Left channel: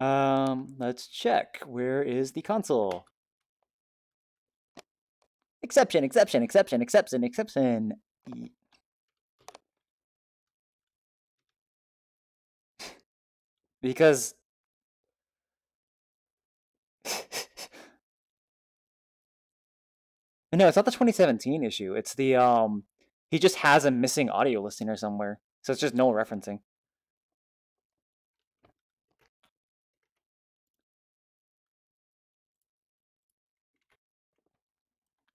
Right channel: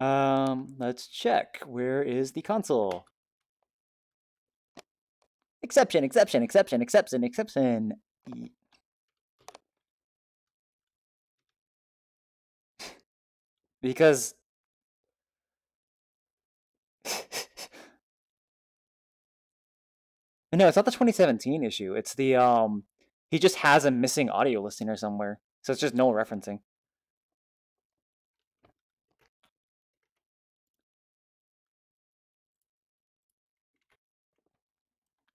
Let's check. Where is the console? Exception, exception, exception, exception, exception. Because no, it's not the 2017 issue. It's the he just has a missing audio listener somewhere. So it's just no referencing.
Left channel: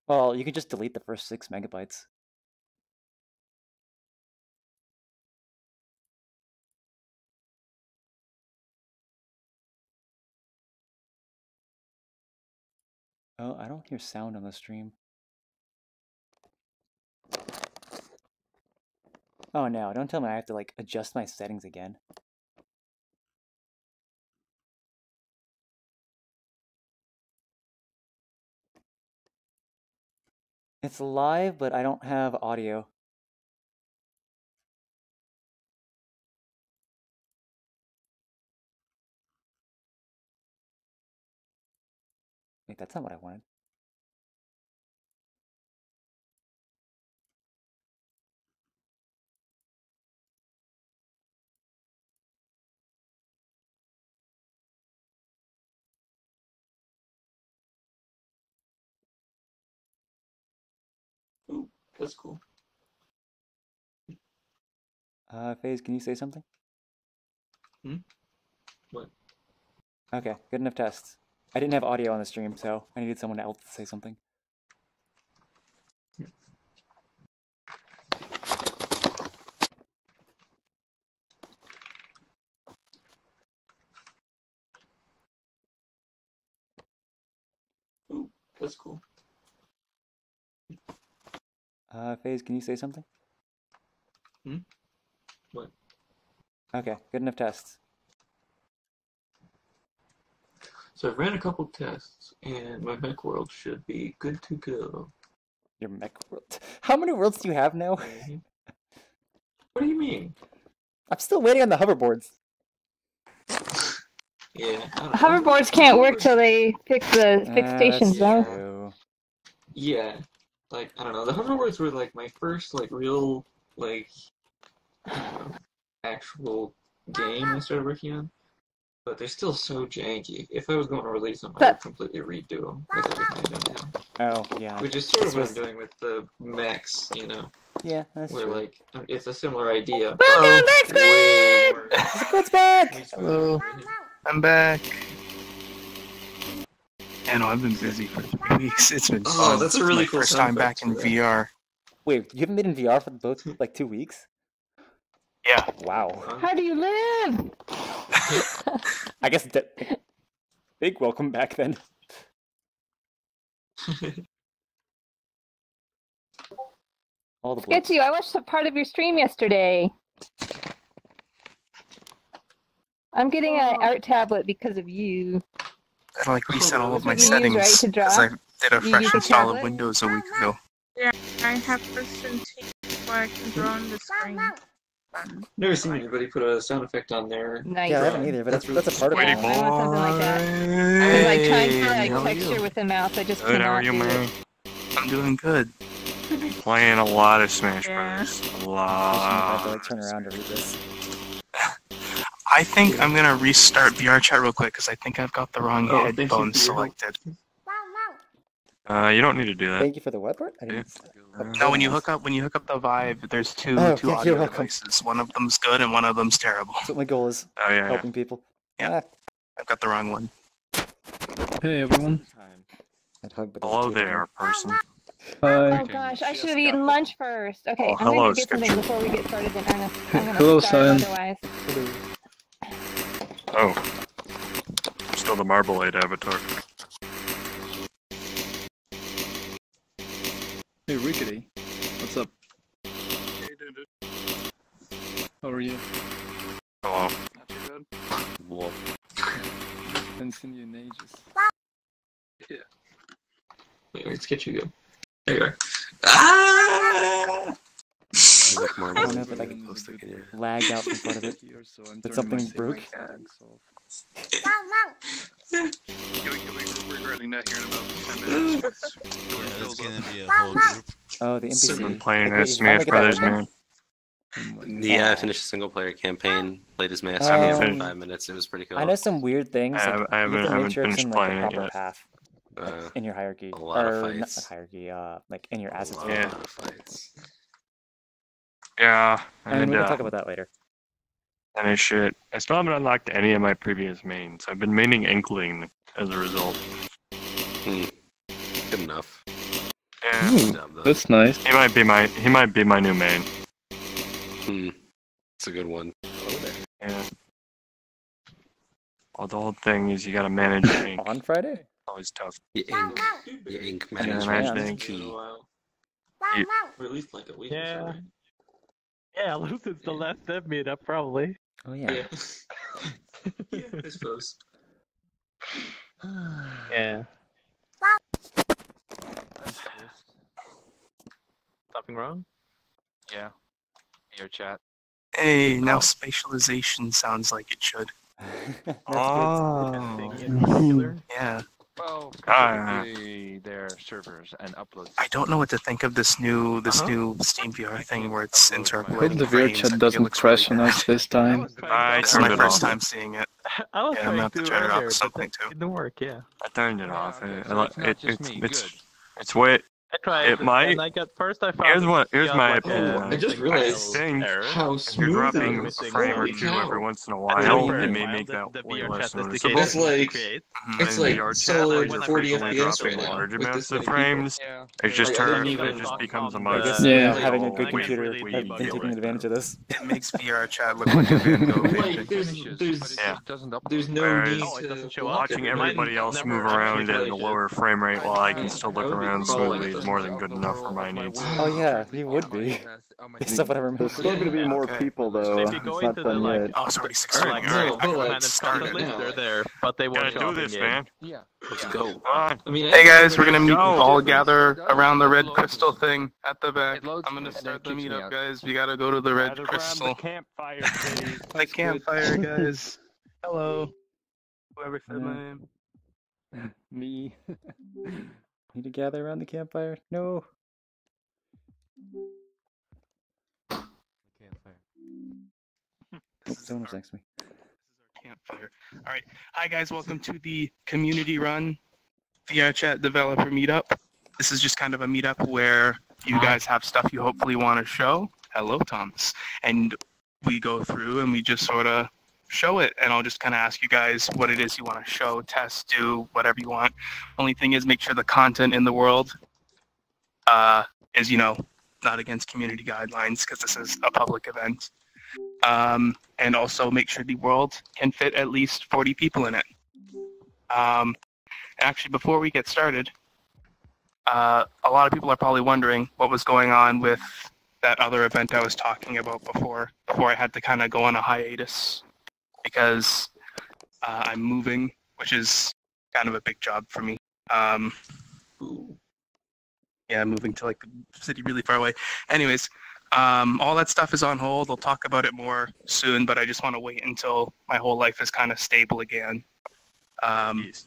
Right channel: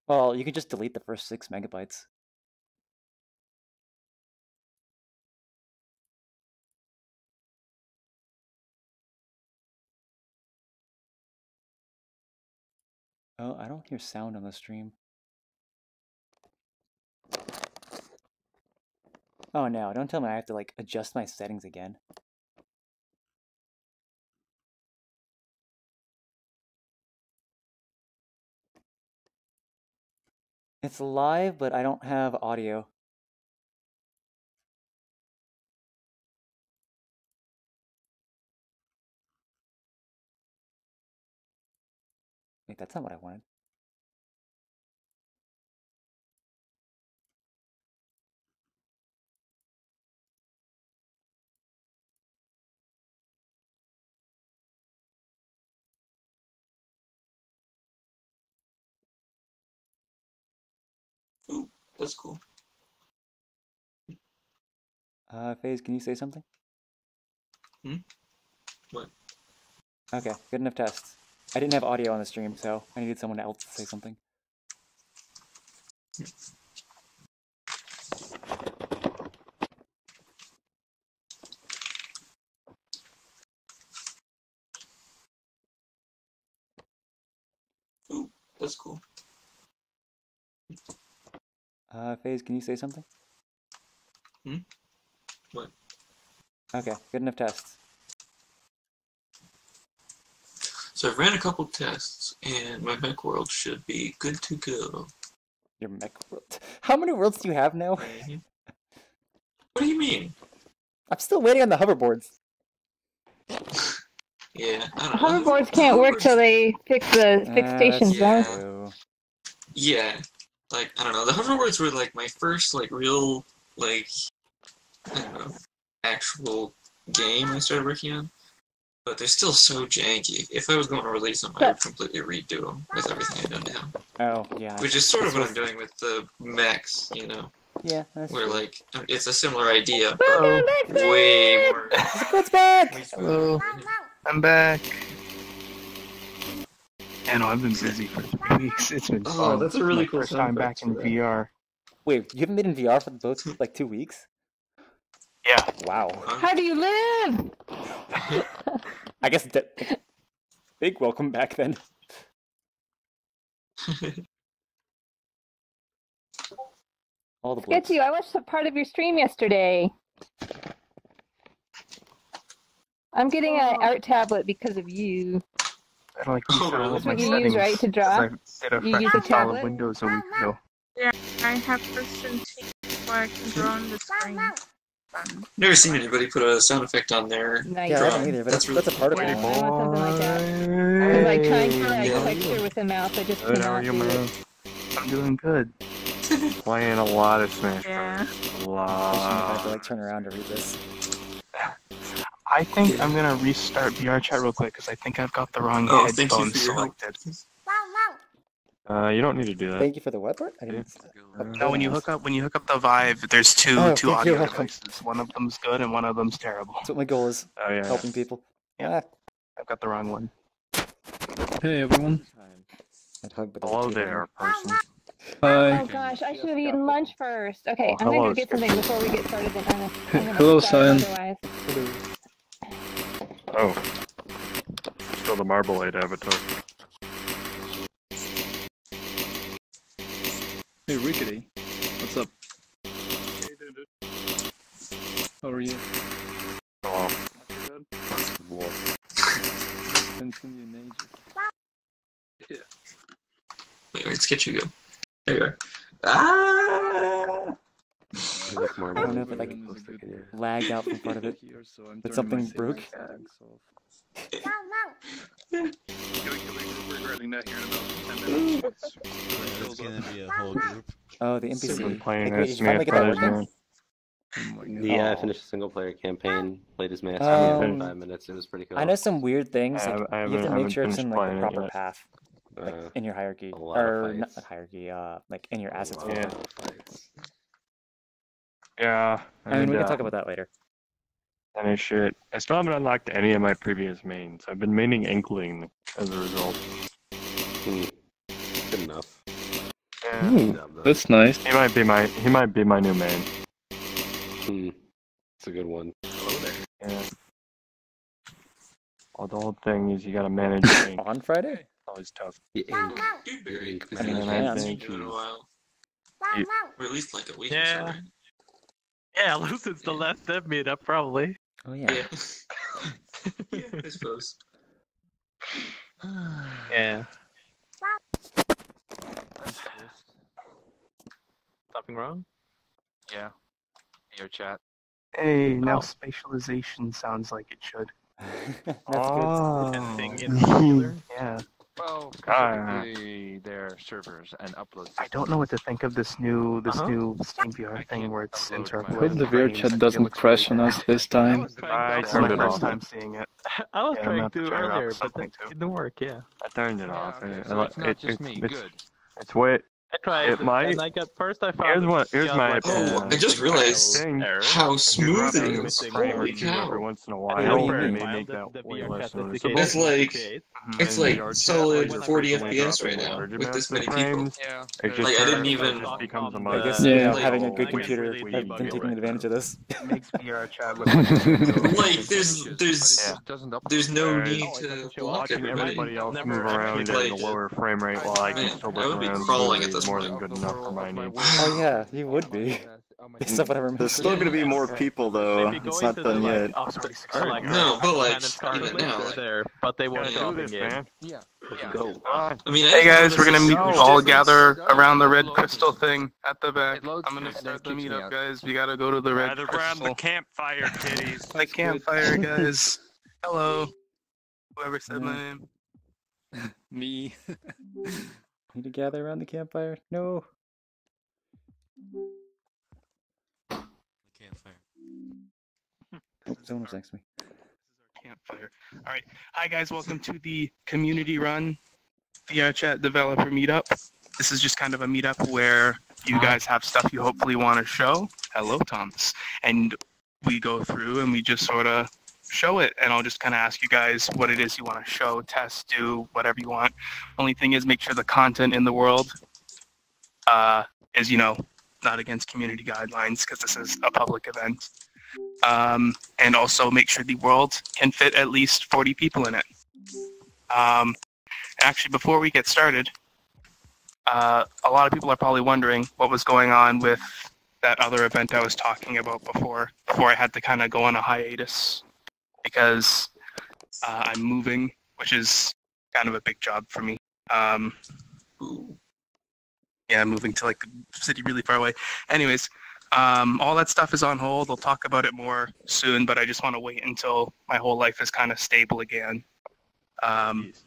Well, you can just delete the first 6 megabytes. Oh, I don't hear sound on the stream. Oh no, don't tell me I have to like adjust my settings again. It's live, but I don't have audio. Wait, that's not what I wanted. Ooh, that's cool. FaZe, can you say something? What? Okay, good enough test. I didn't have audio on the stream, so I needed someone else to say something. Ooh, that's cool. FaZe, can you say something? What? Okay, good enough test. So I've ran a couple tests, and my mech world should be good to go. Your mech world? How many worlds do you have now? What do you mean? I'm still waiting on the hoverboards. Yeah, I don't know. Hoverboards can't work till they fix the stations, though. True. Yeah, like, I don't know. The hoverboards were, like, my first, like, real, like, I don't know, actual game I started working on. But they're still so janky. If I was going to release them, I would completely redo them with everything I've done now. Oh, yeah. Which is sort of what I'm doing with the mechs, you know? Yeah, that's Where, true. like, it's a similar idea, but way more... Squid's back! Hello. I'm back. Yeah, no, I've been busy for 3 weeks. It's been fun. That's a really my cool first time back in VR. Wait, you haven't been in VR for both, like, 2 weeks? Yeah. Wow. How do you live? I guess big welcome back then. All the blips. Sketchy, I watched a part of your stream yesterday. I'm getting an art tablet because of you. I like reset all of That's my what you settings. use, right, to draw? I did a You fresh use a install of tablet? Windows a week ago. Yeah, I have person where I can draw on the screen. Never seen anybody put a sound effect on there. Nice. Yeah, I haven't either, but that's a particle. I want something like that. Because I tried to like texture with the mouse, I just Good, how are cannot you, do man? it. I'm doing good. Playing a lot of Smash Bros. Especially if I have to like turn around to read this. I think I'm gonna restart VRChat real quick because I think I've got the wrong headphones selected. You don't need to do that. Thank you for the what part? I didn't. No, when you hook up the Vive, there's two Oh, two yeah, audio you're welcome. devices. One of them's good and one of them's terrible. That's what my goal is. Oh yeah. Helping people. Yeah. I've got the wrong one. Hey everyone. I'd hug, but Hello there, person. Oh gosh, I should have eaten lunch first. Okay, I'm hello, gonna go get something before we get started. Then I'm gonna Hello, start Cyan. otherwise. Oh. Still the Marblade avatar. Hey Rickety, what's up? How are you? Good. Haven't seen you in ages. Yeah. Wait, let's get you go. There you are. Ah! I don't know if it like lagged out from part of it, but something broke. It's gonna be a whole group. Oh, the NPC. Single player Like, wait, did as you finally Smash get that Brothers, working? man. Yeah, I Aw. finished a single player campaign, played as Master for Um, 5 minutes. It was pretty cool. I know some weird things. I Like haven't- I you have to haven't make sure it's finished in like the playing it proper yet. path, like in your hierarchy, a lot of or not fights. hierarchy. Like in your assets Yeah. folder. Yeah. I mean, we can and, talk about that later. Finish it. I still haven't unlocked any of my previous mains. I've been maining Inkling as a result. Good enough. Yeah. Ooh, that's nice. He might be my new main. It's a good one. Yeah. Well, the whole thing is you gotta manage Ink. On Friday? Always tough. Your ink. Your ink I mean, And yeah. I think Or at least like a week or so, right? Yeah, at least it's the last dev meetup, probably. Oh yeah. Yeah, I suppose. Yeah. Something wrong? Yeah. VRChat. Hey, now spatialization sounds like it should. That's Oh. Anything in particular? Yeah. Well, specifically their servers and upload. I don't know what to think of this new Steam VR thing where it's upload my- interpolating. Hope the frames. VRChat I think it doesn't looks crash really on bad. us this time. It's my first time seeing it. I was Yeah, I'm trying gonna to turn it off earlier, but something it too. didn't work, yeah. I turned it Yeah, off. okay, so it's not just me. Good. It's way. I tried, It might- and I got first I found Here's got my like opinion. I just realized Thing. error. how smooth it is. Holy cow. Every once in a while, What do you it mean? may make that the way VRChat less specification noticeable. It's like- create. It's And like VRChat, solid when 40 it's FPS right dropping now large with amounts this of many people. frames. Yeah. It just Like, I didn't even- just becomes a I must. guess Yeah. having a Like, good computer really have debug been it taking right advantage of this. It makes VRChat look like a Like, there's no Whereas need Oh, it to doesn't show block up. watching it, right? everybody else Never move actually around at played a it. lower frame rate while I can Yeah, still that look would be around crawling smoothly at this is more point. than good enough for my needs. Oh yeah, he would be. Based off what I remember. There's still gonna be more people though. If you go It's not into done like, yet. Oh, it's already 6 or like No, but like, Planet start it Company, now. they're there, but they won't Gotta show do up in this, game. man. Yeah. Let's Yeah. go. Come on. I mean, Hey guys, we're gonna meet No. all gather around the red Upload crystal this. thing at the back. It loads I'm gonna and then start the kicks me meetup, out. guys. We gotta go to the red Gather around crystal. the campfire, kitties. The campfire, guys. Hello. Whoever said my name. Me. Need to gather around the campfire? No. Oh, someone was next to me. Campfire. All right. Hi guys, welcome to the community run VRChat developer meetup. This is just kind of a meetup where you guys have stuff you hopefully want to show. Hello, Thomas. And we go through and we just sort of show it, and I'll just kind of ask you guys what it is you want to show, test, do, whatever you want. Only thing is, make sure the content in the world is, not against community guidelines, because this is a public event. And also make sure the world can fit at least 40 people in it. Actually, before we get started, a lot of people are probably wondering what was going on with that other event I was talking about before I had to kind of go on a hiatus, because I'm moving, which is kind of a big job for me. Yeah, moving to like a city really far away. Anyways, all that stuff is on hold. I'll talk about it more soon, but I just want to wait until my whole life is kind of stable again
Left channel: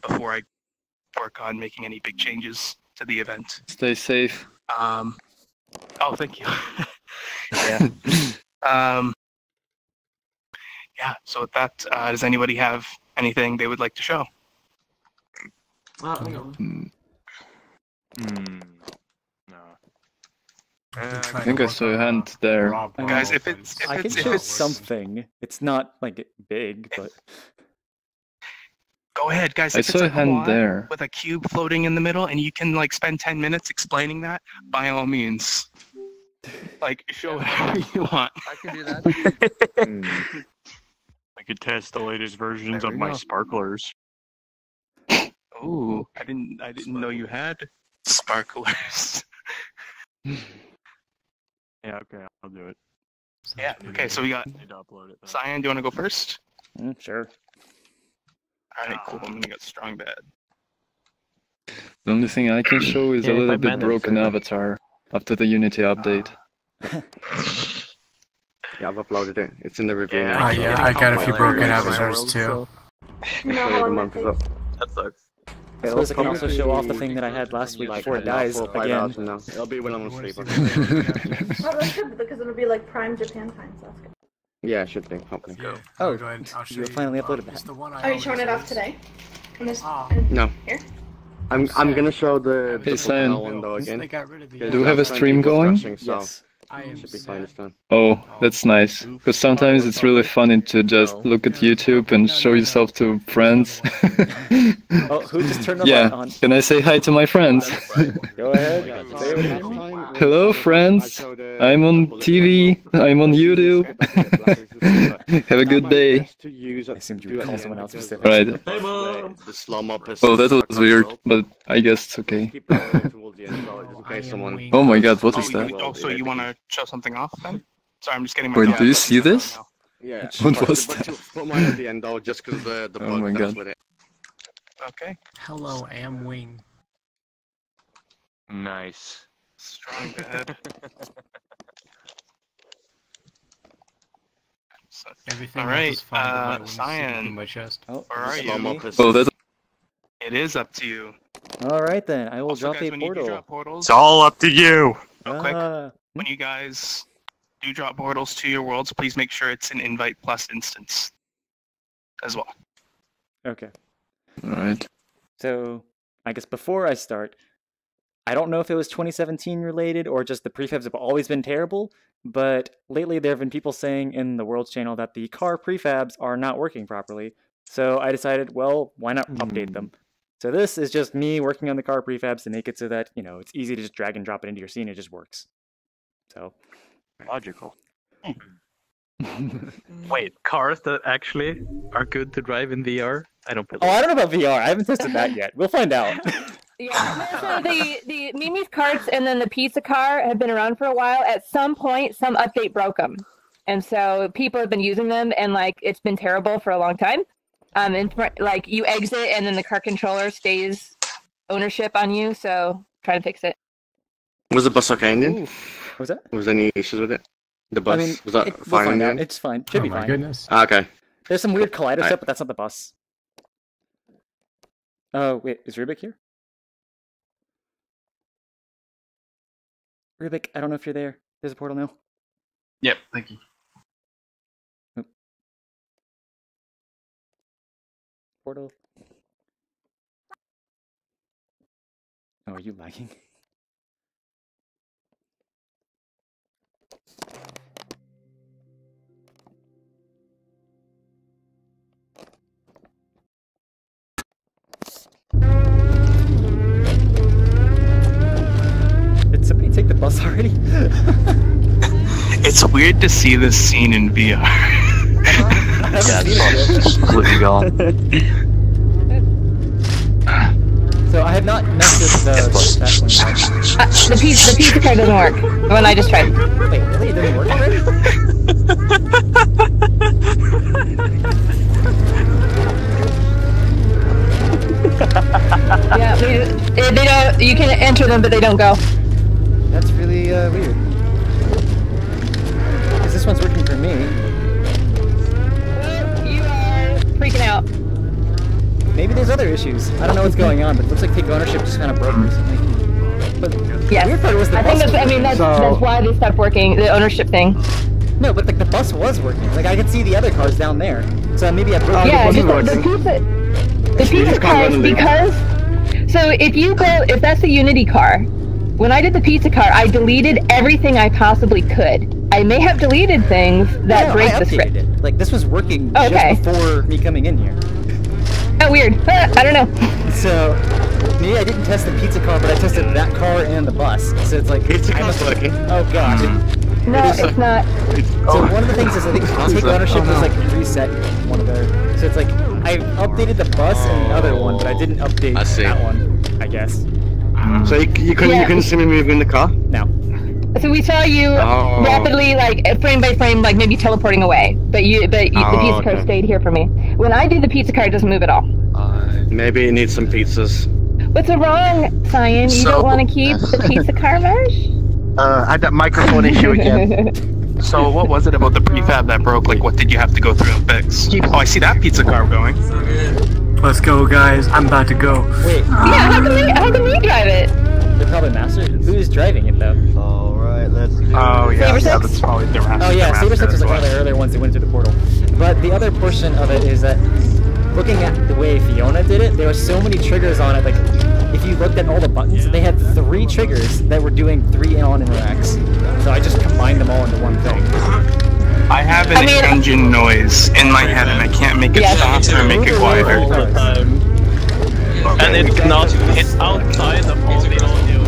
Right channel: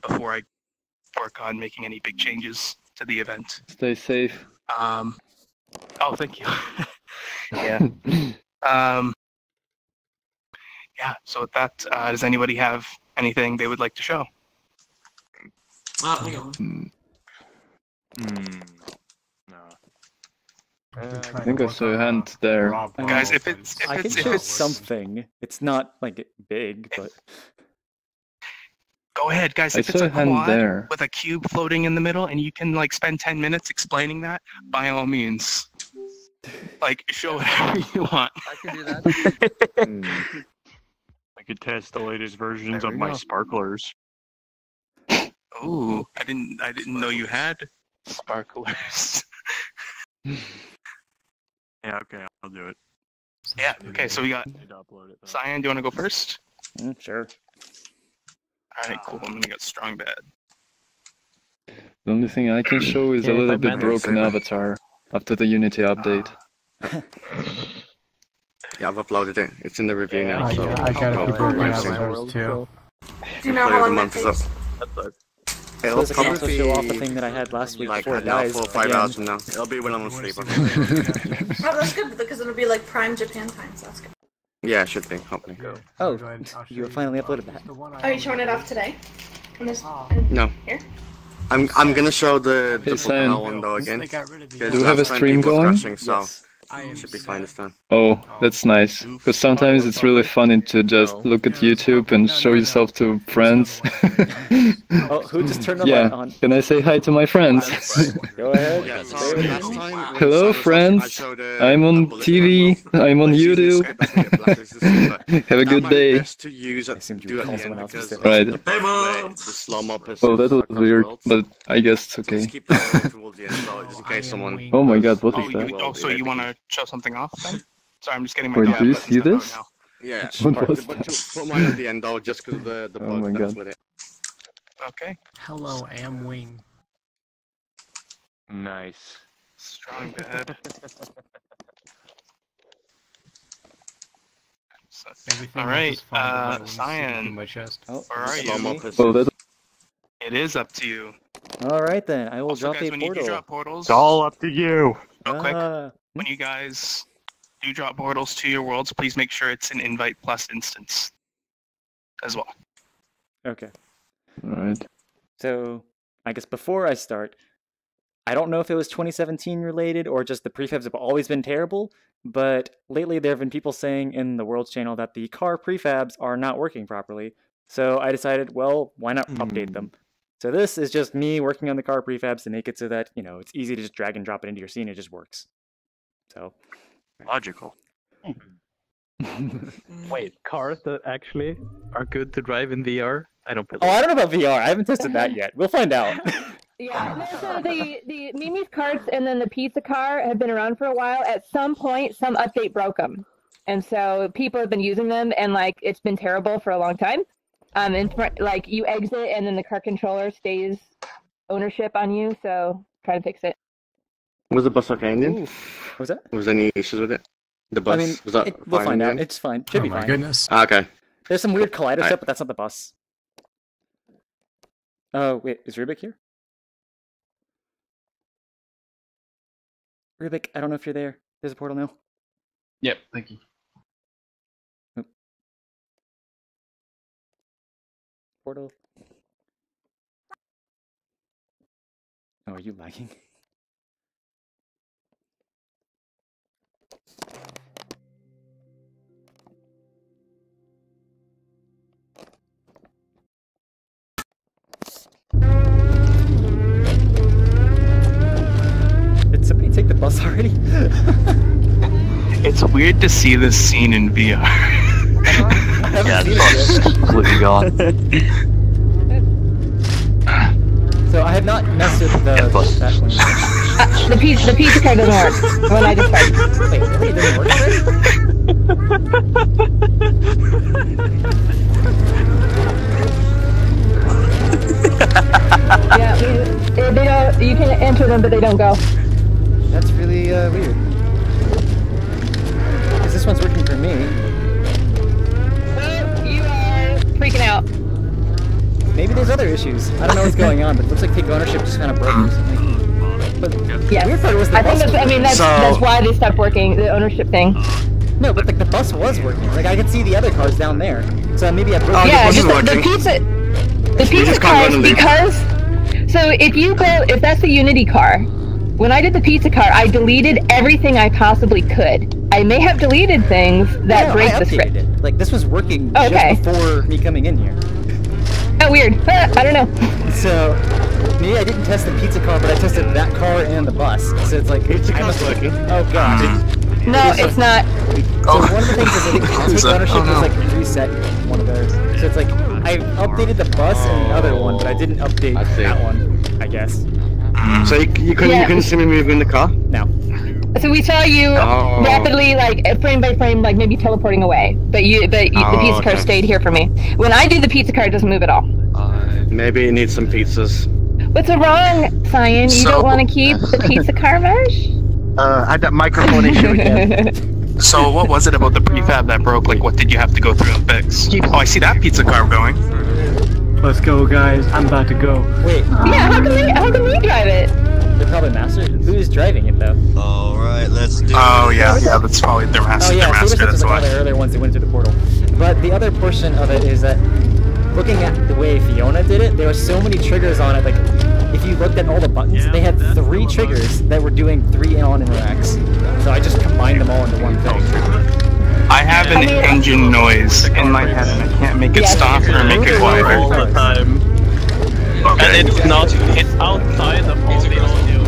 before I work on making any big changes to the event. Stay safe. Oh, thank you. Yeah. Yeah, so with that, does anybody have anything they would like to show? No. I think I saw a hand there. Guys, if I can show something. It's not like big, but go ahead, guys. I If it's saw a a hand quad there. with a cube floating in the middle, and you can like spend 10 minutes explaining that, by all means, like show whatever you want. I can do that. I could test the latest versions There of we my go. sparklers. Ooh, I didn't know you had sparklers. Yeah, okay, I'll do it. Yeah. Okay, so we got Need to upload it, though. Cyan. Do you want to go first? sure. All right, cool. I'm gonna get strong bad. The only thing I can show is a Yeah, little if I bit manage broken avatar after the Unity update. Yeah, I've uploaded it. It's in the review now. I got a few broken avatars too. Do you know how long that month is up. takes? That sucks. I suppose I can also show off the thing that I had last week before it dies again. It'll be when I'm asleep. Oh, that's good because it'll be like prime Japan time, so that's good. Yeah, it should be. Okay. Oh, you finally uploaded that. Are you showing it off today? No. Here? I'm gonna show the Cyan. one though again. Do we have a stream going? Yes. Should be fine this time. Oh, that's nice. Because sometimes it's really funny to just look at YouTube and show yourself to friends. Oh, who just turned the Yeah, light on? can I say hi to my friends? Go ahead. Say what it is. Hello, friends. I'm on TV. I'm on YouTube. Have a good day. I assumed you would call someone else specific. Right. The slum up. Oh, that was weird, but I guess it's okay. Oh my god, what is that? So you want to show something off then? Sorry, I'm just getting my. Wait, do you see this? Yeah. What was that? Put mine at the end though, just because the Oh bug my comes god. with it. Okay. Hello, Amwing. Nice. Strong bed. All right, Cyan. Oh, Where are you? Oh, that. It is up to you. All right then, I will Also, drop guys, a when you do portal. drop portals, It's all up to you. real quick, when you guys do drop portals to your worlds, please make sure it's an invite plus instance as well. Okay. Alright. So, I guess before I start, I don't know if it was 2017 related or just the prefabs have always been terrible, but lately there have been people saying in the Worlds channel that the car prefabs are not working properly. So I decided, well, why not update them? So this is just me working on the car prefabs to make it so that, you know, it's easy to just drag and drop it into your scene. It just works. So. Logical. Wait, cars that actually are good to drive in VR? I don't believe. Oh, I don't know about VR. I haven't tested that yet. We'll find out. Yeah, no, so the Mimi's carts and then the pizza car have been around for a while. At some point, some update broke them. And so people have been using them, and, like, it's been terrible for a long time. And, like, you exit, and then the car controller stays ownership on you, so try to fix it. Was the bus okay, Indian? What was that? Was there any issues with it? The bus? I mean, was that we'll fine find out. Indian? It's fine. Should be my fine. goodness. Okay. There's some weird collider Alright. stuff, but that's not the bus. Oh, wait, is Rubik here? Rubik, I don't know if you're there. There's a portal now. Yep, thank you. Oop. Portal. Oh, are you lagging? Did somebody take the bus already? It's weird to see this scene in VR. I haven't seen it yet. Completely gone. So I have not messed with that one yet. The pizza car doesn't work. When I just tried. Wait, really? It doesn't work already? Yeah, they don't. You can enter them, but they don't go. That's really weird. Because this one's working for me. You are freaking out. Maybe there's other issues. I don't know what's going on, but it looks like Take Ownership just kind of broke or something. But Yeah. the weird part was the bus. That's why they stopped working. The ownership thing. No, but like the bus was working. Like I could see the other cars down there. So maybe I broke Yeah, the pizza cars, because so if that's the Unity car, when I did the pizza car, I deleted everything I possibly could. I may have deleted things that break the script. It. Like this was working Okay. just before me coming in here. Oh, weird. I don't know. So maybe I didn't test the pizza car, but I tested that car and the bus. So it's like I must have. Oh god. No, it's not. So one of the things is I think Take Ownership was like reset one of those. So it's like I updated the bus and the other one, but I didn't update that one, I guess. So you couldn't see me moving the car? No. So we saw you rapidly, like frame by frame, like maybe teleporting away. But the pizza car stayed here for me. When I do the pizza car, it doesn't move at all. Maybe it needs some pizzas. What's wrong, Cyan? You don't want to keep the pizza car mesh? I had that microphone issue again. So what was it about the prefab that broke? Like, what did you have to go through and fix? Oh, I see that pizza car going. Let's go, guys. I'm about to go. Wait, Yeah, how can we drive it? they're probably master. Who's driving it though? Alright, let's do Oh yeah, that's probably their master. Oh yeah, their Saber master Six was as like one of well. the earlier ones that went through the portal. But the other portion of it is that looking at the way Fiona did it, there were so many triggers on it. Like if you looked at all the buttons, they had 3 triggers that were doing 3 on interacts. So I just combined them all into one thing. I have an engine noise in my head and I can't make it stop or make it quieter. And it's outside of all the audio.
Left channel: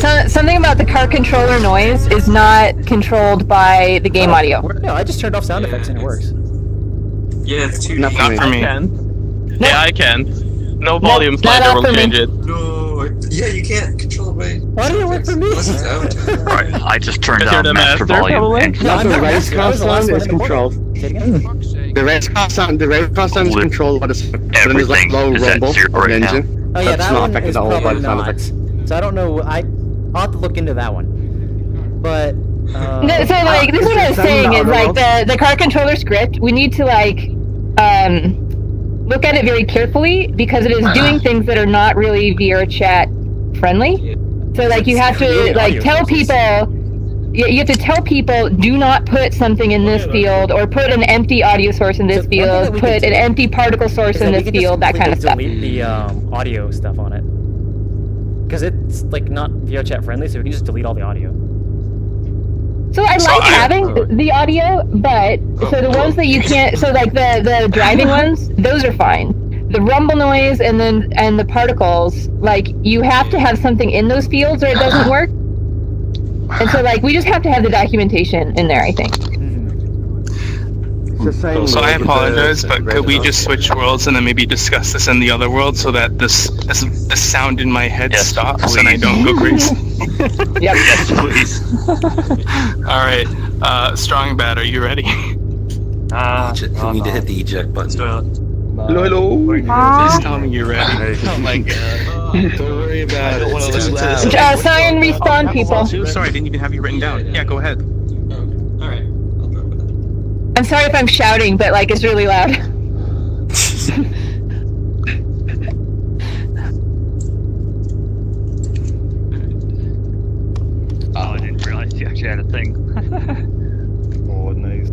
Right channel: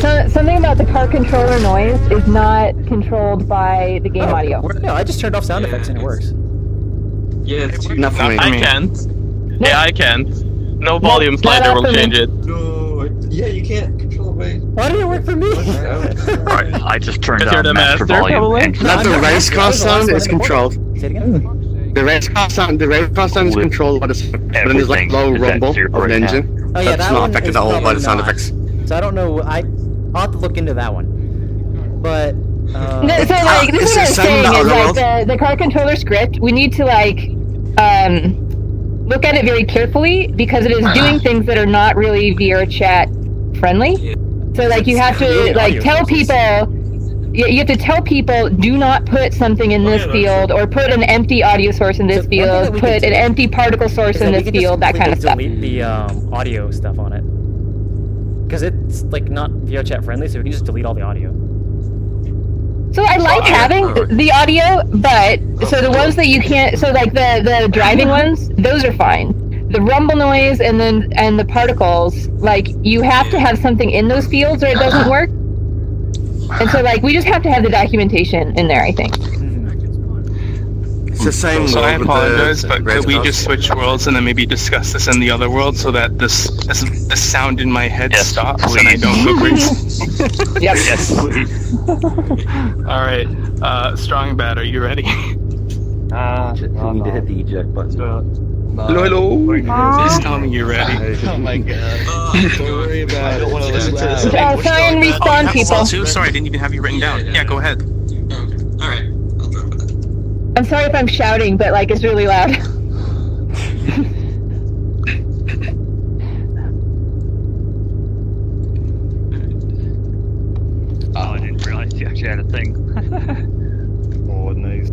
So something about the car controller noise is not controlled by the game audio. No, I just turned off sound effects and it works. Yeah, it's too Not for me. I can't. Yeah, I can't. No volume slider will change it. No, yeah, you can't control me. Why did it work for me? Right, I just turned Because you're down the master master, volume. probably? And No, I'm The not race master. car I was the last sound one is in the portal. controlled. Say it again? The race car sound is controlled by the but then there's like low Everything is at rumble zero of right an now. engine. Oh yeah, That's that not one affected is at all by probably the sound not. effects. So I don't know. I'll have to look into that one. But No, so like this is what I'm saying is like the car controller script. We need to like look at it very carefully because it is doing things that are not really VRChat friendly. So like you have to like tell people. You have to tell people, do not put something in this field, or put an empty audio source in this field, put an empty particle source in this field, that kind of stuff. Delete the audio stuff on it. Because it's like not VRChat friendly, so we can just delete all the audio. So I like having the audio, but so the ones that you can't, so like the driving ones, those are fine. The rumble noise and the particles, like you have to have something in those fields or it doesn't work. And so like we just have to have the documentation in there, I think. It's the same. So I apologize, but could we just switch worlds and then maybe discuss this in the other world so that the sound in my head stops and I don't go crazy? Yep. Yes, please. All right, Strong Bad, are you ready? You need to hit the eject button. Hello. Please tell me you're ready. Oh my god. Don't worry about it. I don't want to listen to this. Sorry and respawn people. Sorry, I didn't even have you written down. Yeah, go ahead. Alright. I'm sorry if I'm shouting, but like it's really loud. Oh, I didn't realize you actually had a thing. Oh, nice.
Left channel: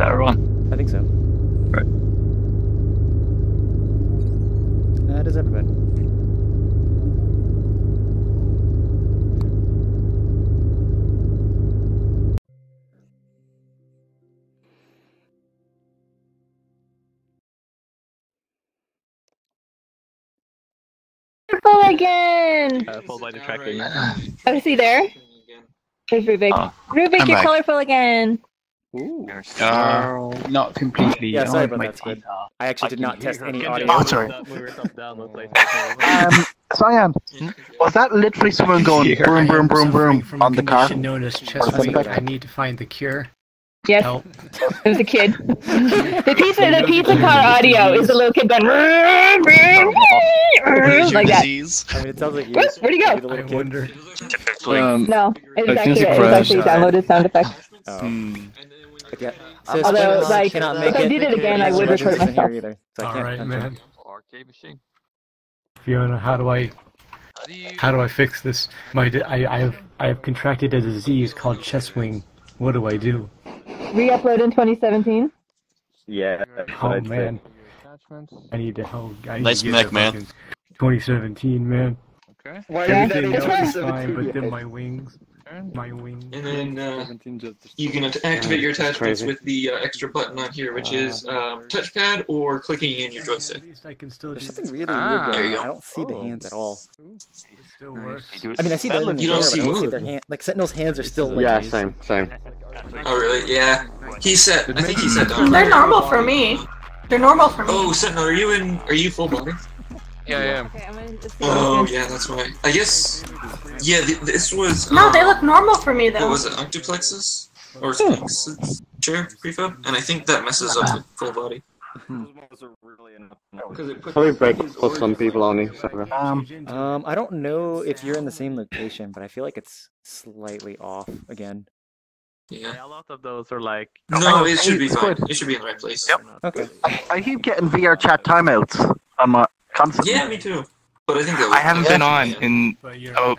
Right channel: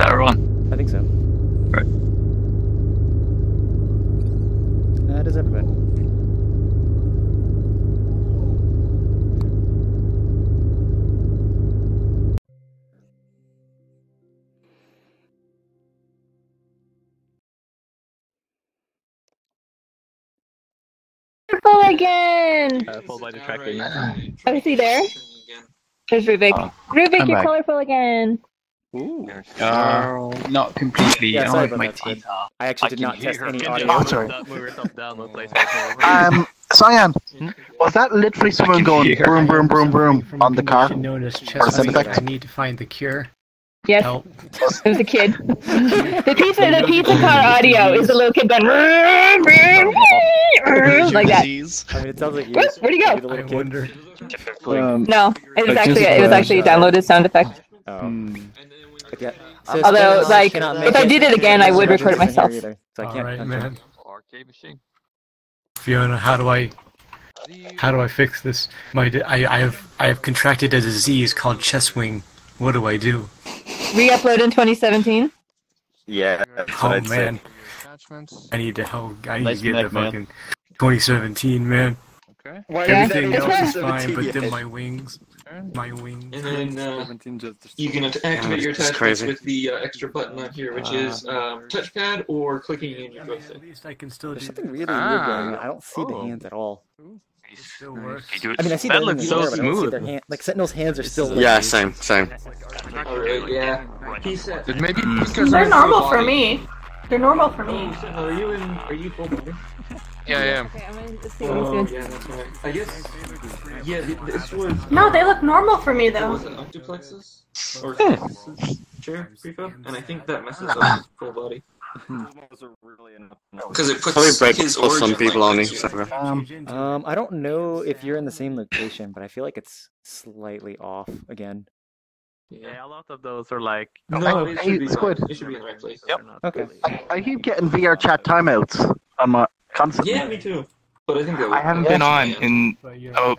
Everyone. I think so. Right. That is everybody. Full again! Followed by the tracking. Oh, is he there? There's Rubik. Rubik, I'm you're back. colorful again. Not completely. Yeah, sorry about my that, Squid. I actually did not test any audio. Oh, sorry. Cyan, was that literally someone going broom, broom, broom, broom on the car? Known as chest wing. I need to find the cure. Yes, Help. it was a kid. the pizza car audio is the little kid going like that. I mean, it sounds like you. Where'd he go? The little kid. No, it was actually a downloaded sound effect. Oh. But yeah. So Although, like, if I did it again, I would record it myself. Either, so I can't. Alright, man. Arcade machine. Fiona, how do I fix this? I have contracted a disease called chest wing. What do I do? Re-upload in 2017. Yeah. Oh man, I need to help. I need Nice to get mech, to man. fucking 2017, man. Okay. Why Everything that else is 2017 fine, but then yet? my wings. My wings. And then you can activate your attachments crazy. with the extra button on here, which is touchpad or clicking in your joystick. At least I can still There's do something really weird going on. I don't see the hands at all. still work. I mean, I see them in the You don't air, but I don't see see their hand. Like Sentinel's hands are still. Like, Yeah, same. Oh really? Yeah. He set. I think he set. They're normal for me. They're normal for me. Oh, Sentinel, are you full body? Yeah, I am. Okay, I'm gonna just see Oh yeah, that's right. I guess. Yeah, this was. No, they look normal for me What though. was it? Octuplexus or chair prefab? And I think that messes up with full body. Because it Probably puts break his for some origin people like only. next to it. I don't know if you're in the same location, but I feel like it's slightly off again. Yeah, a lot of those are like. No, it should be fine. Squid. It should be in the right place. Yep. Okay. I keep getting VRChat timeouts. I'm constantly. Yeah, me too. But I think that I haven't been on in about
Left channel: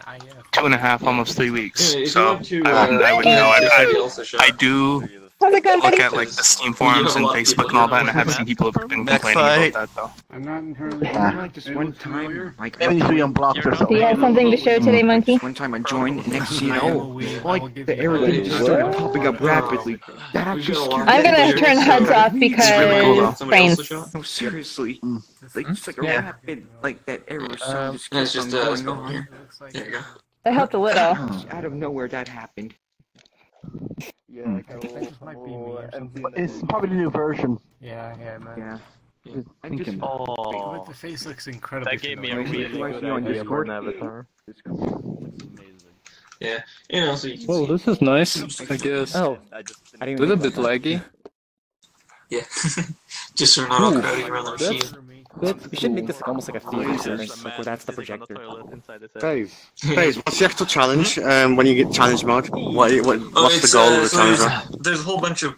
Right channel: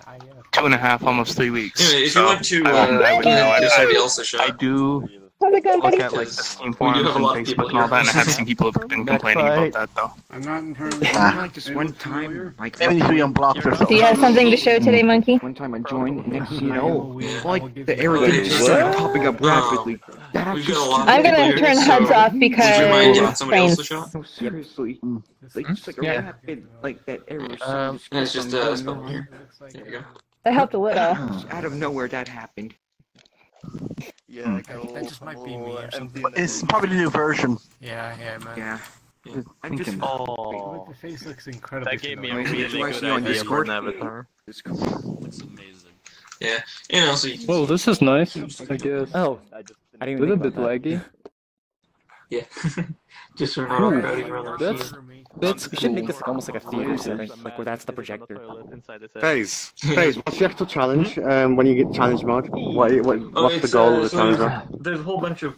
2.5, almost 3 weeks. Anyway, if you So want to, I would know. give somebody else a shot. I do look at like the Steam forums and Facebook and all that, and I have seen people have been complaining about that though. I'm not in her. Like this one time, like Maybe we unblocked or Do something. you have something to show today, Monkey? one time I joined, next thing you know, like the arrow just started popping up rapidly. That happened. I'm gonna turn HUDs off because trains. No, seriously. Like, just like a Yeah. rapid, like that arrow It's just there you go. That helped a little. out of nowhere that happened. Yeah, that just might be me or something. It's probably the new version. Yeah, man. Yeah. I just But the face looks incredible. That gave me a Like, really you guys good know on idea for Discord? an avatar. Yeah, you know, so you can Well, see. this is nice, I guess. Oh, I didn't A even little think bit about that. laggy. Yeah, just so we're not all crowding around the machine. That's We should make this like almost like a theater setting, like where that's the projector. Guys, what's the actual challenge? When you get challenge mode, what's the It's, goal of the so challenge? there's a whole bunch of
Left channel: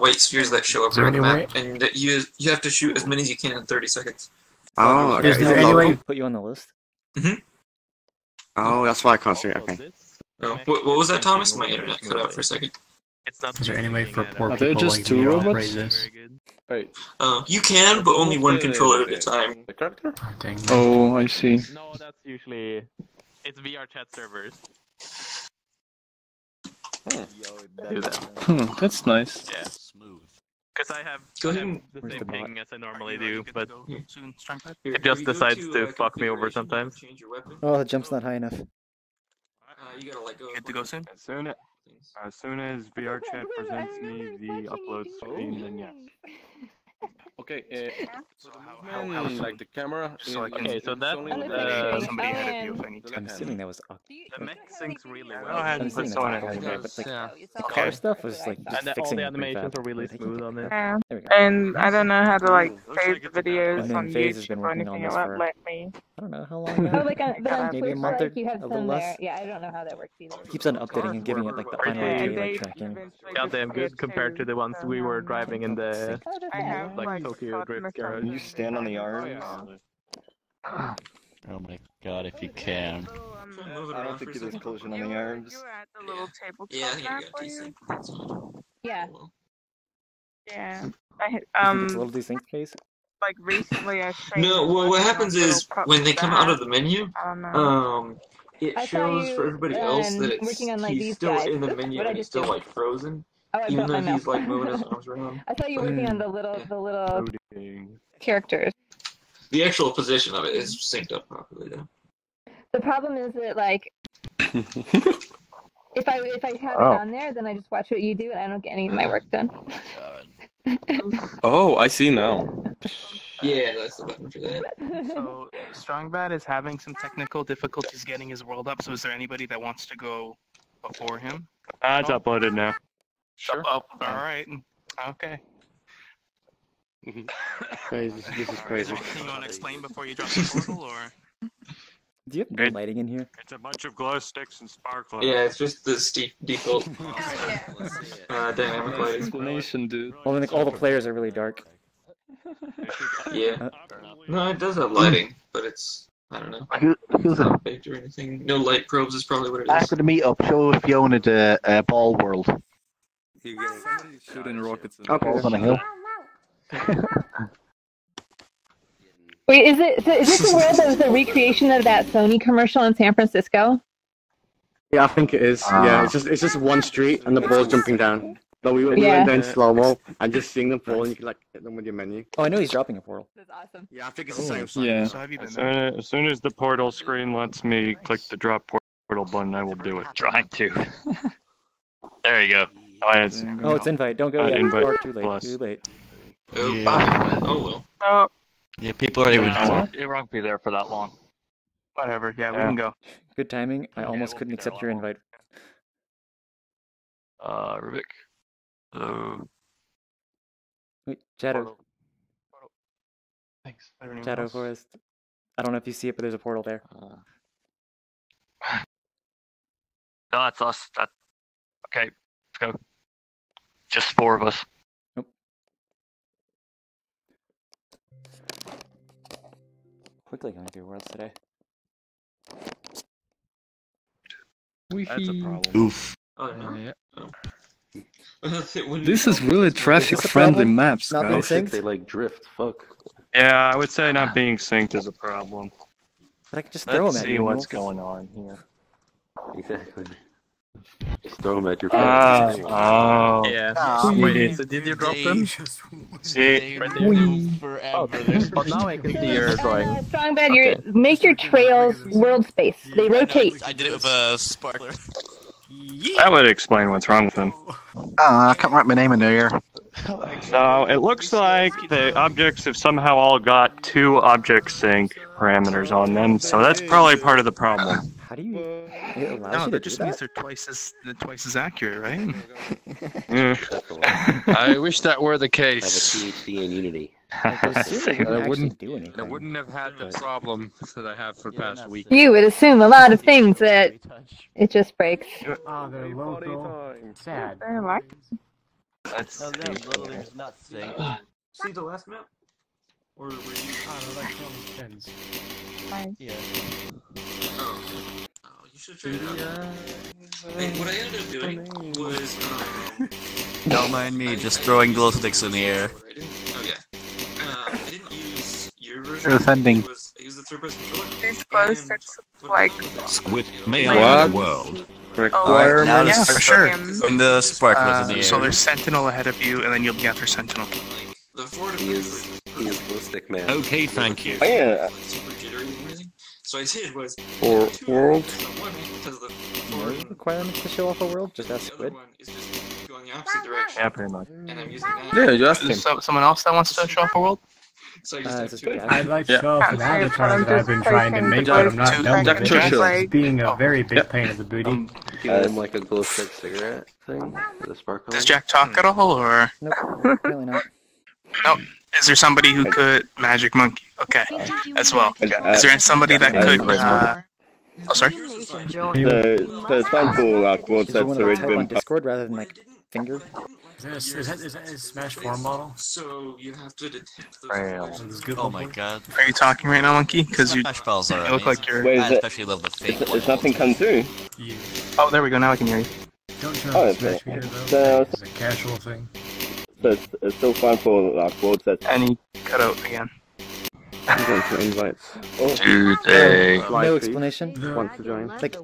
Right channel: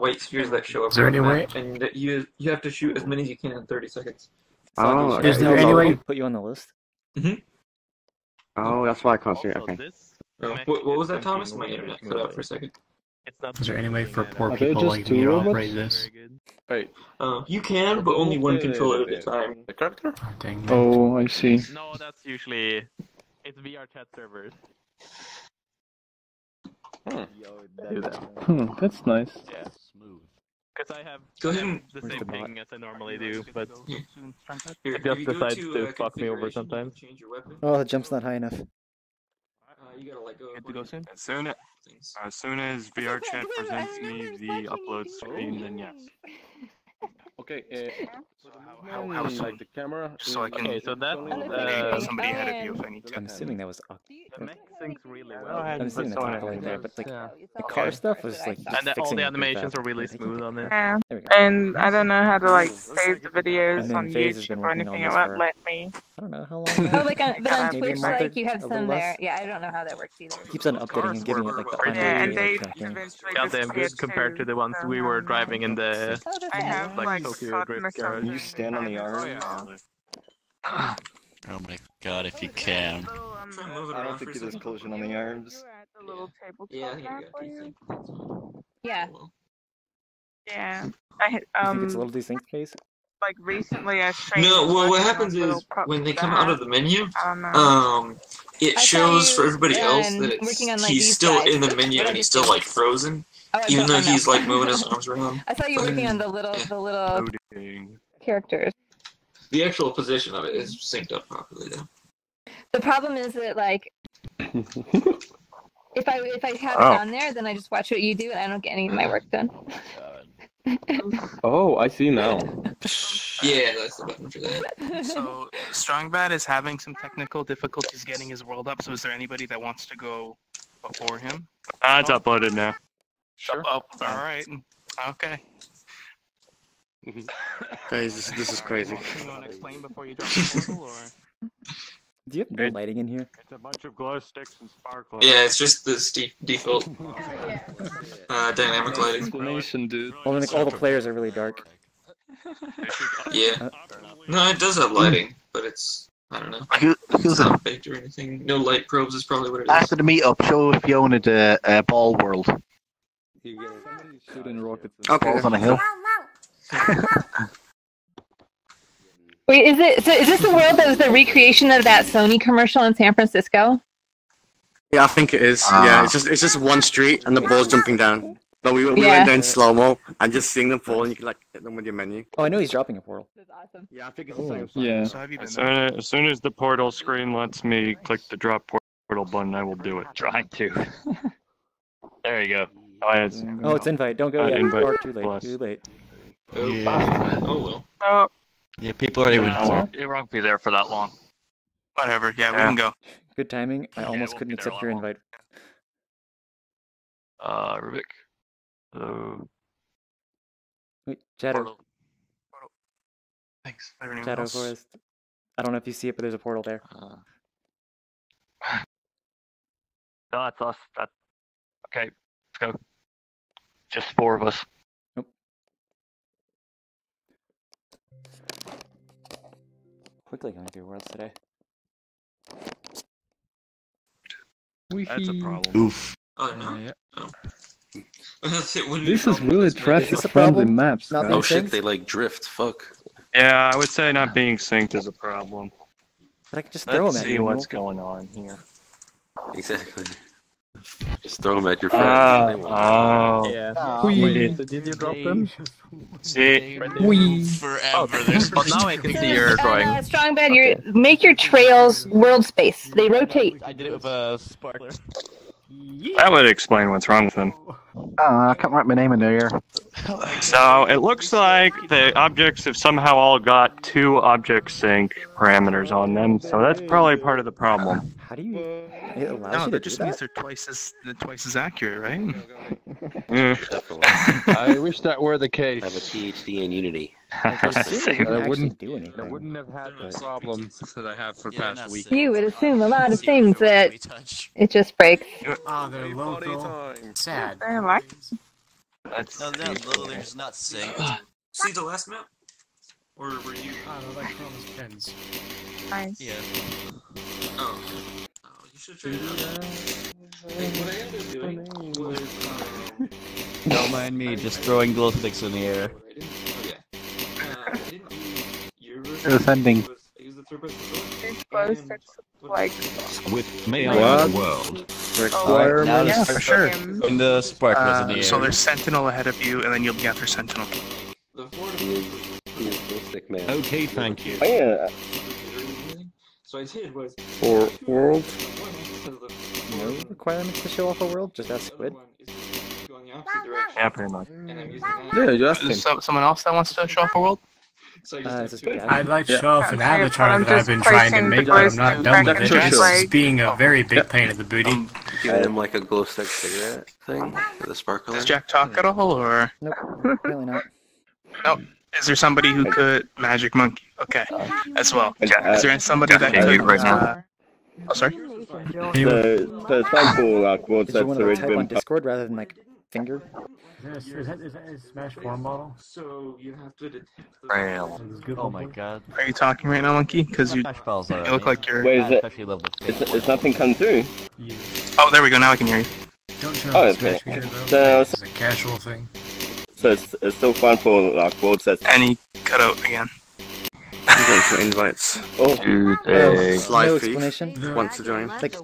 white spheres that show up Is there on the any way- map, and that you have to shoot as many as you can in 30 seconds. Oh, Is there okay. any way put you on the list? Oh, that's why I can't see it. Okay. Oh, what was that, Thomas? My internet cut out for a second. Is there any way for poor Are there people just like two me to robots? operate this? Wait. You can, but only one controller at a time. The character? Oh, dang. Oh, I see. No, that's usually it's VRChat servers. Huh. Do that. That's nice. Yeah. Because I have Go ahead and- the Where's same the bot? thing as I normally do, but Here, it just if you go decides to, to fuck me over configuration, sometimes. change your weapon. Oh, the jump's not high enough. You gotta let go. Good to go soon. As soon as VRChat presents me the upload screen, then yes. Okay. How Like the camera. So I can- Okay, so that's somebody ahead of you if I need to. I'm assuming that was. the mech syncs really well. I'm assuming that's not going there, but like the car stuff was like just And all fixing the it pretty animations fast. are really smooth on this. Yeah. There we go. And I don't know how to like save the videos And then on FaZe has YouTube been or working on anything. It this won't for let me. I don't know how long Oh, now. like on, but on Maybe a Twitch, month like or you have a little some there. less. Yeah, I don't know how that works either. Keeps on updating and giving it like the final Yeah, and update, they like tracking. eventually Goddamn just good compared to the ones we were driving in the I have like like Tokyo Sutton Drift or car. something. You stand on the arm. Oh my god, if you can. I don't think it is collision on the arms. Yeah, I think you got decent. Yeah. Yeah. You think it's a little distinct phase? Like recently I streamed. No, well, what happens little is pup when they come out of the menu, it shows for everybody else that working on, like, he's these still guys. in the menu and he's still like frozen, Oh, I even know, though I know. he's like moving his arms around. I thought you were working on the little characters. The actual position of it is synced up properly though. The problem is that like if I have it on there, then I just watch what you do and I don't get any of my work done. Oh, I see now. Yeah, that's the button for that. So Strongbad is having some technical difficulties getting his world up. So is there anybody that wants to go before him? It's uploaded now. Sure. Oh, all right. Okay. Guys, this is crazy. You want to explain before you drop the portal, or? Do you have no lighting in here? It's a bunch of glow sticks and sparklers. Yeah, it's just the default dynamic lighting. Explanation, dude. Well, like all the players are really dark. Yeah. No, it does have lighting, but it's I don't know. It's not baked or anything. No light probes is probably what it is. After the meetup, show Fiona the ball world. Shooting rockets. Okay. Balls on a hill. Wait, is this the world that was the recreation of that Sony commercial in San Francisco? Yeah, I think it is. Yeah, it's just one street and the ball's jumping down. But we went down in slow mo and just seeing them fall and you can like hit them with your menu. Oh, I know he's dropping a portal. That's awesome. Yeah, I think it's the same. Yeah. So have you been As soon as the portal screen lets me click the drop portal button, I will do it. Trying to. There you go. Oh, it's invite. Don't go yet. Invite Or too late. plus. Too late. Oh well. Oh, Yeah, people aren't even. It won't be there for that long. Whatever. Yeah, we can go. Good timing. I almost couldn't accept your invite. Rubik. Wait, Shadow. Thanks. Anyone Shadow else? Forest. I don't know if you see it, but there's a portal there. No, it's us. Okay, let's go. Just 4 of us. Quickly going through worlds today. That's a problem. Oof. Oh, Yeah. This is really traffic-friendly maps, Not being Oh guys. shit, synced? they like drift. Fuck. Yeah, I would say not being synced is a problem. But I can just throw Let's them at see you. and what's you won't going on here. Exactly. Just throw them at your friends. Oh. Yeah. Wait. So did you drop them? See? But now I can see your drawing. Strong bed, make your trails world space. They rotate. I did it with a sparkler. That would explain what's wrong with them. I can't write my name in there. So it looks like the objects have somehow all got 2 object sync parameters on them, so that's probably part of the problem. How do you? It allows No, you to that do just that? means they're twice as accurate, right? I wish that were the case. I have a PhD in Unity. Like, I assume it wouldn't I actually wouldn't do anything. I wouldn't have had the problem that I have for the past week. You would assume a lot of things that it just breaks. Oh, they're local. Sad. Very much. Let's No, they're literally just not synced. See the last map? Or were you? Oh, no, like Chroma's pens. Nice. Yeah. Oh, you should try it out. And what I ended up doing was, Don't mind me, just throwing glow sticks in the air. I didn't use your version. Ascending. I used the third person one. These glow sticks like Squid may What? allow the world. Requirement. Now Yeah, for sure. Throwing the sparklers in the air. So there's Sentinel ahead of you, and then you'll be after Sentinel. The forward He is stick man. Okay, thank you. Oh, yeah. So I did was For world. because the No requirements to show off a world, just ask Squid. one is just going the opposite direction. Yeah, pretty much. And I'm using Yeah, you asked Is him. someone else that wants to show off a world? So I It's just just I'd like to show off an Can't say it, but avatar I'm that I've just been trying to placing make, the but I'm voice not to done with it. correct It's like- being a very big pain in the booty. Give him like a glow stick cigarette thing for the sparkler. Does Jack talk at all, or Nope, really not. no? Is there somebody who could Magic Monkey? Okay, as well. Is there somebody that could? Oh, sorry. The sample like world Did you want sets to already type on been. Discord rather than like finger? Is that a Smash 4 model? So you have to detect the Oh my god. Are you talking right now, Monkey? Because you Smash balls are look like you're. Wait, is it? especially level 50. Is nothing come through? Oh, there we go. Now I can hear you. Don't try Oh, to okay. Smash Meter though. So, It's a casual thing. so it's still fun for like world sets. And he cut out again. I'm going for invites. No explanation. Wants to join. Like,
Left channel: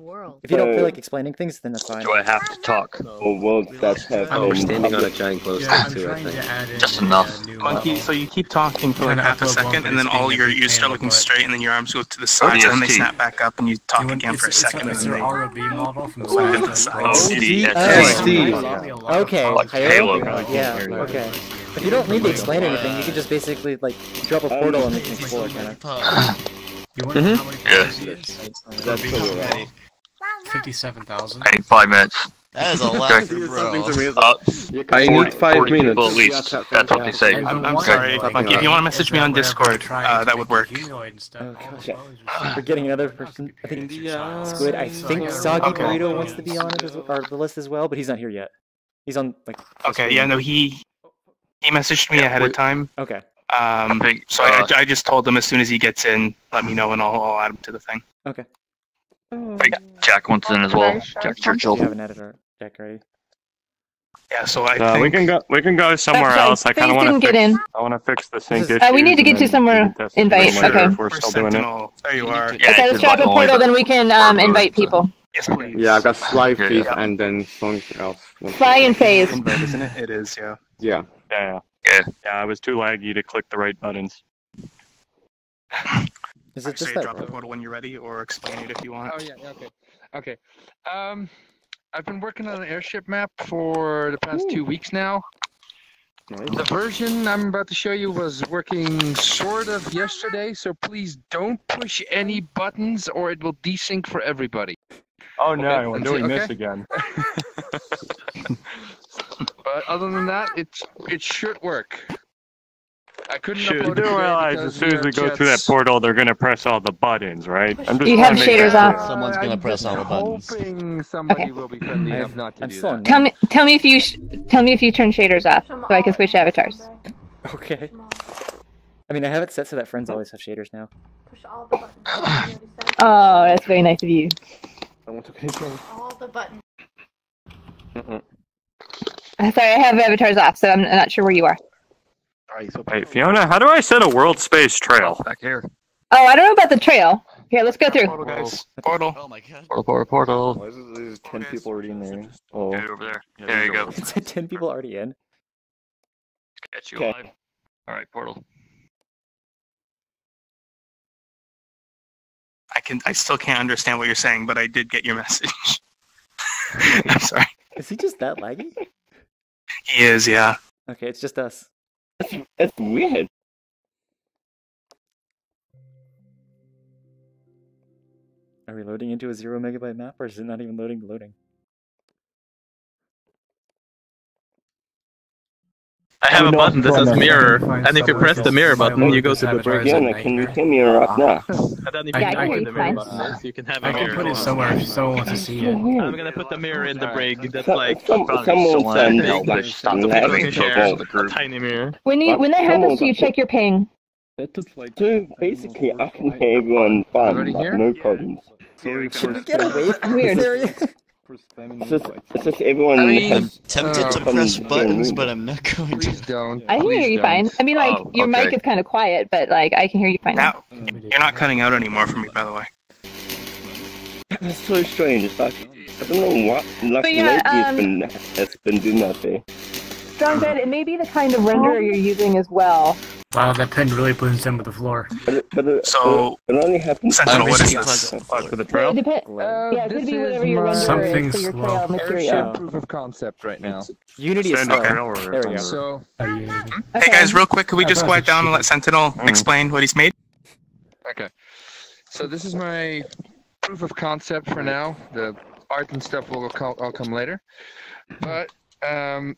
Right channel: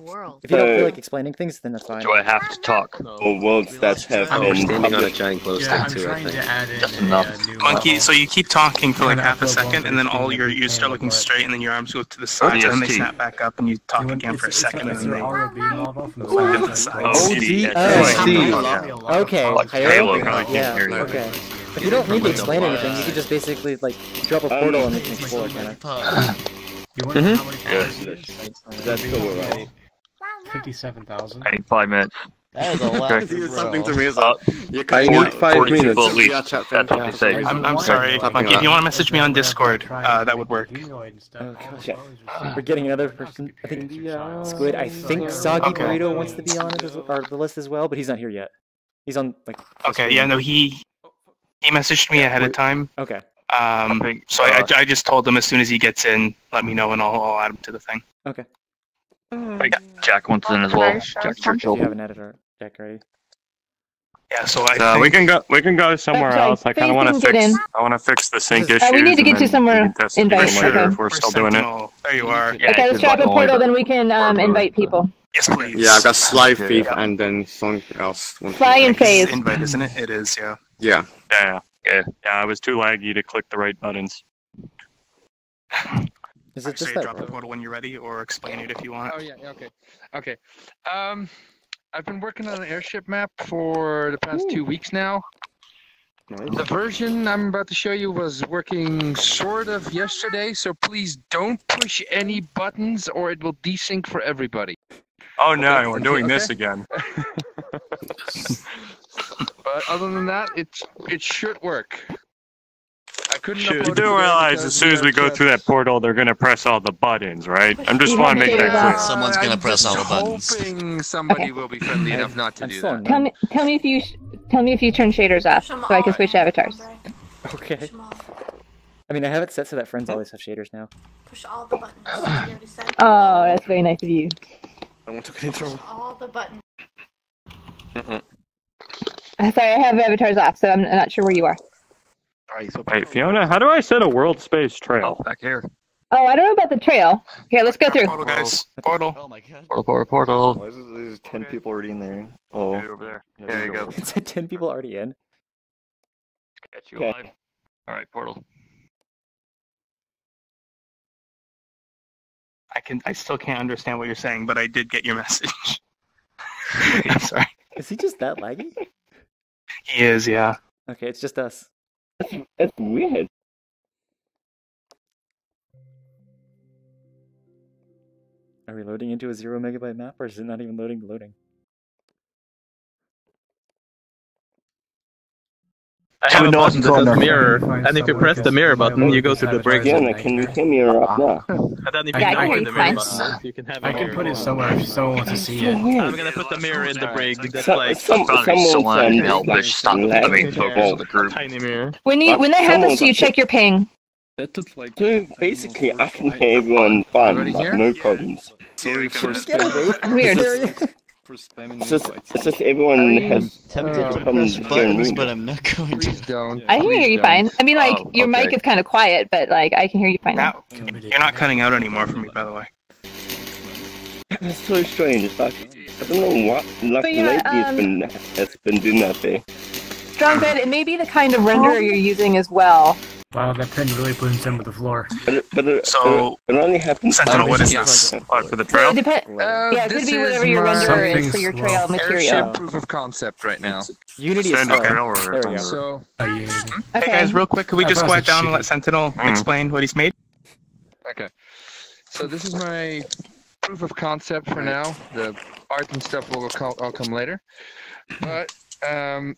if you don't feel like explaining things, then that's fine. Do I have to talk? Or worlds that have. Oh, we're standing on a giant glow stick Yeah, I'm too, I trying to think. add in Just a, enough. new Monkey, so you keep talking for like half a second, and then all you're still looking straight, and then your arms go to the side, and then they ODST. snap back up, and you talk again for a second, and It's then an they ROV model from the to the side. Okay, Halo. Halo? Yeah, okay. If you don't need to explain anything, you could just basically, like, drop a portal and we can explore, kind of. You want to know how many followers he is? That's cool, right? 57,000. I need 5 minutes. That is a lot, Something to bro. me is like, I 40, need 5 40 minutes. people at least. That's what they say. I'm sorry, Monkey. If you want to message me on Discord, that would work. Oh gosh, we're getting another person. I think Squid. I think Soggy Burrito wants to be on it or the list as well, but he's not here yet. He's on like. Okay, yeah, no, he messaged me ahead of time. Okay. So I just told him as soon as he gets in, let me know, and I'll add him to the thing. Okay. Jack wants in as well. Jack Do Churchill. you have an editor deck ready? Yeah, so I So think we can go somewhere Sorry, else. I kind Faith of want to didn't get fix. in. I want to fix the sync We issues. need to get and to then somewhere we can test it invite, later okay. if we're still doing it. Sentinel. There you are. Yeah, Okay, let's drop a portal, then we can invite people. Yes, please. Yeah, I've got Sly Thief and then something else. Fly and phase. Invite, isn't it? It is, yeah. Yeah. Yeah. I was too laggy to click the right buttons. Is I it just say that? drop the portal when you're ready, or explain it if you want. Oh yeah, okay. I've been working on an airship map for the past 2 weeks now. The version I'm about to show you was working sort of yesterday, so please don't push any buttons or it will desync for everybody. Oh no, Okay, we're doing okay. this again. But other than that, it should work. I couldn't You upload it do today realize because as soon as we go through that portal, they're gonna press all the buttons, right? I'm just You trying have to make shaders that off. clear. Someone's gonna press all the buttons. Hoping somebody Okay. will be friendly enough not to I'm do still that. on none. Tell me if you turn shaders off, so I can switch avatars. Okay. I mean, I have it set so that friends always have shaders now. Push all the buttons. Oh, that's very nice of you. I want to control. All the buttons. Sorry, I have avatars off, so I'm not sure where you are. Wait, Fiona, how do I set a world space trail? Back here. Oh, I don't know about the trail. Here, let's go through. Portal, guys. Portal. Oh my god. Portal. Why is there 10 people already in there? Oh. Over there. There you go. It said 10 people already in. Get you alive. Alright, portal. I still can't understand what you're saying, but I did get your message. I'm sorry. Is he just that laggy? He is, yeah. Okay, it's just us. That's weird. Are we loading into a 0 megabyte map, or is it not even loading? I have a button that says mirror, and if you press the mirror button, you go to the break. Fiona, can you hear me up now? And then if you Yeah, I can open hear the you mirror fine. button, you can have a I can mirror. put it somewhere if someone wants to see it. I'm gonna put the mirror in the brig. That's like Someone's lagging for both. a tiny mirror. When that happens, you check your ping. So basically, I can hear everyone fine, like, no problems. Should we get away from Weird. this area? It's just everyone has Tempted to come press to buttons, the but I'm not going to. Please don't. I can hear you fine. I mean, like, your mic okay. is kind of quiet, but, like, I can hear you fine now. You're not cutting out anymore for me, by the way. That's so strange. It's like, I don't know what. Like But yeah, lately, it's been doing that there. Strong bed, it may be the kind of renderer you're using as well. Wow, that pen really blends in with the floor. So, it only happens. Sentinel, what is this? For the trail? Yeah, it could be whatever your renderer is Something for your slow. trail material. Airship proof of concept right now. Unity is slow. Okay. There we go. So, Hey guys, real quick, could we just quiet down and let Sentinel explain what he's made? okay. So this is my proof of concept for now. The art and stuff will all come later. But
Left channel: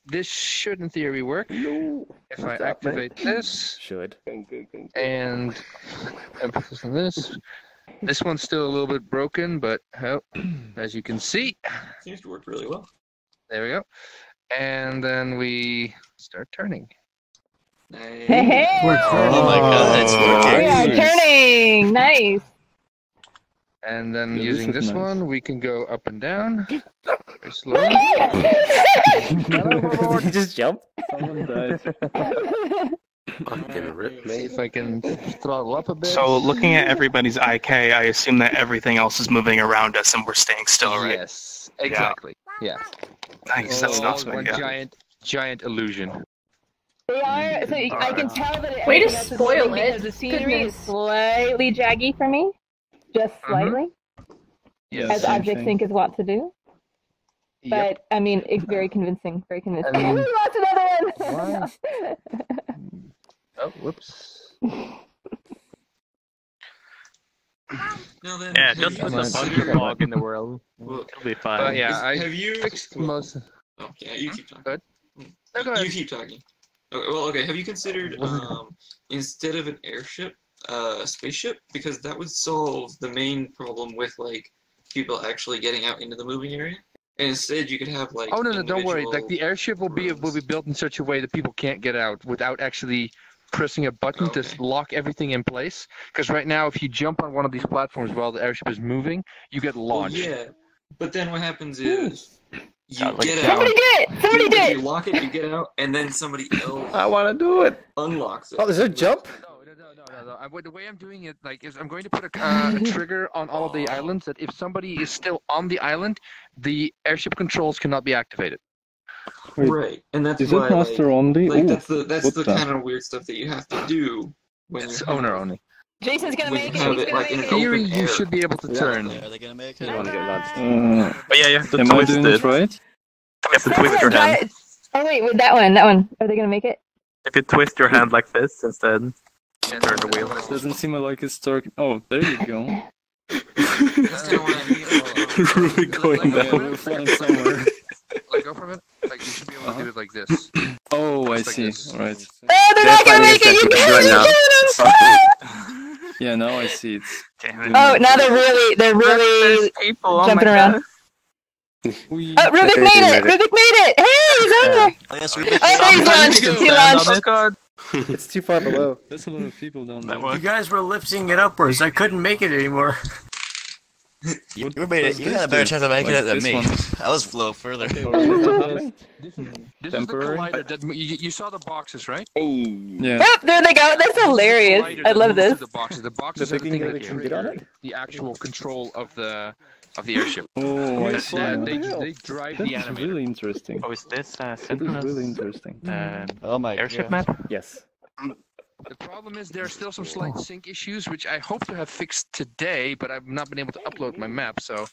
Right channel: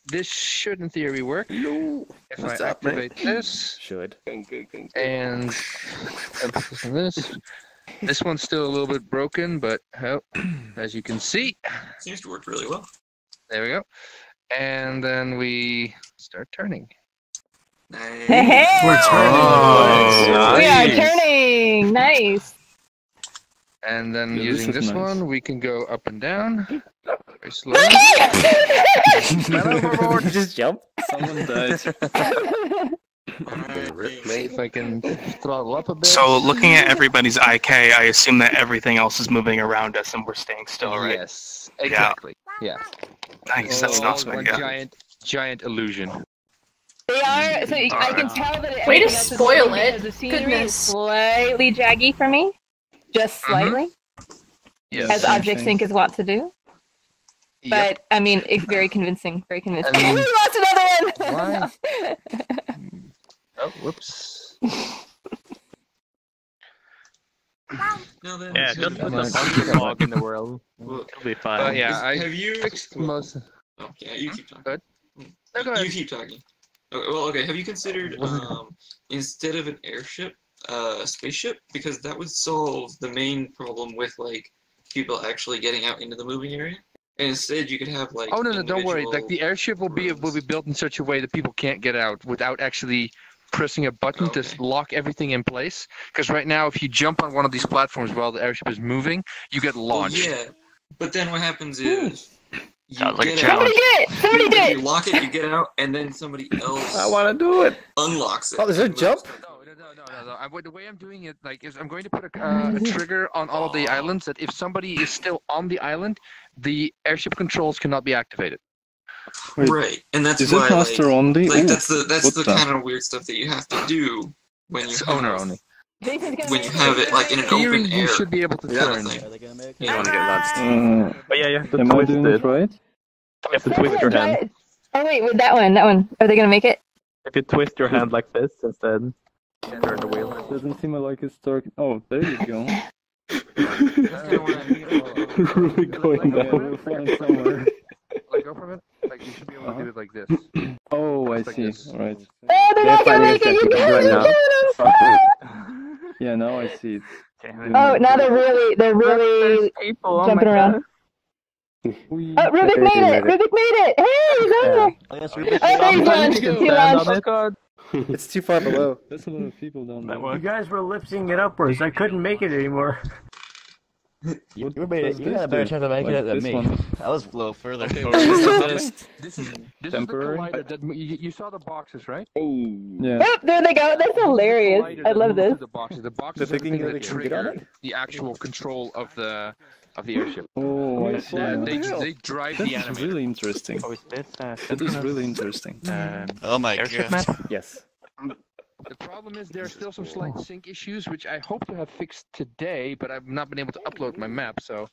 this should, in theory, work. If I activate this, Should. and emphasis on this one's still a little bit broken, but as you can see, Seems to work really well. there we go. And then we start turning. Hey! We're turning. We are turning! Nice! And then Yeah, using this is this nice. one, we can go up and down. Very slowly. Did you just jump? Someone died. See if I can throttle up a bit. So, looking at everybody's IK, I assume that everything else is moving around us and we're staying still, right? Yes, exactly. Yeah. Nice, that's All awesome. one Yeah. giant illusion. They are, so I can tell that Way to everything else is spoil moving it. because the scenery Goodness. is slightly jaggy for me. Just slightly. Yes. As Object Sync is wont to do. But, I mean, it's very convincing. Very convincing. And- We lost another one! Oh, whoops. Now then, Yeah, have just you- put a bunch of fog in the world. It'll be fine. But yeah, I have you fixed most. Oh, yeah, you keep talking. Good. No, go ahead. You keep talking. Okay, well, okay. Have you considered instead of an airship, a spaceship? Because that would solve the main problem with like people actually getting out into the moving area. And instead, you could have like. Oh no, don't worry. Like individual the airship will be built in such a way that people can't get out without actually pressing a button to lock everything in place. Because right now, if you jump on one of these platforms while the airship is moving, you get Well, launched. yeah, but then what happens is you Sounds like get a out. Somebody did it! Somebody did You it! lock it, you get out, and then somebody else I want to do it. unlocks it. Oh, there's a jump? No. The way I'm doing it, like, is I'm going to put a trigger on all of the islands that if somebody is still on the island, the airship controls cannot be activated. Wait, Right, and that's is why it master only? like Ooh, that's the what's that? kind of weird stuff that you have to do when It's you owner have, only. Jason's gonna when make you have it like in an Theory, open you air. should be able to Yeah, turn. thing. Are they gonna make You don't it? want to get launched. But yeah, you have to am I twist doing it. it right? You have to twist your hand. Oh wait, with that one. Are they gonna make it? If you twist your hand like this instead, turn the wheel. Doesn't seem like it's dark. Oh, there you go. That's kinda what I mean. Really going down. We're flying somewhere. Like, go from it. Like, you should be able to do it like this. Oh, I Just like see. this. Alright. Oh, not gonna make it. You right now. Yeah, now I see it. Oh, now they're really jumping around. Rubik made it! Rubik made it! Hey, he's on there! Yes, He launched. It's too far below. That's a lot of people down there. You guys were lifting it upwards. I couldn't make it anymore. You made it. You had a better chance of making it than me. I was a little further. This is the collider that you saw the boxes, right? Yeah. Oh, there they go. That's hilarious. I love this. The boxes are the thing that trigger the actual control of the airship. Oh, I see. They drive the That's animator. really interesting. Oh, is this That is really interesting. Oh my airship gosh. map? Yes. The problem is there are still some slight sync issues, which I hope to have fixed today, but I've not been able to upload my map, so...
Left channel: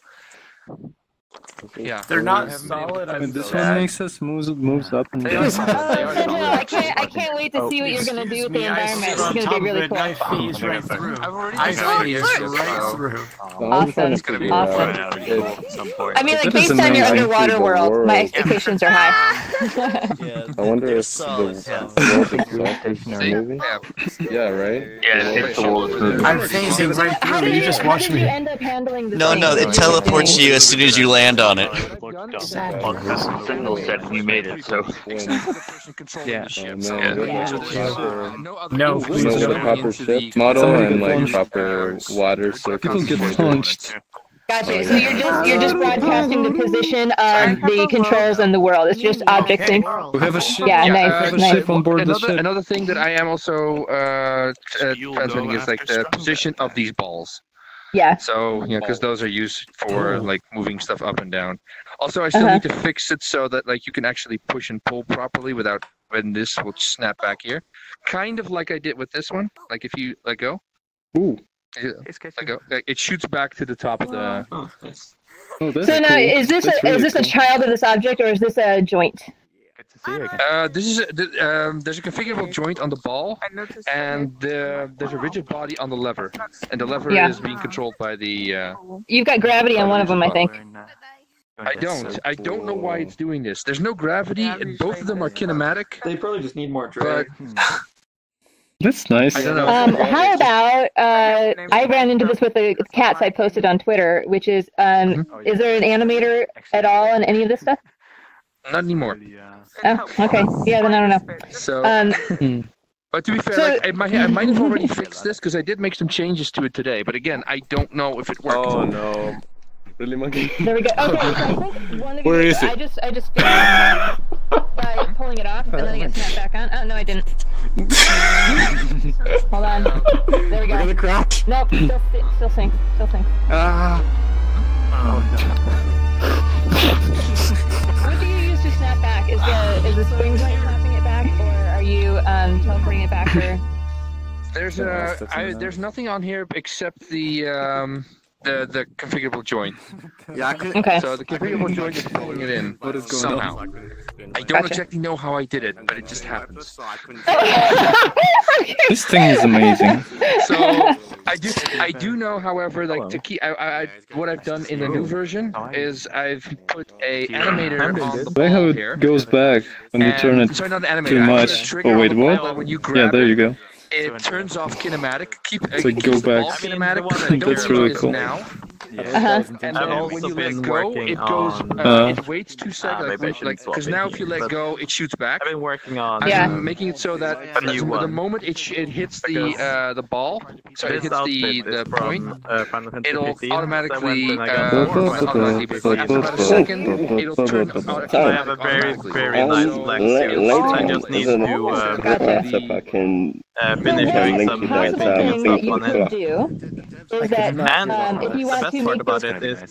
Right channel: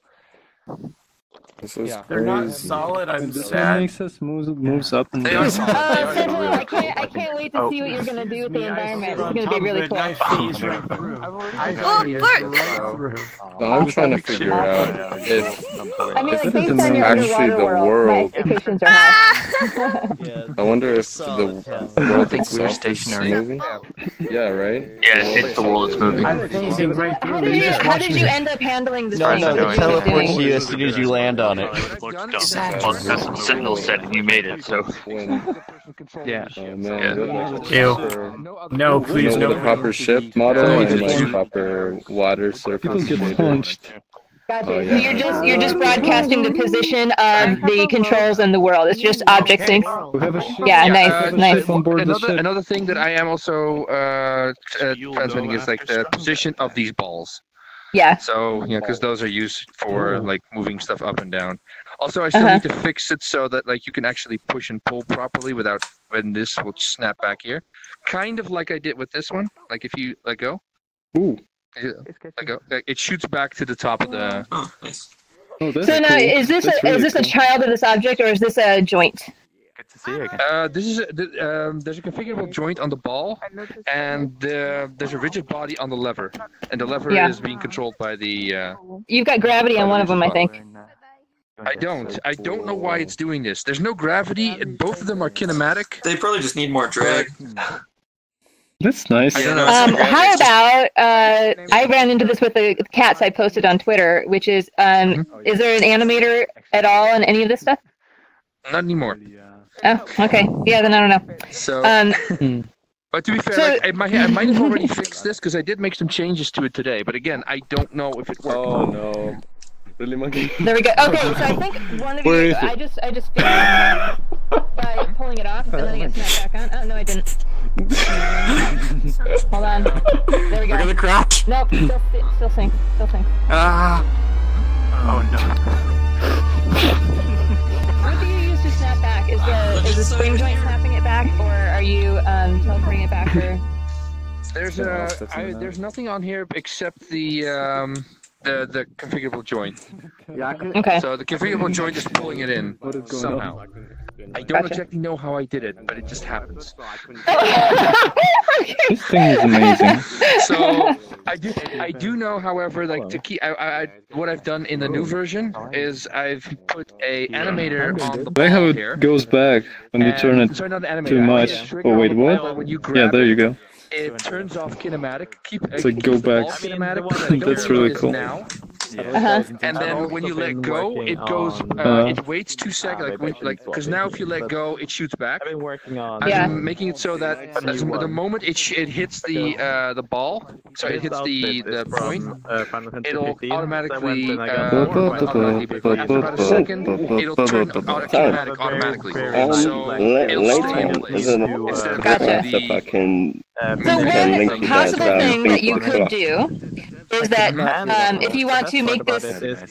Yeah. They're not solid. I'm This sad. one makes us moves up and down. I can't wait to see what you're gonna do with the environment. It's gonna be really cool. I phased right through. I phased right through. I'm trying to figure out if... I mean, like, If it is based on your actually underwater the world, my world. expectations are high. I wonder if the world itself is moving. Yeah, right? Yeah, it's the wall that's moving. I'm phasing right How through. did You you, just how watch did you me. end up handling the No, thing? no, What it were teleports doing? you as soon as you land on it. There's some signals that you made it, so... Yeah. No, please No, no. the proper ship model and like proper water People surface. get punched. Gotcha. Oh, So yeah. you're just broadcasting the position of the controls in the world. It's just object sync. We have a ship. Yeah, nice, nice. On board the ship. Another thing that I am also transmitting is like the position of these balls. Yeah. So, because those are used for like moving stuff up and down. Also, I still need to fix it so that like you can actually push and pull properly without when this will snap back here. Kind of like I did with this one. Like if you let go. Ooh. Let go. It shoots back to the top of the. Oh, that's So now, cool. is this That's really a cool. child of this object, or is this a joint? This is there's a configurable joint on the ball, and there's a rigid body on the lever, and the lever Yeah. is being controlled by the. You've got gravity on one of them, I think. I don't know why it's doing this. There's no gravity, and both of them are kinematic. They probably just need more drag. That's nice. I don't know. How about I ran into this with the cats I posted on Twitter, which is is there an animator at all in any of this stuff? Not anymore. Oh, okay. Yeah, then I don't know. So. But to be fair, So- like, I might have already fixed this because I did make some changes to it today. But again, I don't know if it worked. Oh no. Really, monkey? There we go. Okay, so I think one of Where you, is it? I just fixed it by pulling it off, and then I got snapped back on. Oh no, I didn't. Hold on. There we go. Gonna crash. Nope. Still sync. Still sync. What do you use to snap back? Is the spring snapping it back, or are you teleporting it back? Or... There's nothing on here except the configurable joint. Yeah, Okay. So the configurable joint is pulling it in What is going somehow. on? I don't exactly know how I did it, but it just happens. This thing is amazing. So I do know, however, like to keep what I've done in the new version is I've put a animator on the See ball how here. it goes back when you turn it Sorry, not an animator, too much? actually a Oh wait, trigger on the ball what? when you Yeah, grab there it. you go. It turns off kinematic. So go back. That's really cool. And then when you let go, it goes. It waits 2 seconds, because now if you let go, it shoots back. I've been working on. I'm making it so that the moment it hits the ball, so it hits the point, it'll automatically. After about a second, it'll turn automatically. Later on, if I can link to that thing that you could thing. do is that if you want to make this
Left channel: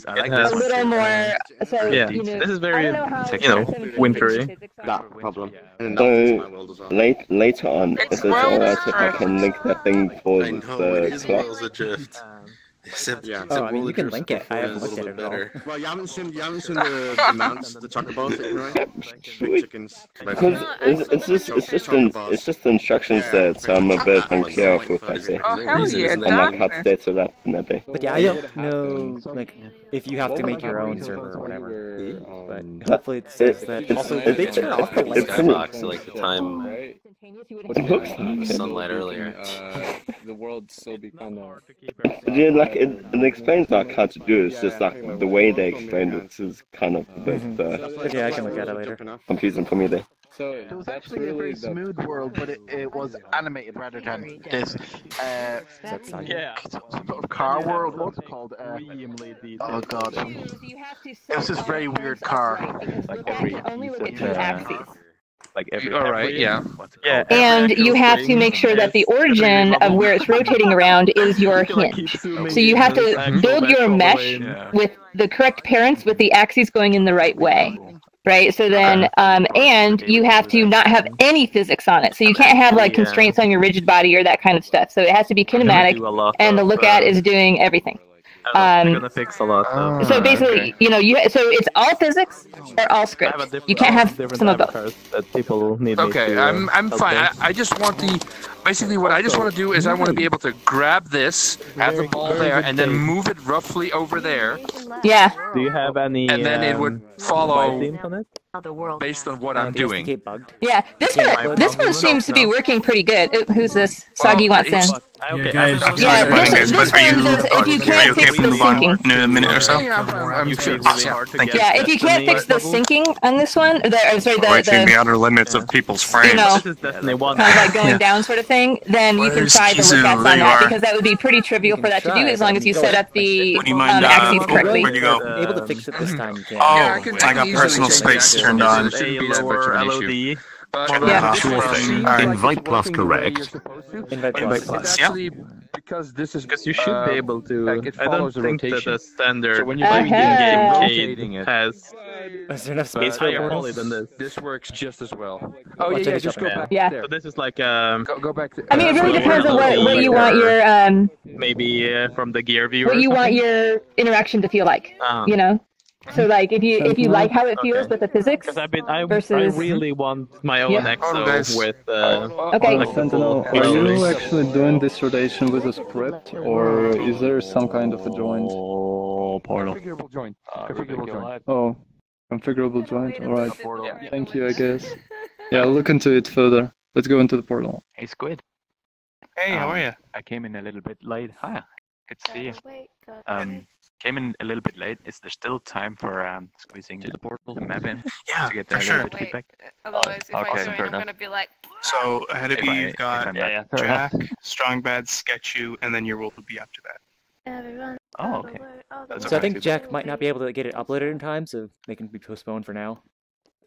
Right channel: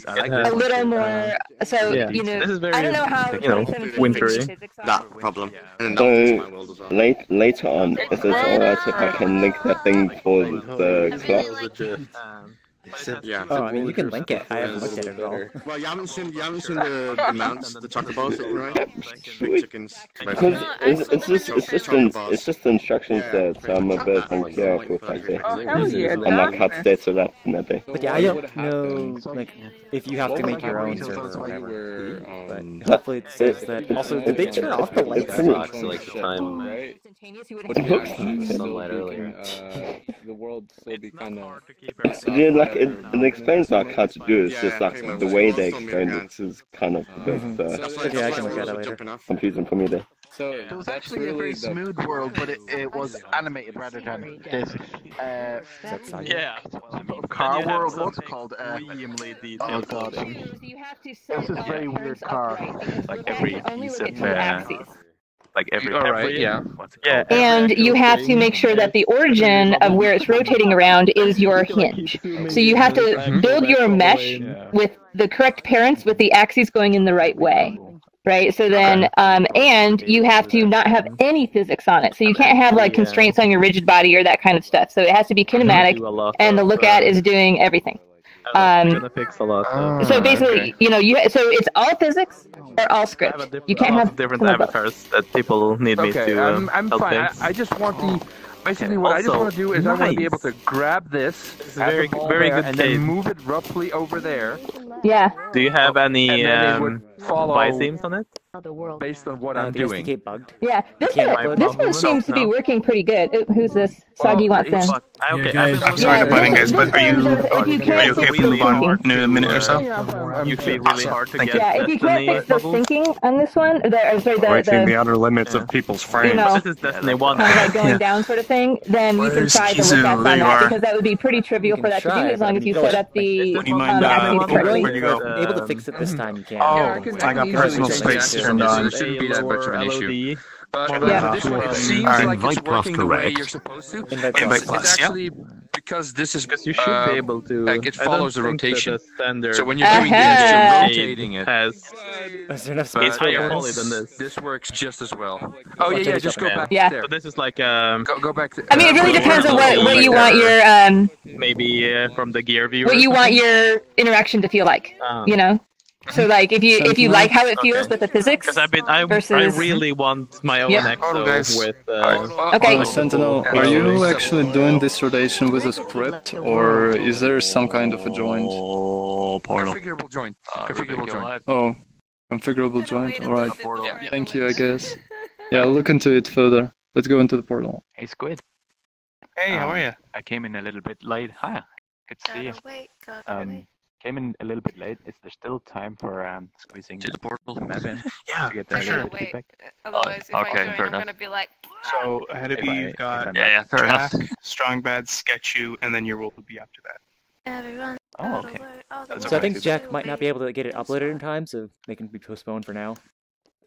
a little more, so you know, this is very, I don't know how wintry. That problem. So later on, if it's alright if I can link that thing for the clock. Yeah. Oh, I mean, you can link it. I haven't looked at it at all. Well, you haven't seen the mounts, the chocobos, right? Sweet. Chickens. Because it's just the instruction set, so I'm a bit unclear of if I say I'm not cut states or that maybe. But yeah, I don't know like if you have to make your own server or whatever. But hopefully it says that. Also, did they turn off the lights? Like the time sunlight earlier. The world still be kind of. Yeah, like it explains not how to do it. It's just like the way they explained it is kind of a bit But yeah, I can look at it later. confusing for me there. So it was actually a very smooth world, but it was animated rather than this. Car world. What's it called? Oh god. It was this very weird car. Like only look at two axes. Like every. All right. Yeah. Yeah. And you have to make sure that the origin of where it's rotating around is your hinge. So you have to build your mesh with the correct parents with the axes going in the right way. Right, so then, and you have to not have any physics on it. So you can't have like constraints on your rigid body or that kind of stuff. So it has to be kinematic, and the look at is doing everything. Gonna fix a lot. So basically, so it's all physics or all scripts. You can't have different some avatars that people need me to. Okay, I'm fine. I just want basically what I just want to do is I want to be able to grab this, have the ball there, and then move it roughly over there. Yeah. Do you have any and then it would follow themes on it? Based on what I'm doing. Bugged. Yeah, this one seems to be working pretty good. Who's this? Soggy wants in. Okay, I'm sorry to butt in, guys, but are you okay if we move on in a minute or so? You feel really hard to get. Yeah, if you can't fix the syncing on this one, Reaching the outer limits of people's frames. This is Destiny 1. Kind of like going down sort of thing, then you can try the look on that, because that would be pretty trivial for that to do as long as you set up the axes correctly. If you're able to fix it this time, you can. I got personal space turned on. It shouldn't be that much of an issue. Invite plus correct. It's actually because this is you should be able to. It follows the rotation. Standard. So when you're doing this, you're rotating it. Is there enough space for portals? This works just as well. Oh yeah, just go back there. So this is like go back. I mean, it really depends on what you want your maybe from the gear viewer. What you want your interaction to feel like, So like if you like how it feels with the physics, because I versus... really want my own exo with okay. Sentinel, are you actually doing this rotation with a script, or is there some kind of a joint? Configurable joint. Configurable joint. Oh, configurable joint. All right. Thank you, I guess. Yeah, I'll look into it further. Let's go into the portal. Hey, Squid. Hey, how are you? I came in a little bit late. Huh. Good to see you. Came in a little bit late. Is there still time for squeezing to the portal map in to get the feedback? Otherwise, if I join, I'm gonna be like. So ahead of you, you've got Jack, Strong Bad, Sketchu, and then your role will be after that. Everyone. Oh, okay. So I think Jack might not be able to get it uploaded in time, so they can be postponed for now.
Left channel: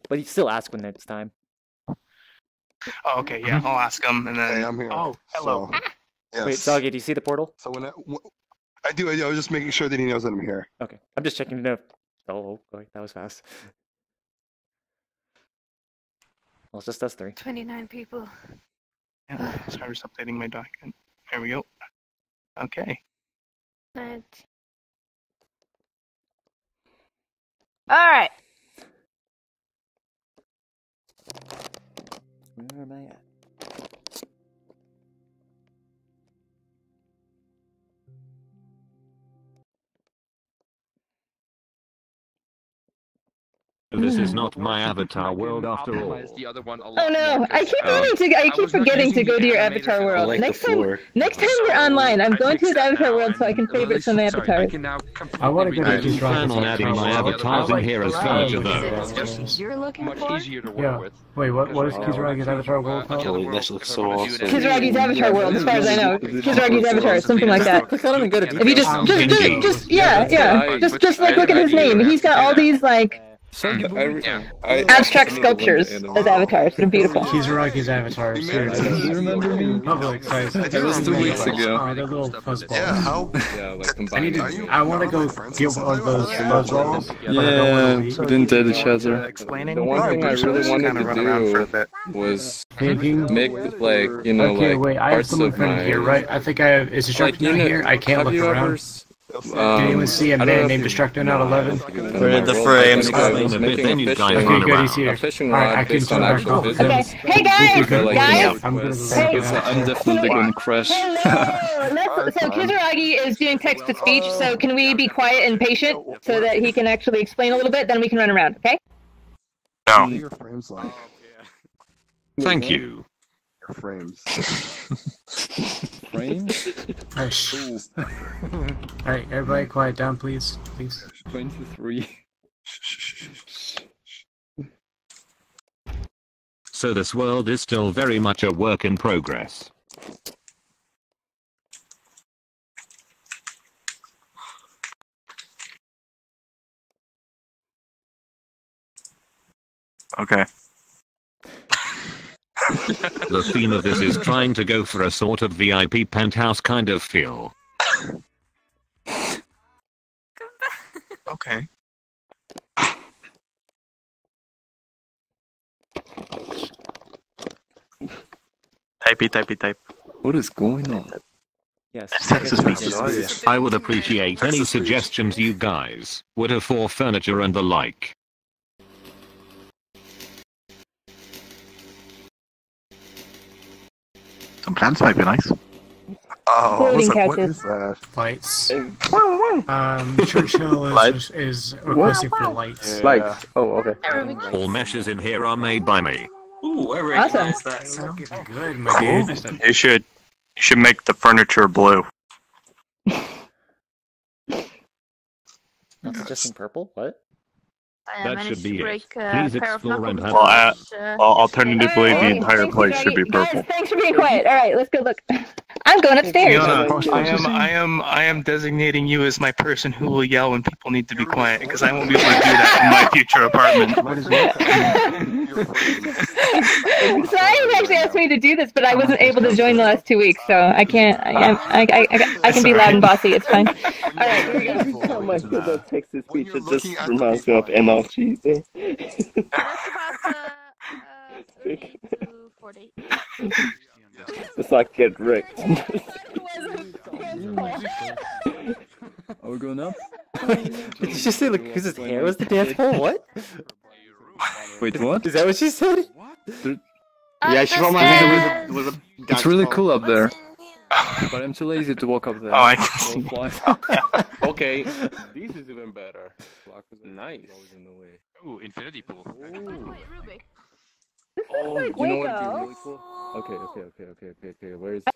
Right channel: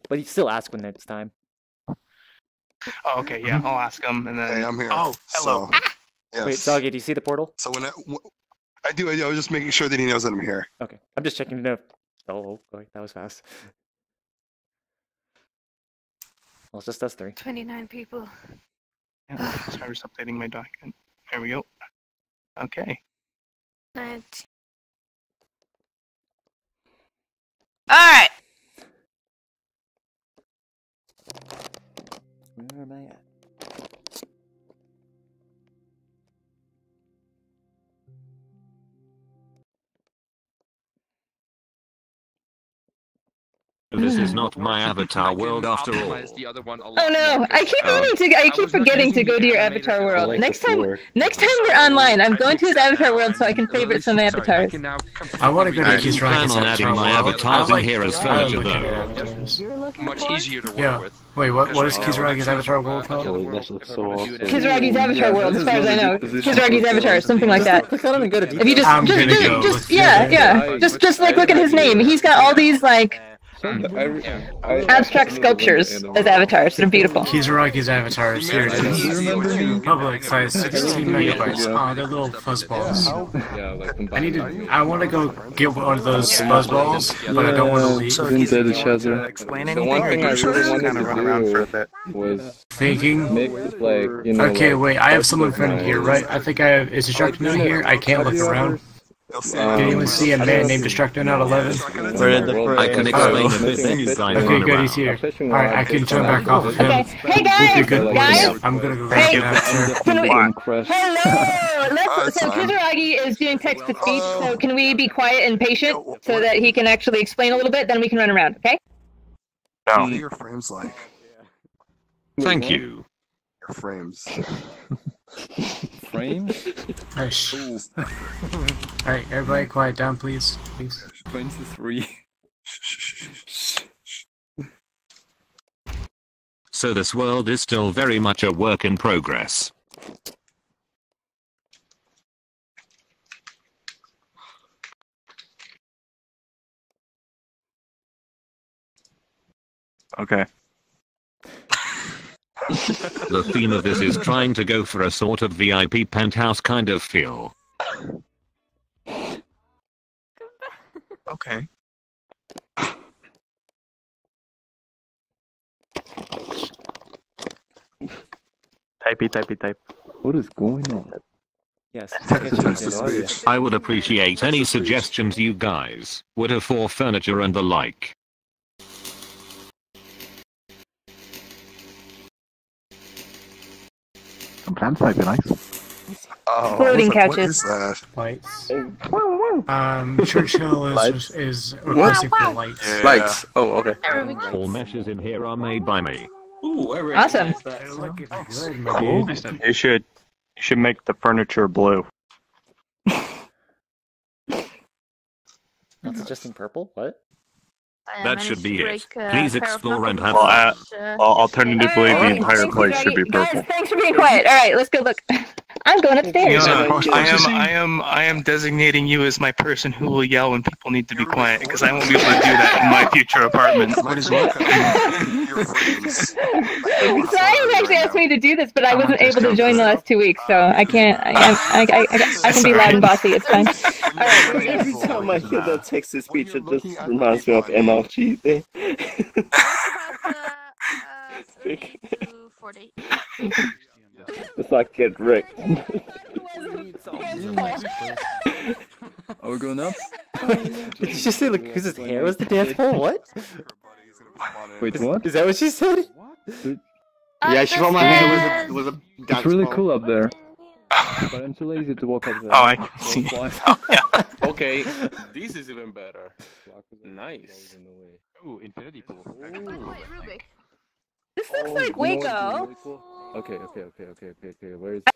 But you still ask when it's time. Oh, okay, yeah, I'll ask him, and then. Hey, I'm here. Oh, hello. So, yes. Wait, Doggy, do you see the portal? So when I do. I was just making sure that he knows that I'm here. Okay, I'm just checking to know. Oh, wait, that was fast. Well, it's just us three. 29 people. Yeah, sorry, just updating my document. There we go. Okay. 19. Alright. Where am I at? This is not my avatar world after all. Oh no! I keep forgetting to go to your avatar world. Like next time you're online, I'm going to his avatar world so I can favorite some avatars. I want to go to I plan on adding my avatars in here as furniture though. Much easier to work with. Wait, what is Kizuragi's avatar world called? This looks so awesome. Kizuragi's avatar world, as far as I know. Kizuragi's avatar, something like that. Click on him and go to If you just like look at his name. He's got all these like abstract sculptures as avatars. They're beautiful. Kizuragi's avatars. Here it is. Public size. Oh, they're little fuzzballs. Yeah, like I need to. I want to go get one of those fuzzballs, but I don't want to leave. Didn't tell each other. Explain The anything? one thing I really wanted to run around for a do bit. was thinking. make it like Okay, wait. I have someone friendly here, right? I think I have. Is instruction down here? I can't look around. Can anyone see a man named Destructonaut 11? Where did the frames go? Okay, good, he's here. Alright, I can turn back off him. Okay. Hey guys! Guys! I'm gonna go Thank you. back to I'm definitely gonna crash. So Kizaragi is doing text-to-speech, so can we be quiet and patient so that he can actually explain a little bit, then we can run around, okay? What are your frames like? Thank you. Your frames. Frames? Hush. Alright, everybody quiet down, please. Please. 23. So this world is still very much a work in progress. Okay. The theme of this is trying to go for a sort of VIP penthouse kind of feel. Okay. Type. What is going on? Yes. I would appreciate any suggestions you guys would have for furniture and the like. Some plants might be nice. Oh, Floating what couches. is that? Lights. Churchill is requesting for lights. Lights. Oh, okay. All meshes in here are made by me. Ooh, I Awesome. recognize that. Good, my dude. You should make the furniture blue. Not suggesting purple? What? That should be it. break, Please pair of explore and have knuckles. Alternatively, the entire Thanks, place should be Kizaragi. purple. Guys, thanks for being quiet. Alright, let's go look. I'm going upstairs. I am designating you as my person who will yell when people need to be quiet, because I won't be able to do that in my future apartment. Cyan actually asked me to do this, but I wasn't able to join the last 2 weeks, so I can't. I can be loud and bossy. It's fine. All right, here we go. Every time I hear that text-to-speech, it just reminds me of MRG. It's like get wrecked. Are we going up? Did you just say like because his hair was the dance pole? What? Wait, what? Is that what she said? Yeah, she told me it was a It's really cool up there. But I'm too lazy to walk up there. Oh, I can see. Okay, this is even better. Nice. Oh, infinity pool. This looks like Waco. Really cool? Okay.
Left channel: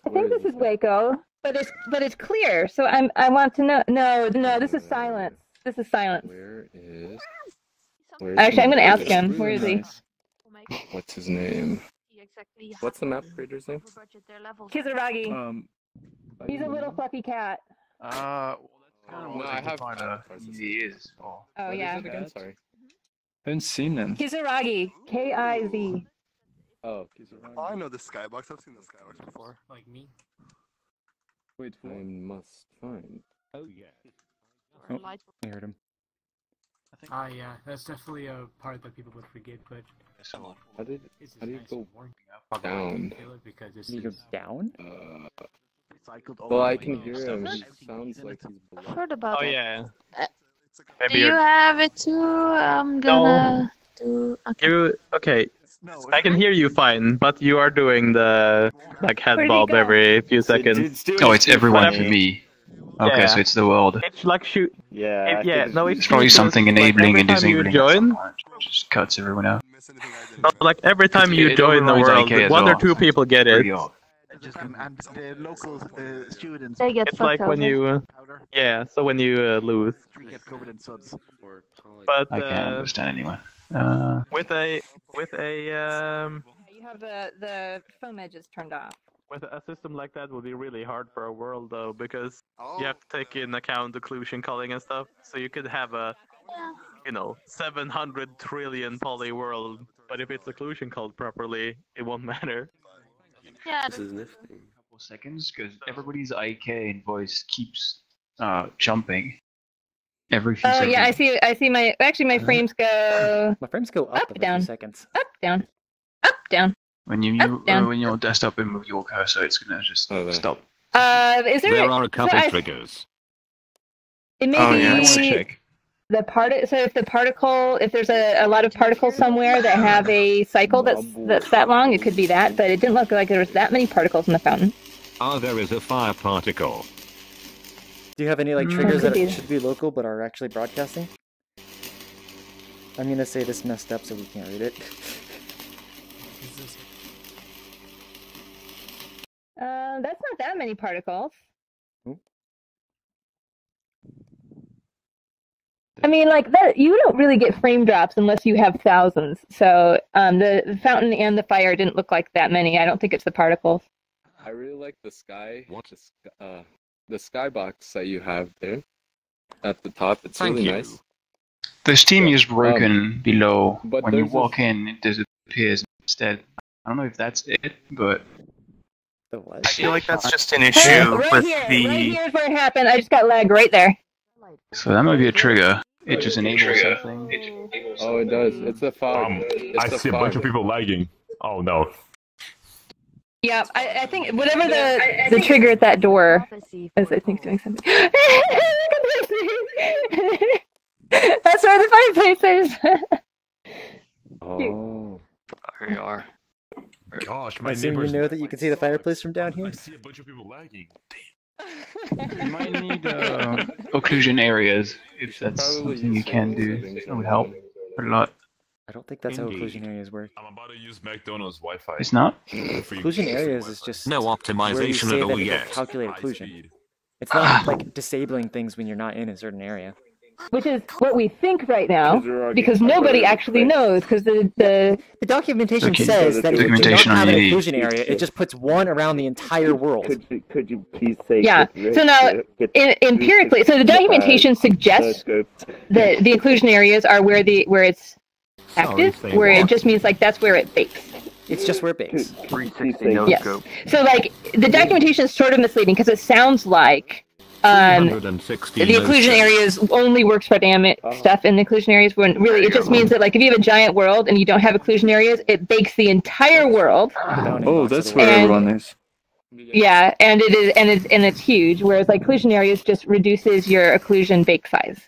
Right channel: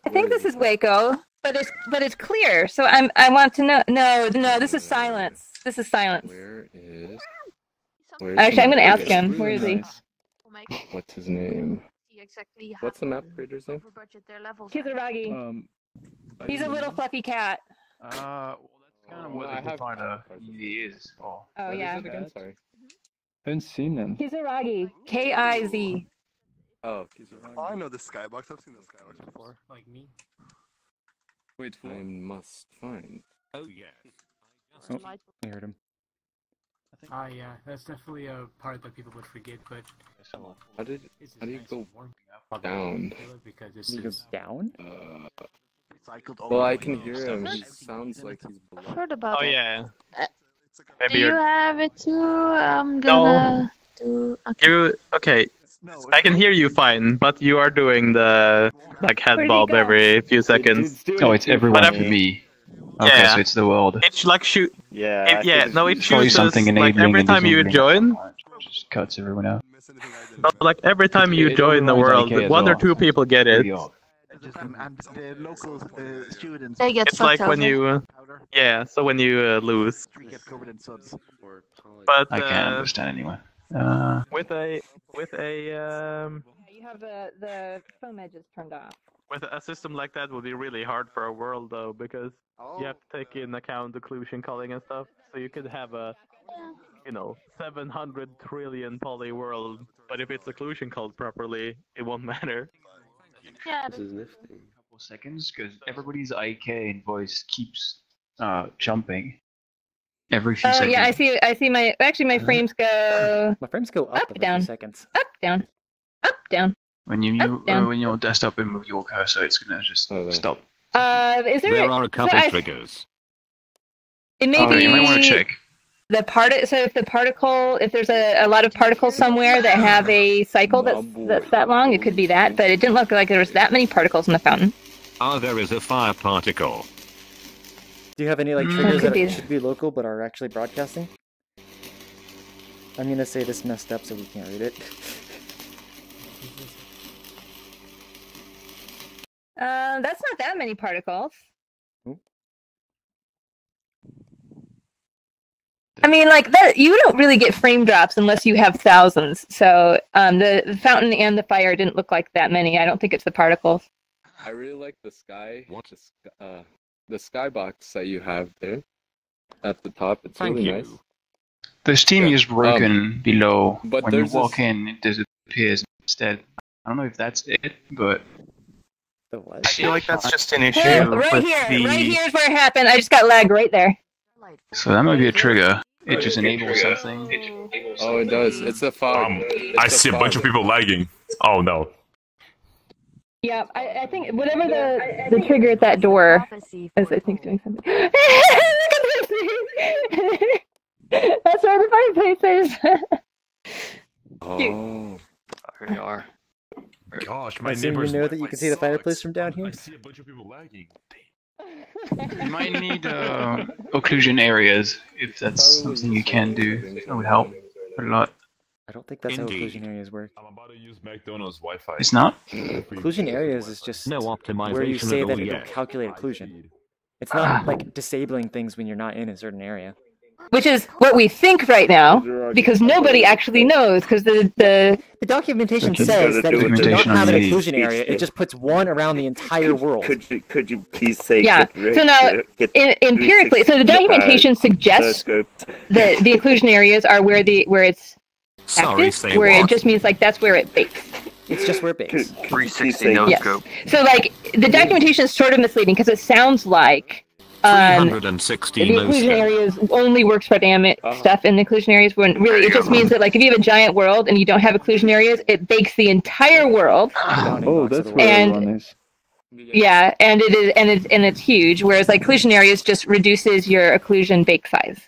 I think this is Waco, but it's clear. So I want to know. No, this is silence. This is silence. Actually, I'm gonna ask him. Where is he? What's his name? What's the map creator's name? Kizaragi. He's a little fluffy cat. Well, that's kind of what the definer he is. Oh yeah. Sorry. I haven't seen him. Kizaragi. Kiz. Oh, Kizaragi. Oh, I know this skybox. I've seen this skybox before. Like me. Wait, I must find. Oh yeah. Oh, I heard him. Yeah, that's definitely a part that people would forget, but How do you go warming up. down? Because this He goes down? Well, I can hear him. He sounds like he's I've below. heard about it. yeah. Do you have it too? I'm gonna do. Okay. Okay. I can hear you fine, but you are doing the head Where'd he bob go? every few seconds. Oh, it's everyone But to me. Okay, Yeah. so it's the world. It's like shoot. Yeah. It Probably shoots something us, enabling every and time you disabling. join. Just cuts everyone out. Every time you It join the overrides world, IK as one or well. two people get it. Pretty odd. And the local students They get It's like when you, so when you lose. get covered in suds. But I can't understand anyone. with a You have the foam edges turned off. with a system like that would be really hard for a world though, because you have to take in account occlusion culling and stuff. So you could have a 700 trillion poly world, but if it's occlusion culled properly, it won't matter. Yeah. This is nifty. Couple seconds, because everybody's IK and voice keeps jumping. Every few Oh seconds. yeah, I see my my frames go My frames go up every down. few seconds. up, down, up, down. When you Up, down. when your desktop and move your cursor, it's gonna just stop. Is there? There are a couple I- triggers. It may Oh, be yeah, I want to check. So if there's a lot of particles somewhere that have a cycle that's that long, it could be that. But it didn't look like there was that many particles in the fountain. Ah, there is a fire particle. Do you have any like triggers could that be. should be local but are actually broadcasting? I'm gonna say this messed up so we can't read it. That's not that many particles. I mean, like that. You don't really get frame drops unless you have thousands. So the fountain and the fire didn't look like that many. I don't think it's the particles. I really like the sky. The skybox that you have there at the top. It's really nice. The steam is broken below. but When you there's walk in, it disappears instead. I don't know if that's it, but I feel like that's just an issue Right with here. the. Right here's where it happened. I just got lag right there. so that might be a trigger. It just enables something. Oh, it does. It's a fog. I see a bunch of people lagging. Oh no. Yeah, I think whatever the trigger at that door is, I think doing something. Look at this. That's where the fireplace is. There you are. Gosh, I my assume you neighbors. know that you can see the fireplace from down here? I see a bunch of people lagging. You might need occlusion areas if that's something you can do. That would help a lot. I don't think that's how occlusion areas work. I'm about to use McDonald's Wi-Fi. It's not? Occlusion areas is just No where you optimization say at that all it will yet. calculate occlusion. It's not like disabling things when you're not in a certain area. Which is what we think right now, because nobody actually knows, because the documentation says that if you do not have an occlusion area, it just puts one around the entire world. Could you please say? Yeah. So now, empirically, so the documentation suggests that the occlusion areas are where it's active, where it just means like that's where it bakes. It's just where it bakes. 360 no Yes. scope. So like the documentation is sort of misleading because it sounds like the 360 no occlusion scope. areas only works for dynamic stuff in the occlusion areas, when really it just means that like if you have a giant world and you don't have occlusion areas, it bakes the entire world. Oh, that's where And- everyone is. Yeah, and it's huge. Whereas like occlusion areas just reduces your occlusion bake size.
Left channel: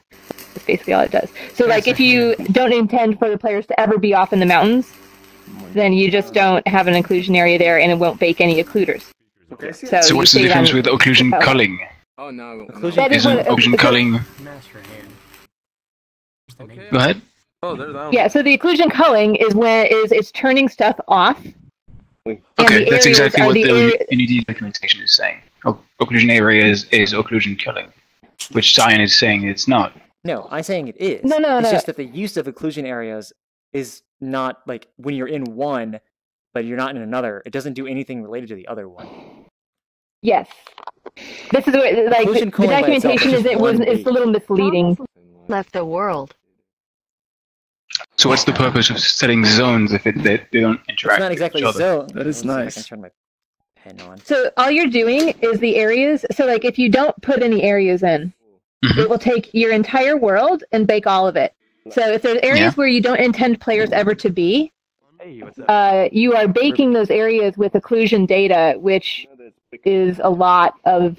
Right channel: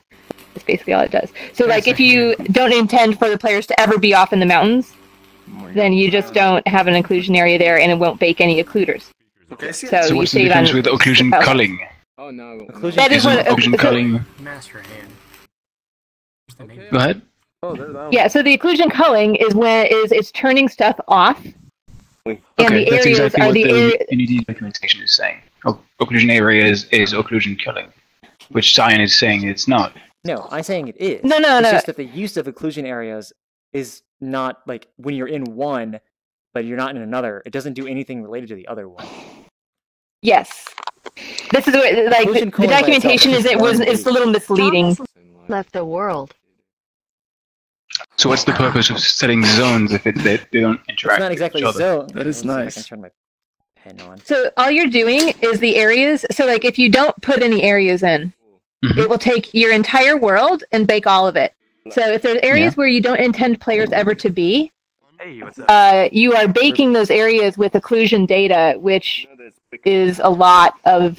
That's basically all it does. So like if you don't intend for the players to ever be off in the mountains, then you just don't have an occlusion area there, and it won't bake any occluders. Okay. So So you what's the save difference on- with occlusion Oh. culling? Oh no. Occlusion Isn't occlusion culling... Go ahead. Oh, they're down. Yeah, so the occlusion culling is when it's turning stuff off, and Okay, the that's areas exactly are what the the NED documentation is saying. Occlusion area is occlusion culling, which Cyan is saying it's not. No, I'm saying it is. No, It's no. just that the use of occlusion areas is not like when you're in one, but you're not in another. It doesn't do anything related to the other one. Yes. This is where like Occlusion the culling by itself documentation is is just one it's a little misleading. Left the world. So what's the purpose of setting zones if they don't interact? It's not exactly with each zone. other? That is One second, nice. I can turn my pen on. So all you're doing is the areas. So like if you don't put any areas in, it will take your entire world and bake all of it. So if there's areas where you don't intend players ever to be, you are baking those areas with occlusion data, which is a lot of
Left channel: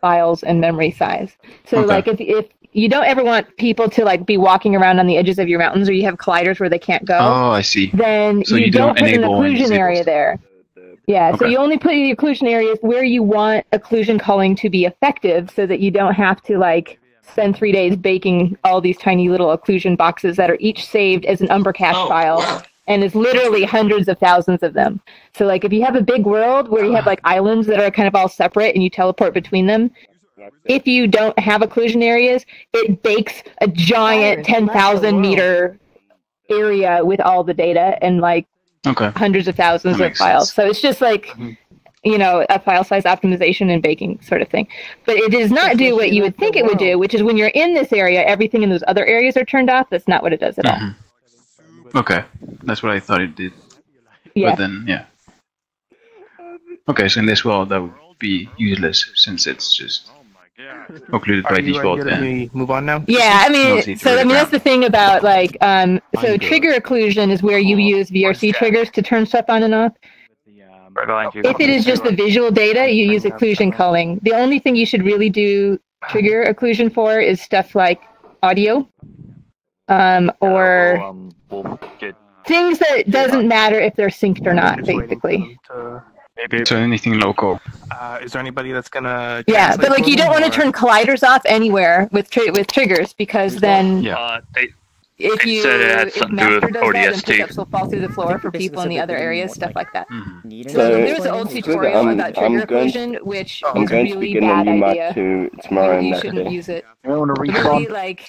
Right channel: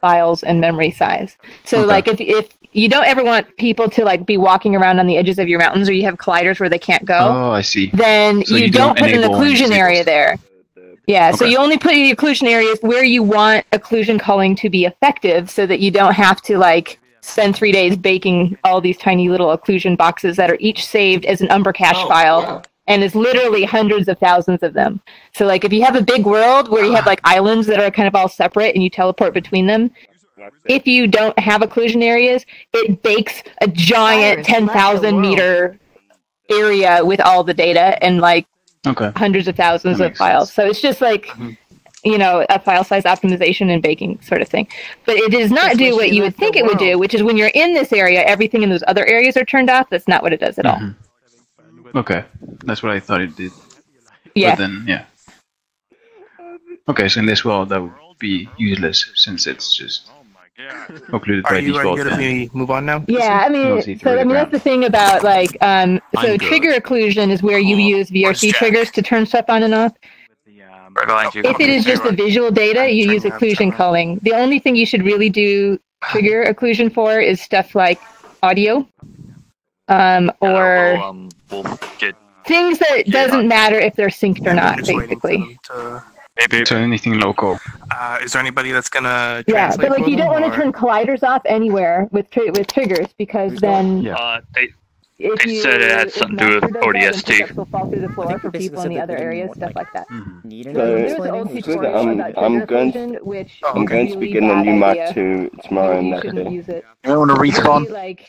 files and memory size. So Okay. like if you don't ever want people to like be walking around on the edges of your mountains, or you have colliders where they can't go, Oh, I see. then So you you don't don't put an enable any occlusion disables. area there. Yeah, so Okay. you only put the occlusion areas where you want occlusion culling to be effective, so that you don't have to like spend 3 days baking all these tiny little occlusion boxes that are each saved as an Umber cache file, and is literally hundreds of thousands of them. So like if you have a big world where you have like islands that are kind of all separate and you teleport between them, if you don't have occlusion areas, it bakes a giant 10,000 meter area with all the data and like Okay. hundreds of thousands of files. So it's just like, you know, a file size optimization and baking sort of thing. But it does not do what you would think it would do, which is when you're in this area, everything in those other areas are turned off. That's not what it does at all. Okay, that's what I thought it did. Yeah. But then, yeah. Okay, so in this world that would be useless since it's just occluded by Are you default. ready to then. be, move on now? Yeah, I No mean, need to so read I it mean down. that's the thing about like, so trigger occlusion is where you use VRC triggers to turn stuff on and off. If it is just the visual data, you use occlusion culling. The only thing you should really do trigger occlusion for is stuff like audio, or things that doesn't matter if they're synced or not, basically. Maybe So anything local. Is there anybody that's gonna Yeah, translate but like for you them, don't want to or- turn colliders off anywhere with triggers because then They said it had something to do with ODST. will fall through the floor for people in the other areas, stuff like that. Need So, There's an old tutorial about I'm trigger going occlusion, which I'm is going to really begin a bad new idea. map to tomorrow You night. shouldn't use it. You want to respawn? Like,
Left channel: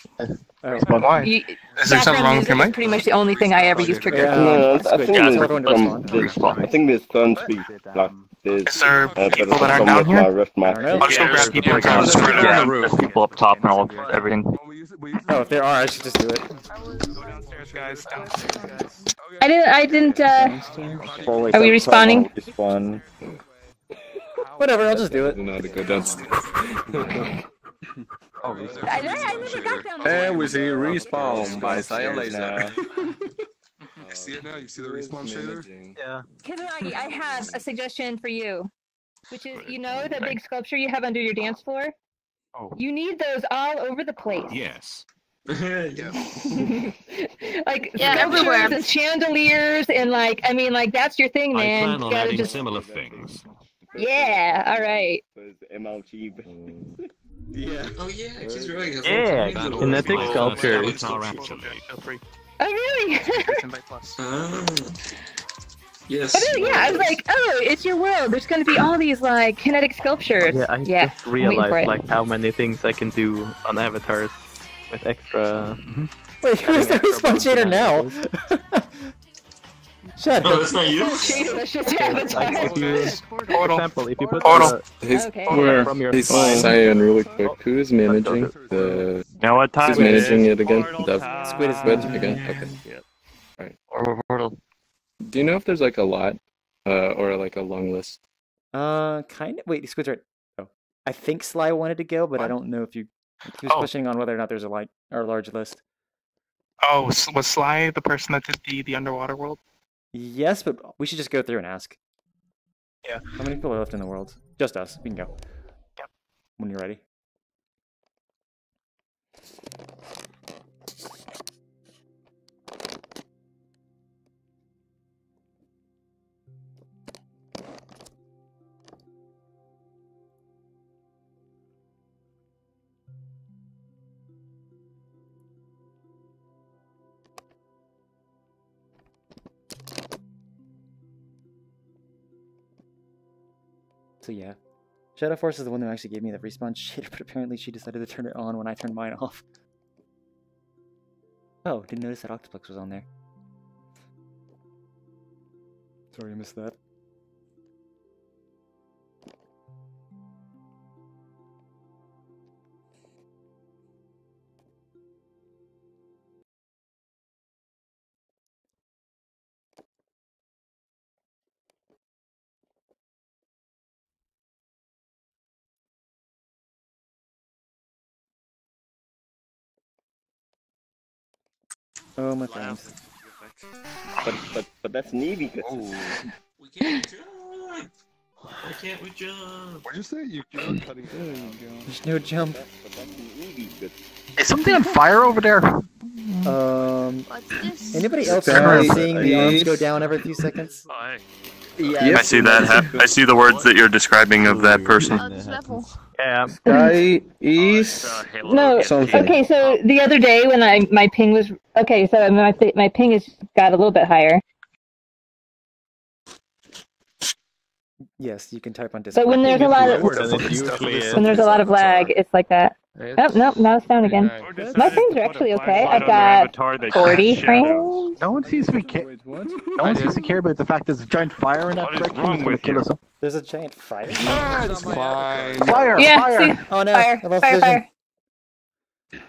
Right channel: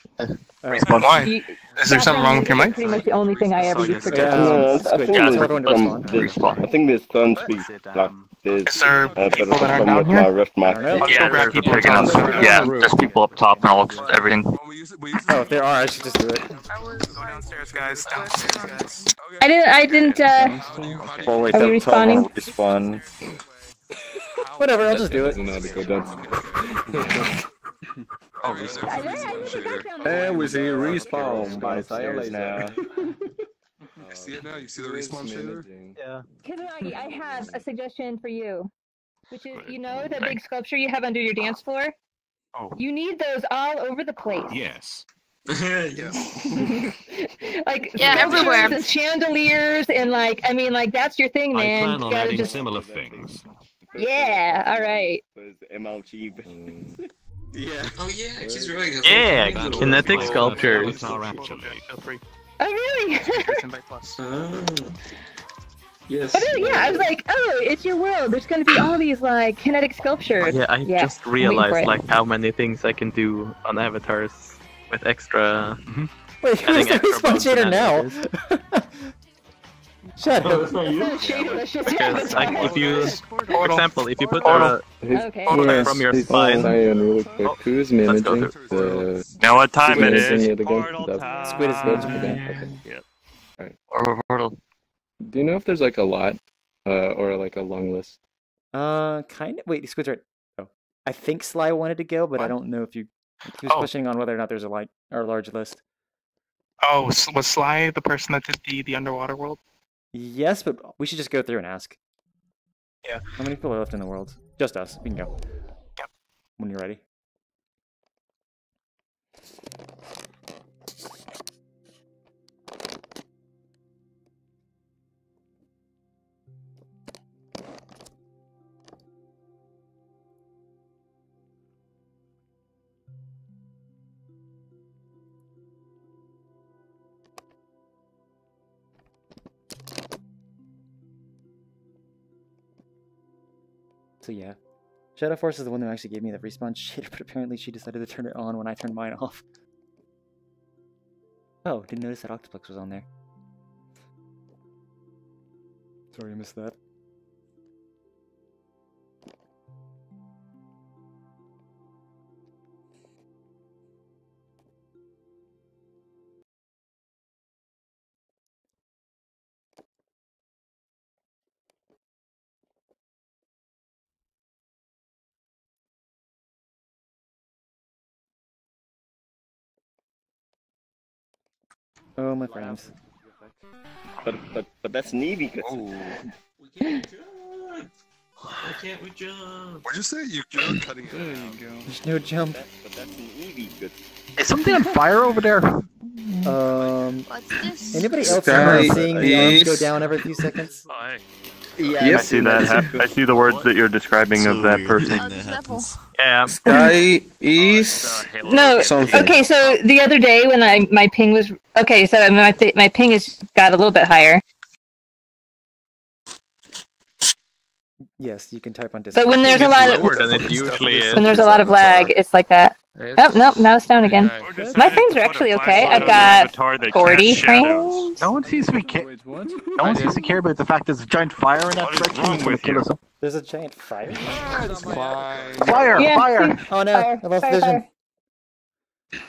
Why? you- Is there something wrong with your mic? Pretty much the only thing I ever use trigger. No, I Squid, think yeah, there's tell everyone to respawn. I think there's going to be like there's Is there better people that are problem down with here? my Rift map. Let's go grab people and tell them to screw Yeah, there's people up top and all everything. Oh, if there are, I should just do it. I didn't, are we respawning? Respawn. Whatever, I'll just do it. Know how to go downstairs. And we see respawn by CyanLaser. You see it now? You see the respawn shader? Yeah. Kizunagi, I have a suggestion for you, which is, you know the big sculpture you have under your dance floor? Oh. You need those all over the place. Yes. Like Yeah, sculptures everywhere. and chandeliers and like, I mean, like that's your thing, I man. plan You on gotta adding just- similar things. Yeah, all right. MLG. Yeah. Oh yeah, she's right. Yeah, kinetic sculptures. Feel free. Oh really? Yes. But then, yeah, I was like, oh, it's your world. There's going to be all these like kinetic sculptures. Yeah, I just I'm waiting for realized it. like how many things I can do on avatars with extra. Wait, who's the respawn shader now? Shut Oh, up. that's not you? Because like, if you, for example, if you put Okay. from your He's spine. Cyan really quick. Who is managing the? Now what Who's time it is? managing it again? Squid is managing again. Yeah. Okay. Alright. Do you know if there's like a lot, or like a long list? Kind of. Wait, Squid's right. Oh, I think Sly wanted to go, but I don't know if you. He was Oh. questioning on whether or not there's a large list. Oh, was Sly the person that did the underwater world? Yes, but we should just go through and ask. Yeah. How many people are left in the world? Just us. We can go. Yep. When you're ready. So yeah, Shadow Force is the one who actually gave me the respawn shader, but apparently she decided to turn it on when I turned mine off. Oh, didn't notice that Octoplex was on there. Sorry, I missed that. Oh, my friends. But that's Navy. We can't jump. Why can't we jump? What'd you say? You're cutting. There you go. There's no jump. Is something on fire over there? Anybody else Stay remember seeing the arms go east. down every few seconds? I see that. I see the words that you're describing of that person. Yeah. Sky East. No, Something. okay, so the other day when my ping was okay, so my ping has got a little bit higher. Yes, you can type on Discord. But when there's a lot of when there's a lot of lag, it's like that. Oh nope, now it's down again. My things are actually okay. I've got 40 frames. No one seems to be no one seems to care about the fact there's a giant fire in that direction. wrong with Kill us. There's a giant fire? Fire! Yeah, Fire! see? Oh no, Fire, I lost fire, vision.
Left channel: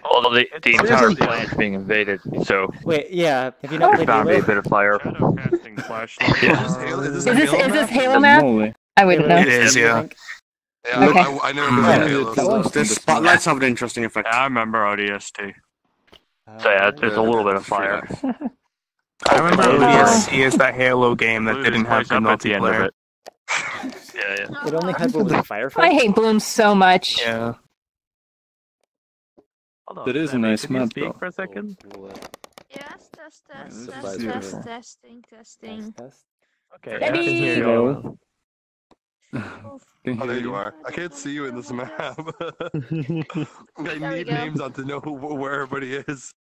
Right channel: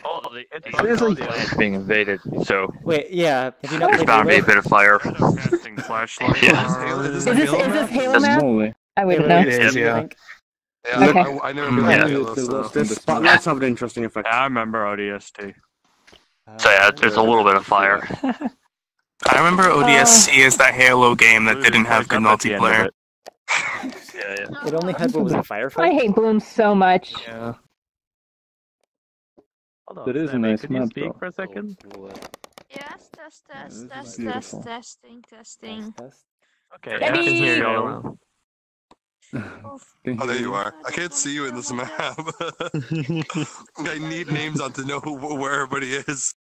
Well, the entire planet's being invaded, so Wait, yeah, have you not there's played bound to be a Halo? bit of fire. Is this Halo map? I wouldn't know. It is, yeah. Okay. I never played Halo. The spotlights have an interesting effect. I remember ODST. So yeah, there's a little bit of fire. I remember ODST is that Halo game that didn't have good multiplayer. Yeah. It only had, what was it, I firefight? hate Bloom so much. Yeah. Hold on, That is a Sammy, nice could you map, speak though. for a second? Yes, It's beautiful. testing. Okay, I can hear you all well. Oh, there you are. I can't see you in this map. I need names on to know where everybody is.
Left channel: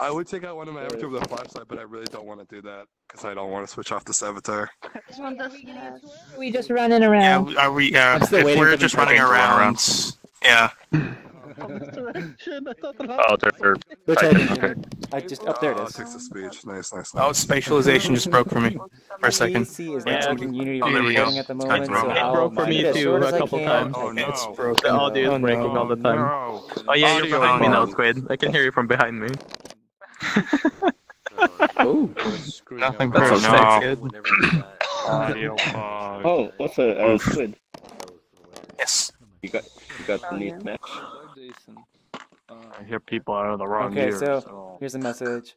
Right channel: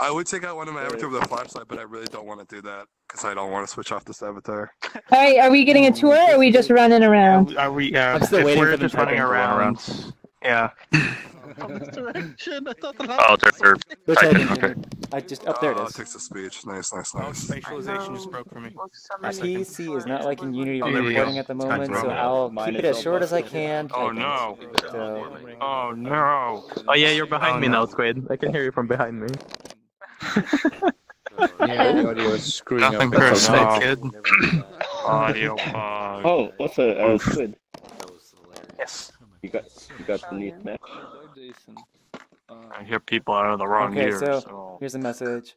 I would take out one of my avatars with a flashlight, but I really don't want to do that because I don't want to switch off this avatar. All right, are we getting a tour or are we just running around? Are we? I'm still waiting for them just to type running in for one around. Yeah. Oh, they're They're typing. Okay. I just there it is. Text to speech. Nice. Oh, spatialization just broke for me for a second. PC is not taking Unity Oh, there we go. recording at the moment, so It I'll broke for keep me it as too, short a as I couple can. times. The audio is breaking all the time. No. Oh yeah, you're Audio behind me on. now, Squid. I can hear you from behind me. Audio is screwing up. Nothing That's personal, okay. kid. Audio pause. Oh, what's a Squid? Yes. You got the neat match. I hear people out of the wrong Okay, ear, so here's a message.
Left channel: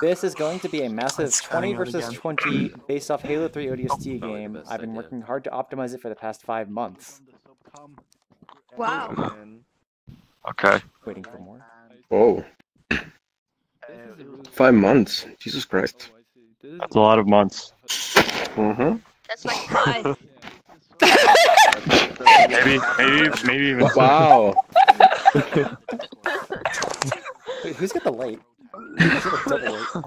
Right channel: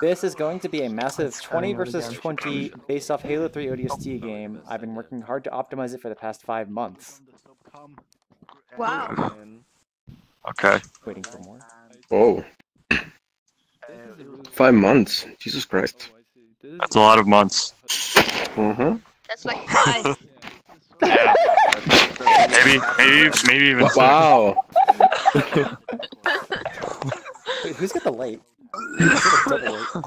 This is going to be a massive 20 versus 20 based off Halo 3 ODST game. I've been working hard to optimize it for the past 5 months. Wow. Okay. Waiting for more. Whoa. 5 months. Jesus Christ. That's a lot of months. Mm-hmm. That's like 5. Maybe even. Wow. Wait, who's got the light? Who's got a double light?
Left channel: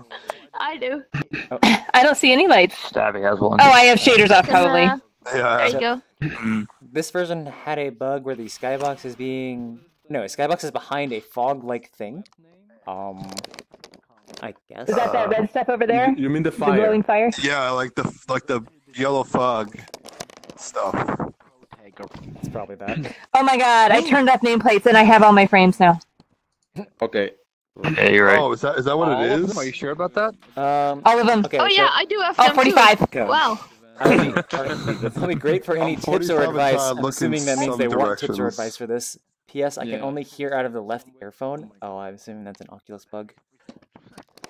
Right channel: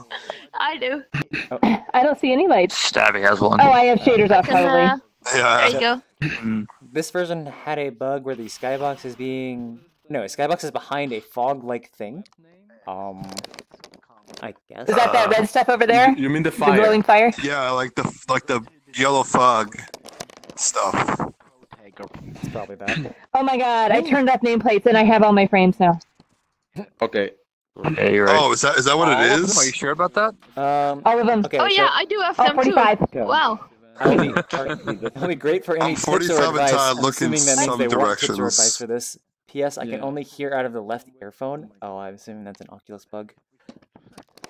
I do. Oh. I don't see any lights. Stabby has one. Oh, I have shaders off probably. Yeah. There you go. This version had a bug where the skybox is being... No, a skybox is behind a fog-like thing. I guess. Is that red stuff over there? You mean the The fire? glowing fire? Yeah, like the yellow fog stuff. It's probably that. Oh my god, I turned off nameplates and I have all my frames now. Okay. Yeah, you're right. Oh, is that what it is? Are you sure about that? All of them. Okay, Oh so yeah, I do have them 45. too. Wow. that'll be great for any tips or 45 advice. and I'm assuming that means some they want tips or directions. advice for this. P.S. I can Yeah. only hear out of the left earphone. Oh, I'm assuming that's an Oculus bug.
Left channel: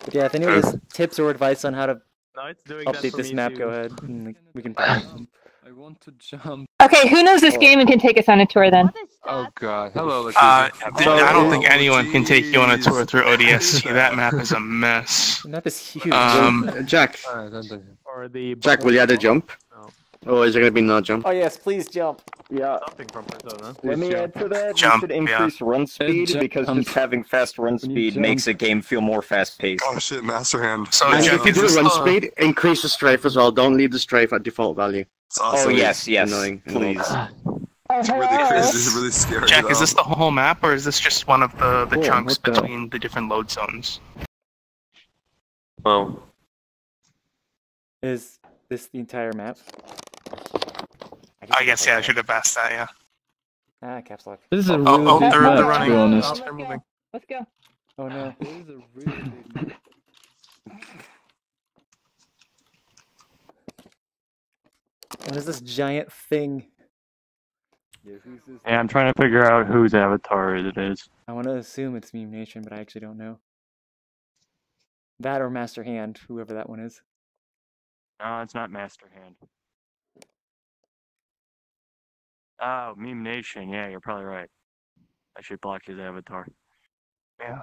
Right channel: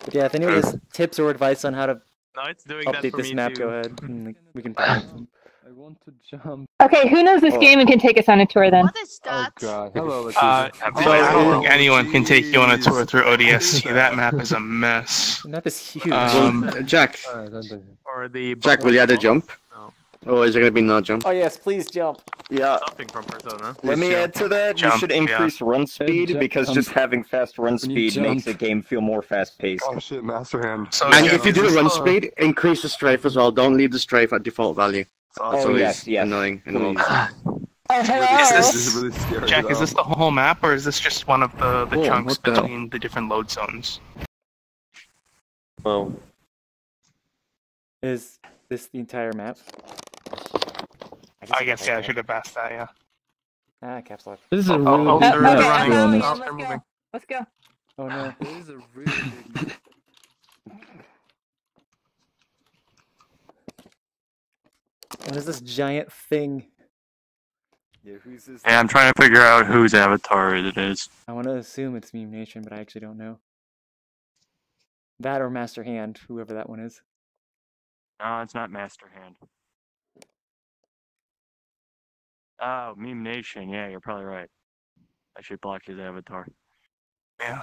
But yeah, if anyone has tips or advice on how to No, it's doing that update for this me map, too. go ahead. And we can find them. I want to jump. Okay, who knows this game and can take us on a tour then? Oh god. Hello, I don't think anyone can take you on a tour through ODST. That map is a mess. The map is huge. Jack, Or the Jack, will you add a jump? Or is there gonna be no jump? Oh yes, please jump. Yeah. Something from Persona. Let me add to that. Jump, You should increase run speed jump. because just having fast run speed jump. makes a game feel more fast paced. Oh shit, Master Hand. So And yeah, if you do run speed, increase the strafe as well. Don't leave the strafe at default value. It's awesome. Oh yes, yes. Annoying. Please. This is really scary. Jack, is this the whole map or is this just one of the chunks what the- between the different load zones? Well, Is this the entire map? I guess, yeah, I should have asked that, yeah. Ah, caps lock. This is a really Oh, big they're map, to running. be honest. Oh, they're moving. Let's go. Oh no. This is a really big map. What is this giant thing? Yeah, I'm trying to figure out whose avatar it is. I want to assume it's Meme Nation, but I actually don't know. That or Master Hand, whoever that one is. No, it's not Master Hand. Oh, Meme Nation. Yeah, you're probably right. I should block his avatar. Yeah.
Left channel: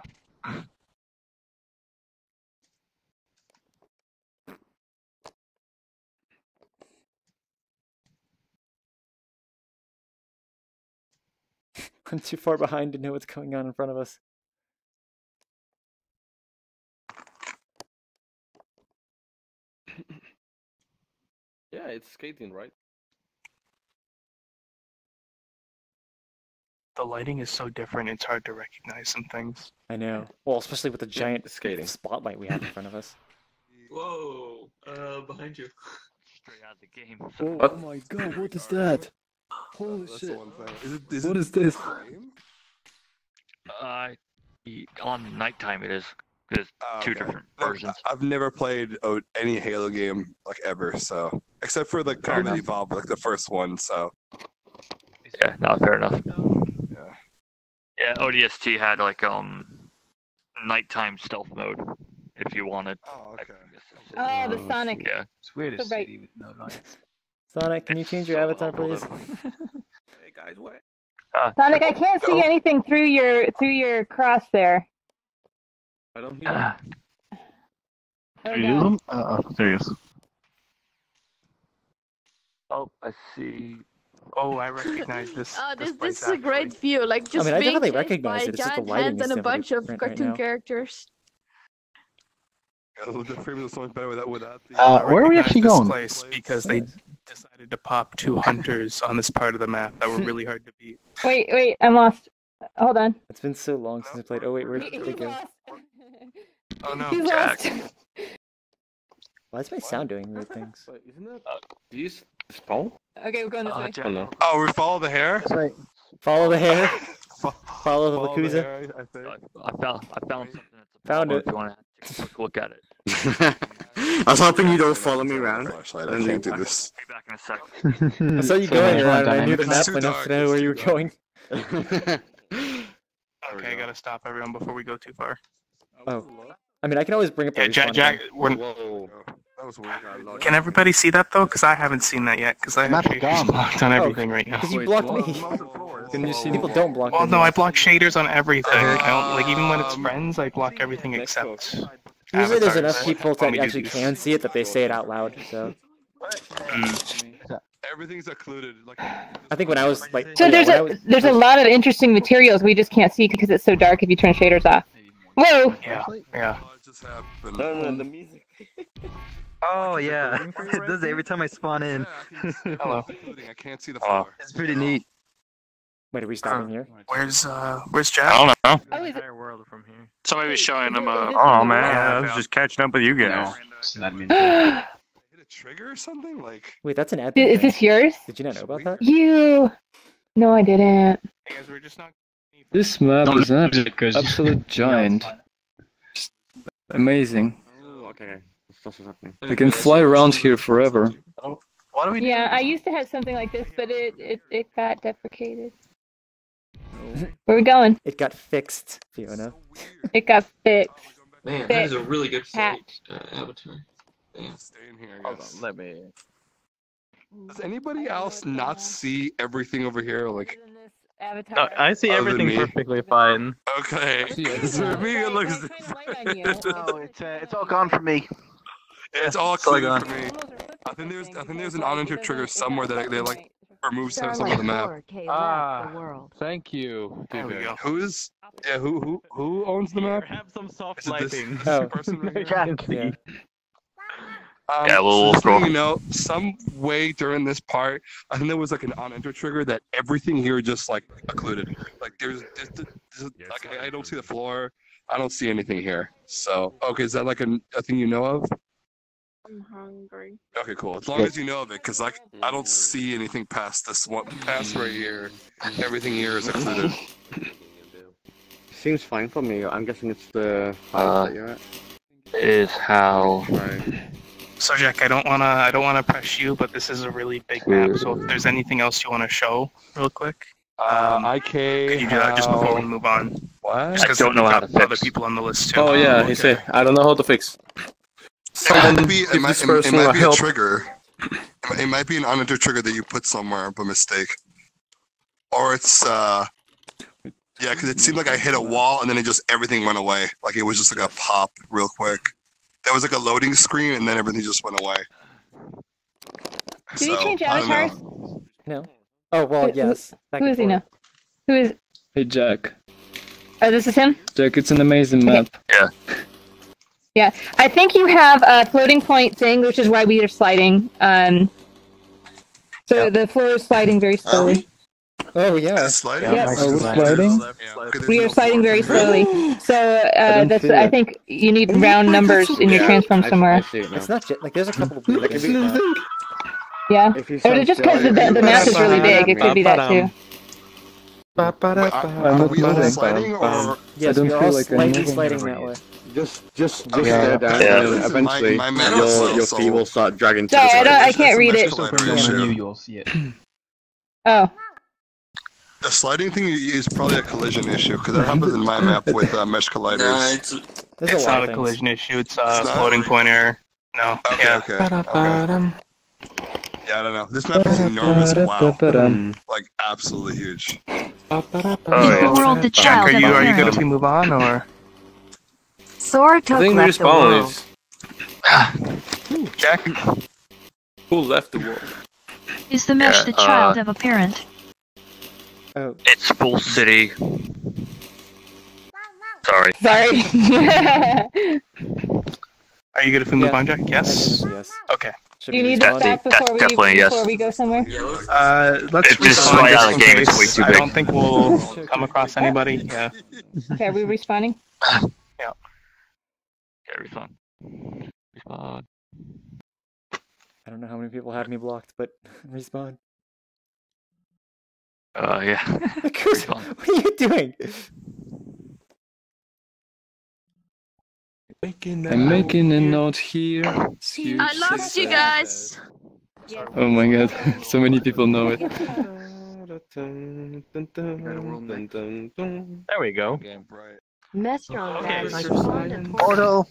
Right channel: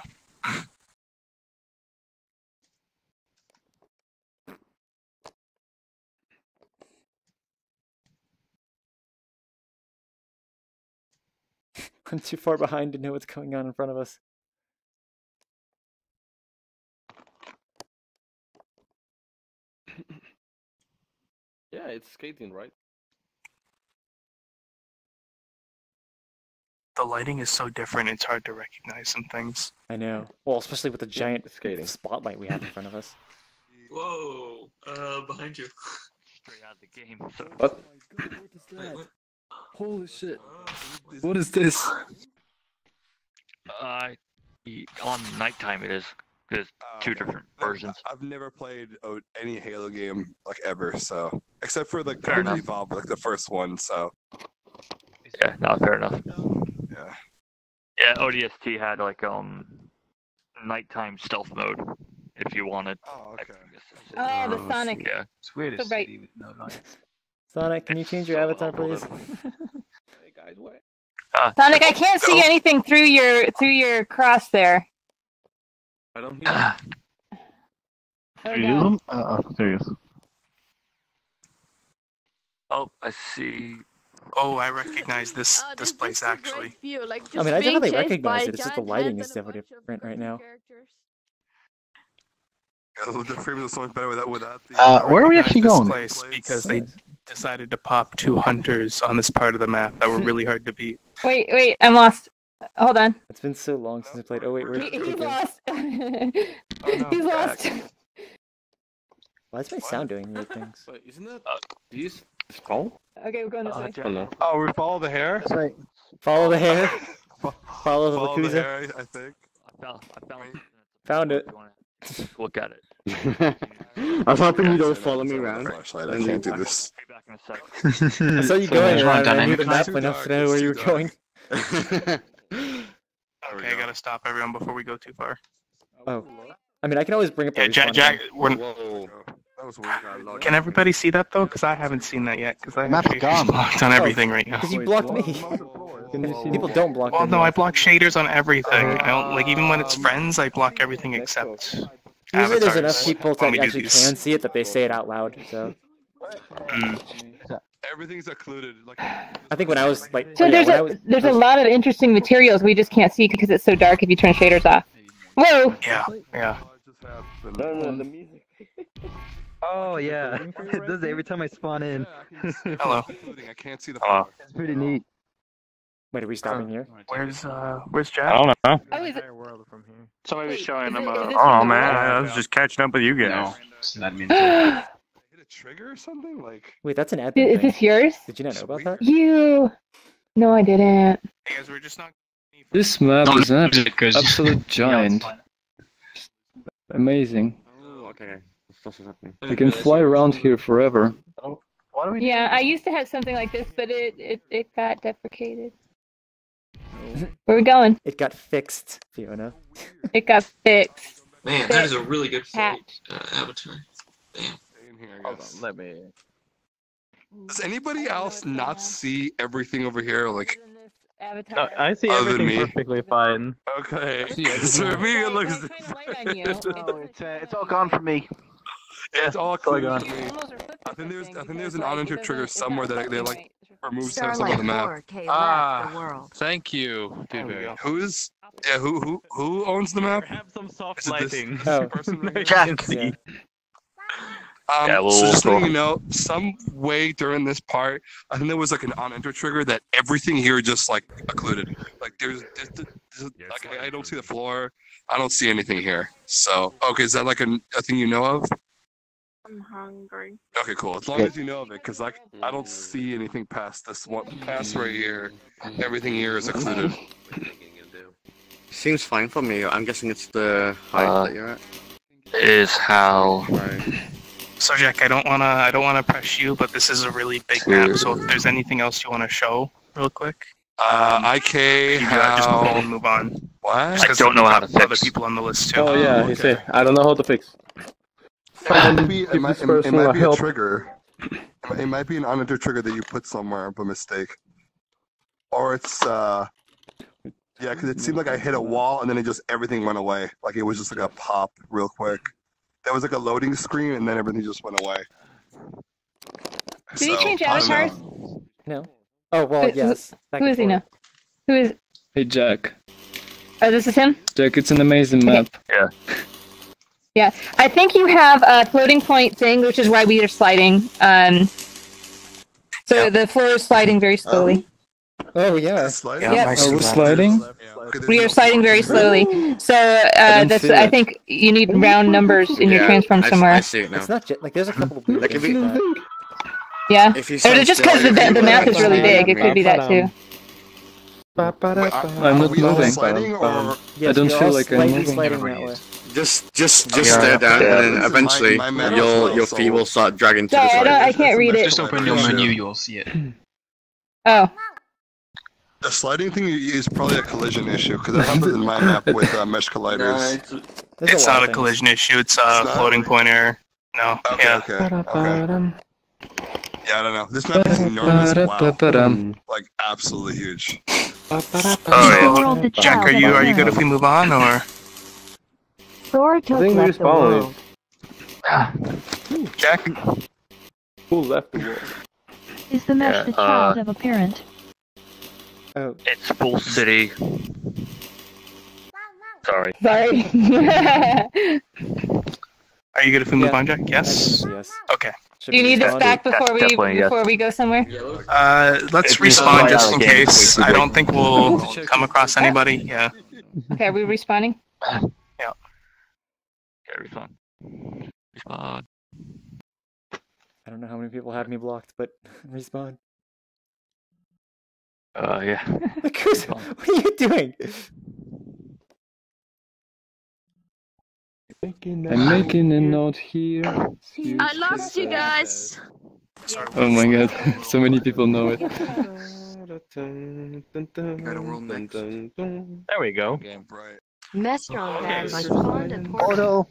I'm too far behind to know what's going on in front of us. Yeah, it's skating, right? The lighting is so different, it's hard to recognize some things. I know. Well, especially with the giant skating spotlight we have in front of us. Whoa, behind you. Straight out of the game. Oh my god, what is that? Holy shit. What is this? On nighttime it is. There's two different versions. I've never played any Halo game like ever, so except for the Combat Evolved, like the first one. So Yeah, no, fair enough. yeah. Yeah, ODST had like nighttime stealth mode if you wanted. Oh, okay. Oh, the Sonic. Yeah. Squid is So right. city with no lights. Sonic, can you change your avatar, please? Hey guys, what? Sonic, I can't see anything through your cross there. I don't think. Oh, You no. them? There he is. Oh, I see. Oh, I recognize this. This place is a actually. great view, like just I being definitely chased recognize by it. It's just the giant lighting hands is and a so bunch of different right cartoon now. characters. Yeah, the frame is so much better without the. Where are we actually This going? place because they decided to pop 2 hunters on this part of the map that were really hard to beat. Wait, I'm lost. Hold on. It's been so long since I played. Oh wait, where'd they He's go? lost. Oh no, He's lost. Why is my sound doing weird things? Wait, isn't it? These skull? Okay, we're going this way. Oh no. Oh, we follow the hair. That's right. Follow the hair. Follow the Follow the Lakuza. hair, I think. I found something. Found it. If you want to take a quick look at it. I was hoping you don't follow me around. Flashlight. I can't do this. Be back in a second. I saw you going around, and I knew the map enough to know where you were going. Okay, I gotta stop everyone before we go too far. Oh, I mean, I can always bring up the respawn Jack, time. Whoa. That was weird. Can everybody see that though? Because I haven't seen that yet. Because I have map's shaders gone. blocked on everything right now. Because you blocked me. Can you see People don't block Well, me. no, I block shaders on everything. I don't like even when it's friends. I block everything except. Usually there's avatars. enough people Only that actually these. can see it that they say it out loud, so. Everything's occluded. Like. I think when I was like, So oh, yeah, there's when I a was, there's a lot of interesting materials we just can't see because it's so dark if you turn shaders off. Whoa! Yeah. The music. Oh yeah, it does every time I spawn in. Hello. I can't see the floor. It's pretty neat. Wait, are we stopping here? Where's Jack? I don't know. Oh, is it? Somebody was showing them Oh man, I was just catching up with you guys. No, Hit a trigger or something? Like. Wait, that's an admin Is thing. this yours? Did you not know about that? You? No, I didn't. Hey guys, we're just not. This map No, is an because- absolute giant. Amazing. Oh, okay. You can fly around here forever. What do we Yeah, I used to have something like this, but it got deprecated. Where we going? It got fixed, Fiona. It got fixed. Man, that is a really good Patched. avatar. Damn. Hold on, let me. Does anybody else not see everything over here? Like. Avatar. I see Other than everything me. perfectly fine. Okay. For me, it looks. It's all gone for me. Yeah, it's all clear to me. I think there's an unentered trigger somewhere that they like remove some of the map. Thank you. Who's who owns the map? Have some soft Is it this lighting. person right here? Jack. Yeah. Yeah, So just letting you know, some way during this part, I think there was like an unentered trigger that everything here just like occluded. Like there's like I don't see the floor. I don't see anything here. So okay, is that like a thing you know of? I'm hungry. Okay, cool. As long as you know of it, because like I don't see anything past this one, past right here. Everything here is occluded. Seems fine for me. I'm guessing it's the height that you're at. Is how. Right. So Jack, I don't wanna press you, but this is a really big map. So if there's anything else you want to show, real quick, IK. can you do that just before we move on? What? Just 'cause I don't know we've how got to other fix. people on the list too. Oh yeah, he said, I don't know how to fix. It might be, Give this person a a help. trigger. It might be an unentered trigger that you put somewhere by mistake. Or it's yeah, because it seemed like I hit a wall and then everything went away. Like it was just like a pop real quick. There was like a loading screen and then everything just went away. Did you change I don't know. avatars? No. Oh well, yes. Back Who and is he forth. now? Who is? Hey Jack. Oh, this is him. Jack, it's an amazing map. Yeah, I think you have a floating point thing, which is why we are sliding. So the floor is sliding very slowly. Oh yeah. Sliding? Yep. Oh, we're sliding? We are sliding very slowly. So that's. feel I it. think you need round numbers in your transform somewhere. I see it now. It's not just like there's a couple of weird things with that. Yeah. If you Or stand just still, because if you the map is really big, it could be that too. Wait, are we all sliding or? Yes, don't you're feel all like I'm slightly moving sliding that way. Just stare down, and then eventually My map your is feet will start dragging to No, the I side. can't read it. Just open your menu, you'll see it. Oh. The sliding thing is probably a collision issue because that happens in my map with mesh colliders. There's It's a lot not of a things. collision issue. It's a not? floating point error. No. Okay, Yeah. okay. Yeah, I don't know. This map is enormous. Wow. Like absolutely huge. Oh, yeah. Jack, are you good if we move on, or? Sora took think left the world. respawn Jack? Who left the world? Is the mesh the child of a parent? Oh. It's full city. Sorry. Sorry. Are you good if we move on, Jack? Yes? Yes. Okay. Do you need us back Definitely, yes. before we go somewhere? Let's It just respawn slowed just down in the game, it's case. way too I don't big. think we'll come across anybody. Yeah. Okay, are we respawning? Yeah. Okay, respawn. Respawn. I don't know how many people have me blocked, but respawn. Yeah. Chris, what are you doing? I'm making a note here. I lost you guys. Oh my god, so many people know it. There we go. Mestron had like fond and portal.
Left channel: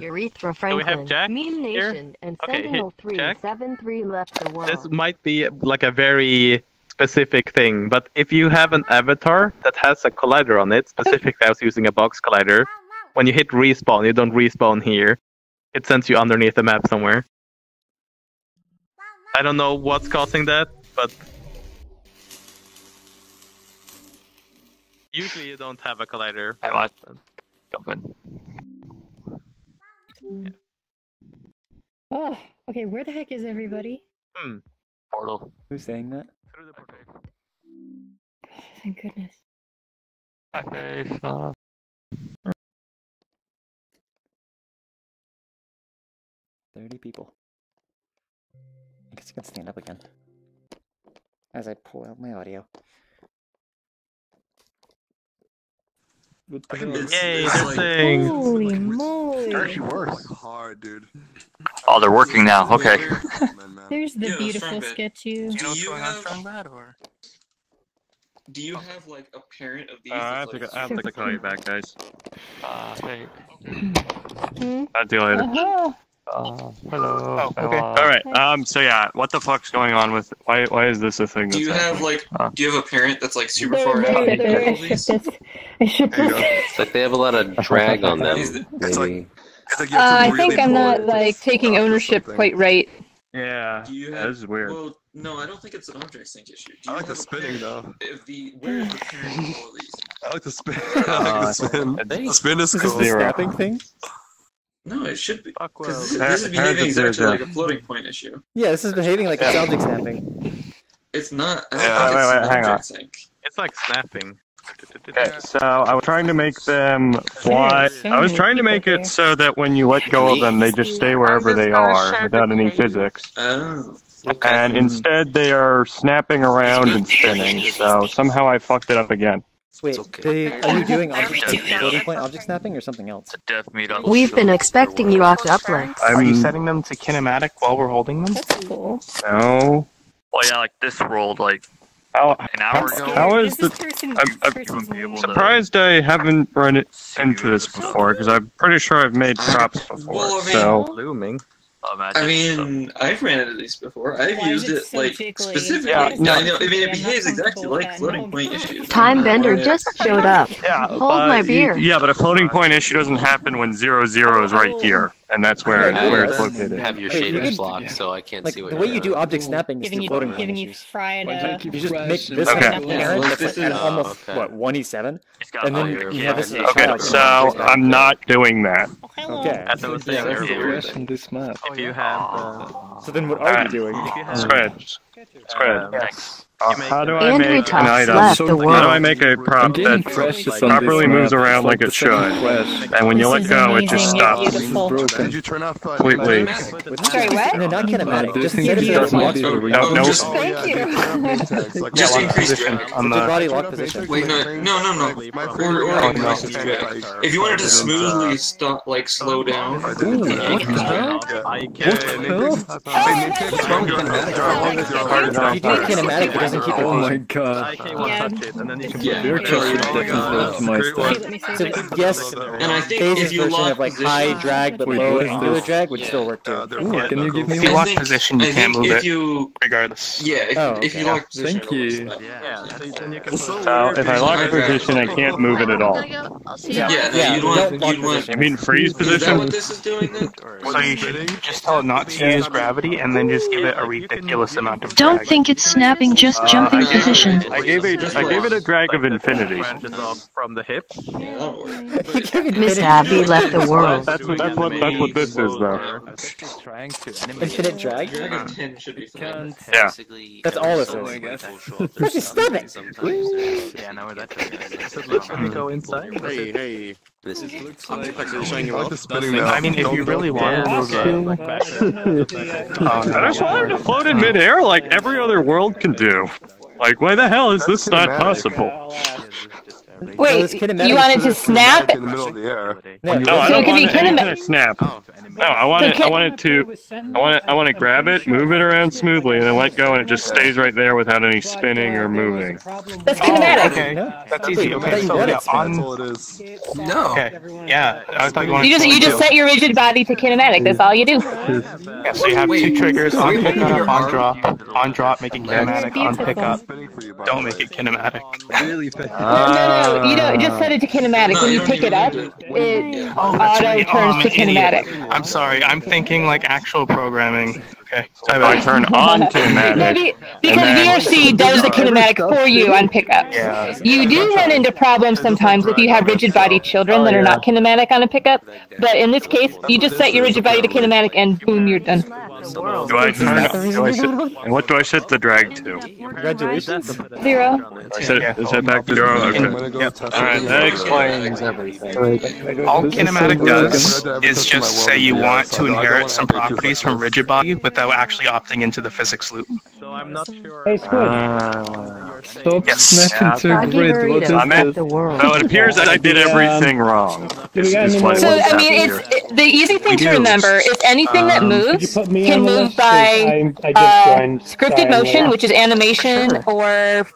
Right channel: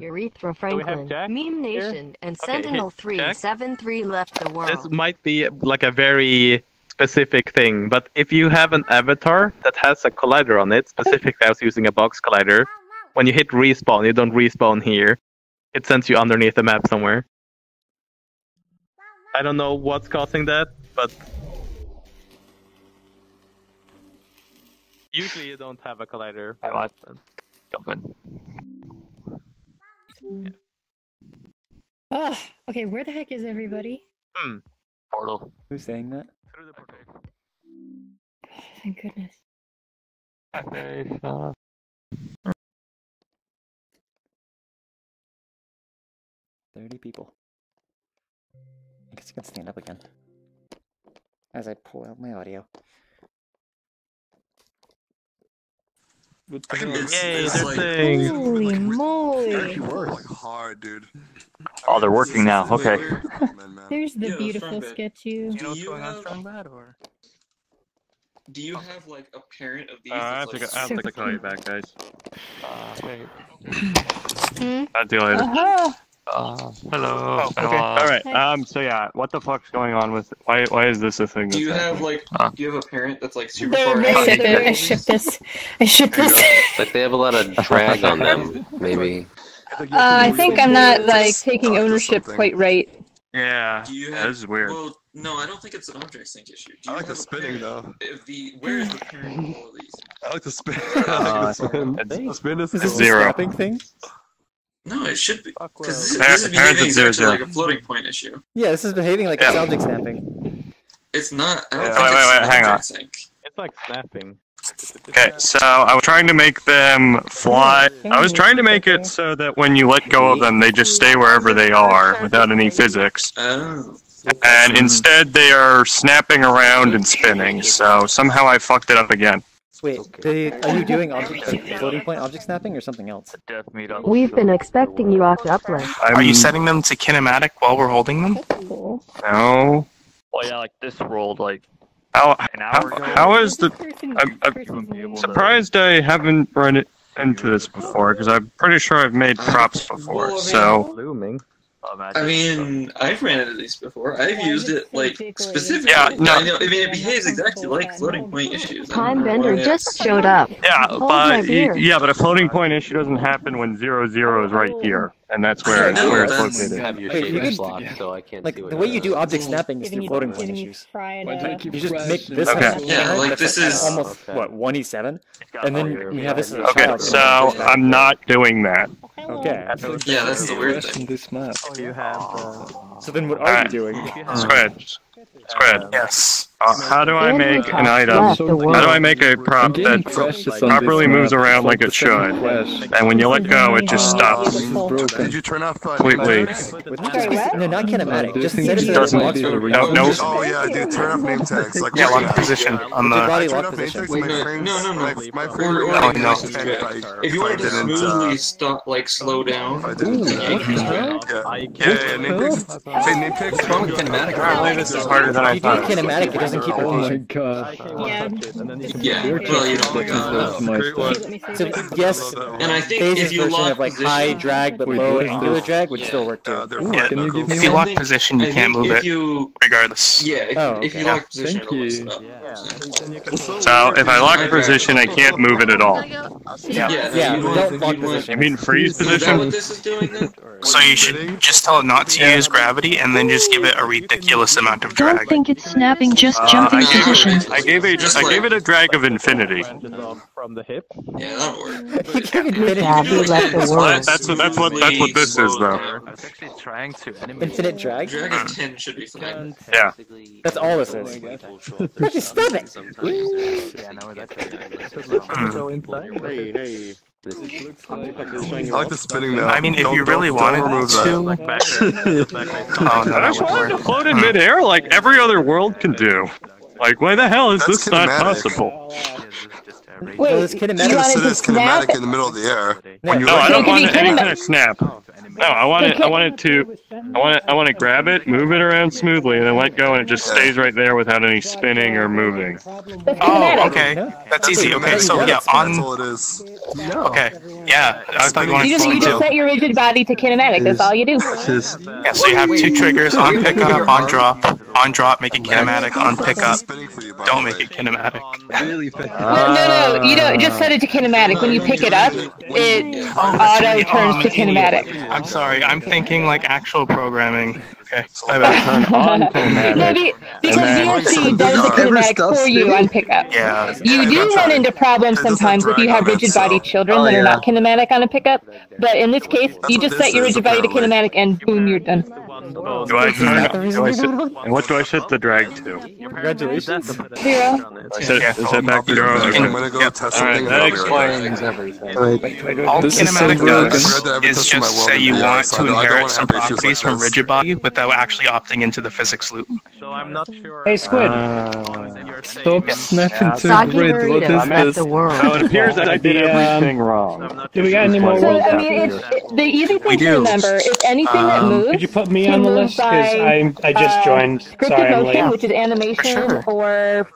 Urethra Franklin, Meme Nation, and Sentinel 373 left the world. This might be like a very specific thing, but if you have an avatar that has a collider on it, specifically I was using a box collider, when you hit respawn, you don't respawn here. It sends you underneath the map somewhere. I don't know what's causing that, but usually you don't have a collider. Ugh, okay, where the heck is everybody? Portal. Who's saying that? Thank goodness. 30 people. I guess you can stand up again. As I pull out my audio. What the hell? It's like, Holy moly! Actually works hard, dude. Oh, they're working now. Okay. There's the Yeah, beautiful Strongbat. sketchy. Do you have like a parent of these? I have that's, to call you back, guys. Hmm? I'll deal later. Hello. Oh, okay. All right. So yeah, what the fuck's going on with? Why is this a thing? Do you that's have happening? like? Do you have a parent that's like super There, far out? there, I shipped this. I shipped this. It's like they have a lot of drag on them, maybe. I think I'm not like taking ownership quite right. Yeah. Do you have, this is weird. Well, no, I don't think it's an object sync issue. Do I you like the have a spinning parent though. If where is the parent of all these? I like the spin. I like the spin. The spin is Is this cool. the snapping thing? No, it should be because Parent- this is parent behaving of zero, exactly like zero. a floating point issue. Yeah, this is behaving like a object snapping. It's not. I don't Yeah, think wait, it's an hang on. object sync. It's like snapping. Okay, so I was trying to make them fly. I was trying to make it so that when you let go of them, they just stay wherever they are without any physics. Oh. And instead, they are snapping around and spinning. So somehow I fucked it up again. Wait, are you doing object floating point object snapping or something else? We've been expecting you off the uplift. Are you setting them to kinematic while we're holding them? That's cool. No. Well, yeah, like this rolled like How, an hour ago. how is the? I'm surprised I haven't run it into this before because I'm pretty sure I've made props before. Well, I mean- So Looming. I mean, I've ran into these before. I've used it like specifically. Yeah, no. I know. I mean, it behaves exactly like floating point issues. Time Bender just showed up. yeah, Hold but my beer. yeah, but a floating point issue doesn't happen when 0, 0 is right here, and that's where No, where it's that's- located. I have your Wait, you shaders can- locked, so I can't Like, see what the way you're you do doing. object snapping is through floating point issues. You just make this Okay. have a Yeah, parent like, that's this like at is- almost, Okay. what, 1E7? And then you have this as a Okay, child. so I'm not doing that. Okay. Yeah, that's the weird thing. On this map. If you have So then what are you doing? Squid. Squid. Yes. How do I And make we an got item? slapped the How do I world. make a I'm prop getting that crashes on this properly moves map. around like it It's the second should? crash. And when you This let is go, it just amazing. stops. This is broken. Did you turn off Completely. No, not kinematic. Just This set it thing so that it doesn't locks do for the a reason. reason. No, Just- Oh yeah, dude, turn off name tags. Like, Yeah, just lock in position case. on Did the. body lock position? Wait, no. My Or favorite like, thing no, is like, if you wanted to smoothly stop, like slow down. I didn't do that. What the hell? I can. Hey, name tags. It's harder than I If you do it thought. kinematic, it doesn't keep Oh my location. god. Yeah. So yes, And I think Phase's if you version lock of like position, high drag but Wait, low what is angular this? drag would still work too. Can you give me if you one? lock position, you I can't think move if it, you regardless. yeah, if you lock position, Thank you. So if I lock position, I can't move it at all. Yeah, you don't lock You position. mean freeze Is that position? what this is doing then? So you should just tell it not to use gravity, and then just give it a ridiculous amount of drag. Don't think it's snapping, just jumping position. I gave it a drag of infinity. From the hip. Yeah, that'll work. Miss Abby left the world. That's what this is though. Infinite drag? Drag of 10 should be fine. Yeah. That's all this is. Just stop it. Hey. I like the spinning now. I mean, if you really wanted to, I just wanted to float in midair like every other world can do. Like, why the hell is this not possible? Wait, it's you kinematic. wanted to snap? In the middle of the air. No, I So don't it can be want any kinematic. kind of snap. No, I want to grab it, move it around smoothly, and then let go, and it just stays right there without any spinning or moving. That's kinematic. okay, that's easy. Okay, so yeah, That's all it is. No. okay, yeah. I thought you wanted You just set your rigid body to kinematic. That's all you do. Yeah, so you have two triggers: on pickup, on drop, make it kinematic. On pickup, don't make it kinematic. Really fast. No, you don't. Just set it to kinematic. When you pick it up, it auto turns to kinematic. I'm sorry, I'm thinking like actual programming. Okay, I I better turn on kinematic. No, because VRC does the kinematic for you on pickup. Yeah. You do run into problems sometimes if you have rigid body children that are not kinematic on a pickup. But in this case, you just set your rigid body to kinematic and boom, you're done. Do I turn? And what do I set the drag to? Congratulations. 0. Is that back to 0? Okay. All right, that explains everything. All kinematic does is just say you want to inherit some properties from rigid body without actually opting into the physics loop. Hey, Squid. Stop Yes. snapping to grid. What is this? So it appears that I did everything wrong. Do we got any more So, words I mean, it's the easy thing to remember is anything that moves Could you put me can on the move list? 'Cause by I just joined. scripted Sorry, I'm motion, late. which is animation, or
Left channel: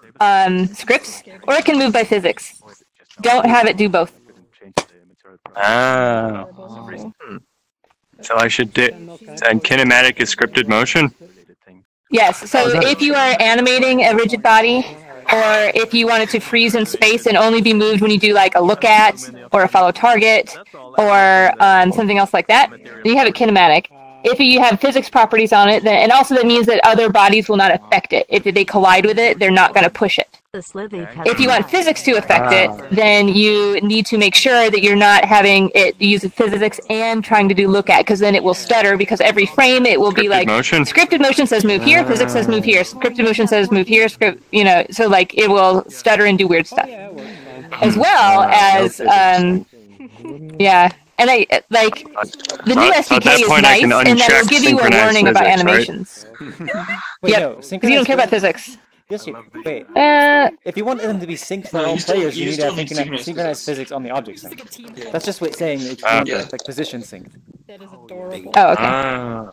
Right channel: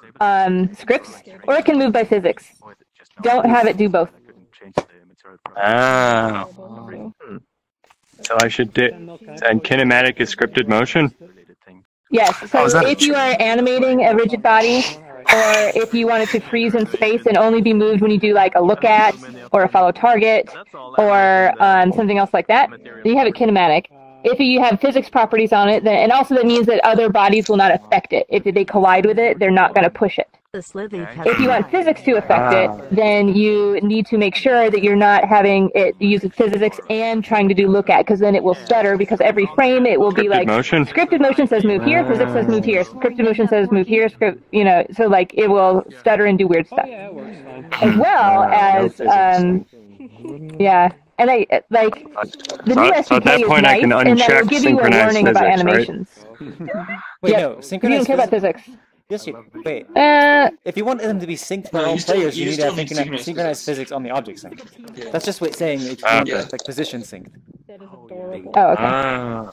scripts, or it can move by physics. Don't have it do both. Ah. So I should do. And kinematic is scripted motion. Yes, so if you are animating a rigid body, or if you wanted to freeze in space and only be moved when you do like a look at, or a follow target, or something else like that, then you have it kinematic. If you have physics properties on it, then, and also that means that other bodies will not affect it. If they collide with it, they're not going to push it. If you want physics to affect it, then you need to make sure that you're not having it use physics and trying to do look at, because then it will stutter, because every frame it will be like motion. Scripted motion says move here, physics says move here, scripted motion says move here, so like it will stutter and do weird stuff. As well as yeah. And I like the new So at SDK that is point, nice, I can and then uncheck it'll give you a synchronized warning about physics, animations. Wait, Yep. no, You don't synchronized care about physics. Yes, you wait. Uh, If you want them to be synced for all players, you need to have synchronized physics on the object sync. That's just what saying it's like position synced. Oh,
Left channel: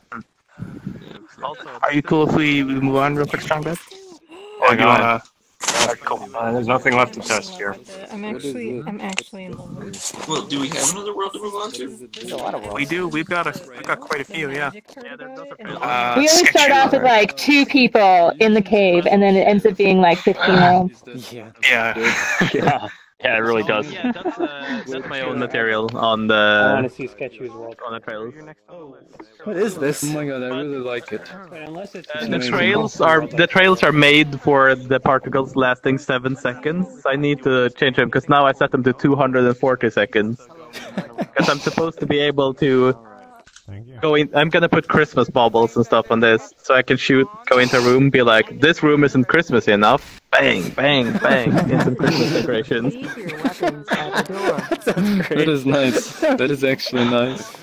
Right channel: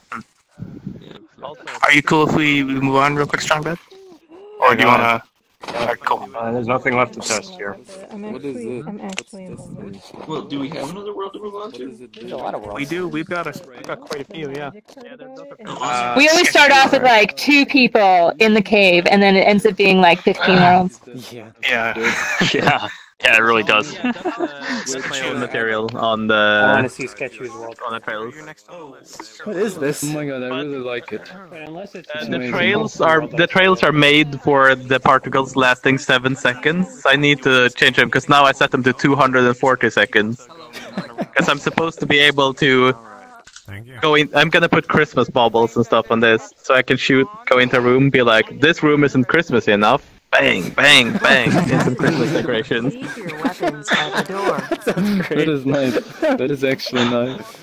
okay. Are you cool if we move on real quick, Strongbed? Or do you wanna? Cool. There's nothing left to test here. I'm actually in Well, do we have another world to move on to? There's a lot of worlds. We do. We've got quite a few. Yeah. We always start off with like 2 people in the cave, and then it ends up being like 15 rounds. Yeah. Yeah. Yeah, it really does. That's my own material on I want the to see Sketchy's world. on the trails. What is this? Oh my god, I really like it. Wait, unless it's The trails are made for the particles lasting 7 seconds. I need to change them because now I set them to 240 seconds. Because I'm supposed to be able to go in. I'm gonna put Christmas baubles and stuff on this, so I can go into a room, be like, this room isn't Christmassy enough. Bang, bang, bang, in some Christmas decorations. That is nice. That is actually nice.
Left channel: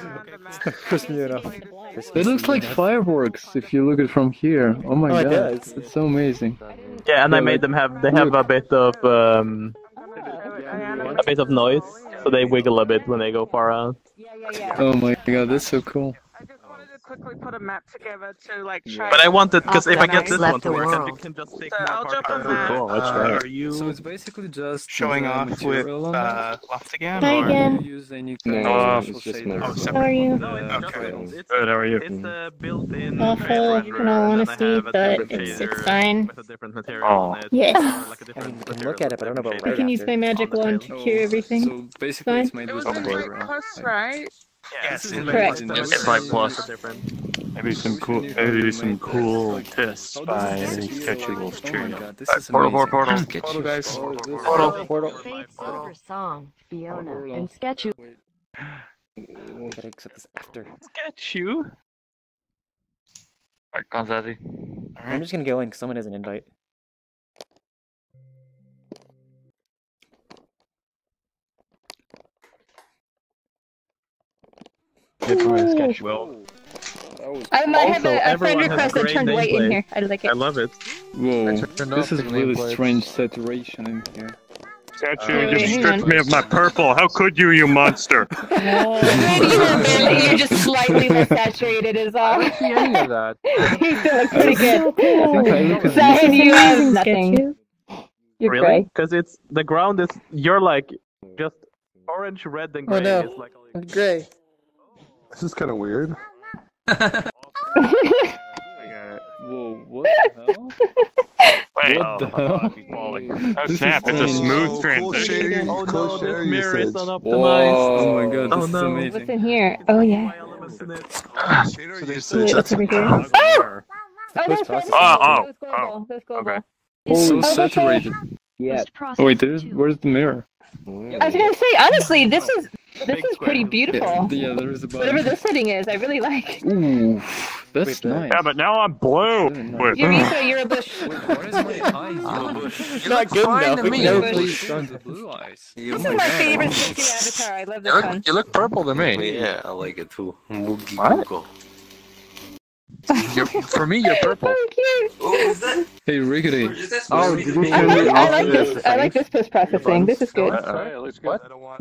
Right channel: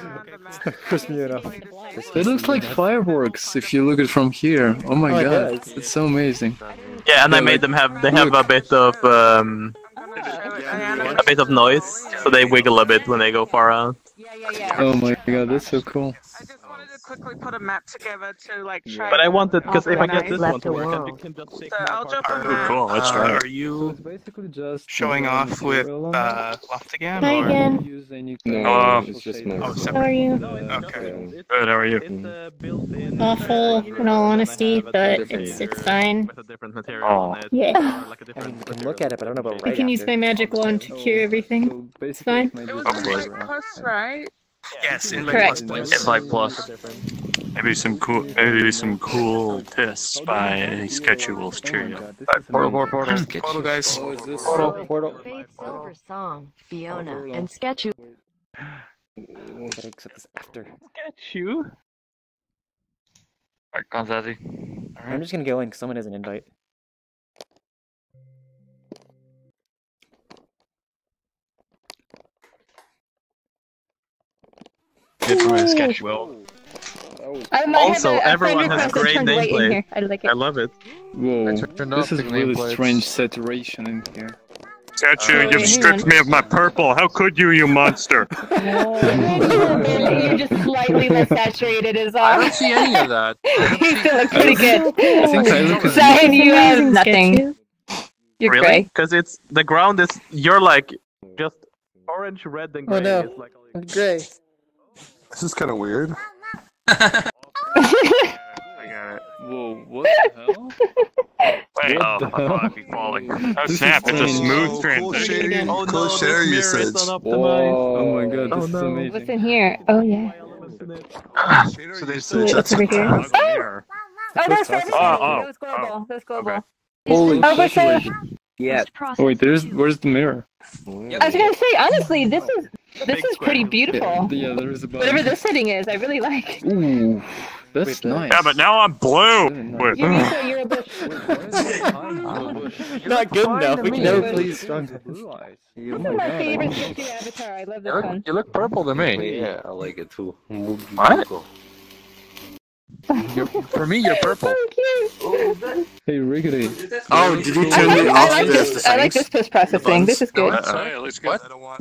It's not crispy enough. It looks like fireworks if you look at it from here. Oh my Oh, it god, does. it's so amazing. Yeah, and I made them they have a bit of noise, so they wiggle a bit when they go far out. Oh my god, that's so cool. quickly put a map together to like try. But I wanted, because if I get organize. this one to work, then you can just take So I'll drop a map. Cool, let's try it. Are you So it's basically just showing off with Loftigan? Hi or? again. use any No, it's just my. Oh, How are you? Okay. Good, how are you? Awful, in all honesty, but it's fine. With a different material on it. Yes. Or like a I mean, different you can look at it, but I don't know about I right can use after. my magic wand to cure everything. So basically, it's Fine. made It was with in Light Plus, right? Yes, in Correct. It's like plus. Maybe some cool tests by Sketchuals Cheerio. Portal. Portal, guys. Portal. Fate Silver Song, Fiona, and Sketchu. Gotta accept this after. Sketchu. Alright, Kanzazi. I'm just gonna go in because someone has an invite. Good for my sketch. Well, I might have also, a friend everyone has request to great turn white in gameplay. here. I like it. I love it. Whoa, turned this off is the really nameplates. strange saturation in here. Statue, wait, you've hang stripped on. me of my purple. How could you, you monster? You're just slightly less saturated is all. I don't see any of that. You still look pretty good. I think I look Zion, you have Amazing, nothing. Sketchu. You're Really? gray. Because it's the ground is you're like just orange, red, and gray. Oh no, It's like I'm gray. This is kind of weird. Whoa, what the hell? Wait, What the hell? I keep falling. Oh This snap, is it's a strange. smooth Cool transition. shading, Oh cool no, shader this mirror is usage. not optimized. Oh my god, this Oh, is no. amazing. What's in here? Oh yeah. Shader Wait, usage. what's over here? Oh, Oh, there's processing. Those global. Those global. Holy Oh, what's saturated. Yeah. Oh wait, where's the mirror? I was gonna say, honestly, this is pretty beautiful. Yeah, there is a button. Whatever this setting is, I really like. Ooh, that's Wait, nice. Yeah, but now I'm blue. Wait, Eureka, you're a bush. Not good enough. We can never me. please strong. This is my favorite Sketchu avatar. I love this one. You look purple to me. Yeah, I like it too. What? For me, you're purple. Hey, Riggedy. Oh, did you I turn like, it I off like the this. I like this post processing. This is good. What?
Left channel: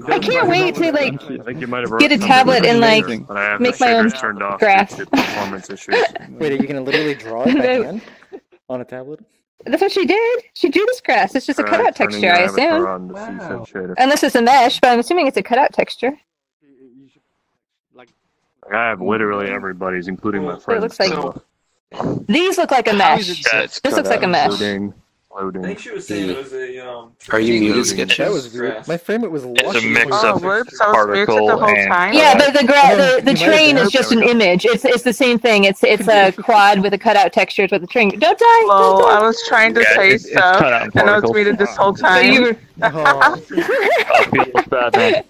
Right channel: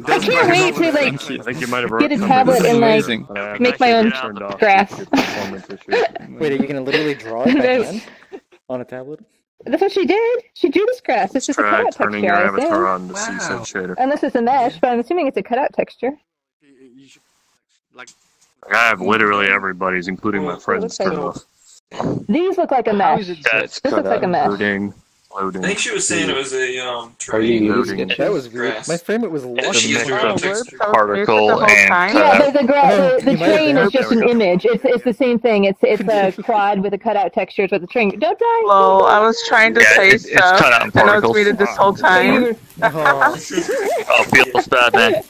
I can't wait to like I think you might have get a something tablet with and like amazing. but I have make the my own shaders turned off graphs. due to performance issues. Wait, are you gonna literally draw it by hand on a tablet? That's what she did. She drew this grass. It's just a Try cutout turning texture, your I avatar assume. on the CSUN shader. Unless it's a mesh, but I'm assuming it's a cutout texture. I have literally everybody's, including my It friends. looks like too. these look like a mesh. Yeah, it's This looks like a mesh. Loading. I think she was saying it was a Are you muted, Loading. Sketch? That was weird. My frame it was It's a lucky. mix Oh, of whoops, I was particle muted the whole and time. Yeah, the Oh, the you might have train been- is just an image. It's the same thing. It's a quad with a cutout texture. It's what the train. Don't die. Well, I was trying to say it's stuff, cut out and I was particles. muted this whole So time. you were- Oh, Oh, feels bad, man.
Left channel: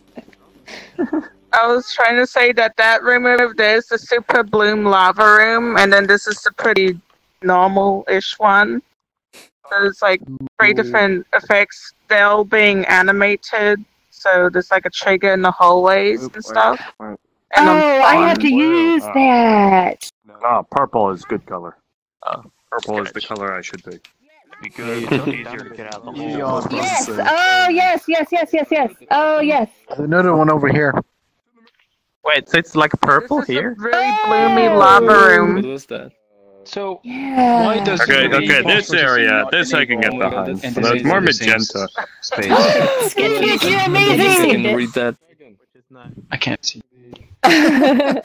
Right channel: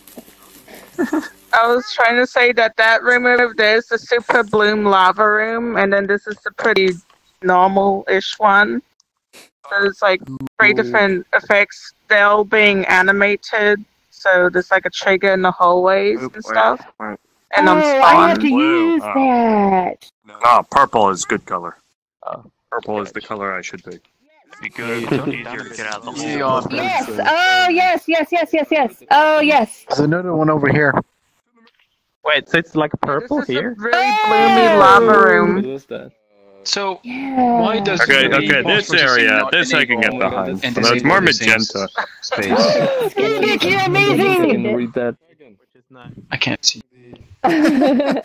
I was trying to say that room over there is the super bloom lava room, and then this is the pretty normal-ish one. So it's like 3 different effects. They're all being animated, so there's like a trigger in the hallways and stuff. And on Oh, I spawn. have to use that. Ah, purple is good color. Purple is the color I should pick. Because it's easier to get out the hole. Yes. Oh, yes. Oh, yes. There's another one over here. Wait, so it's like purple This is here? a really bloomy lava room. What was that? So, Yeah. why does Okay, the okay, this area, this I can get Oh my God, behind. that's So there's more amazing. magenta. Space. Sketchy, you're I can amazing. read that. I can't see. well,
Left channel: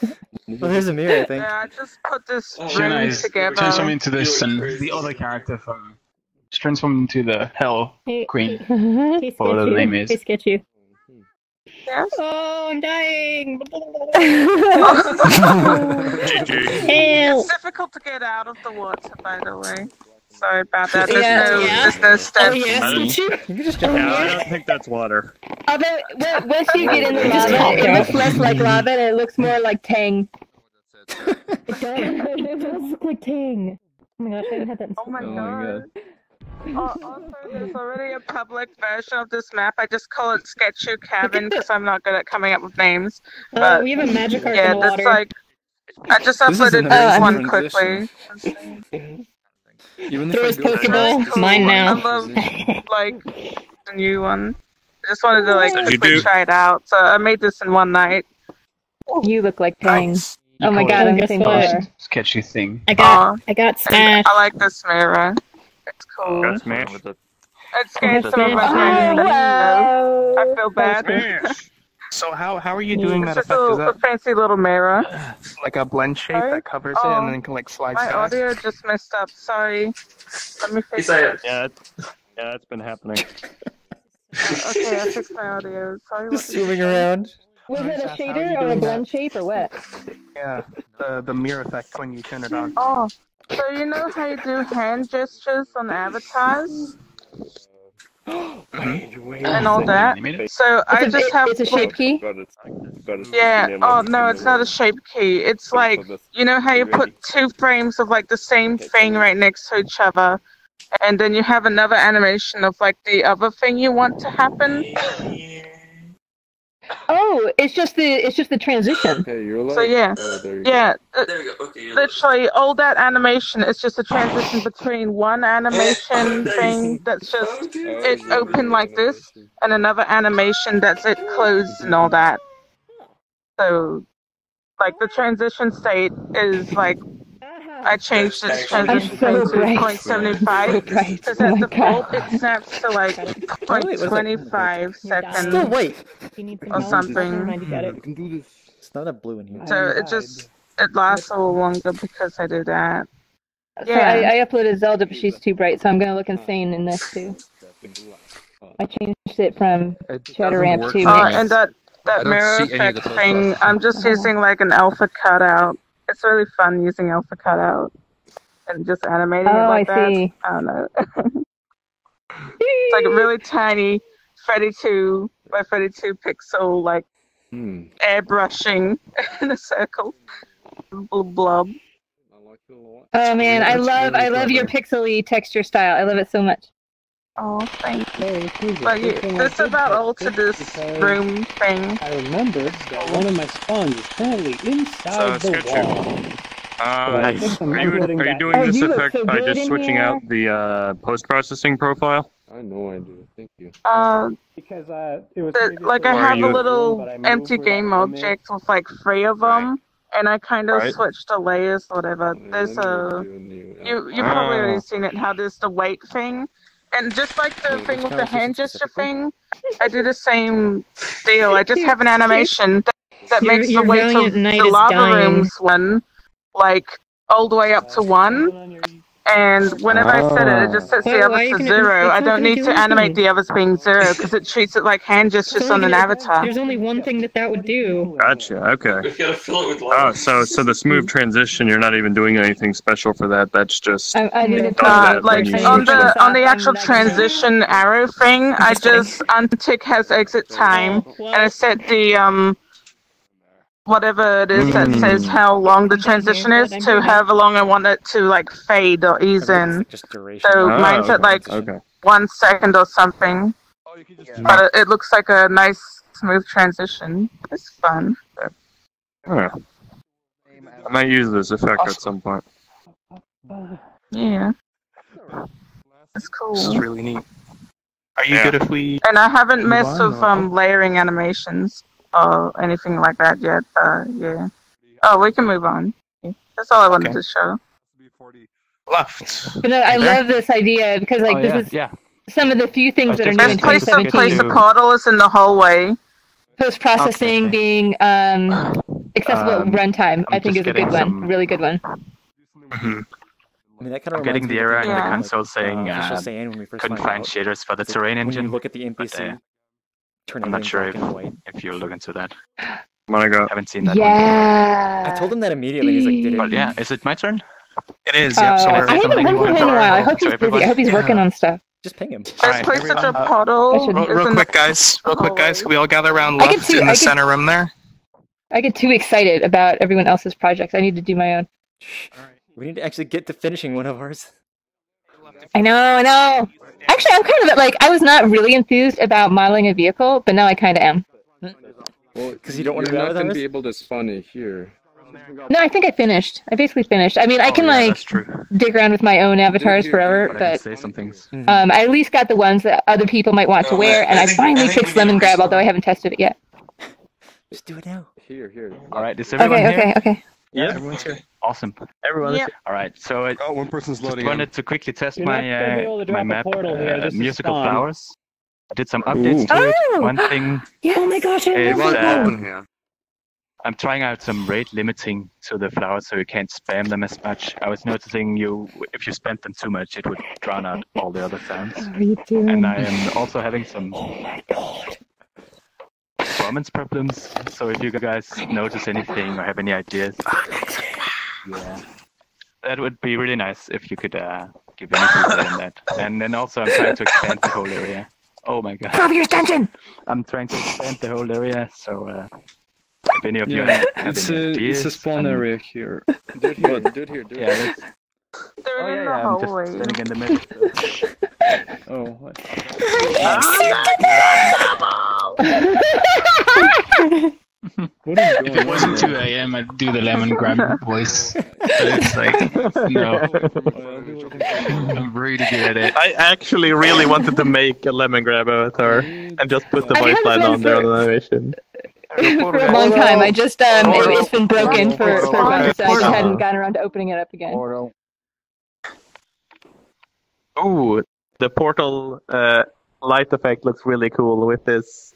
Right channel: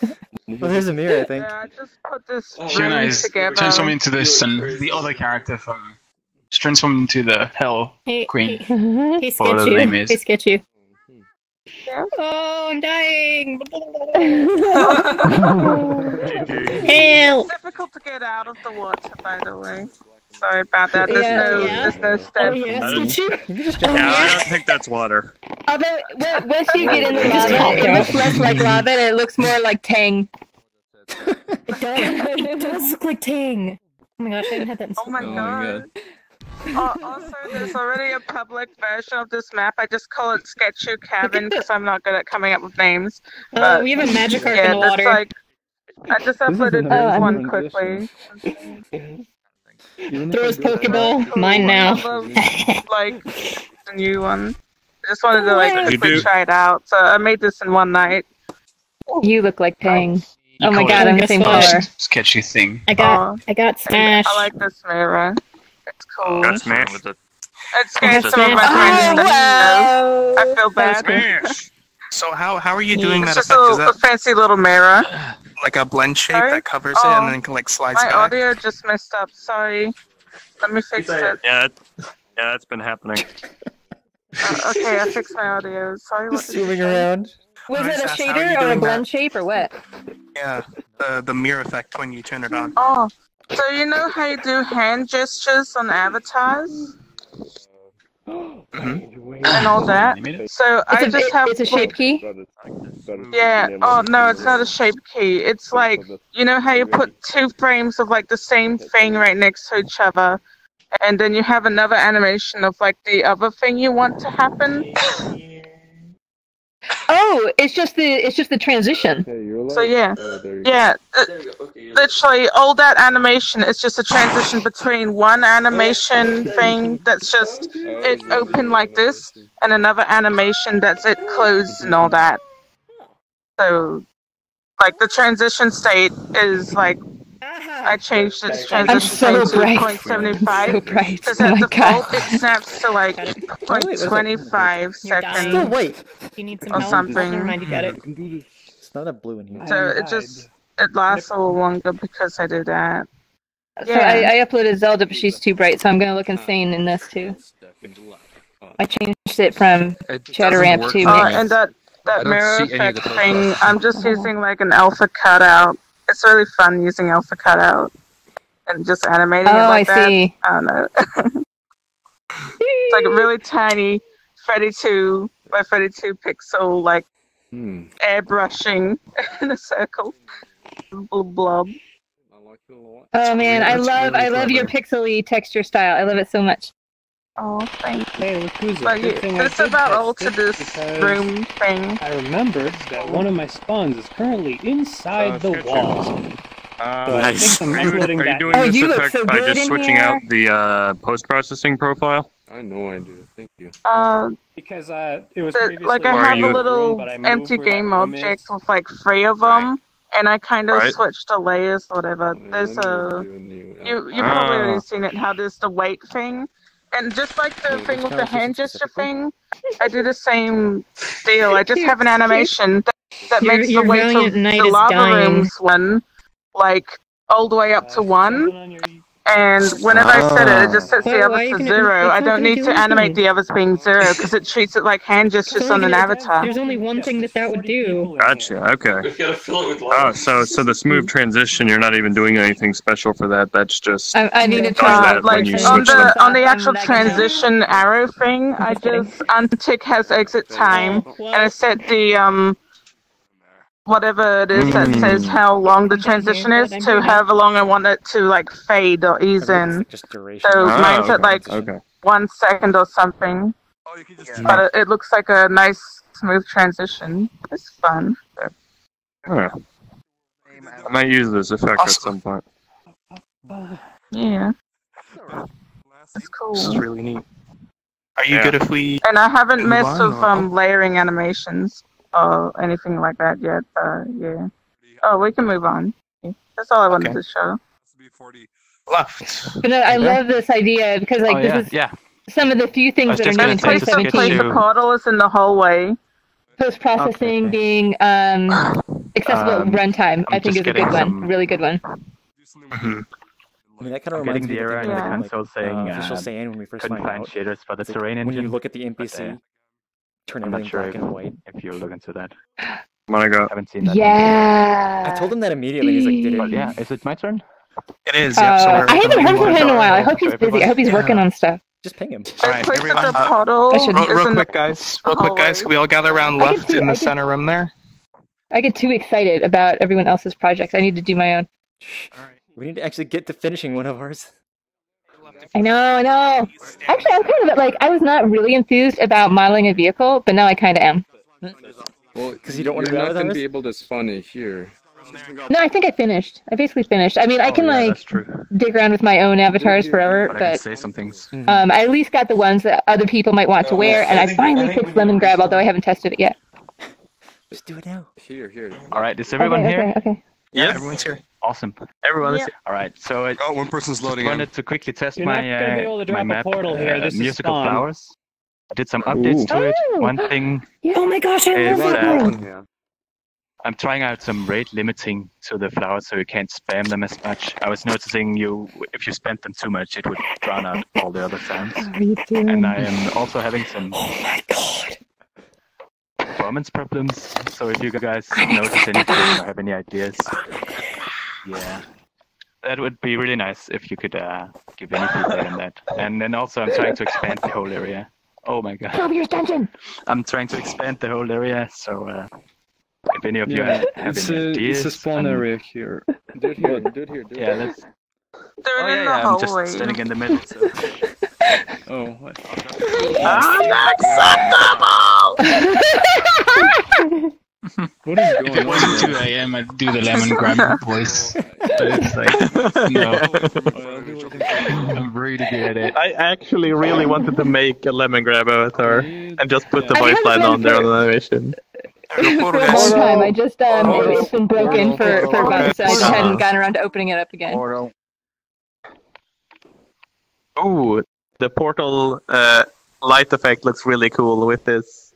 there's a mirror, I think. Yeah, I just put this Can room I together. transform into this and the other character from just transform into the Hell Queen? Hey, Whatever the name Sketchu. is. Hey, Sketchu. Yes? Oh, I'm dying. GG. Help. It's difficult to get out of the water, by the way. Sorry about that. There's Yeah, no, yeah. there's no steps. Oh, yes, Sketchu. You can just jump Yeah, out. I don't think that's water. Although, once you get in the lava, it looks less like lava and it looks more like Tang. It does look like Tang. Oh my gosh, I didn't have that in Oh my Oh my god. god. Also, there's already a public version of this map. I just call it Sketchu Cabin because I'm not good at coming up with names. But we have a magic arc yeah, in the that's water. like I just This is uploaded an this amazing one transition. quickly. Even Throw if his I go Pokeball. fast, Mine now. Like the new one. I just wanted to like You quickly do- try it out. So I made this in one night. You look like Tang. Oh my god, I'm missing more. Sketchy thing. I got smashed. I like this mirror. It's cool. Got smashed with it. It scared some of my friends to death. I feel bad. So how are you doing It's that just effect? Is a that fancy little mirror. like a blend shape that covers it and then like slides My back? audio just messed up. Sorry. Let me fix it. Yeah, that's been happening. Okay, I fixed my audio. Sorry. Just swimming around. Was Nice, it a that's how shader you or a doing blend that. shape or what? Yeah, the mirror effect when you turn it on. Oh, so you know how you do hand gestures on avatars and all that? So I just have It's a shape key? Yeah. Oh no, it's not a shape key. It's like, you know how you put two frames of like the same thing right next to each other, and then you have another animation of like the other thing you want to happen. Oh, it's just the transition. So yeah, literally all that animation is just a transition between one animation thing that's just it open like this, and another animation that's it closed and all that. So, like the transition state is like I changed its transition state to 0.75 because at default it snaps to like 0.25 seconds. Still wait. Or something. It's not a blue in here. So it lasts a little longer because I do that. So I uploaded Zelda, but she's too bright, so I'm gonna look insane in this too. I changed it from shadow ramp to and that I don't mirror see any of effect the thing, I'm just using like an alpha cutout. It's really fun using alpha cutout and just animating it like I that. see. I don't know. It's like a really tiny 32 by 32 pixel like airbrushing in a circle. Blob. Oh man, I love your pixely texture style. I love it so much. Oh, thank you. But it's about all to this room thing. I remember that one of my spawns is currently inside the wall. Nice. Are you doing this effect by just switching out the post-processing profile? I know I do. Thank you. Because it was like I have a little empty game object with like 3 of them, and I kind of switched the layers or whatever. There's a you probably already seen it. How there's the weight thing. And just like the thing with the hand gesture thing, I do the same deal. I just have an animation that makes the weight of the lava rooms one, like, all the way up to 1. And whenever I set it, it just sets the others to 0. I don't need to animate the others being 0, because it treats it like hand gestures on an avatar. There's only one thing that would do. Gotcha. Okay. Oh, so the smooth transition, you're not even doing anything special for that. That's just I needed like on the actual transition arrow thing, I just untick has exit time, and I set the whatever it is that says how long the transition is to however long I want it to like fade or ease in. Just duration. So mine's at like 1 second or something, but it looks like a nice smooth transition. It's fun. Huh. I might use this effect at some point. Yeah, it's cool. This is really neat. Are you good if we? And I haven't messed with layering animations or anything like that yet. Yeah. Oh, we can move on. That's all I wanted to show. Left. But no, I love this idea because like this is some of the few things that are new in Place 2017. the portal is in the hallway. Post-processing being accessible at runtime, I think is a good one. Really good one. I mean, that kind of Getting reminds me the of error in the console like, saying official saying when we first couldn't find find out. shaders for the It's like terrain when engine. you look at the NPC, turn I'm not everything sure black and white. if you look into that. Wanna go? Haven't seen that. Yeah. I told him that immediately. He's like, "Did it?" But yeah, is it my turn? It is. Yep. So I haven't heard from him in a while. I hope he's busy. I hope he's working on stuff. Just ping him. Alright, Place everyone, the portal. real quick, guys. Real quick, guys. Can we all gather around left in the center room there? I get too excited about everyone else's projects. I need to do my own. We need to actually get to finishing one of ours. I know. Actually, I'm kind of like, I was not really enthused about modeling a vehicle, but now I kind of am. Because you don't want to You're be not going to be able to spawn it here. No, I think I finished. I basically finished. I mean, I can dig around with my own avatars forever, but say some things. I at least got the ones that other people might want to wear, and I finally fixed Lemon Grab, although I haven't tested it yet. Just do it now. Here. Alright, is everyone here? Okay. Yes. Everyone's here. Awesome. Everyone is here. All right. So I one person's just loading wanted to quickly test You're not gonna be my able to drop a map, portal here, this is musical Spawn. flowers. I did some updates to it. Oh! One thing Oh my gosh, I is love that one. I'm trying out some rate limiting to the flowers so you can't spam them as much. I was noticing if you spam them too much, it would drown out all the other sounds. What are you doing? And I am also having some performance problems. So if you guys notice anything or have any ideas, that would be really nice if you could give any feedback on that. And then also I'm trying to expand the whole area. Oh my god. Stop your extension! I'm trying to expand the whole area, so if any of you have any ideas... It's a spawn area here. Do it here. Yeah, let's... They're in the I'm hallway. just standing in the middle. So... Oh, what? What is going If it on? wasn't 2 a.m., I'd do the lemon grab voice. But it's like, no. I'm really good at it. I actually really wanted to make a lemon grab avatar and just put the I've voice had line this on one there for- on animation. For a long time. I just it's been broken for about so I just hadn't gotten around to opening it up again. Ooh, the portal light effect looks really cool with this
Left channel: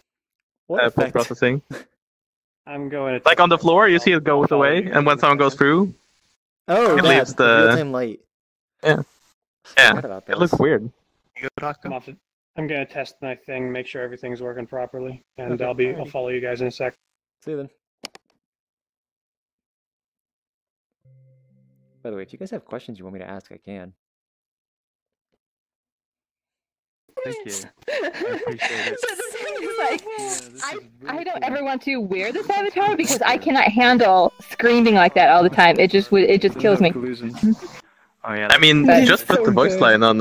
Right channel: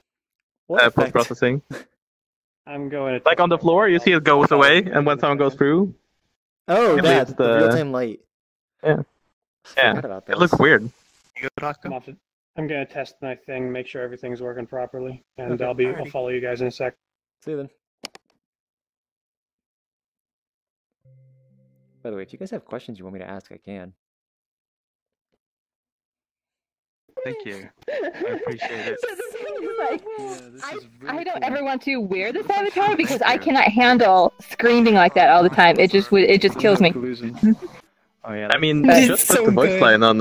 post processing. I'm going to Like on the floor, you see it goes away, and when someone goes through, Oh, it that's leaves the real-time light. Yeah, Forgot about it looks those. weird. I'm gonna test my thing, make sure everything's working properly, and Okay. I'll follow you guys in a sec. See you then. By the way, if you guys have questions you want me to ask, I can. Thank you. I appreciate it. I don't ever want to wear this avatar because I cannot handle screaming like that all the time. It just kills me. Oh, yeah, I mean, That's just put so the voice good. line on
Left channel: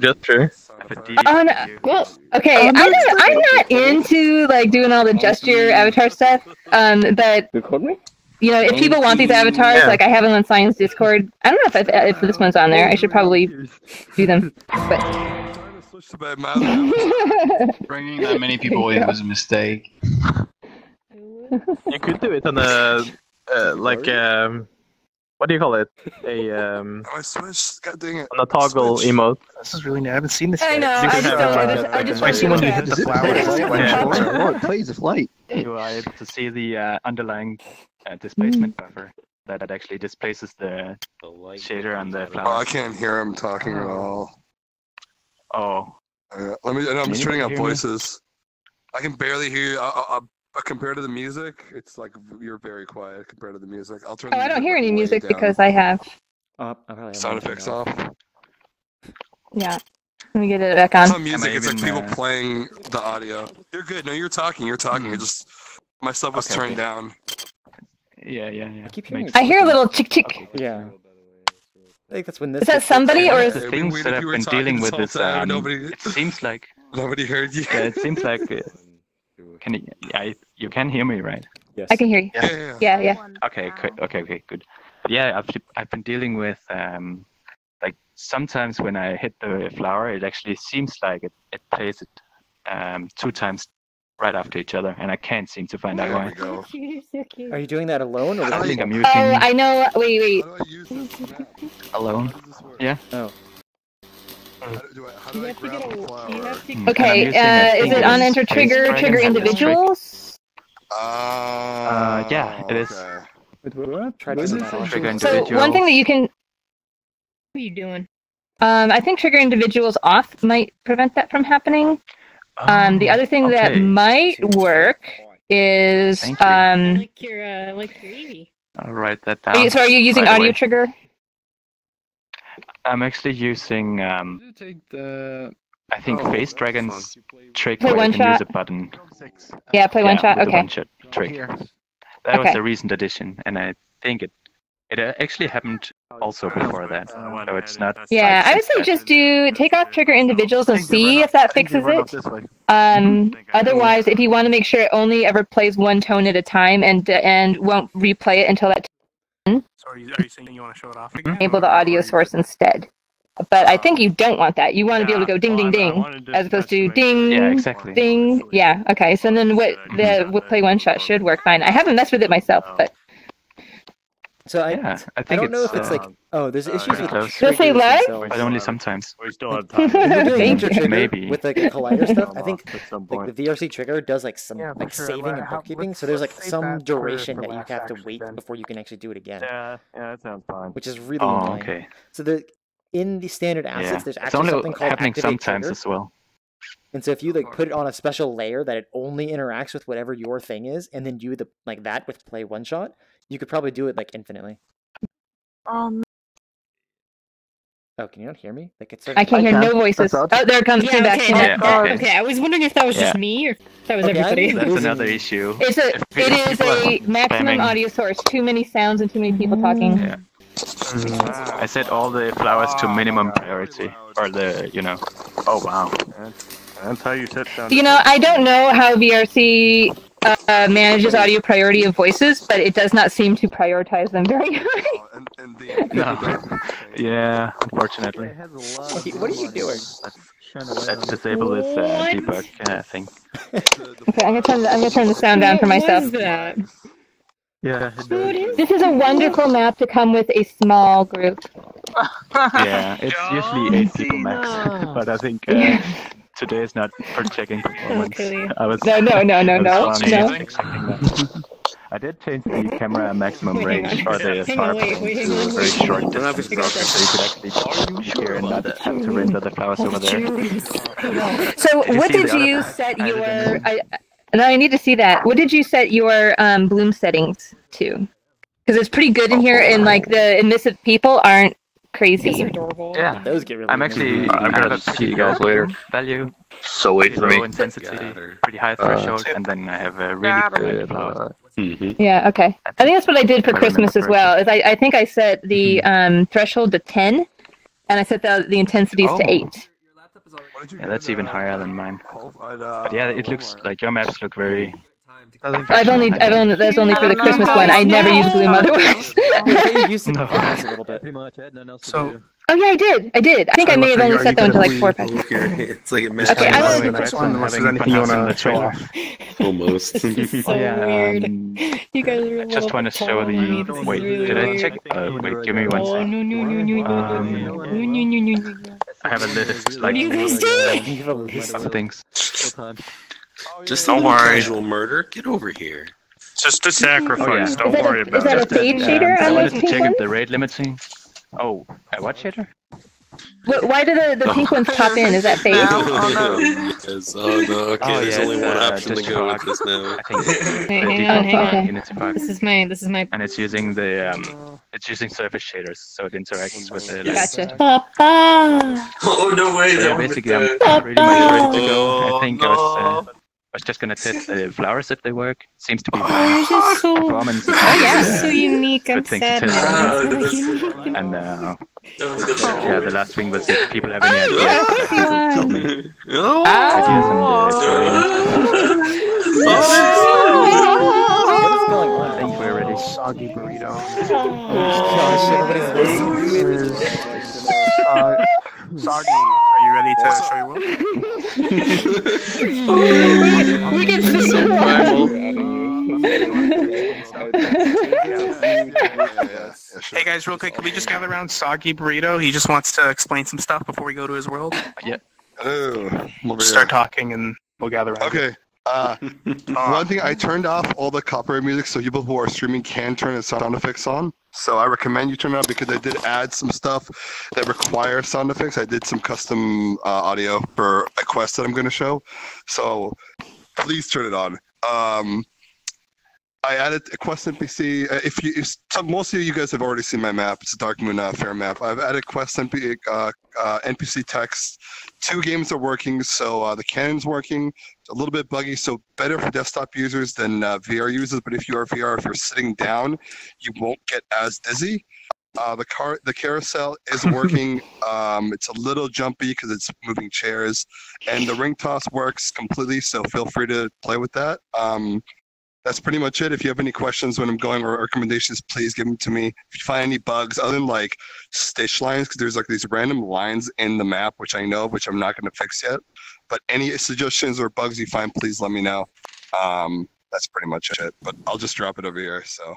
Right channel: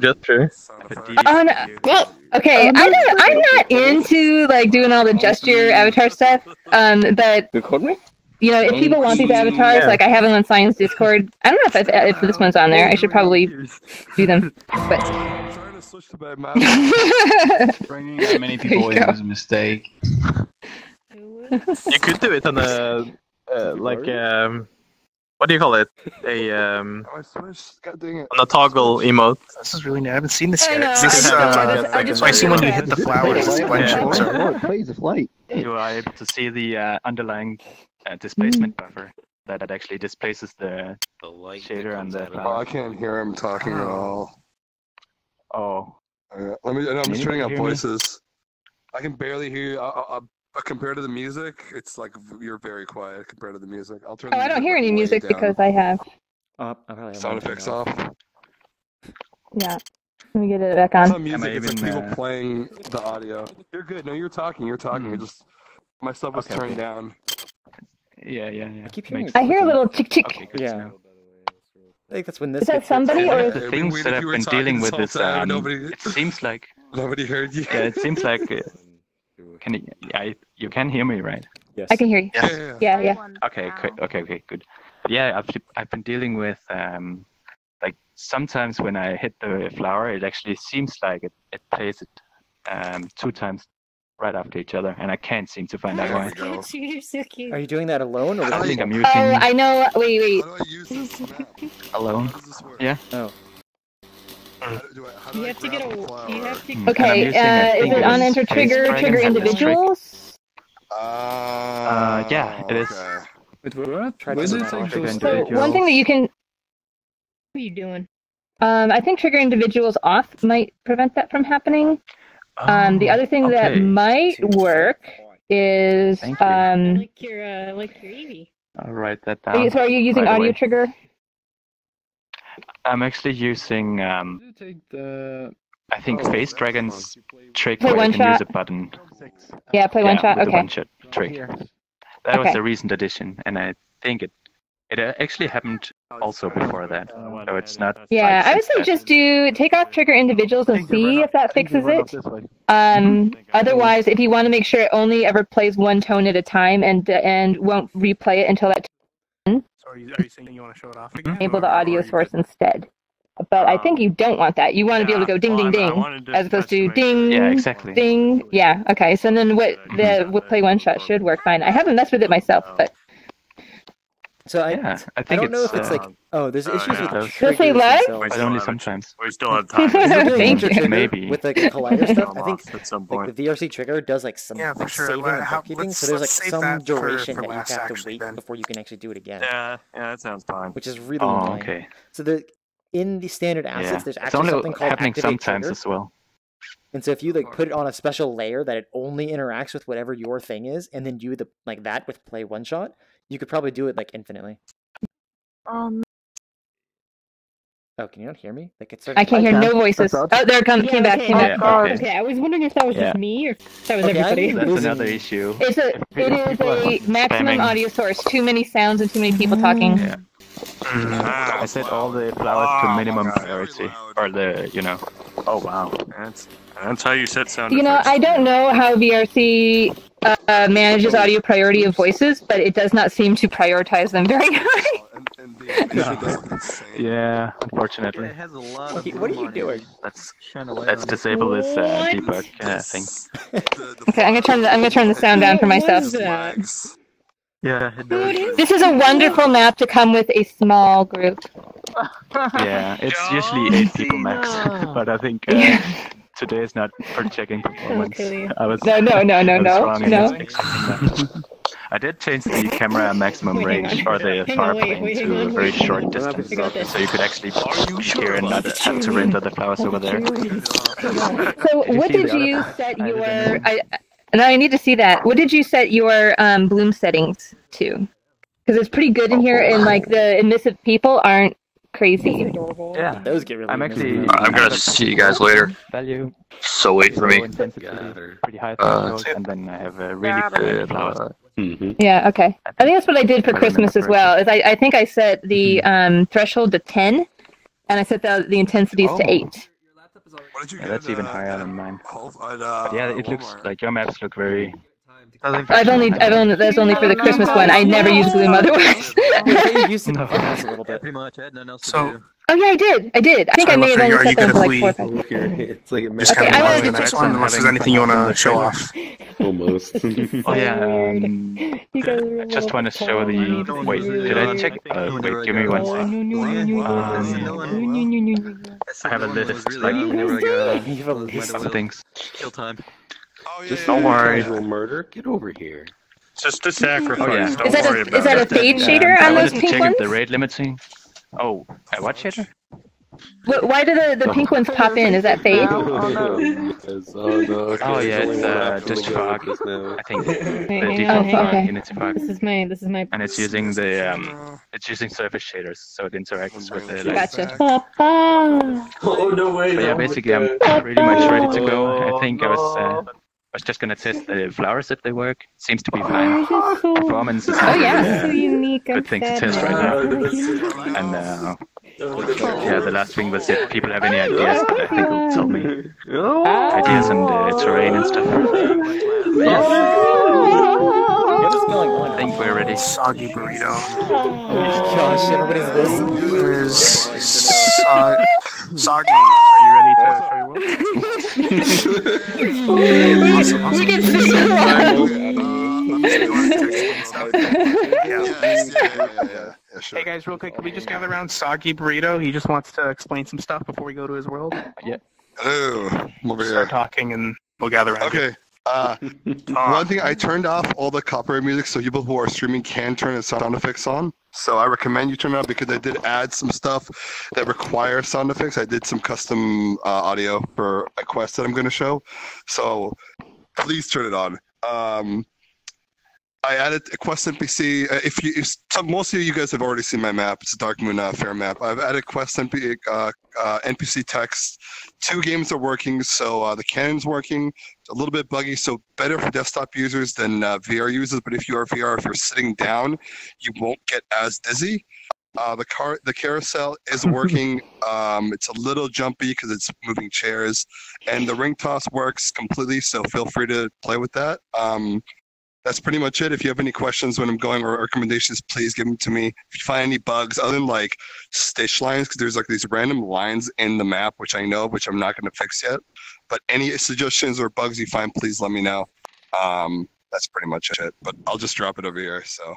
gesture. Oh no. Okay, I'm not into like doing all the gesture avatar stuff. But you know, if people want these avatars, like I have them on Science Discord. I don't know if this one's on there. I should probably do them. But Bringing that many people in was a mistake. You could do it on a what do you call it? I switched. God dang it. On a toggle emote. This is really new. I haven't seen this I yet. know, I just I see when you hit the flowers. Plays of light. You are able to see the underlying displacement buffer that actually displaces the shader and the Well, I flower. can't hear him talking at all. Oh. Let me. And I'm just turning up Anybody hear me? voices. I can barely hear you. Compared to the music, it's like you're very quiet compared to the music. I'll turn. oh, I don't hear any music because I have. I probably have sound one effects turned off. Yeah. Let me get it back It's on. not music. It's like people even, playing the audio. You're good. No, you're talking. You're talking. You're just. My stuff was turned down. Yeah. I keep hearing. I hear a little tick tick. Yeah. I think that's when this. Is that gets somebody fixed. or is The things that I've been dealing with is it seems like nobody heard you. Yeah, it seems like you can hear me, right? Yes. I can hear you. Yeah. Okay, good. Yeah, I've been dealing with like sometimes when I hit the flower, it actually seems like it plays it 2 times right after each other, and I can't seem to find out why. You're so cute. Are you doing that alone or? I with think I'm people? using Oh, I know. Wait. alone. Yeah. Oh. Okay. Is it on enter trigger individuals? Yeah, it is. Try to Trigger So individual. one thing that you can. What are you doing? I think trigger individuals off might prevent that from happening. The other thing that okay. might work is Thank you. Like your E. I'll write that down. So are you using right audio away. trigger? I'm actually using I think Face Dragon's trick Play where you one can use shot? a button. Yeah, play one shot. With the Okay. one shot trick. That was Okay. a recent addition, and I think it actually happened also before that. So it's not. Yeah, I would say just take off trigger individuals and see if that fixes it. Otherwise, if you want to make sure it only ever plays one tone at a time and won't replay it until that tone, So are you saying you want to show it off again? enable the audio source instead. But I think you don't want that. You want to be able to go ding, ding, ding, as opposed to ding, Yeah, exactly. ding. Yeah, okay. So then what play one shot should work fine. I haven't messed with it myself, but So I think don't know it's, if it's like there's issues with close. triggers they live? themselves. But only sometimes. We still have When time. you're doing Ninja Trigger Maybe. with like collider stuff, I think At some like point. the VRC trigger does like some Yeah, for like sure. saving Well, and how- bookkeeping, let's- so there's like let's save some that for duration that you last, have to actually, wait then. before you can actually do it again, Yeah, that sounds fine. which is really Oh, annoying. okay. So in the standard assets, Yeah. there's It's actually only something called happening activate sometimes trigger. as well. And so if you like put it on a special layer that it only interacts with whatever your thing is, and then do the like that with play one shot, you could probably do it like infinitely. Oh, can you not hear me? Like it's starting I can't hear no voices. Oh, there it comes. Came back. Came back. Okay, I was wondering if that was just me or if that was everybody. That's another issue. It is a maximum audio source. Too many sounds and too many people talking. Yeah. I set all the flowers to minimum priority, or Oh wow. That's how you set sound. You know, I don't know how VRC manages audio priority of voices, but it does not seem to prioritize them very high. Yeah, unfortunately. What are you doing? Let's disable this debug thing. Okay, I'm gonna turn the sound down for myself. Yeah. This is a wonderful map to come with a small group. Yeah, it's usually 8 people max, but I think today is not for checking performance. I was No. I did change the camera maximum Wait, hang range on. or the Hang on, wait, hang on, to a very wait, hang short on. distance, I got this. so you could actually hear and not have to render the flowers over there. So Did you what see did the you other- set your? No, I need to see that. What did you set your bloom settings to? Because it's pretty good in here, and like the emissive people aren't crazy. Yeah, those get really. I'm actually. I'm gonna see you guys later. Value. So wait for me. Low intensity, pretty high threshold, and then I have a really quiet flowers. Yeah. Okay. I think that's what I did for Christmas as well. Is I think I set the threshold to 10, and I set the intensities to 8. Yeah, that's even higher than mine. But yeah, it looks like your maps look very. I've only that's only for the Christmas one. I never use bloom otherwise. You used it a little bit. So, Oh yeah, I did. I think I may have only set them to like 4 times. It's like it missed. Okay, I will. unless there's anything you want to show off. Almost. So weird. You guys are I just want to show the. Wait, did I check? Wait, give me one second. I have a list like You have a list of things. Just don't worry. Casual murder. Get over here. Just a sacrifice. Oh, yeah. Don't worry about Is that it. a fade shader I on wanted those to pink check ones? if the rate limiting. Oh, what shader? Why do the pink ones pop in? Is that fade? Because, okay, Oh there's yeah, only it's one option just to go fog. with this now. I think Hey, the hang default on, fog, okay. Unity fog, This is my. and it's using the it's using surface shaders, so it interacts with the light. Gotcha. Oh no way! So yeah, that basically I'm pretty much ready to go. I think I was just gonna test the flowers if they work. Seems to be fine. Performance is not So unique. good thing to test right now. And yeah, the last thing was if people have any ideas, I think they'll tell me ideas on the terrain and stuff. What is going on? I think we're ready. Soggy burrito. Oh gosh, everybody's listening. Soggy, are you ready to show your We get Hey guys, real quick, can we just gather around Soggy Burrito? He just wants to explain some stuff before we go to his world. Yeah. Oh, We'll start talking and we'll gather around. Okay. One thing, I turned off all the copyright music so people who are streaming can turn the sound effects on. So I recommend you turn it on because I did add some stuff that requires sound effects. I did some custom audio for a quest that I'm going to show. So please turn it on. I added a quest NPC. Most of you guys have already seen my map. It's a Dark Moon Fair map. I've added quest NPC text. 2 games are working, so the cannon's working. A little bit buggy, so better for desktop users than VR users. But if you are VR, if you're sitting down, you won't get as dizzy. The carousel is working. It's a little jumpy because it's moving chairs, and the ring toss works completely. So feel free to play with that. That's pretty much it. If you have any questions when I'm going or recommendations, please give them to me. If you find any bugs other than like stitch lines, because there's like these random lines in the map, which I know, which I'm not going to fix yet. But any suggestions or bugs you find, please let me know. That's pretty much it. But I'll just drop it over here. So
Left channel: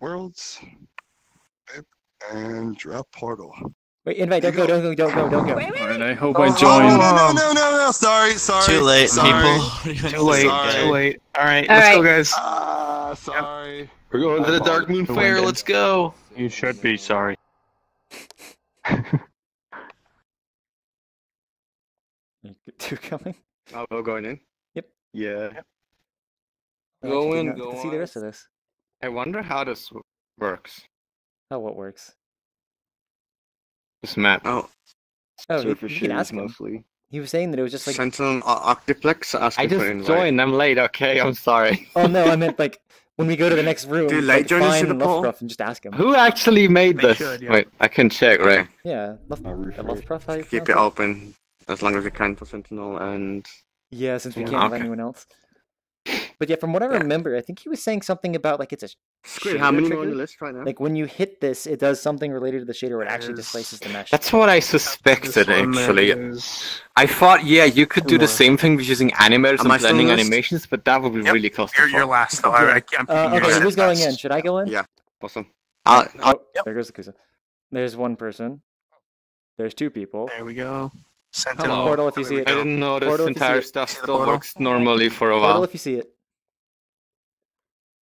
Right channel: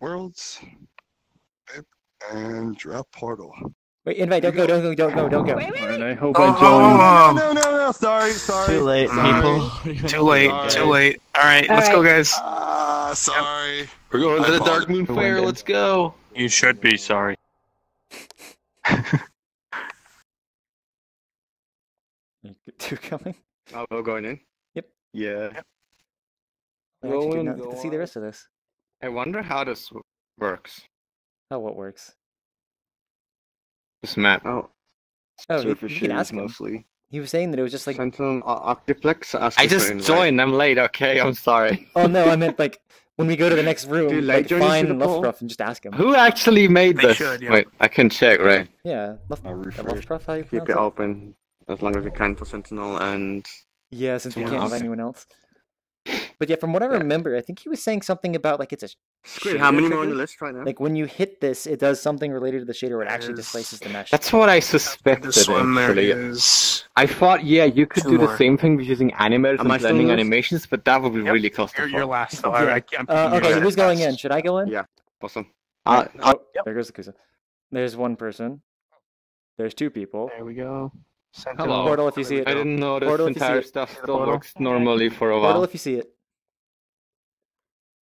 Worlds. And drop portal. Wait, invite, don't go. Wait. And I hope I Oh, join. no, sorry. Too late, people. Too late. All right, let's go, guys. Sorry. We're going to the Dark Moon Fair. Let's go. You should be sorry. Two coming? Oh, we're going in? Yep. Yeah. I actually did not get to see the rest of this. I wonder how this works. How what works? This map. Oh, Surface you can ask him. mostly. He was saying that it was just like... Sentinel Octiplex. I just joined. I'm late. Okay, I'm sorry. Oh no, I meant like when we go to the next room, Dude, like join find us in the poll? Luftruff and just ask him. Who actually made this? should, yeah. Wait, I can check, right? Yeah, Luftruff, how you Keep pronounce it it? open as long as you can for Sentinel and... Yeah, since we can't invite Okay. anyone else. But yeah, from what I remember, I think he was saying something about like it's a Squid, how shader many trigger. more on the list right now? Like when you hit this, it does something related to the shader where it actually displaces the mesh. That's what I suspected, This one there actually. is- I thought, yeah, you could Two do the more. same thing with using animators and I still blending on the list? animations, but that would be really costly. You're last, though. Yeah. I'm picking you Okay, last. who's going in? Should I go in? Yeah, awesome. Oh, there goes the Kusa. There's one person. There's two people. There we go. Hello. Portal if you see it. I didn't know this Portal if you see entire it. stuff still works normally for a while. Portal if you see it.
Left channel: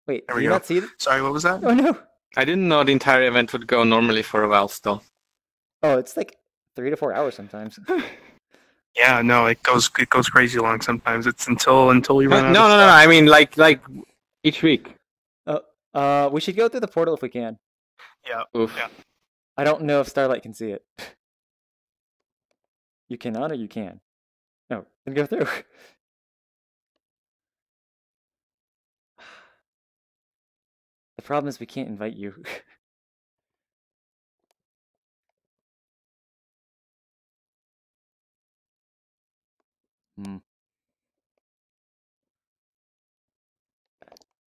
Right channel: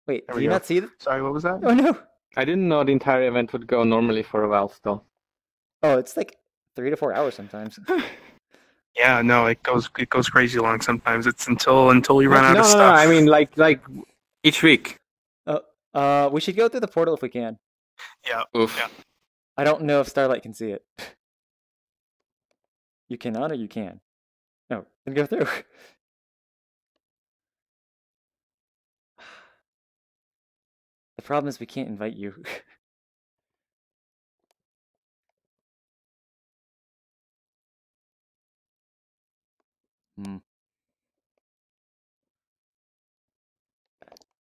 Wait, There do we you go. not see it? Sorry, what was that? Oh no! I didn't know the entire event would go normally for a while still. Oh, it's like 3 to 4 hours sometimes. Yeah, no, it goes crazy long sometimes. It's until we run out No, of no, stuff. no, I mean like each week. We should go through the portal if we can. Yeah. Oof. Yeah. I don't know if Starlight can see it. You cannot or you can? No, then go through. The problem is we can't invite you.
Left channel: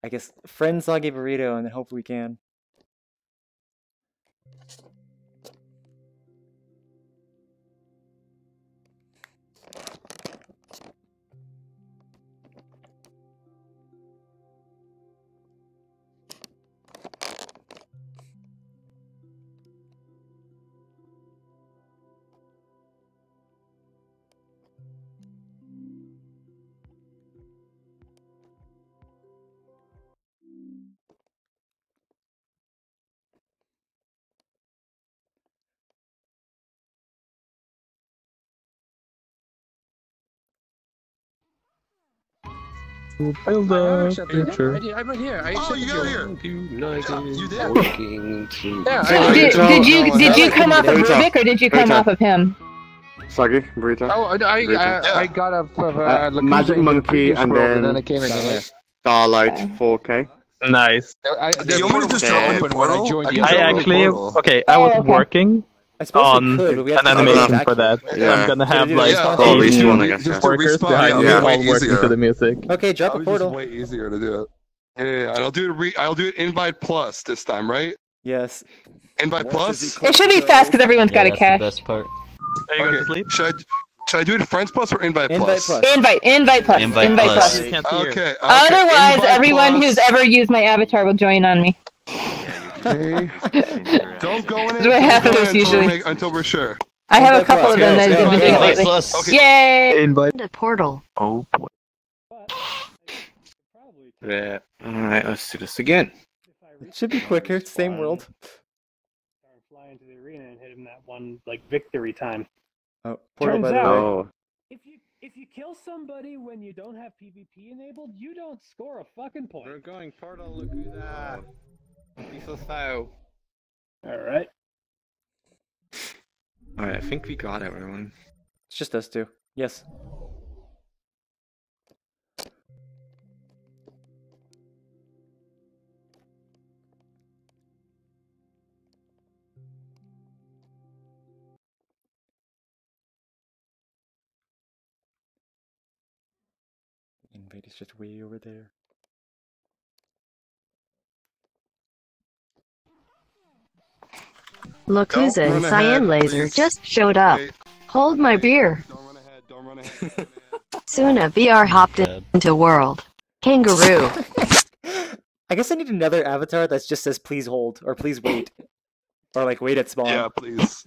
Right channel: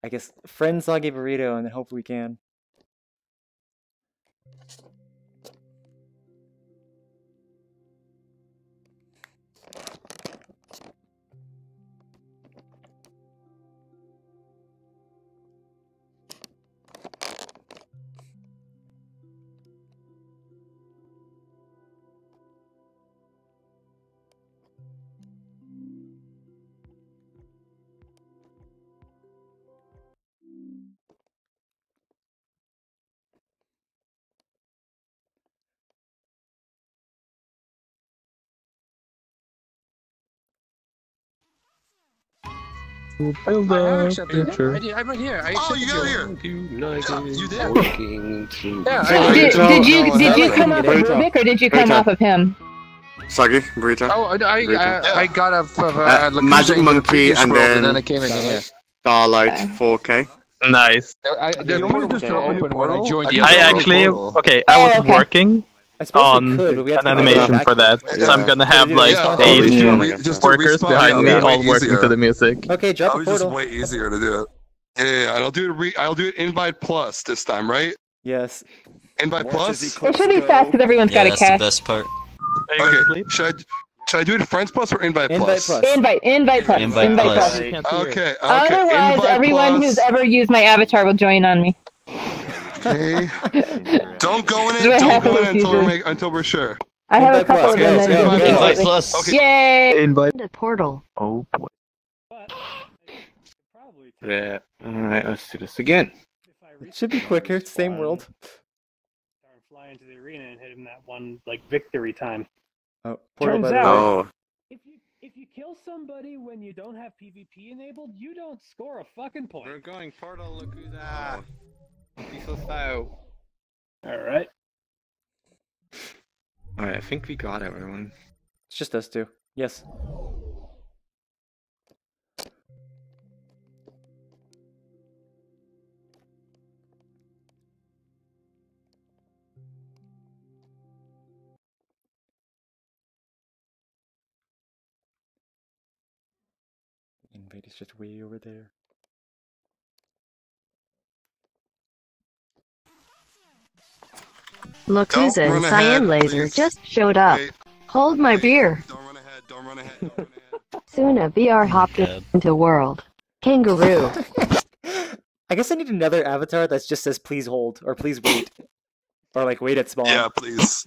I guess friend Soggy Burrito and then hope we can. Build a future. I'm right here. I accepted You there. Working to... Did you come off of Rubik or did you come off of him? Soggy, Burrito. Oh, I Burrito. got a Magic Monkey and then I came in. Starlight 4K. Nice. You want me to just drop in the portal? I actually, okay, I was working I suppose on we could, but we have an to go animation back for to that. it. So I'm gonna have like Yeah, eight just do workers respawn. behind me Yeah, all way working easier. to the music. Okay, drop a Just portal. way easier to do it. Yeah, and I'll do it invite plus this time, right? Yes. Invite plus. It should be fast because everyone's got a cache. best part. Are you gonna sleep? Should I do it friends plus or invite Invite plus? plus. Invite plus. Invite plus. plus. Okay. Otherwise, invite everyone plus. who's ever used my avatar will join on me. Okay. Don't go in That's what it. Don't happens go in usually. until we're sure. I have a Invite couple plus, of go, them. go, go. Invite plus. Okay. Yay! Invite. The portal. Oh boy. Yeah. Alright, let's do this again. It should be quicker. Same world. Fly into the arena and hit him that one like victory time. Oh, portal by Turns the way. out- Oh. If you kill somebody when you don't have PvP enabled, you don't score a fucking point. We're going portal, look who's that. He's so foul. Alright. Alright, I think we got everyone. It's just us two. Yes. Invite is just way over there. Lokuza and run ahead, CyanLaser please. just showed up. Wait. Hold my beer. Don't run ahead. Soon a VR hopped into world. Kangaroo. I guess I need another avatar that just says "please hold" or "please wait," or like "wait at spawn." Yeah, please.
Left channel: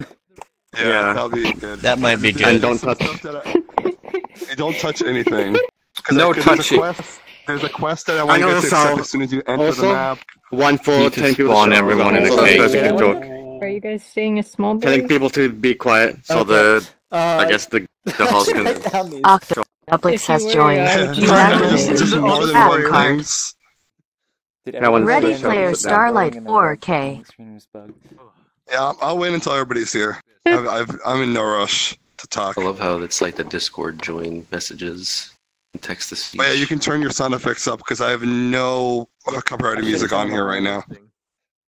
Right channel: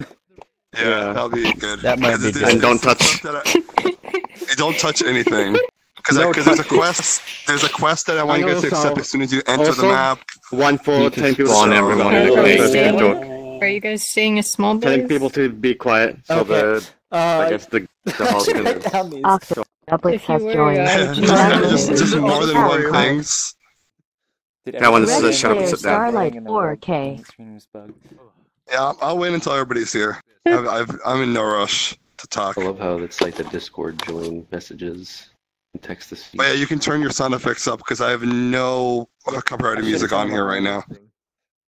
Yeah, that'll be good. That might be good. And don't touch. Don't touch anything. Because No there's a quest that I want you guys to accept as soon as you enter the map. One for 10 people spawn to everyone. Are you guys seeing a small telling boy? people to be quiet so Okay. I guess the host can... Octopus has joined. just more than one things. Did Ready Player Starlight 4K. Yeah, I'll wait until everybody's here. I'm in no rush to talk. I love how it's like the Discord join messages and text to speech. But yeah, you can turn your sound effects up because I have no copyrighted music on here right now.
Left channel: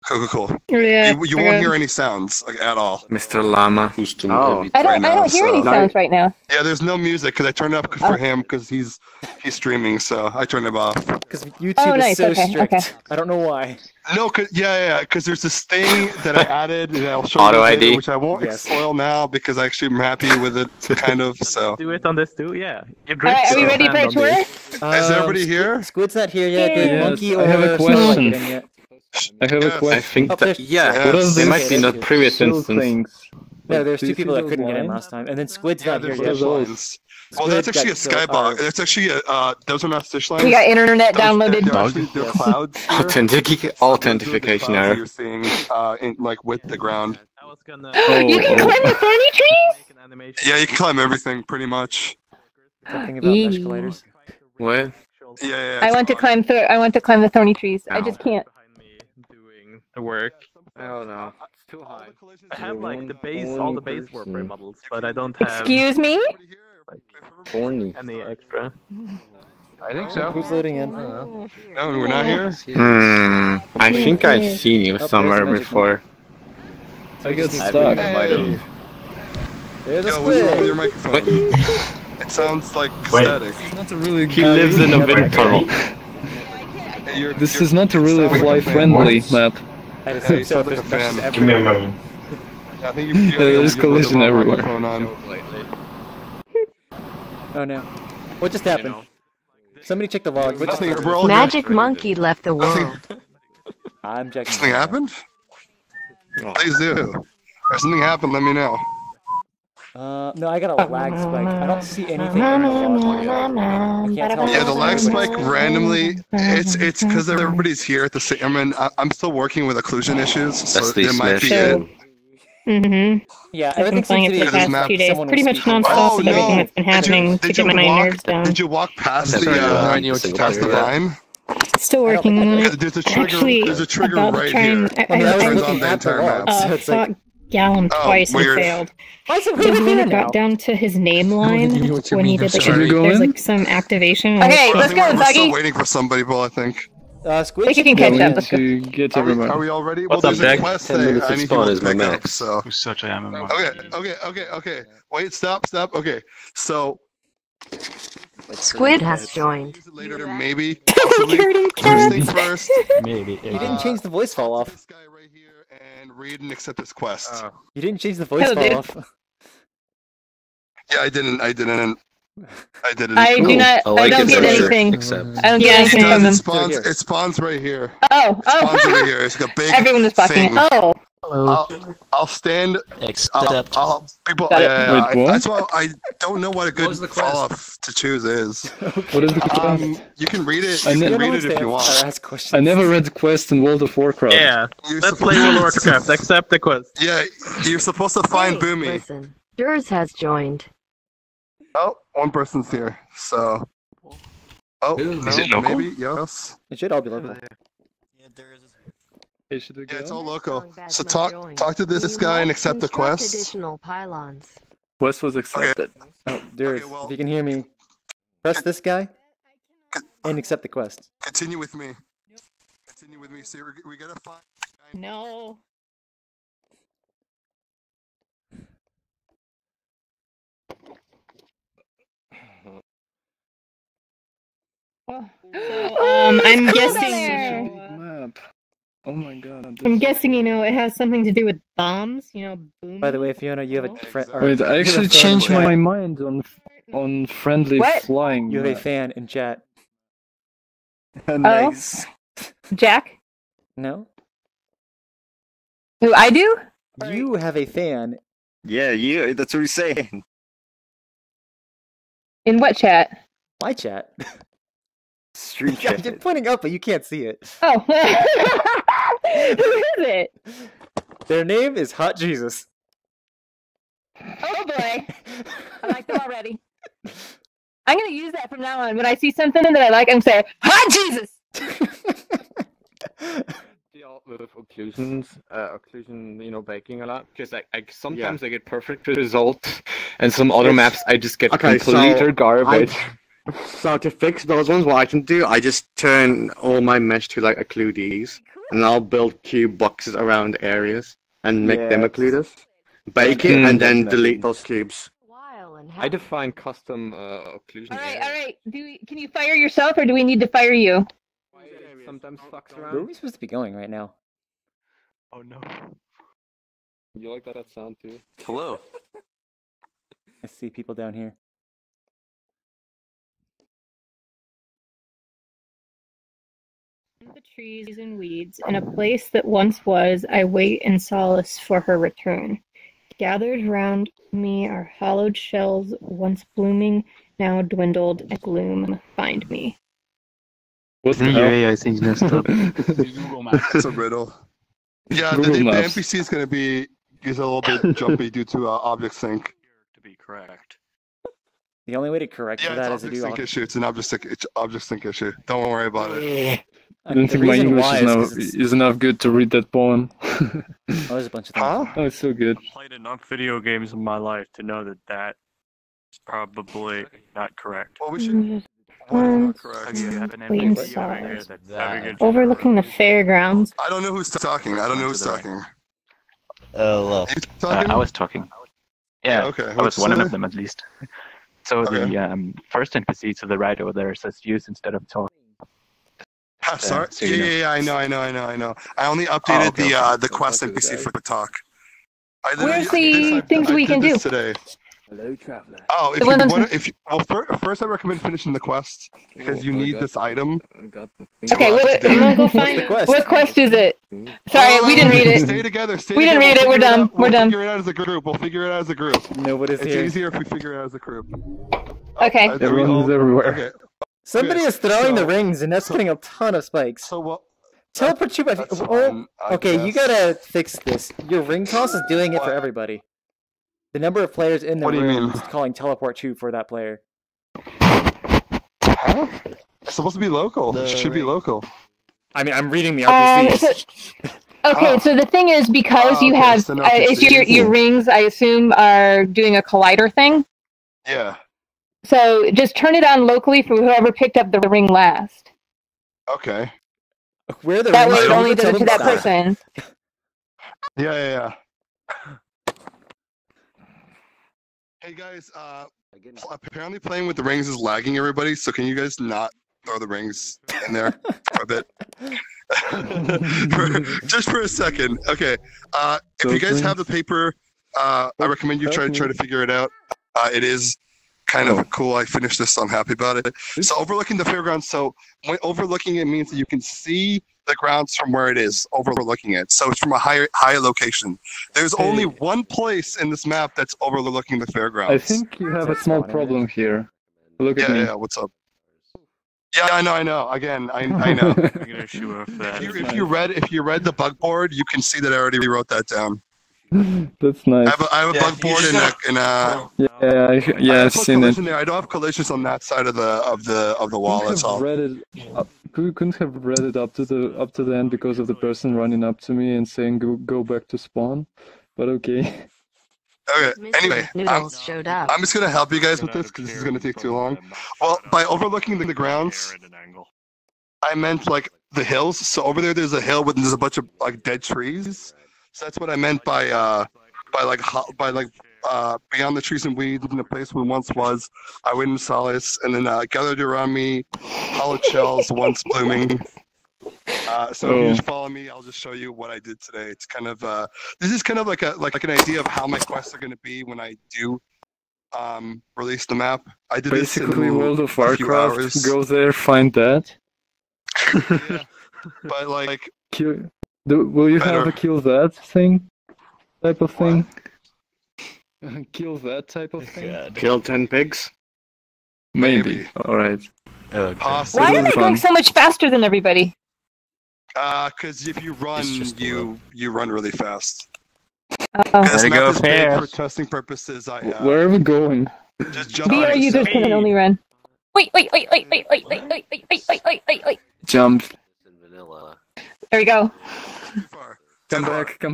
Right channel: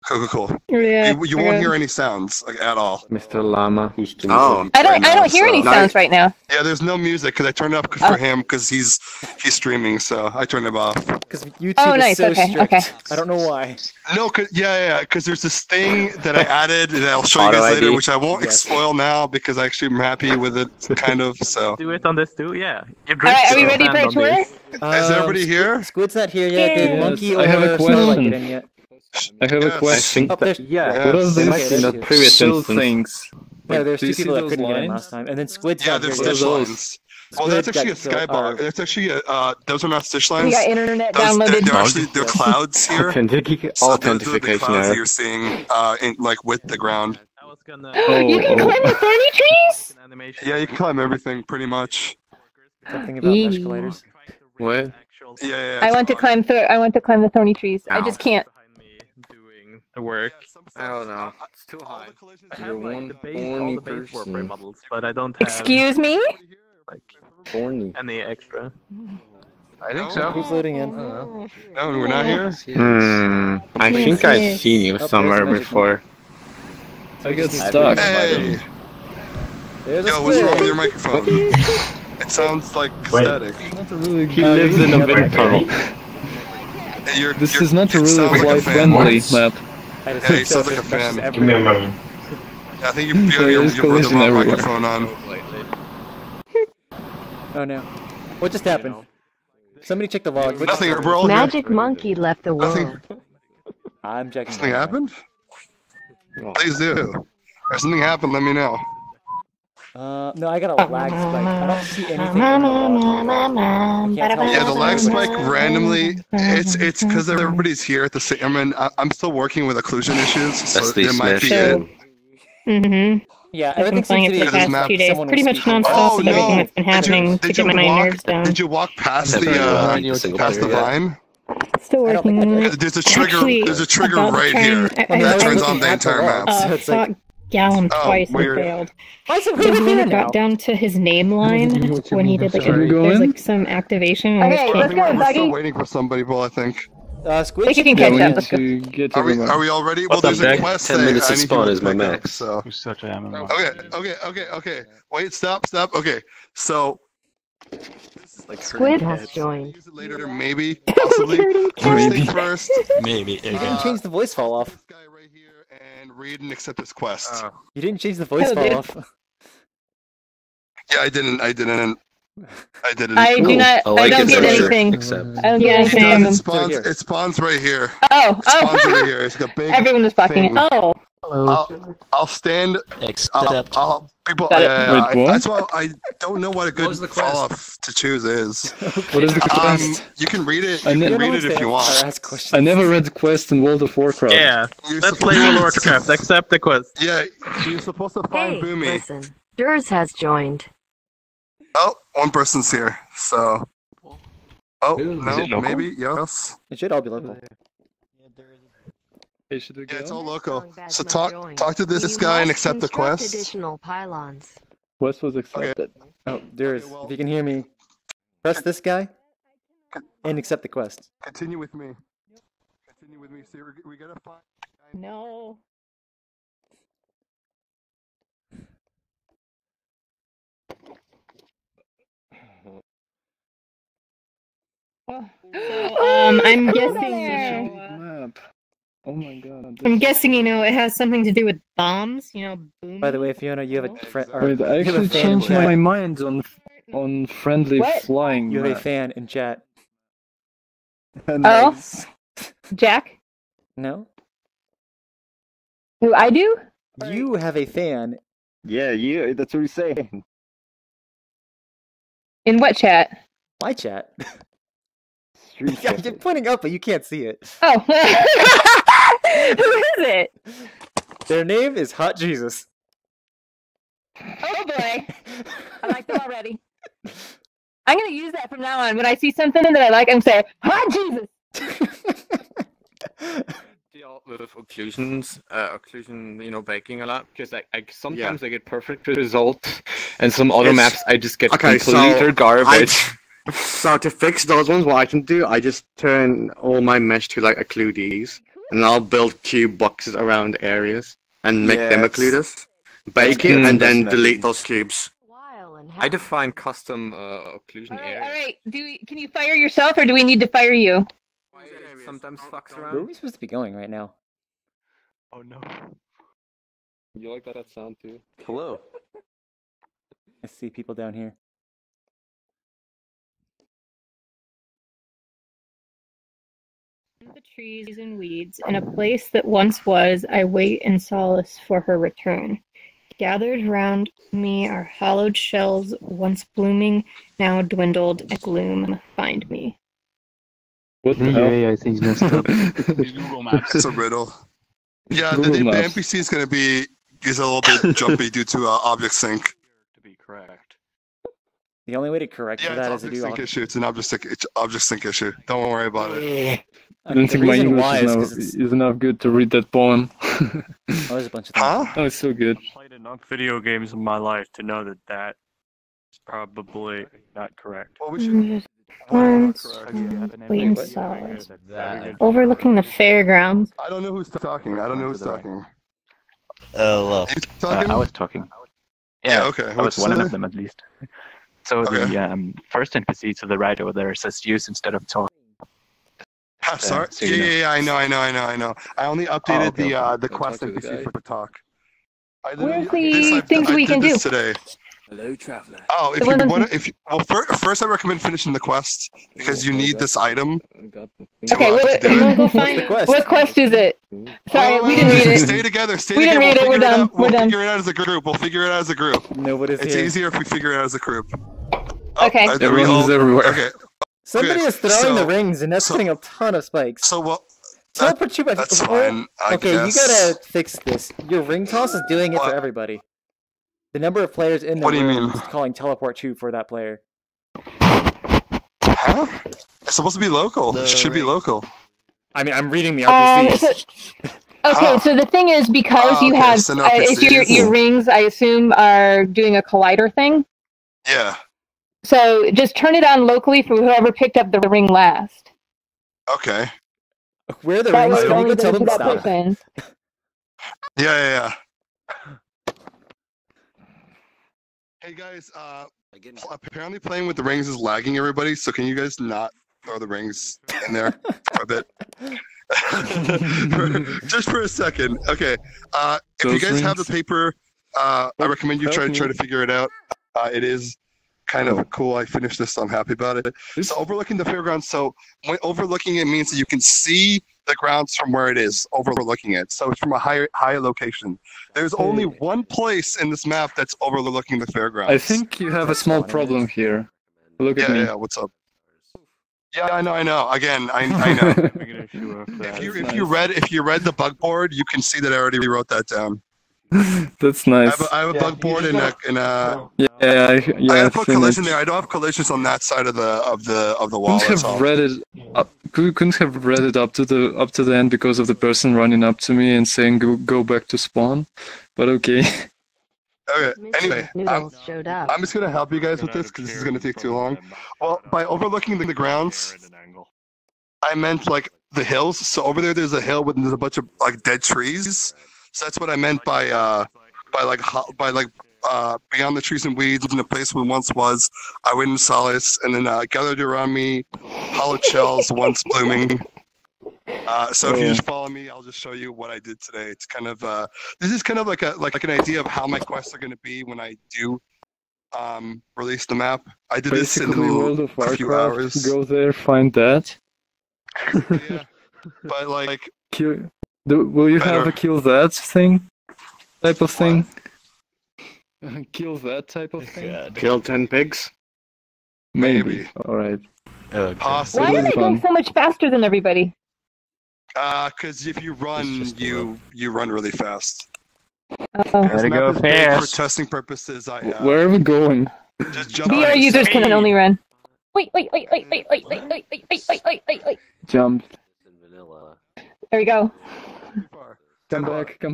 Cool. Yeah, you won't hear any sounds like at all. Mr. Llama. Oh, I don't hear any sounds right now. Yeah, there's no music because I turned it up for him because he's streaming, so I turned it off. Because YouTube is so strict. Okay. I don't know why. No, because there's this thing that I added and I'll show you guys later, which I won't spoil now because I actually am happy with it, kind of. So do it on this too, yeah. Are you ready for a tour? Is everybody here? Squid's not here yet. Did Monkey or Starlight get in yet? I have a question. Oh, there's, What are those in the previous things? No, there's two people that couldn't get in last time, and then Squid's not here yet. Well, that's actually a skybar. That's actually those are not stitch lines. We got internet downloaded. They're clouds here. Authentication error. You're seeing with the ground. You can climb the thorny trees? Yeah, you can climb everything pretty much. Something about mesh colliders. What? Yeah. I want to climb the thorny trees. I just can't. The work. I don't know. It's too high. I have like all the base warframe models, but I don't have. Excuse me? Any extra. I think so. Who's loading in? No, we're not here. I think I've seen you somewhere before. I get stuck. Hey. There's a Squid. Your Squid. microphone. It sounds like static. He lives in a wind tunnel. This is not a really fly-friendly map. I just so it crashes I think There's collision everywhere. Oh no. What just happened? Somebody check the log. What just happened? Magic Monkey left the world. I'm checking. Something happened? Please do. If something happened, let me know. No, I got a lag spike. I don't see anything in the log. I can't tell. Yeah, the lag spike randomly. It's because everybody's here at the same. I mean, I'm still working with occlusion issues, so there might be it. Mm-hmm. Yeah, I've been playing it for the past 2 days, pretty much non-stop with everything that's been happening to get my nerves down. Did you walk past the vine? Still working on it. There's a trigger right here. I fought Gallum twice and failed. The moment got down to his name line when he did there's like some activation. Okay, let's go. We're still waiting for somebody, Bill, I think. Squid, you can catch up. Let's go. Are we all ready? Well, there's a quest 10 minutes to spawn is my max. So. Such a MMO. Okay. Wait, stop. Okay, so. Squid has joined. Later, maybe, possibly. First thing first. Maybe. You didn't change the voice fall off. This guy right here and read and accept this quest. You didn't change the voice fall off. Yeah, I didn't. I do not. I don't get anything. I don't get anything from them. It spawns right here. Oh. It spawns right here. It's like a big. Everyone is blocking. Oh. I'll stand. People. That's why I don't know what a good fall off to choose is. What is the quest? You can read it. You can read it if you want. I never read the quest in World of Warcraft. Yeah, let's play World of Warcraft. Accept the quest. Yeah, you're supposed to find Boomy. Listen, Durs has joined. Oh, one person's here. So. Oh, no, maybe yes. It should all be local. Yeah, it's all local. So talk to this guy and accept the quest. Additional pylons. Quest was accepted. Oh, Durs, if you can hear me, press this guy and accept the quest. Continue with me. See, we gotta find. No. I'm guessing. Map. Oh my god. I'm guessing, it has something to do with bombs, boom. By the way, Fiona, you have a friend. Wait, I actually changed my mind on friendly flying. You have a fan in chat. Nice. Jack? No. Do I do? You have a fan. Yeah, you. That's what he's saying. In what chat? My chat. Street chat. You're pointing up, but you can't see it. Oh. Who is it? Their name is Hot Jesus. Oh boy. I like them already. I'm going to use that from now on. When I see something that I like, I'm going to say, Hot Jesus! With occlusion, baking a lot because I sometimes I get perfect results, and some other maps I just get complete garbage. So to fix those ones, what I can do, I just turn all my mesh to like occludees, and I'll build cube boxes around areas and make them occluders, bake it, and then delete those cubes. I define custom occlusion areas. All right. Can you fire yourself, or do we need to fire you? Sometimes fucks Where are around. we supposed to be going right now? Oh no. You like that sound too? Hello. I see people down here. In the trees and weeds, in a place that once was, I wait in solace for her return. Gathered round me are hollowed shells, once blooming, now dwindled, a gloom, find me. What the hell? I think messed up. It's a riddle. Yeah, the NPC is going to be a little bit jumpy due to object sync. To be correct. The only way to correct for that is to do sync issue. It's an object sync issue. Don't worry about it. I don't think my English is enough good to read that poem. Oh, there's a bunch of things. Oh, it's so good. I've played enough video games in my life to know that that is probably not correct. Well, we should. Wait in solace. Overlooking the fairgrounds. I don't know who's talking. I was talking. Yeah, okay. I was one of them at least. So the first NPC to the right over there says use instead of talk. Sorry. So you know. Yeah, I know. I only updated the quest NPC for talk. Where's the things we can do? Today. Hello, traveler. Oh, if you want to, first I recommend finishing the quest because you need this item. Okay, we'll go find it. What quest is it? Sorry, we didn't read it. Stay together. We didn't read it. We're done. We'll figure it out as a group. Nobody's it's here. It's easier if we figure it out as a group. Okay. Everyone's everywhere. Okay. Somebody is throwing the rings, and that's putting a ton of spikes. So what? Teleport you. That's fine, I okay, guess. you gotta fix this. Your ring toss is doing it for everybody. The number of players in the room is calling teleport you for that player. Huh? It's supposed to be local. It should be local. I mean, I'm reading the RPCs. Okay, so the thing is, because you have, if your rings, I assume, are doing a collider thing. Yeah. So just turn it on locally for whoever picked up the ring last. Okay. Where are the rings? Can you go tell them to stop? Person. Yeah. Hey guys, apparently playing with the rings is lagging everybody, so can you guys not throw the rings in there for a bit? Just for a second. Okay. If you guys have the paper, I recommend you try to figure it out. It is kind of cool. I finished this, so I'm happy about it. So overlooking the fairgrounds. So when overlooking it means that you can see the grounds from where it is, overlooking it. So it's from a higher location. There's only one place in this map that's overlooking the fairgrounds. I think you have a small problem here. Look at me. Yeah, what's up? Yeah, I know. Again, I know. If you read the bug board, you can see that I already wrote that down. That's nice. I have a bug board in a yeah, I've seen collision there. I don't have collisions on that side of the wall. Couldn't have read it up to the end because of the person running up to me and saying go back to spawn. But okay. Okay. Anyway, I'm just gonna help you guys with this because this is gonna take too long. Well, by overlooking the grounds, I meant like the hills. So over there's a hill with there's a bunch of like dead trees. So that's what I meant by beyond the trees and weeds in the place where once was. I went in solace, and then gathered around me, hollowed shells once blooming. So if you just follow me, I'll just show you what I did today. It's kind of this is kind of like an idea of how my quests are going to be when I do release the map. I did basically this in World of a few Warcraft. hours. Go there, find that. but like Will you better. have a kill that thing? Type of thing? Kill that type of thing? Kill 10 pigs? Maybe. Alright. Possibly. Why am I going so much faster than everybody? Because if you run, you run really fast. Oh. This There you map go, is big for fast. testing purposes. Where are we going? Just jump. VR users can only run. Wait. Wait. Jump. There we go. Come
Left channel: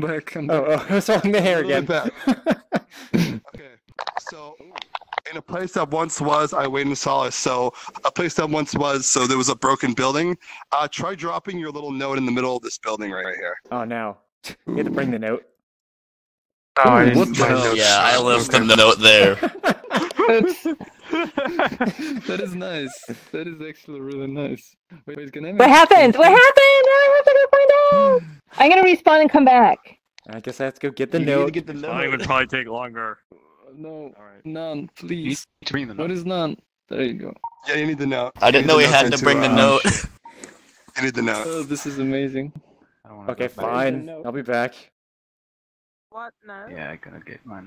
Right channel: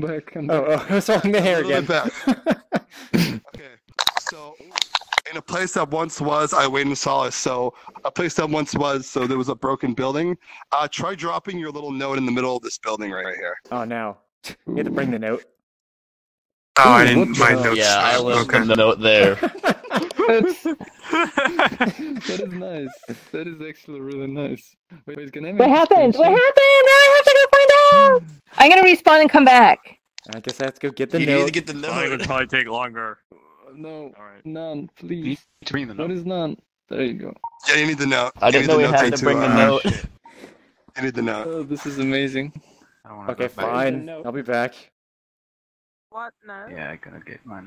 back. Oh, I was holding the hair again. Okay, so in a place that once was, I wait in solace. So a place that once was, so there was a broken building. Try dropping your little note in the middle of this building right here. Oh no. You had to bring the note. Oh, I didn't bring notes. Yeah, I left the note there. That is nice. That is actually really nice. Wait, can I What happened? What happened? I have to go find out. I'm gonna respawn and come back. I guess I have to go get the You note. need to get the note. Mine would probably take longer. No, none, please. Bring the note. What is none? There you go. Yeah, you need the note. I didn't know we You need had the to bring the note. You need the note. Oh, this is amazing. Okay, fine. I'll be back. What? No. Yeah, I gotta get mine.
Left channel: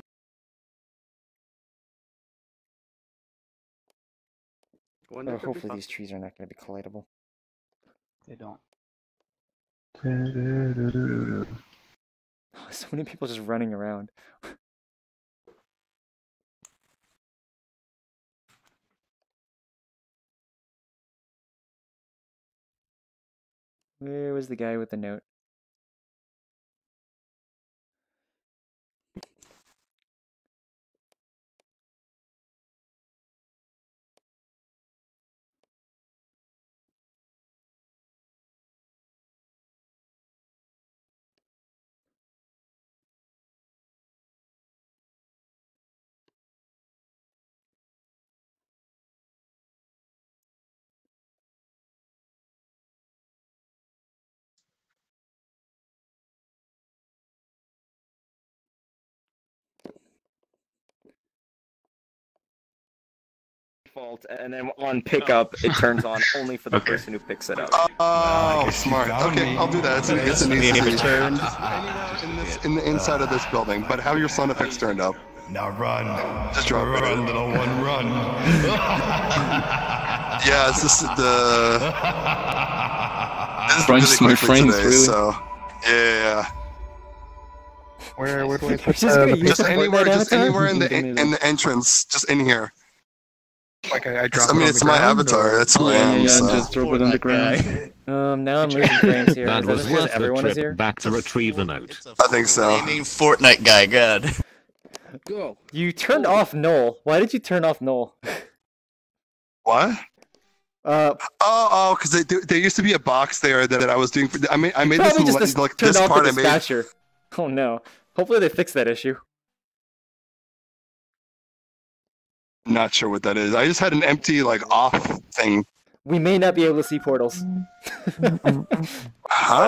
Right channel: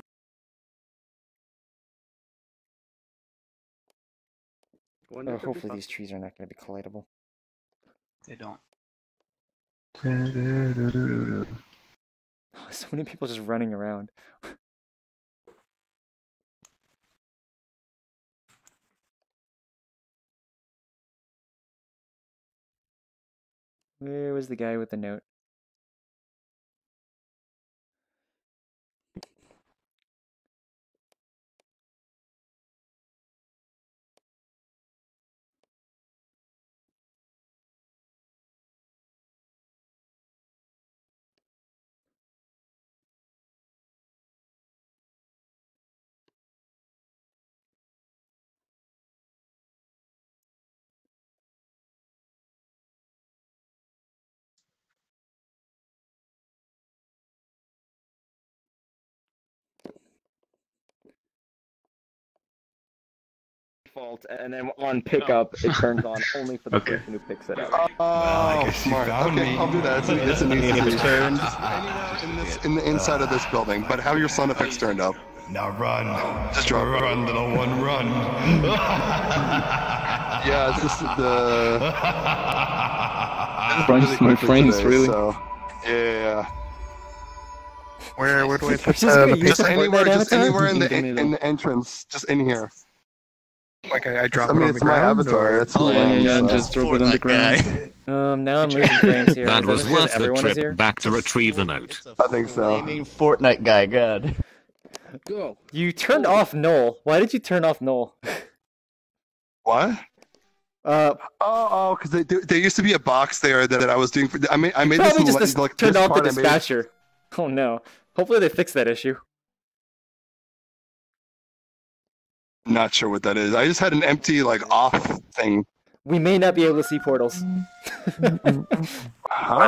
Oh, hopefully these trees are not going to be collidable. They don't. So many people just running around. Where was the guy with the note? Default, and then on pickup, it turns on only for the person who picks it up. Oh, smart. Okay, I'll do that. It's an easy turn. Anywhere in the inside of this building, but have your sound effects turned up. Now run. Just drop it. Run, little one, run. Yeah, it's just the. Friends, my friends, today, really. So, yeah. Where do I Just anywhere in the entrance, just in here. Like I drop I mean, it on it's the my ground? avatar. Or? That's who I am. Yeah, so. just drop it on the ground. Now I'm losing frames here. That Is that was just because worth the everyone is trip here? back to retrieve the note. I think so. Flaming Fortnite guy, God. Go. You turned off Null. Why did you turn off Null? What? Because there used to be a box there that I was doing. I made this Probably just like turned this off the part I made. dispatcher. Oh no. Hopefully they fix that issue. Not sure what that is. I just had an empty off thing. We may not be able to see portals. Huh?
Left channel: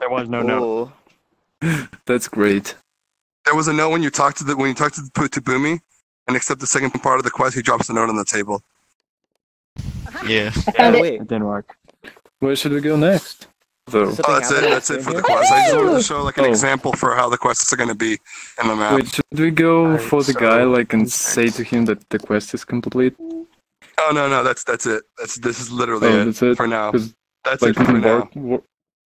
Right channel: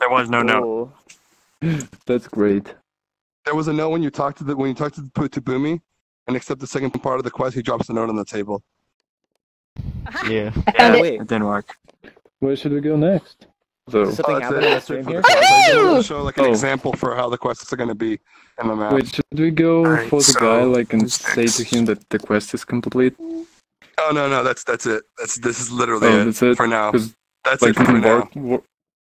There was no note. That's great. There was a note when you talk to Boomy, and accept the second part of the quest. He drops the note on the table. Yeah. Wait. It didn't work. Where should we go next? So, That's it for the quest. I just want to show an example for how the quests are going to be in the map. wait, should we go Alright, for the so- guy and say to him that the quest is complete? Oh no, that's it. This is literally Oh, it that's it? for now. 'Cause, That's it for in now.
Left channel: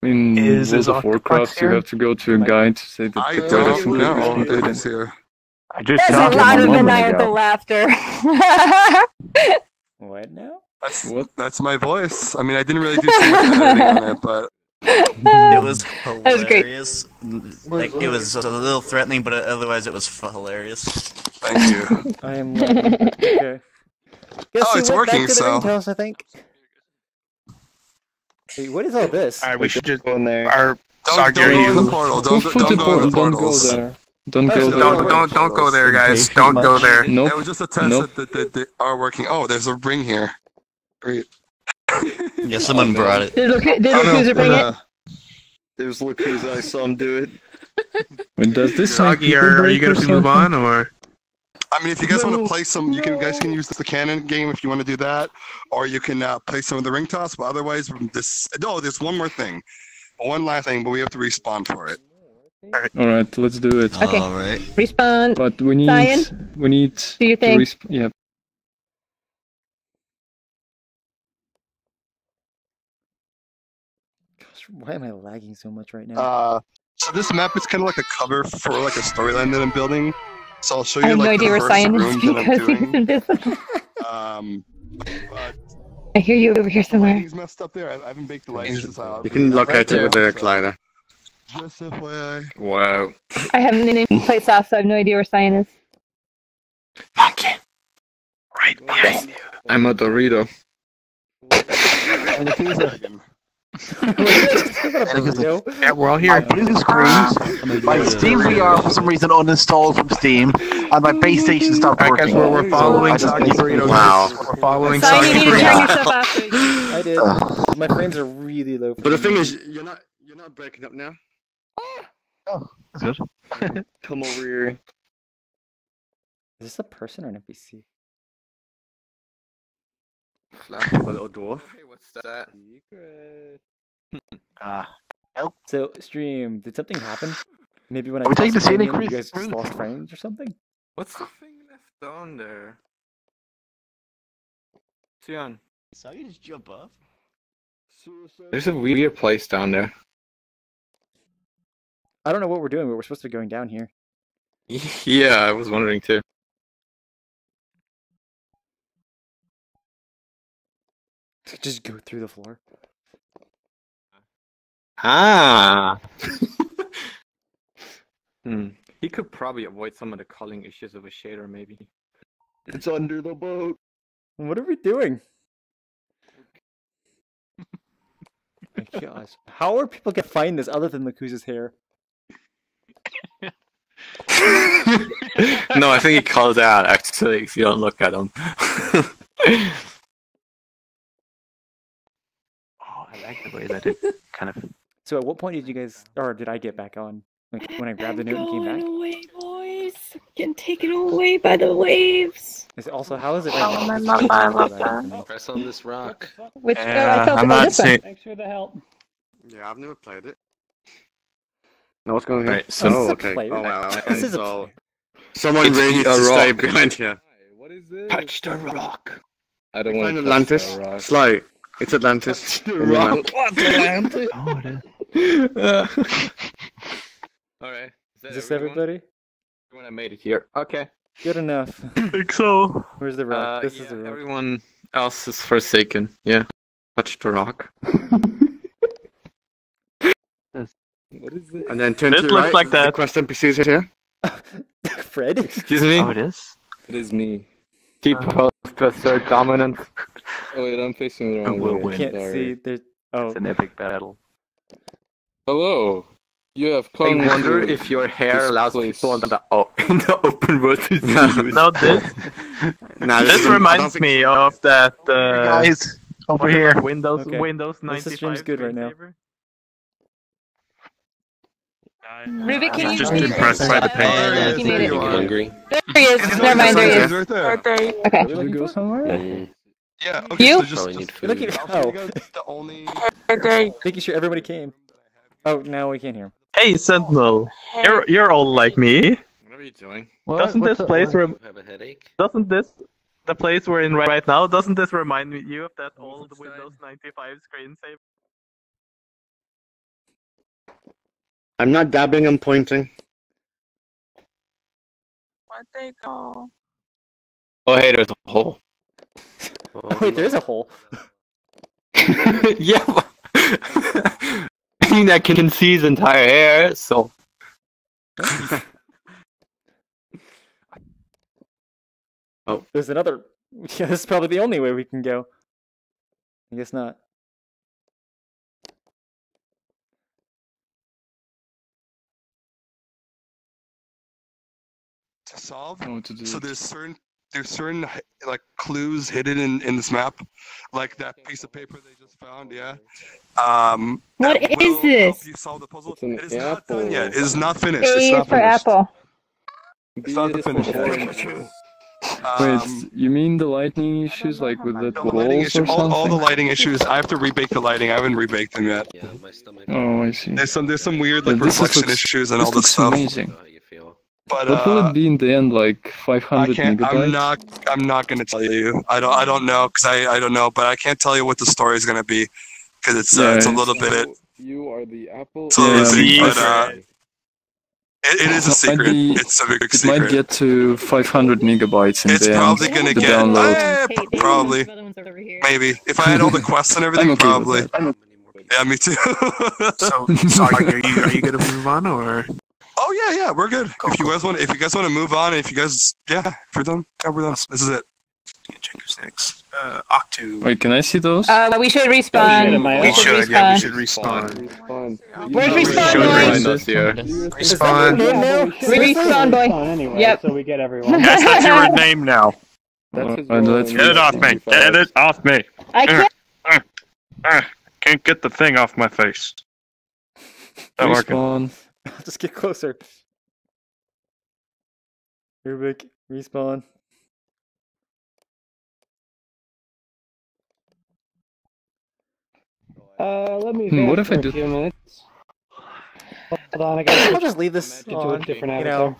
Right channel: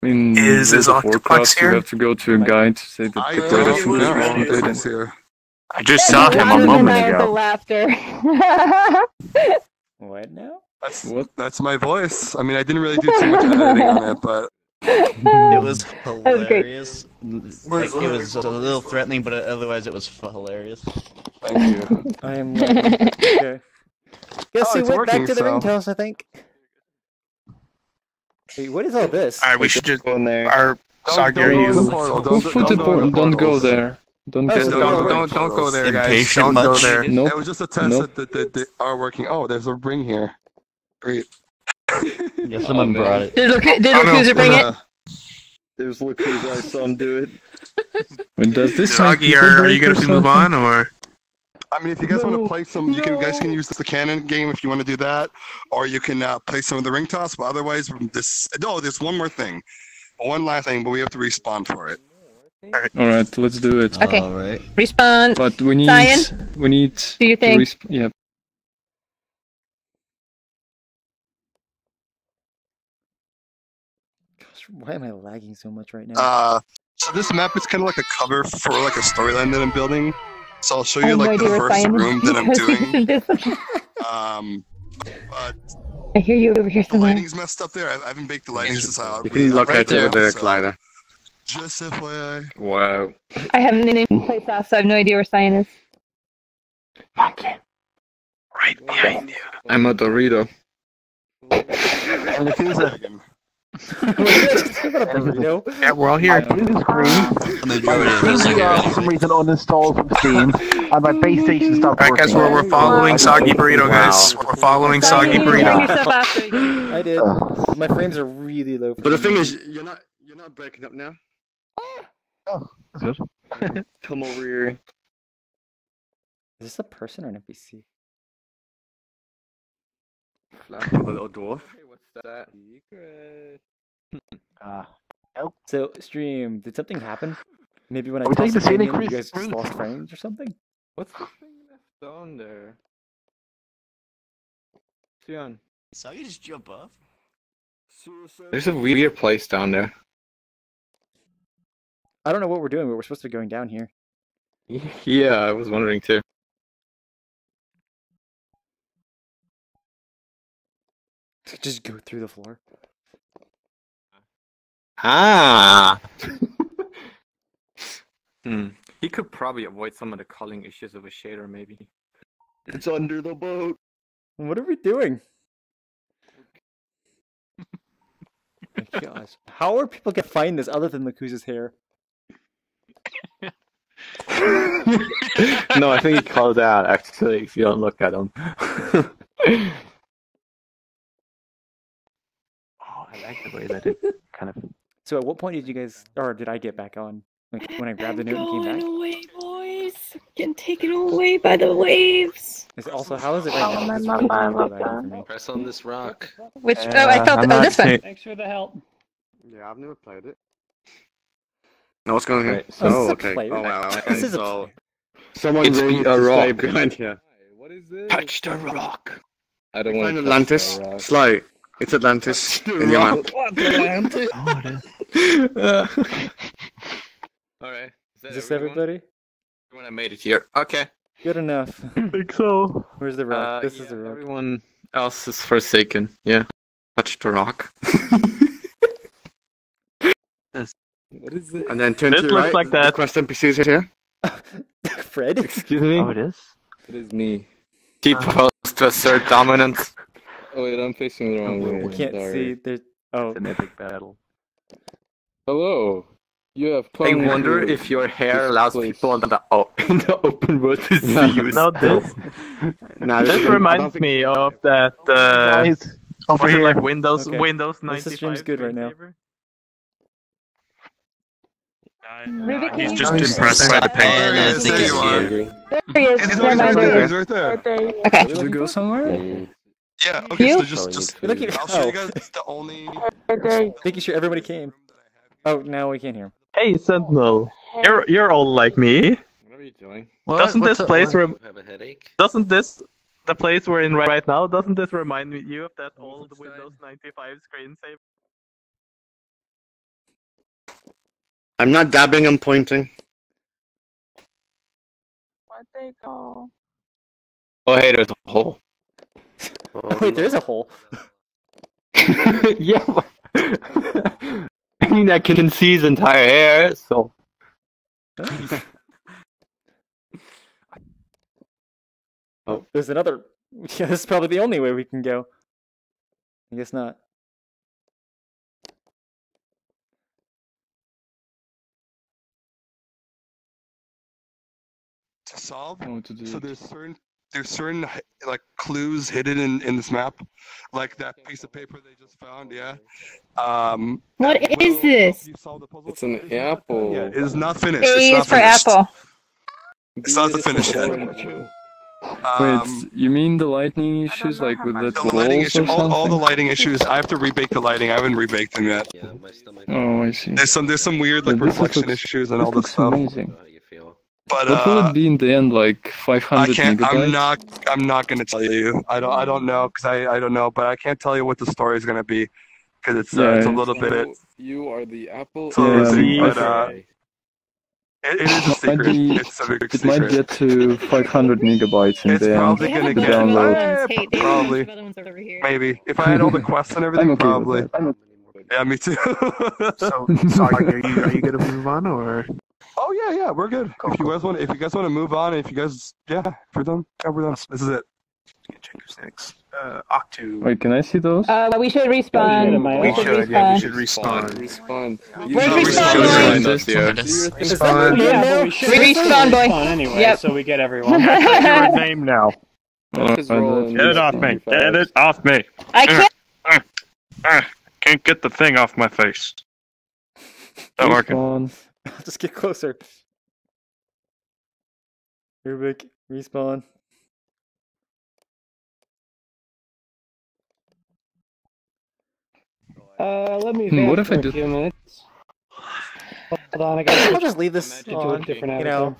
in Is World of Warcraft, you have to go to a guy to say that the quest is don't completely know if completed. it's here. I just There's saw a him lot a of moment maniacal ago. laughter. What now? That's my voice. I mean, I didn't really do too much editing on it, but It was was great. hilarious. Like, it was a little threatening, but otherwise it was hilarious. thank you. I am okay. Guess we it's went back working, to the so- ringtones, I think. Wait, what is all this? Alright, we should just go in there. Our Don't go in the portal. Don't go in the Don't go portals. there. Don't Oh, go so there. don't go there, guys. Don't go there. Nope. That was just a test Nope. that they are working. Oh, there's a ring here. Great. Yeah, someone brought it. Did Lucuza bring it? It was Lucuza. I saw him do it. Wait, does this make Soggy, people are you break or going to move something? on, or? I mean, if you guys want to play some, you guys can use the cannon game if you want to do that, or you can play some of the ring toss. But otherwise, there's one more thing, one last thing, but we have to respawn for it. All right, let's do it. Okay. All right. Respawn. But we need Cyan? do you Do your thing. Yeah. Gosh, why am I lagging so much right now? So this map is kind of like a cover for like a storyline that I'm building. So I'll show I you have no like idea the where first Cyan is room that I'm doing. But I hear you over here The somewhere. lighting's messed up there. I haven't baked the lighting since out. You can locate it with the glider. Just FYI. Wow. I haven't been in place off, so I have no idea where Cyan is. Right behind you. I'm a Dorito. Yeah, we're all here. Blue screens. My Steam are for some reason uninstalled from Steam, and my base station stopped working. Guess what? We're following Soggy Burrito, guys. We're following Soggy Burrito. I did. My frames are really low. But the thing is, you're not breaking up now. Oh, that's good. Come over here. Is this a person or an NPC? A little dwarf. Hey, what's that? Secret. So, stream, did something happen? Maybe when I Are we taking tossed the the thing scenic in, you route? guys just lost frames or something? What's the thing left on there? Cyan. So you just jump off? There's a weird place down there. I don't know what we're doing, but we're supposed to be going down here. Yeah, I was wondering too. Just go through the floor. Ah! He could probably avoid some of the culling issues of a shader, maybe. It's under the boat. What are we doing? My gosh. How are people gonna find this other than Lakuza's hair? No, I think he calls out, actually, if you don't look at him. I like the way that it kind of. So at what point did you guys, or did I get back on? Like when I grabbed the note and came back? Away, boys. I'm getting taken away by the waves. Also, how is it right now? It's really lagging for me. Press on this rock. Which, I felt it. Oh, this one. Thanks for the help. Yeah, I've never played it. No, what's going on? Right, so- Oh, okay. Play. Oh, wow. Okay. This is a So, play. someone It's really needs a to stay rock. behind here. What is this? Touch the rock. I don't Find want to Atlantis. Sly. It's Atlantis. In your map. Atlantis. Oh, it is. Alright. Is this everybody? Everyone I made it here. Okay. Good enough. I think so. Where's the rock? This is the rock. Everyone else is forsaken. Yeah. Touch the rock. What is this? And then turn This to the looks right. like The that. quest NPCs here. Fred? Excuse me? Oh, it is? It is me. Keep close to assert dominance. Oh wait, I'm facing the wrong way. I can't see. There's. Oh. It's an epic battle. Hello. You have I come wonder to if your hair this allows place. people in the open world to see you. Not this. Nah, This I don't reminds think- me of that. Guys, over was it here. like Windows Okay. Windows 95. This stream's good right now. screensaver? Ruby, can you Just just impressed by the There he penguin. is, there you are. Angry. There he is. He's Never mind. right there. There he is. He's right there. Okay. Did we go somewhere? Yeah, okay, You? so just You're looking. I'll show Oh, you guys the only... making sure everybody came. Oh, now we can't hear him. Hey Sentinel, you're all like me. What are you doing? Doesn't this place Have a headache? doesn't this the place we're in right now? Doesn't this remind you of that old Windows 95 screensaver? I'm not dabbing, I'm pointing. Where'd they go? Oh hey, there's a hole. Oh, wait, there is a hole. Yeah. I mean, I can see his entire hair, so. Oh, there's another. Yeah, this is probably the only way we can go. I guess not. To solve? I know what to do. So there's certain like clues hidden in this map, like that piece of paper they just found. Yeah. What that is will this? help you solve the puzzle. It's an It is not apple. done yet. It is not finished. A It's is not for finished. apple. It's not the Beautiful finish yet. orange. Wait, you mean the lighting issues, like with the walls or something? All the lighting issues. I have to rebake the lighting. I haven't rebaked them yet. Oh, I see. There's some weird like reflection issues and all this stuff. Amazing. But what will it be in the end? Like 500 megabytes? I'm not gonna tell you. I don't know because I don't know. But I can't tell you what the story is gonna be because it's a little bit. You are the Apple. It's a little bit, but it is a secret. It's a big secret. It might get to 500 megabytes in the end. It's probably gonna get download. probably maybe if I had all the quests and everything, probably. Yeah, me too. so are you gonna move on or? Oh yeah, we're good. If you guys want to move on, if we're done. Yeah, we're done. This is it. Check who's next. Octu. Wait, can I see those? We should respawn. We should respawn. Where's respawn, boy? Respawn, boy. Anyway, Yep. so we get everyone. That's your name now. Get it off me. Get it off me. I can't. Can't get the thing off my face. Not working. I'll just get closer. Rubik, respawn. Let me what if I do? A few minutes. Hold on, I'll just leave this on. You know,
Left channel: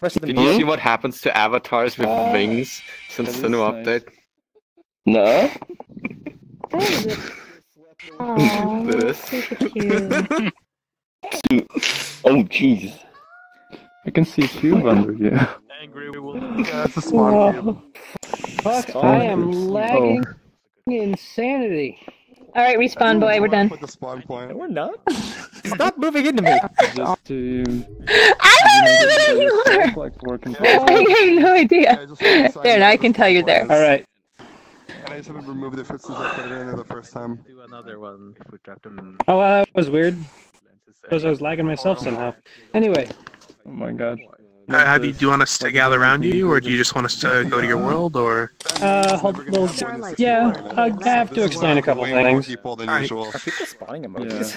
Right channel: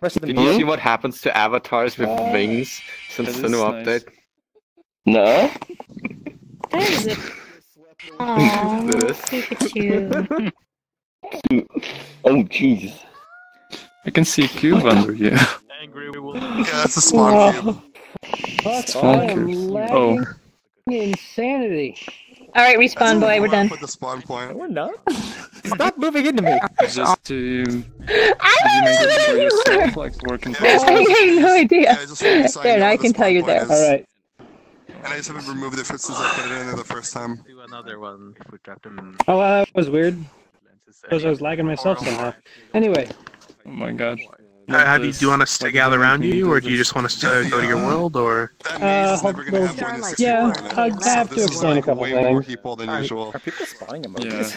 rest of the Did you see what happens to avatars with wings since the new update? No. Oh jeez. I can see a cube under you. Yeah, that's a spawn cube. Fuck, I am lagging insanity. All right, respawn, boy. We're done. The spawn point. We're not. Stop moving into me. Just to. I don't know where you like working. I have no idea. Just There, now I can tell you're there. All right. And I just haven't removed it since I put it in there the first time. Do another one. We got them. Oh, that was weird. Because I was lagging myself somehow. Anyway. Oh my god. Do you want us to gather around you, or do you just want us to go to your world, or? Yeah, I have to explain a couple way things. more people than usual. Are people spawning emojis?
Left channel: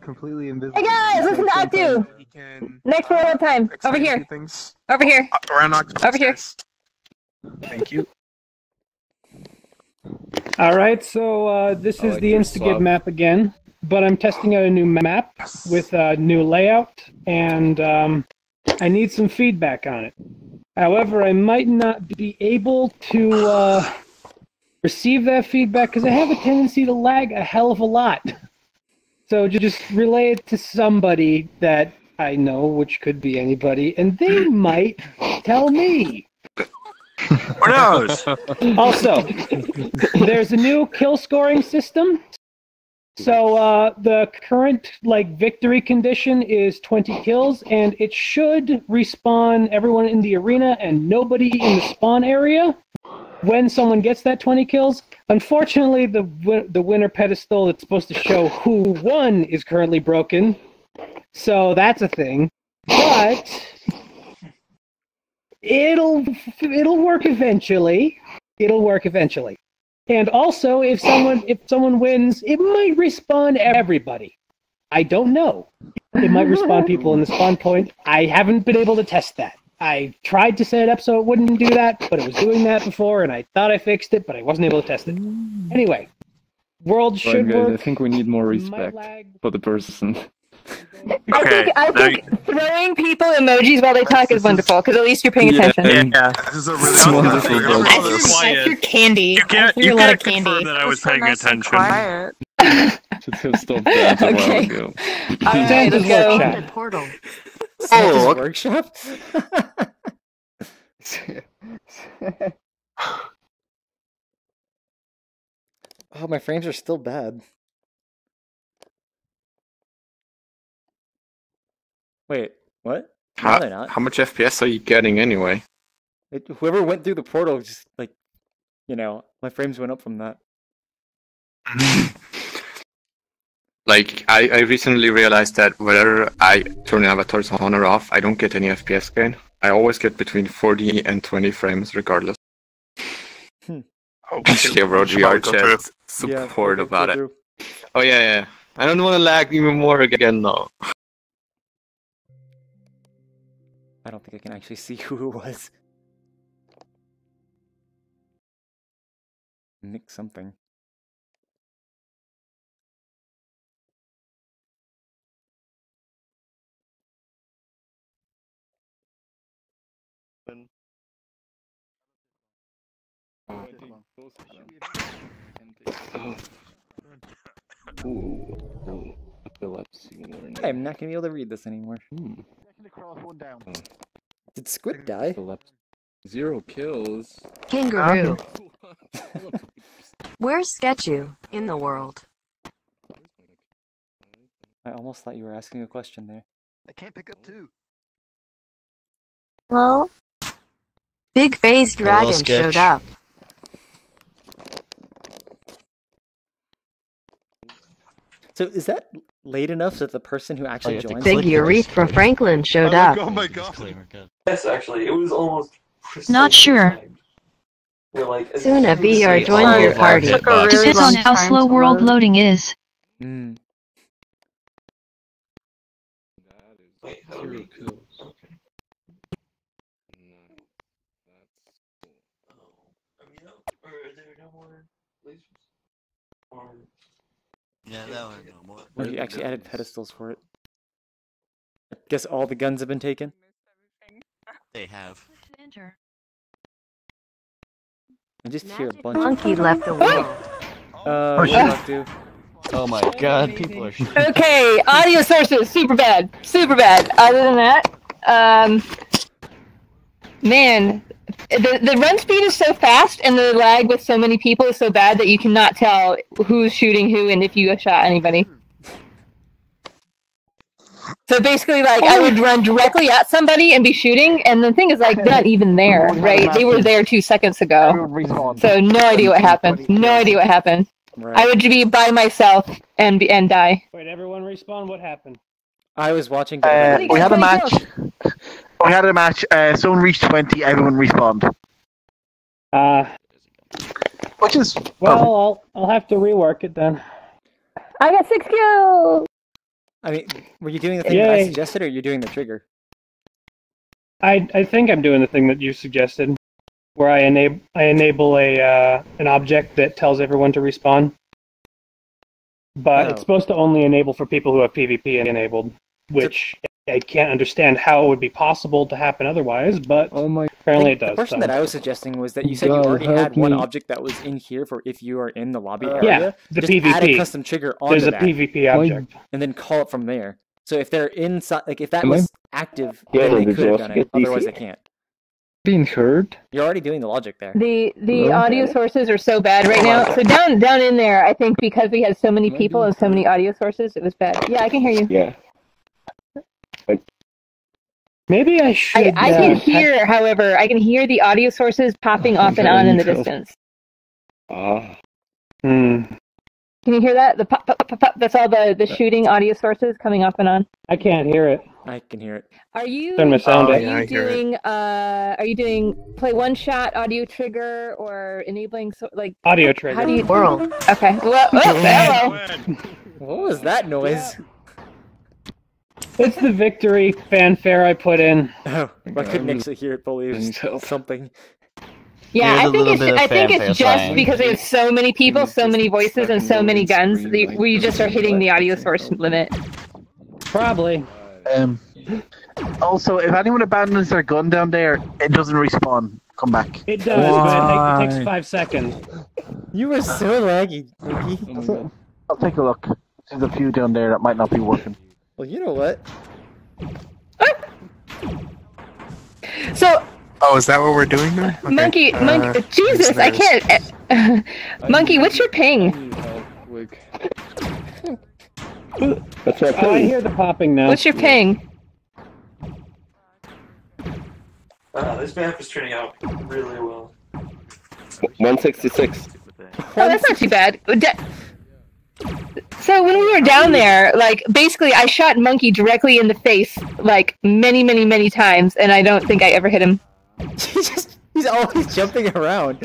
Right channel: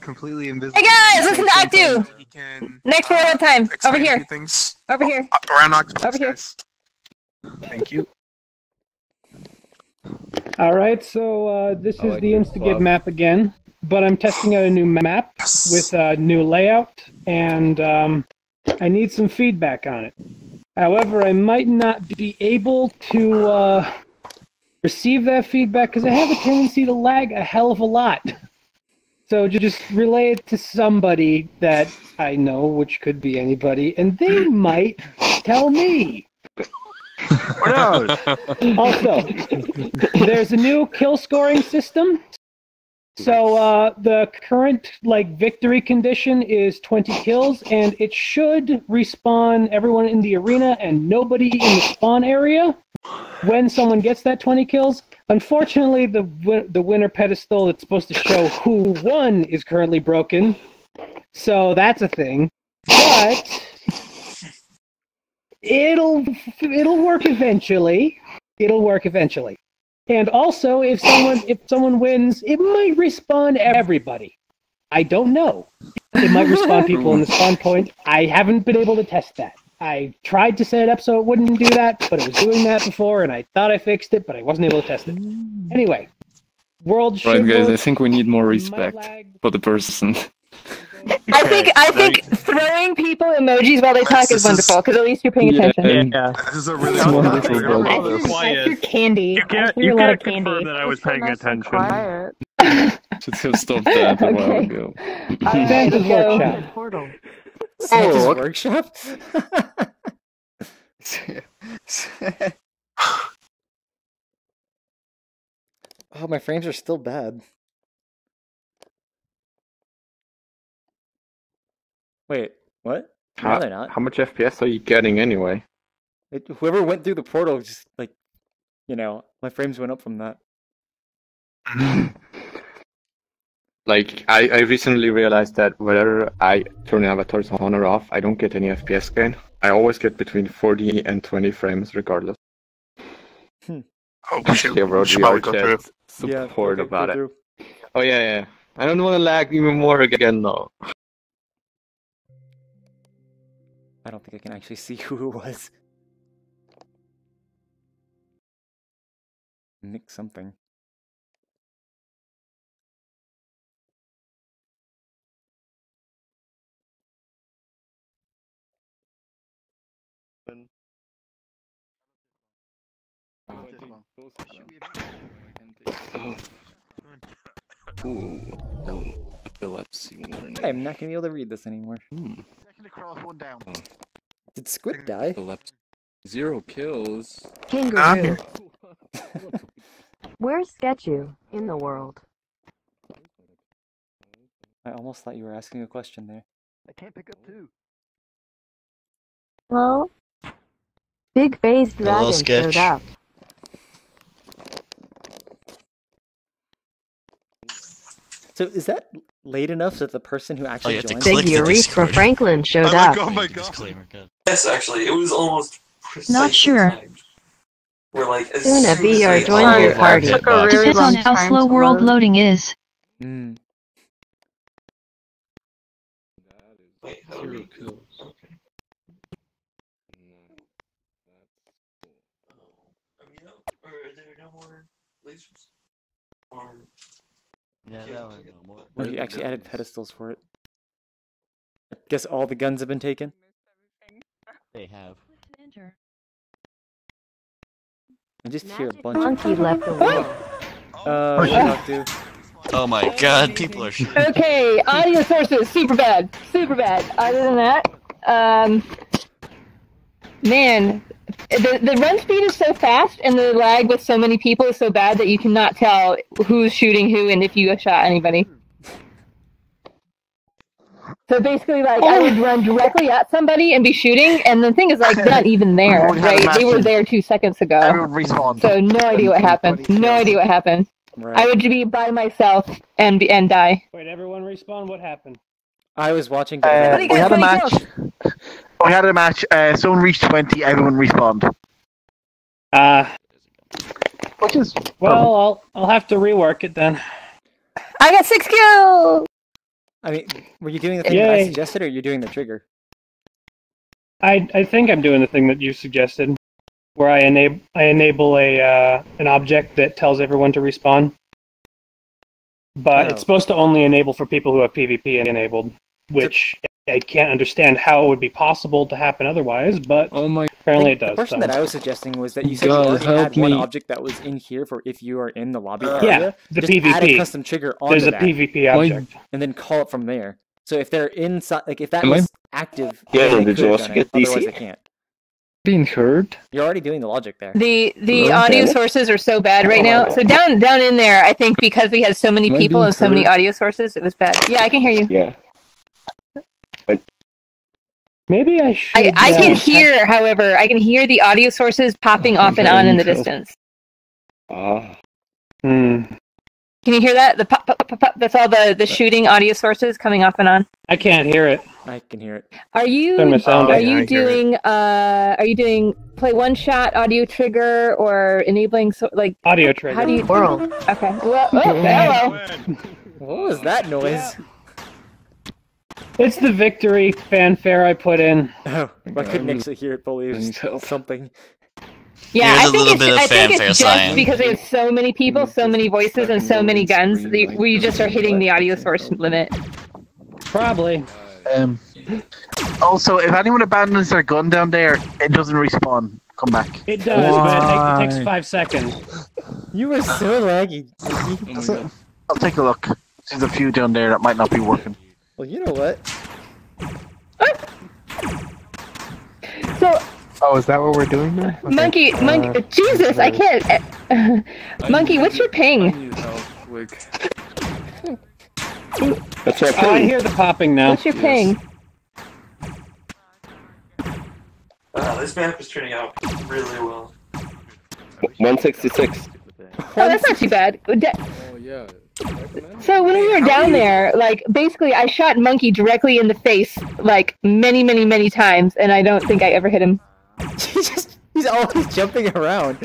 Completely invisible. Hey guys, listen to Octu. Next one on time. Over here. Over here. Around Octopus. Over here. Thank you. Alright, so this is the Instagib map again, but I'm testing out a new map with a new layout, and I need some feedback on it. However, I might not be able to receive that feedback because I have a tendency to lag a hell of a lot. So just relay it to somebody that I know, which could be anybody, and they might tell me. Who knows? Also, there's a new kill scoring system. So the current victory condition is 20 kills, and it should respawn everyone in the arena and nobody in the spawn area when someone gets that 20 kills. Unfortunately, the winner pedestal that's supposed to show who won is currently broken, so that's a thing. But it'll work eventually. It'll work eventually. And also, if someone wins, it might respawn everybody. I don't know. It might respawn people in the spawn point. I haven't been able to test that. I tried to set it up so it wouldn't do that, but it was doing that before, and I thought I fixed it, but I wasn't able to test it. Anyway, world should Right, guys, work. I think we need more respect for the person. I think throwing people emojis while they talk is wonderful, because at least you're paying attention. Yeah. This is a It's wonderful. That's your candy. You can't confirm that I was paying attention. Should have stopped that a while ago. Santa's VRChat. Santa's workshop? Oh, my frames are still bad. Wait, what? No, they're not. How much FPS are you getting anyway? Whoever went through the portal just, my frames went up from that. I recently realized that whether I turn avatars on or off, I don't get any FPS gain. I always get between 40 and 20 frames regardless. Hmm. Oh, I wrote VRChat support about it. Oh yeah. I don't want to lag even more again though. I don't think I can actually see who it was. Nick something. I'm not gonna be able to read this anymore. Did Squid die? 0 kills. Kangaroo. Where's Sketchu in the world? I almost thought you were asking a question there. I can't pick up 2. Hello? Big face dragon showed up. So is that late enough that the person who actually joined? Big Urethra Franklin showed up. Oh my god. Yes, actually, it was almost. Not sure. We're like, Soon a VR joined your party. Took a really long time. How slow world loading is. Mm. Wait, how do we? Okay. Are there no more lasers? Yeah, no, no more. Oh, you actually added pedestals for it. I guess all the guns have been taken? They have. I just hear a bunch Monkey of... left a wall. What did I do? Oh my god, people are shooting. Okay, audio sources, super bad. Super bad. Other than that, man, the run speed is so fast and the lag with so many people is so bad that you cannot tell who's shooting who and if you shot anybody. So basically, like, I would run directly at somebody and be shooting, and the thing is, like, they're not even there, right? They were there 2 seconds ago. So no idea what happened. No idea what happened. Right. I would be by myself and die. Wait, everyone respawn? What happened? I was watching. We had a match. We had a match. Someone reached 20. Everyone respawned. Which is well. I'll have to rework it then. I got 6 kills. I mean, were you doing the thing that I suggested, or you're doing the trigger? I think I'm doing the thing that you suggested, where I enable an object that tells everyone to respawn. But it's supposed to only enable for people who have PvP enabled, which I can't understand how it would be possible to happen otherwise, but apparently it does. The question that I was suggesting was that you said you already had one object that was in here for if you are in the lobby area. Yeah, the just PvP. Add a custom trigger onto There's a PvP object. And then call it from there. So if they're inside, like if that was active, then they could have done it. Otherwise they can't. Being heard? You're already doing the logic there. The audio sources are so bad right now. So down in there, I think because we had so many people and so many audio sources, it was bad. Yeah, I can hear you. Yeah. Maybe I should. I can hear, however, I can hear the audio sources popping off and on in the distance. Can you hear that? The pop, pop, pop, pop, that's all the shooting audio sources coming off and on. I can't hear it. I can hear it. Are you Turn my sound are you doing play one shot audio trigger or enabling audio trigger? How do you world? Okay. Well, hello. What was that noise? It's the victory fanfare I put in. Oh, I couldn't actually hear it fully. It was something. Yeah, I think it's just because there's so many people, so many voices, and so many guns. We just are hitting the audio source limit. Probably. Also, if anyone abandons their gun down there, it doesn't respawn. Come back. It does, but it takes 5 seconds. You were so laggy. I'll take a look. There's a few down there that might not be working. Well, you know what? So. Oh, is that what we're doing now? Okay. Monkey, Jesus, I can't. Monkey, what's your ping? What's your ping? I hear the popping now. What's your ping? This map is turning out really well. 166. Oh, that's not too bad. So when we were down there, like, basically I shot Monkey directly in the face, like, many, many, many times, and I don't think I ever hit him. He's always jumping around.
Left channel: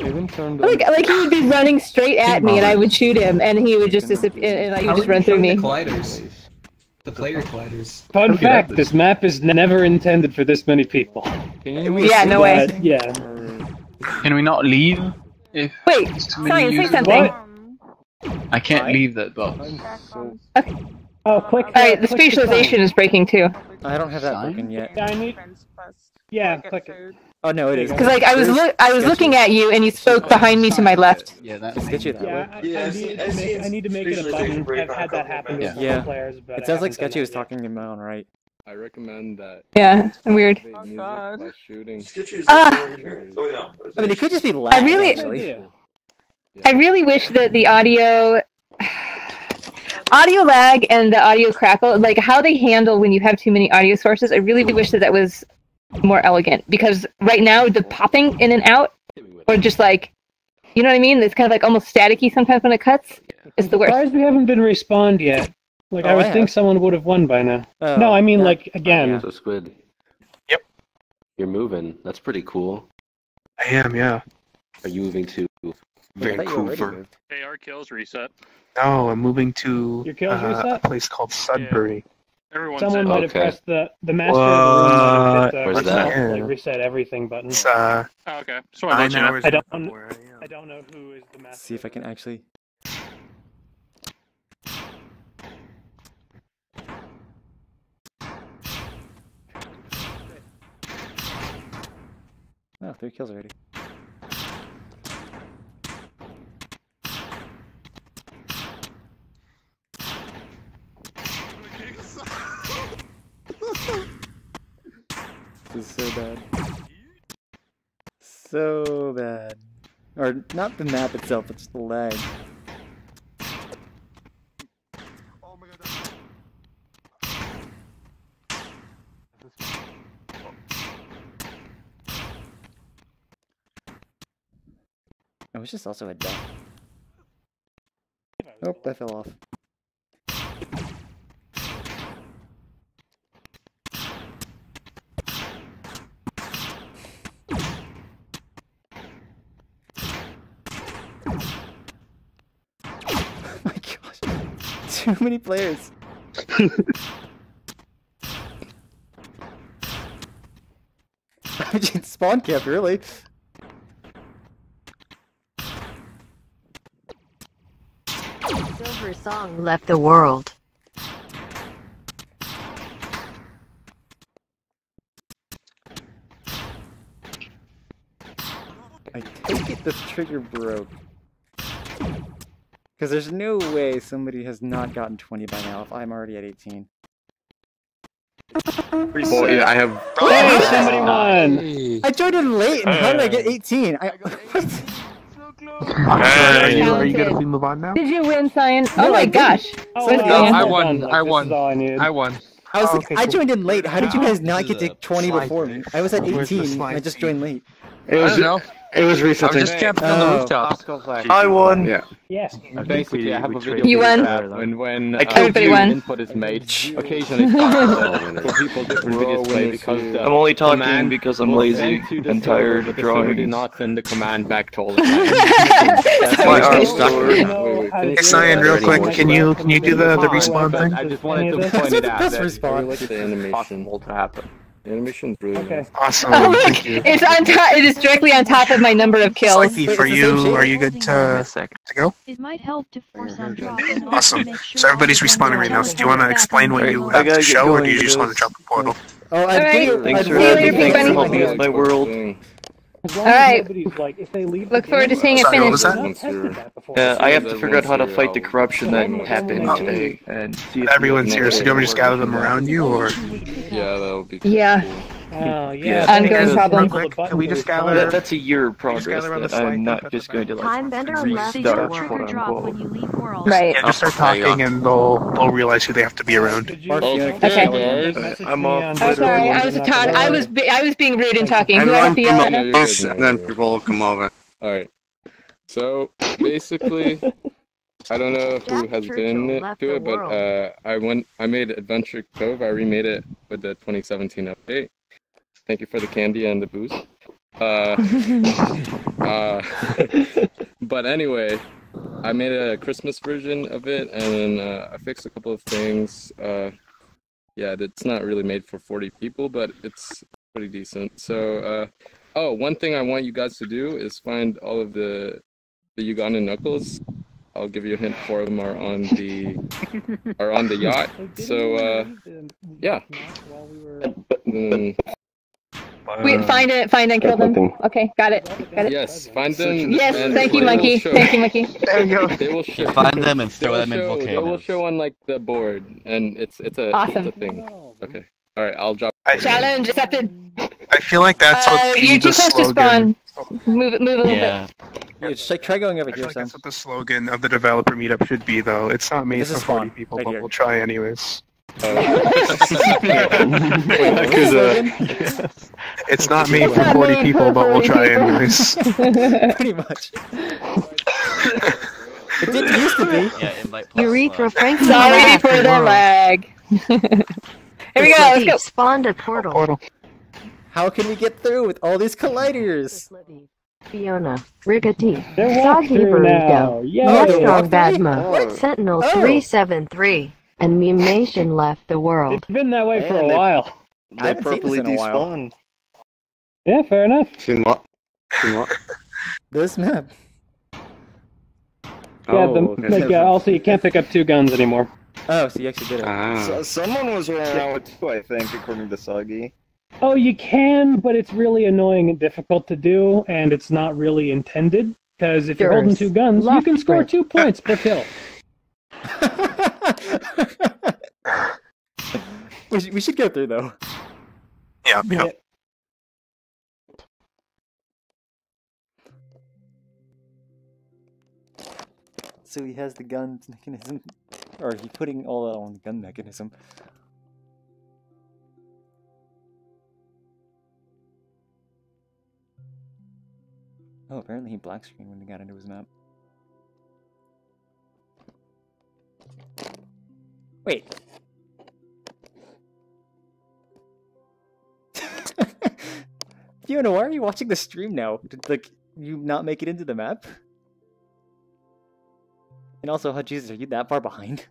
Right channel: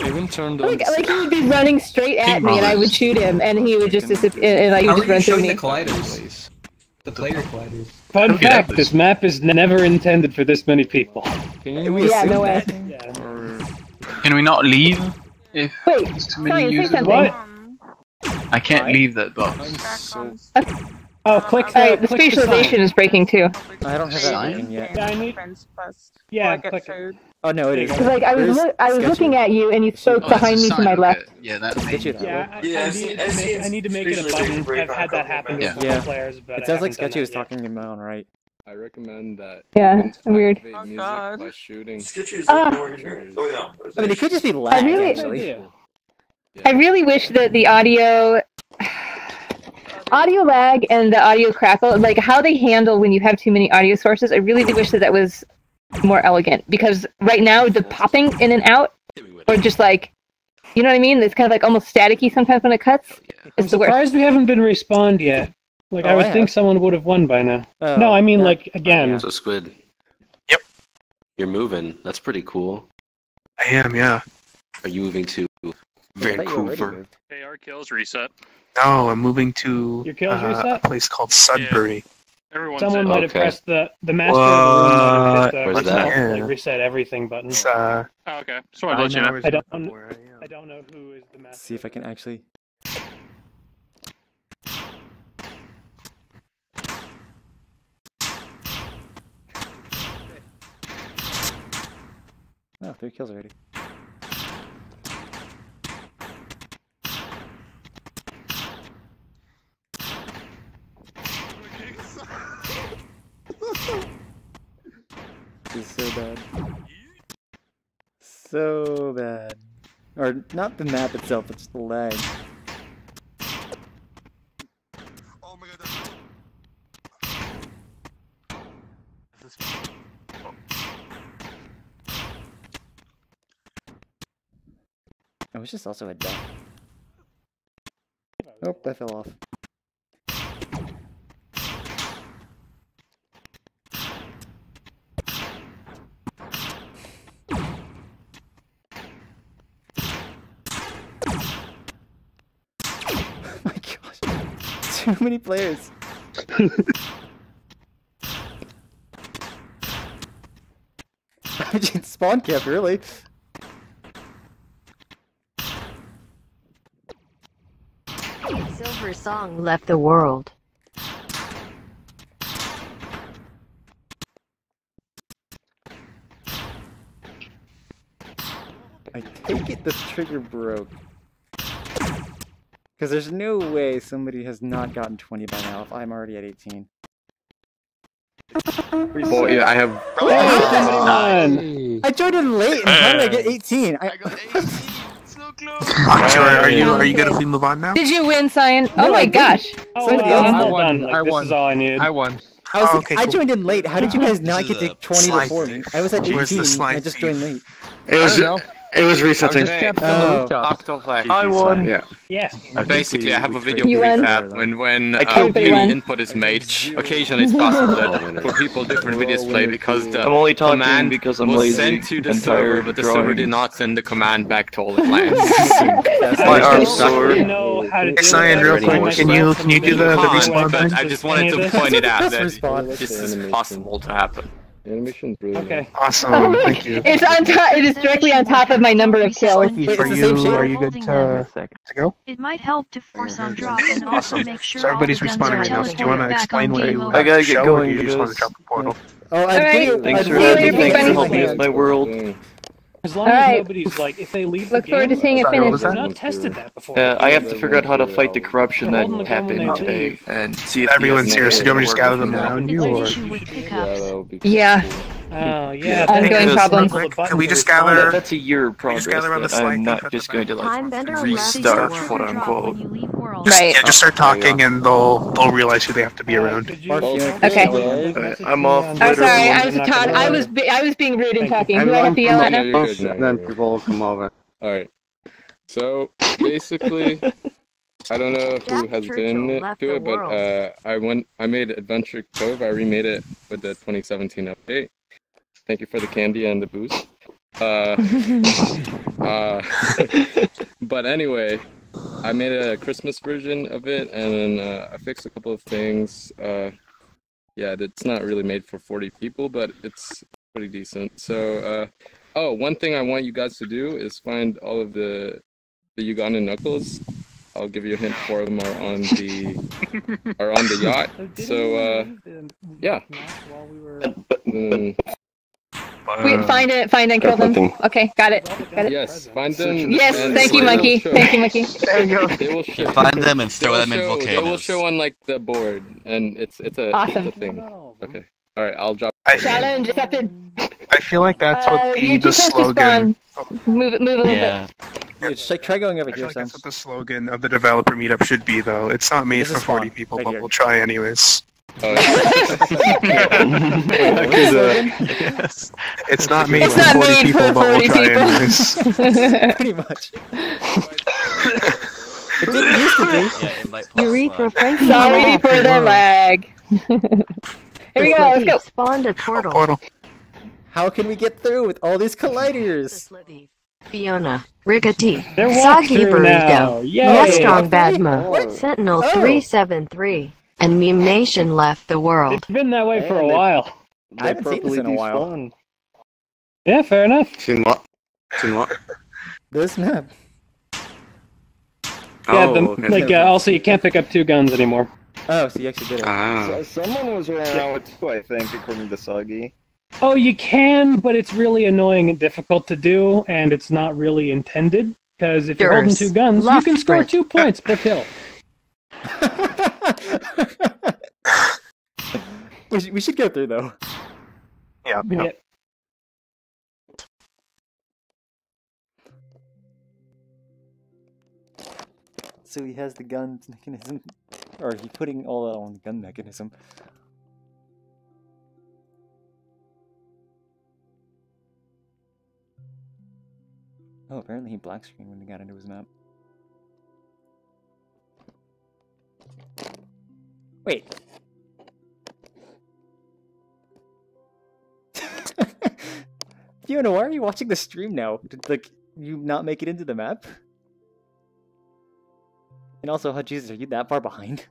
Like he would be running straight at me, and I would shoot him, and he would just disappear, and like, he would just run through me. The player colliders. Fun fact: this map is never intended for this many people. Yeah, no way. Yeah. Can we not leave? if Wait, there's too many Cyan, say users. something. I can't Why? leave that box. Oh, click. Alright, the click spatialization is breaking too. I don't have that working yet. Yeah, I need. Yeah, click it. Oh no, it is. Because like I was looking at you and you spoke behind me to my left. Yeah, that's Just get you that way. I need to make it a button. I've had that happen with Yeah. other players, but It sounds like Sketchy was talking to me on right. I recommend that. Yeah, weird. By shooting. I mean, it could just be lag, actually. I really wish that the audio lag and the audio crackle, like how they handle when you have too many audio sources, I really wish that was more elegant, because right now the popping in and out, or just like, you know what I mean? It's kind of like almost staticky sometimes when it cuts. It's the worst. Surprised we haven't been respawned yet. Like Oh, I would I think have. someone would have won by now. Oh, No, I mean yeah. like again. So Squid. Yep. You're moving. That's pretty cool. I am, yeah. Are you moving to I thought you already Vancouver? moved. Hey, our kills reset. No, I'm moving to Your kills a reset? place called Sudbury. Everyone's Someone in. might have Okay. pressed the master of the room might have Where's hit the that? like reset everything button. It's, Oh, okay. Just wanted to let you know. I don't know who is the master. See if I can actually. Oh, 3 kills already. This is so bad. So bad. Or not the map itself, but just the lag. Oh, it's just also a duck. Oh, that fell off. Oh my gosh. Too many players. Spawn camp, really? Silver Song left the world. I take it this trigger broke. Because there's no way somebody has not gotten 20 by now if I'm already at 18. Well, yeah, I have. I joined in late, and how did I get 18? Are you gonna move on now? Did you win, Cyan? No, Oh my I didn't. gosh. Somebody else I did. won. I won. This is all I need. I won. I was like, okay, I cool. joined in late. How did you guys not get to 20 slide before me? I was at Where's the 18. slide I just joined late. It was resetting. I won. Yeah. Yes. Basically, I have a video You proof won. that when I killed new you. input is made, occasionally it's possible that for people different videos play because the I'm only talking command because I'm was lazy sent to the and server, tired but the server did drawing. not send the command back to all the players. My arm's sore. Hey, Cyan, real quick, can you do the respawn But thing? I just wanted to point it out Let's that respawn. this is possible to happen. The animation's really nice. Awesome, thank you. It's on top. It is directly on top of my number of kills. Sophie, Wait, for it's the same you, shape? are you good to go? It might help to force on drop. Awesome. So everybody's respawning right now. So do you want to explain what you I have gotta to get show, or do going you to just want to this. jump the portal? Oh, All right. Thanks for See you later, having me. Thanks for everybody. helping with my world. As long All as right. nobody's like, if they leave Look the forward to game, seeing it Sorry, what finish. was I've that? not tested that before. I have to figure out how to fight the corruption that happened today and see if Everyone's here, so do you want me to just gather them around you, or? Yeah, that would be Yeah. Oh yeah. Ongoing Real problem. quick, can we just gather? that's a year of Just progress gather around the that slide, I'm not click just at going the to Time bender left the restart, world. quote unquote. Right. Yeah, just start talking, and they'll realize who they have to be around. Okay. I'm off. I'm sorry. I was a Todd. I was being rude and talking. Who I have to yell at now? Then people will come over. Alright. So, basically, I don't know who has been to it, but I made Adventure Cove. I remade it with the 2017 update. Thank you for the candy and the booze. But anyway, I made a Christmas version of it, and then I fixed a couple of things. Yeah, it's not really made for 40 people, but it's pretty decent. So, oh, one thing I want you guys to do is find all of the the Ugandan Knuckles. I'll give you a hint. 4 of them are on the yacht. So yeah. Wait, find it and kill them. Okay, got it. Yes, find them. Yes, and thank you, they will Monkey. show- Thank you, Monkey. There you go. They will show. Find them and throw them in They will volcanoes. show on like the board, and it's a Awesome. thing. Okay. All right. I'll drop. Challenge accepted. I feel like that's what You the two can slogan. spawn. Move a little Yeah, just like try going over I feel here, like Sam. that's what the slogan of the developer meetup should be, though. It's not made This for is 40 spawn, people, right but here. we'll try anyways. Wait, what is the slogan? It's not made It's for not 40 made people, for but we'll 40 try people. anyways. Pretty much. It didn't used to be. Yeah, invite plus Urethra Frank. Sorry for the lag. Here we go. Let's go. Spawned a portal. How can we get through with all these colliders? Fiona, Rickety, They're Soggy walkthrough now. Burrito, Yay. Mustang walkthrough? Badma, What? Sentinel Oh. 373, and Memation left the world. It's been that way for a while. I haven't seen this in a while. Yeah, fair enough. Seen what? Seen what? This map. Also, you can't pick up 2 guns anymore. Oh, so you actually did it. Ah. Someone was around with 2, I think, according to Soggy. Oh, you can, but it's really annoying and difficult to do, and it's not really intended. Because if you're holding Yours. 2 guns, you Left can score sprint. 2 points per kill. We should go through though. Yeah. Yep. So he has the gun mechanism, or he's putting all that on the gun mechanism. Oh, apparently he black screened when he got into his map. Wait. Fiona, why are you watching the stream now? Did like you not make it into the map? And also, oh Jesus, are you that far behind?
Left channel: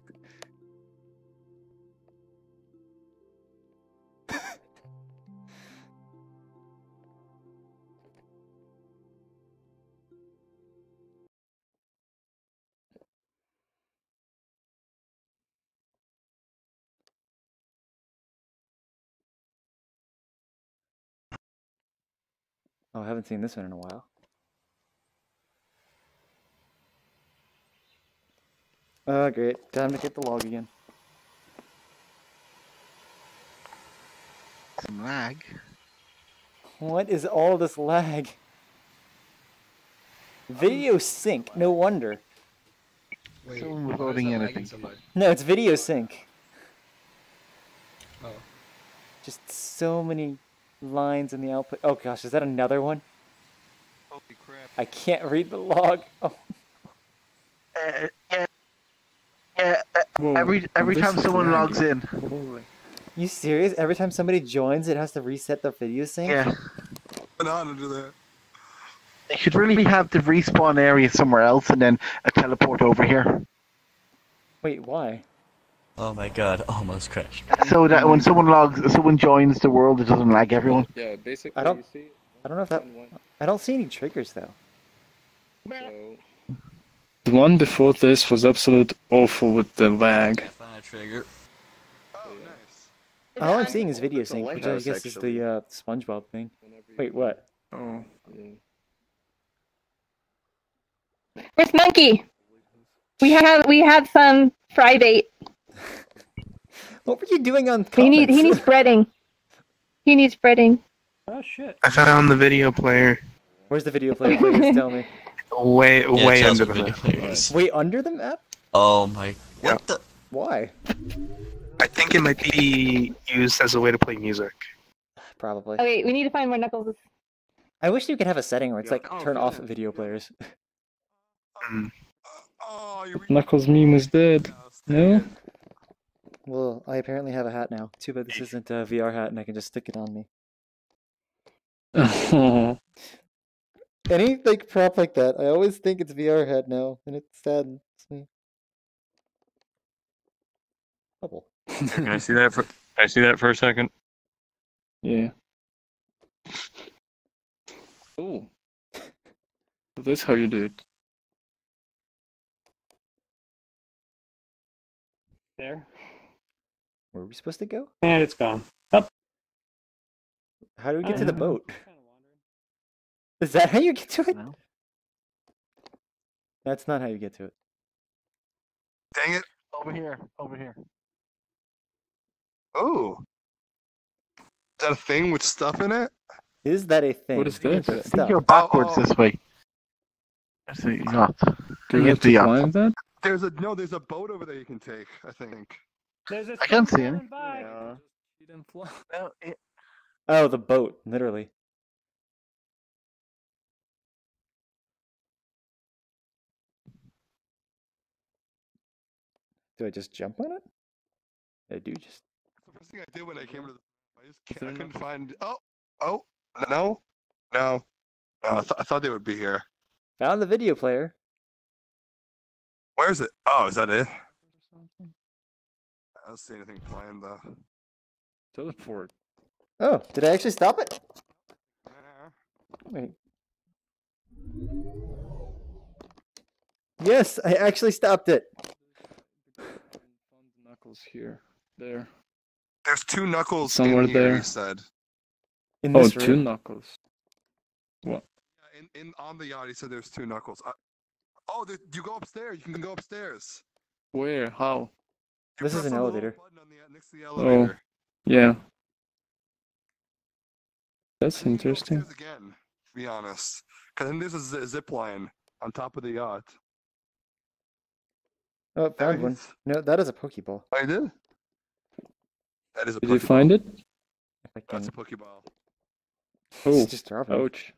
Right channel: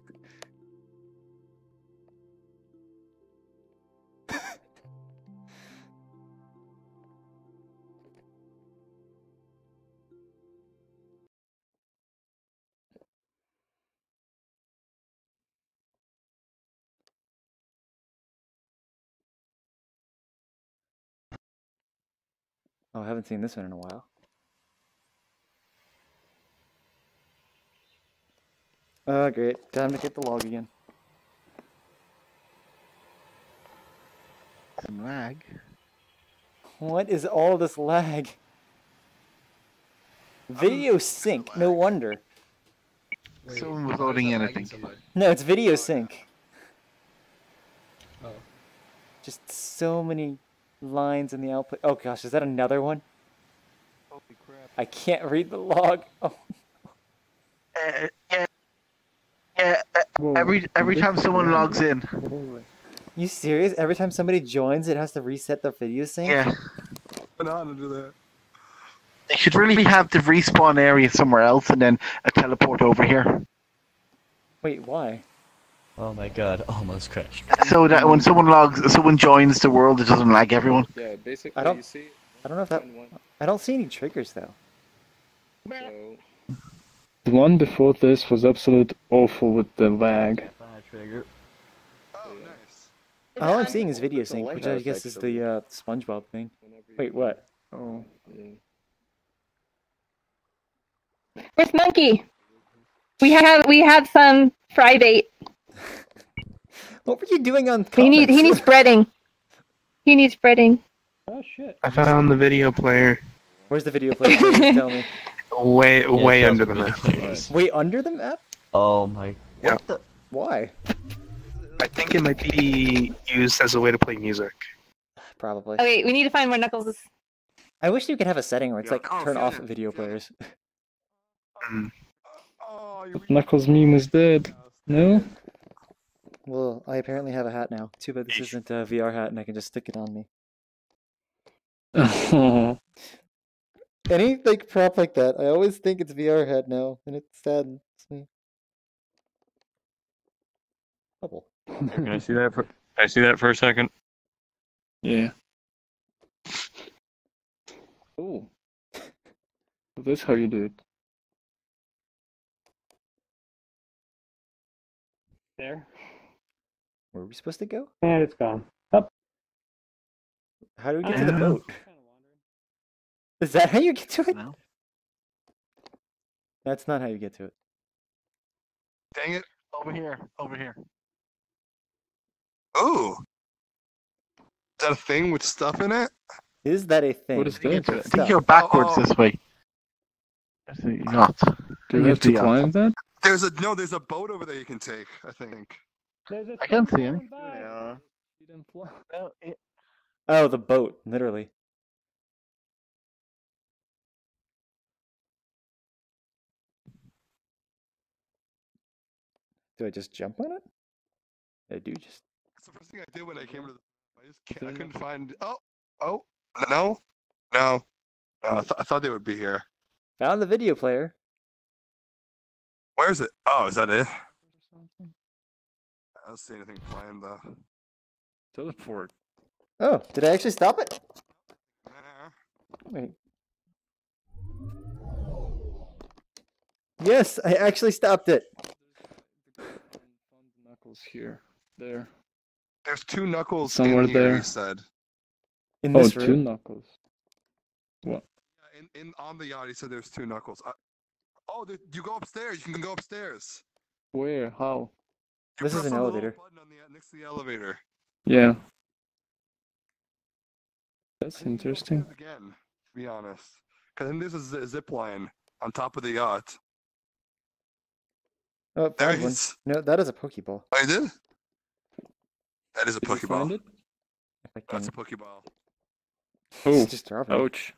Oh, I haven't seen this one in a while. Oh, great. Time to get the log again. Some lag. What is all this lag? Video sync, no wonder. Someone was loading in, I think. No, it's video sync. Oh. Just so many lines in the output. Oh gosh, is that another one? Holy crap. I can't read the log. Oh. Every time someone logs in. You serious? Every time somebody joins, it has to reset the video sync? Yeah. I know how to do that. They should really have the respawn area somewhere else and then a teleport over here. Wait, why? Oh my god, almost crashed. So that when someone joins the world, it doesn't lag everyone. Yeah, basically. I don't. You see, I don't know if that. I don't see any triggers though. so The one before this was absolute awful with the lag. Trigger. Oh, nice. All I'm seeing is video sync, Lighthouse, which I guess is the SpongeBob thing. Wait, what? Oh. yeah. Where's Monkey? We have some fry bait. What were you doing on He comments? needs breading. He needs breading. Oh shit. I found the video player. Where's the video player? Please tell me. Way Yeah, under Chelsea the video map. players. Wait, under the map? Oh my. Yeah. What the? Why? I think it might be used as a way to play music. Probably. Okay, we need to find where Knuckles is. I wish you could have a setting where it's like turn off video players. Knuckles meme is dead. No? Well, I apparently have a hat now. Too bad this isn't a VR hat and I can just stick it on me. Oh. Any like prop like that, I always think it's VR hat now, and it saddens me. Bubble. Can I see that for? Can I see that for a second? Yeah. Ooh. That's how you do it. There. Where are we supposed to go? And it's gone. Oh. How do we get to the boat? Is that how you get to it? No. That's not how you get to it. Dang it. Over here. Over here. Ooh. Is that a thing with stuff in it? Is that a thing? What is that? I think you're backwards this way. Absolutely not. Do we have to climb that? There's a boat over there you can take, I think. I can't see any. Yeah. Oh, the boat, literally. Do I just jump on it? I do just. That's the first thing I did when I came to the. I couldn't find. Oh, no. I thought they would be here. Found the video player. Where is it? Oh, is that it? I don't see anything playing though. Teleport. Oh, did I actually stop it? Wait. Yes, I actually stopped it. Knuckles here. There. There's two knuckles Somewhere in here, there. he said. In this two room? knuckles. What? In on the yacht, he said there's two knuckles. You go upstairs. You can go upstairs. Where? How? This is an elevator. Next to the elevator. Yeah. That's interesting. Again, to be honest. Because then this is a zip line on top of the yacht. Oh, found one. No, that is a Pokeball. Oh, you did? That is a Did Pokeball. you find it? If I That's can. a Pokeball. Oh, just dropping. ouch.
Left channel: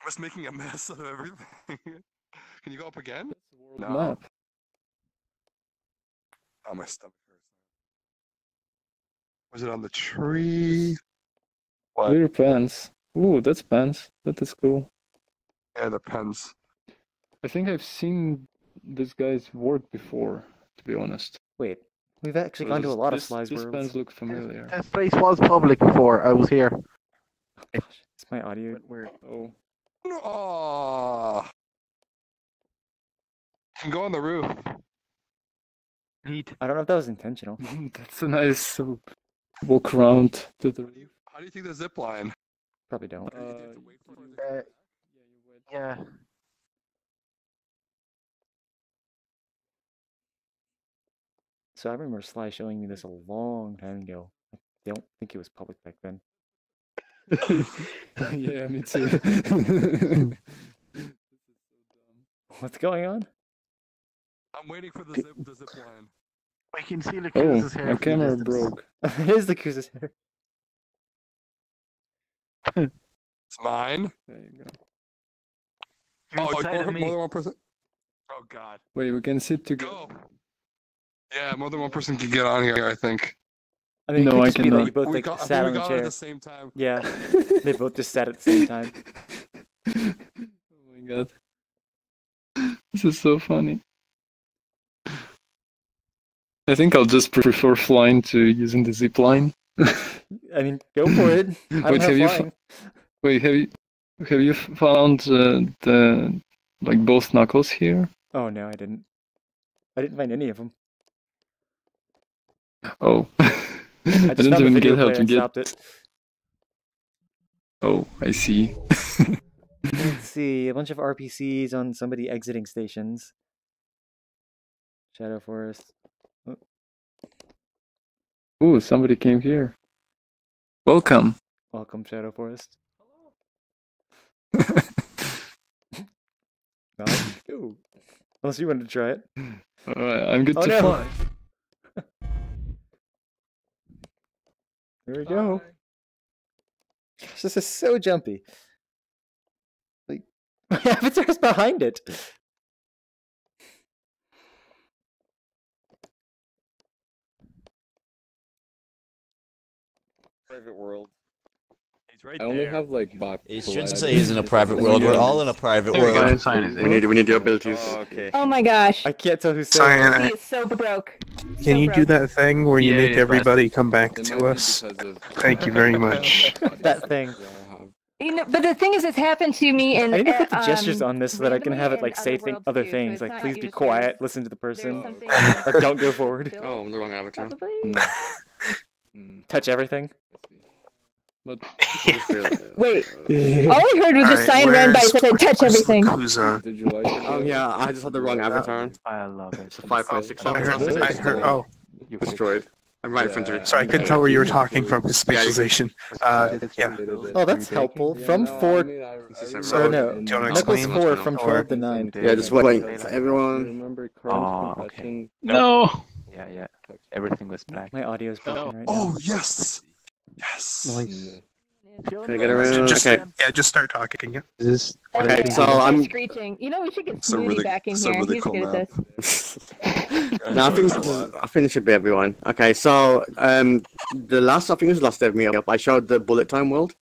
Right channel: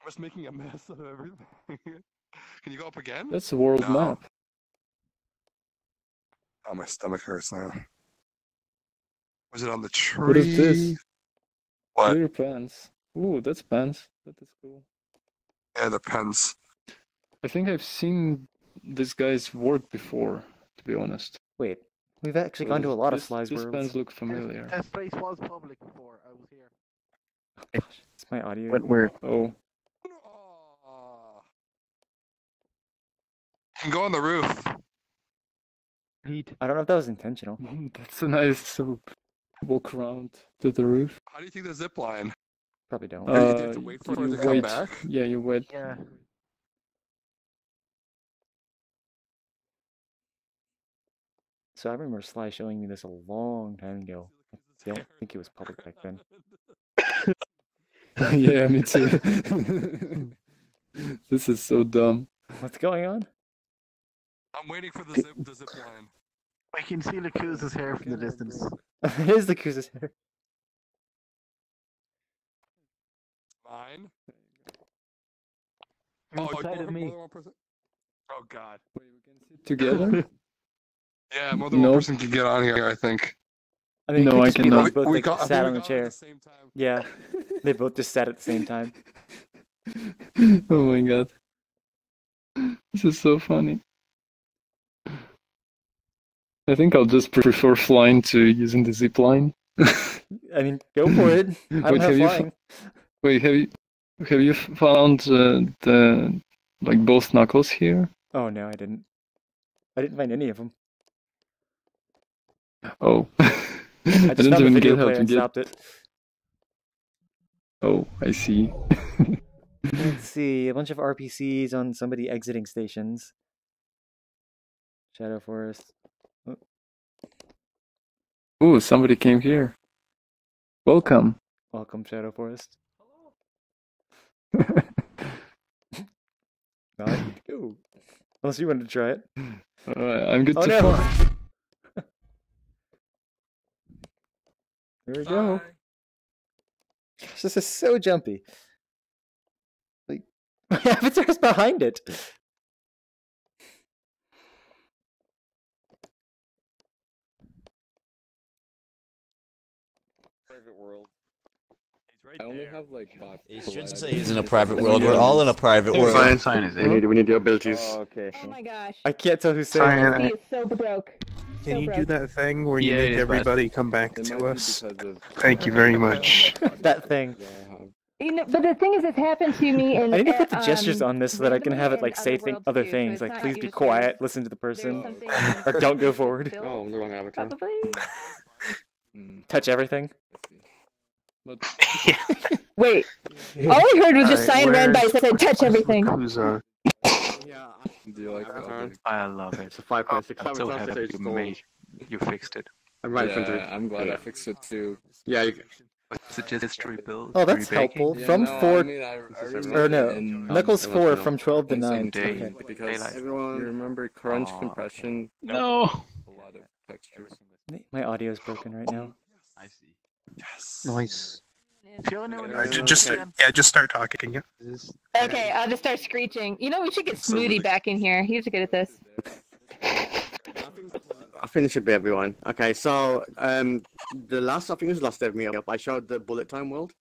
I was making a mess of everything. Can you go up again? That's a world map. Oh, my stomach hurts now. Was it on the tree? What is this? What? Clear pens. Ooh, that's pens. That is cool. Yeah, the pens. I think I've seen this guy's work before, to be honest. Wait, we've actually gone to a lot of Sly's These worlds. pens look familiar. This place was public before. I was here. It's my audio. Went weird. Oh. Oh. Can go on the roof. I don't know if that was intentional. That's a nice walk around to the roof. How do you think the zip line? Probably don't. Do you have to wait for it to come back? Yeah, you wait. Yeah. So I remember Sly showing me this a long time ago. I don't think it was public back then. Yeah, me too. This is so dumb. What's going on? I'm waiting for the zip line. I can see the Oh, Cruz's hair. my from the camera distance. broke. It is the Kuz's hair. It's mine. There you go. Oh, inside of more me. than one person? Oh, God. Wait, we can sit together? Yeah, more than one No. person can get on here, I think. I mean, it No, could I just be that cannot. you both We like, got- I think sat we on the got on at chair. the same time. Yeah, they both just sat at the same time. Oh my god. This is so funny. I think I'll just prefer flying to using the zip line. I mean, go for it. I don't have flying. Wait, have you found the like both knuckles here? Oh no, I didn't. I didn't find any of them. Oh. I just didn't found the even video get how player to and get. stopped it. Oh, I see. Let's see, a bunch of RPCs on somebody exiting stations. Shadow Forest. Oh, Oh, somebody came here. Welcome. welcome, Shadow Forest. No, I need to go. Unless you wanted to try it. Alright, I'm good Oh to no! fly. Here we go. Gosh, this is so jumpy. Like, my avatar's behind it. Private world. He's right I only have like bot. You shouldn't say he's in a private world. We're all in a private world. We need your abilities. Oh, okay. Oh my gosh. I can't tell who's saying He it. is so broke. Can you do that thing where you make everybody come back to us? Thank you very much. That thing. But the thing is, it's happened to me in. I need to put the gestures on this so that I can have it like say other things, like please be quiet, listen to the person, or don't go forward. Oh, I'm the wrong avatar. Touch everything. Wait, all I heard was just sign ran by said touch everything. Did you like it? Oh yeah, I just had the wrong avatar. I love it. It's a 5.6. I heard. Oh, You destroyed. I'm right in front of you. sorry, I couldn't tell where you were talking from. His spatialization. Yeah. Oh, that's helpful. From 4, or no, Knuckles 4 from 12 to 9. Yeah, just wait. Everyone. Remember crunch compression? No. Yeah. Everything was black. My audio's broken right now. Oh, yes! Yes! Nice. Can I get around? Just start talking. Yeah. Okay, so I'm screeching. You know, we should get Smoothie back in here. He's good at this. No, I think it should be everyone. Okay, so I think it was the last day of Meetup, I showed the bullet time world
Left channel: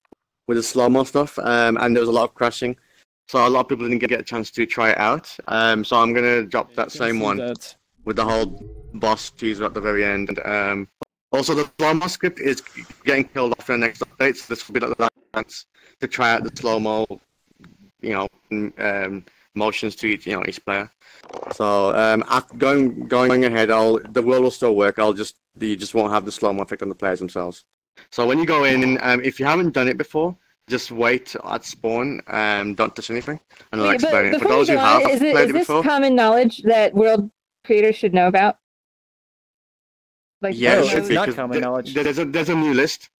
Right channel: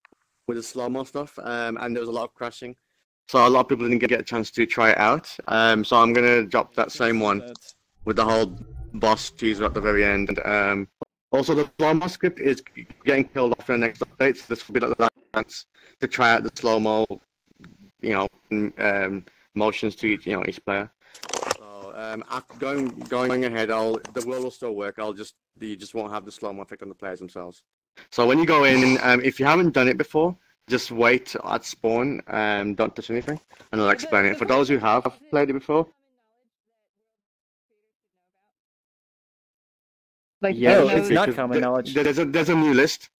with the slow-mo stuff, and there was a lot of crashing. So a lot of people didn't get a chance to try it out. So I'm gonna drop that same one with the whole boss teaser at the very end. Also, the slow-mo script is getting killed off in the next update, so this will be the last chance to try out the slow-mo, motions to each player. So after going ahead, the world will still work. You just won't have the slow-mo effect on the players themselves. So when you go in, if you haven't done it before, just wait at spawn and don't touch anything, and I'll explain it. For those who have played it before, is this common knowledge that world creators should know about? Like, yes, it's not common knowledge. There's a new list.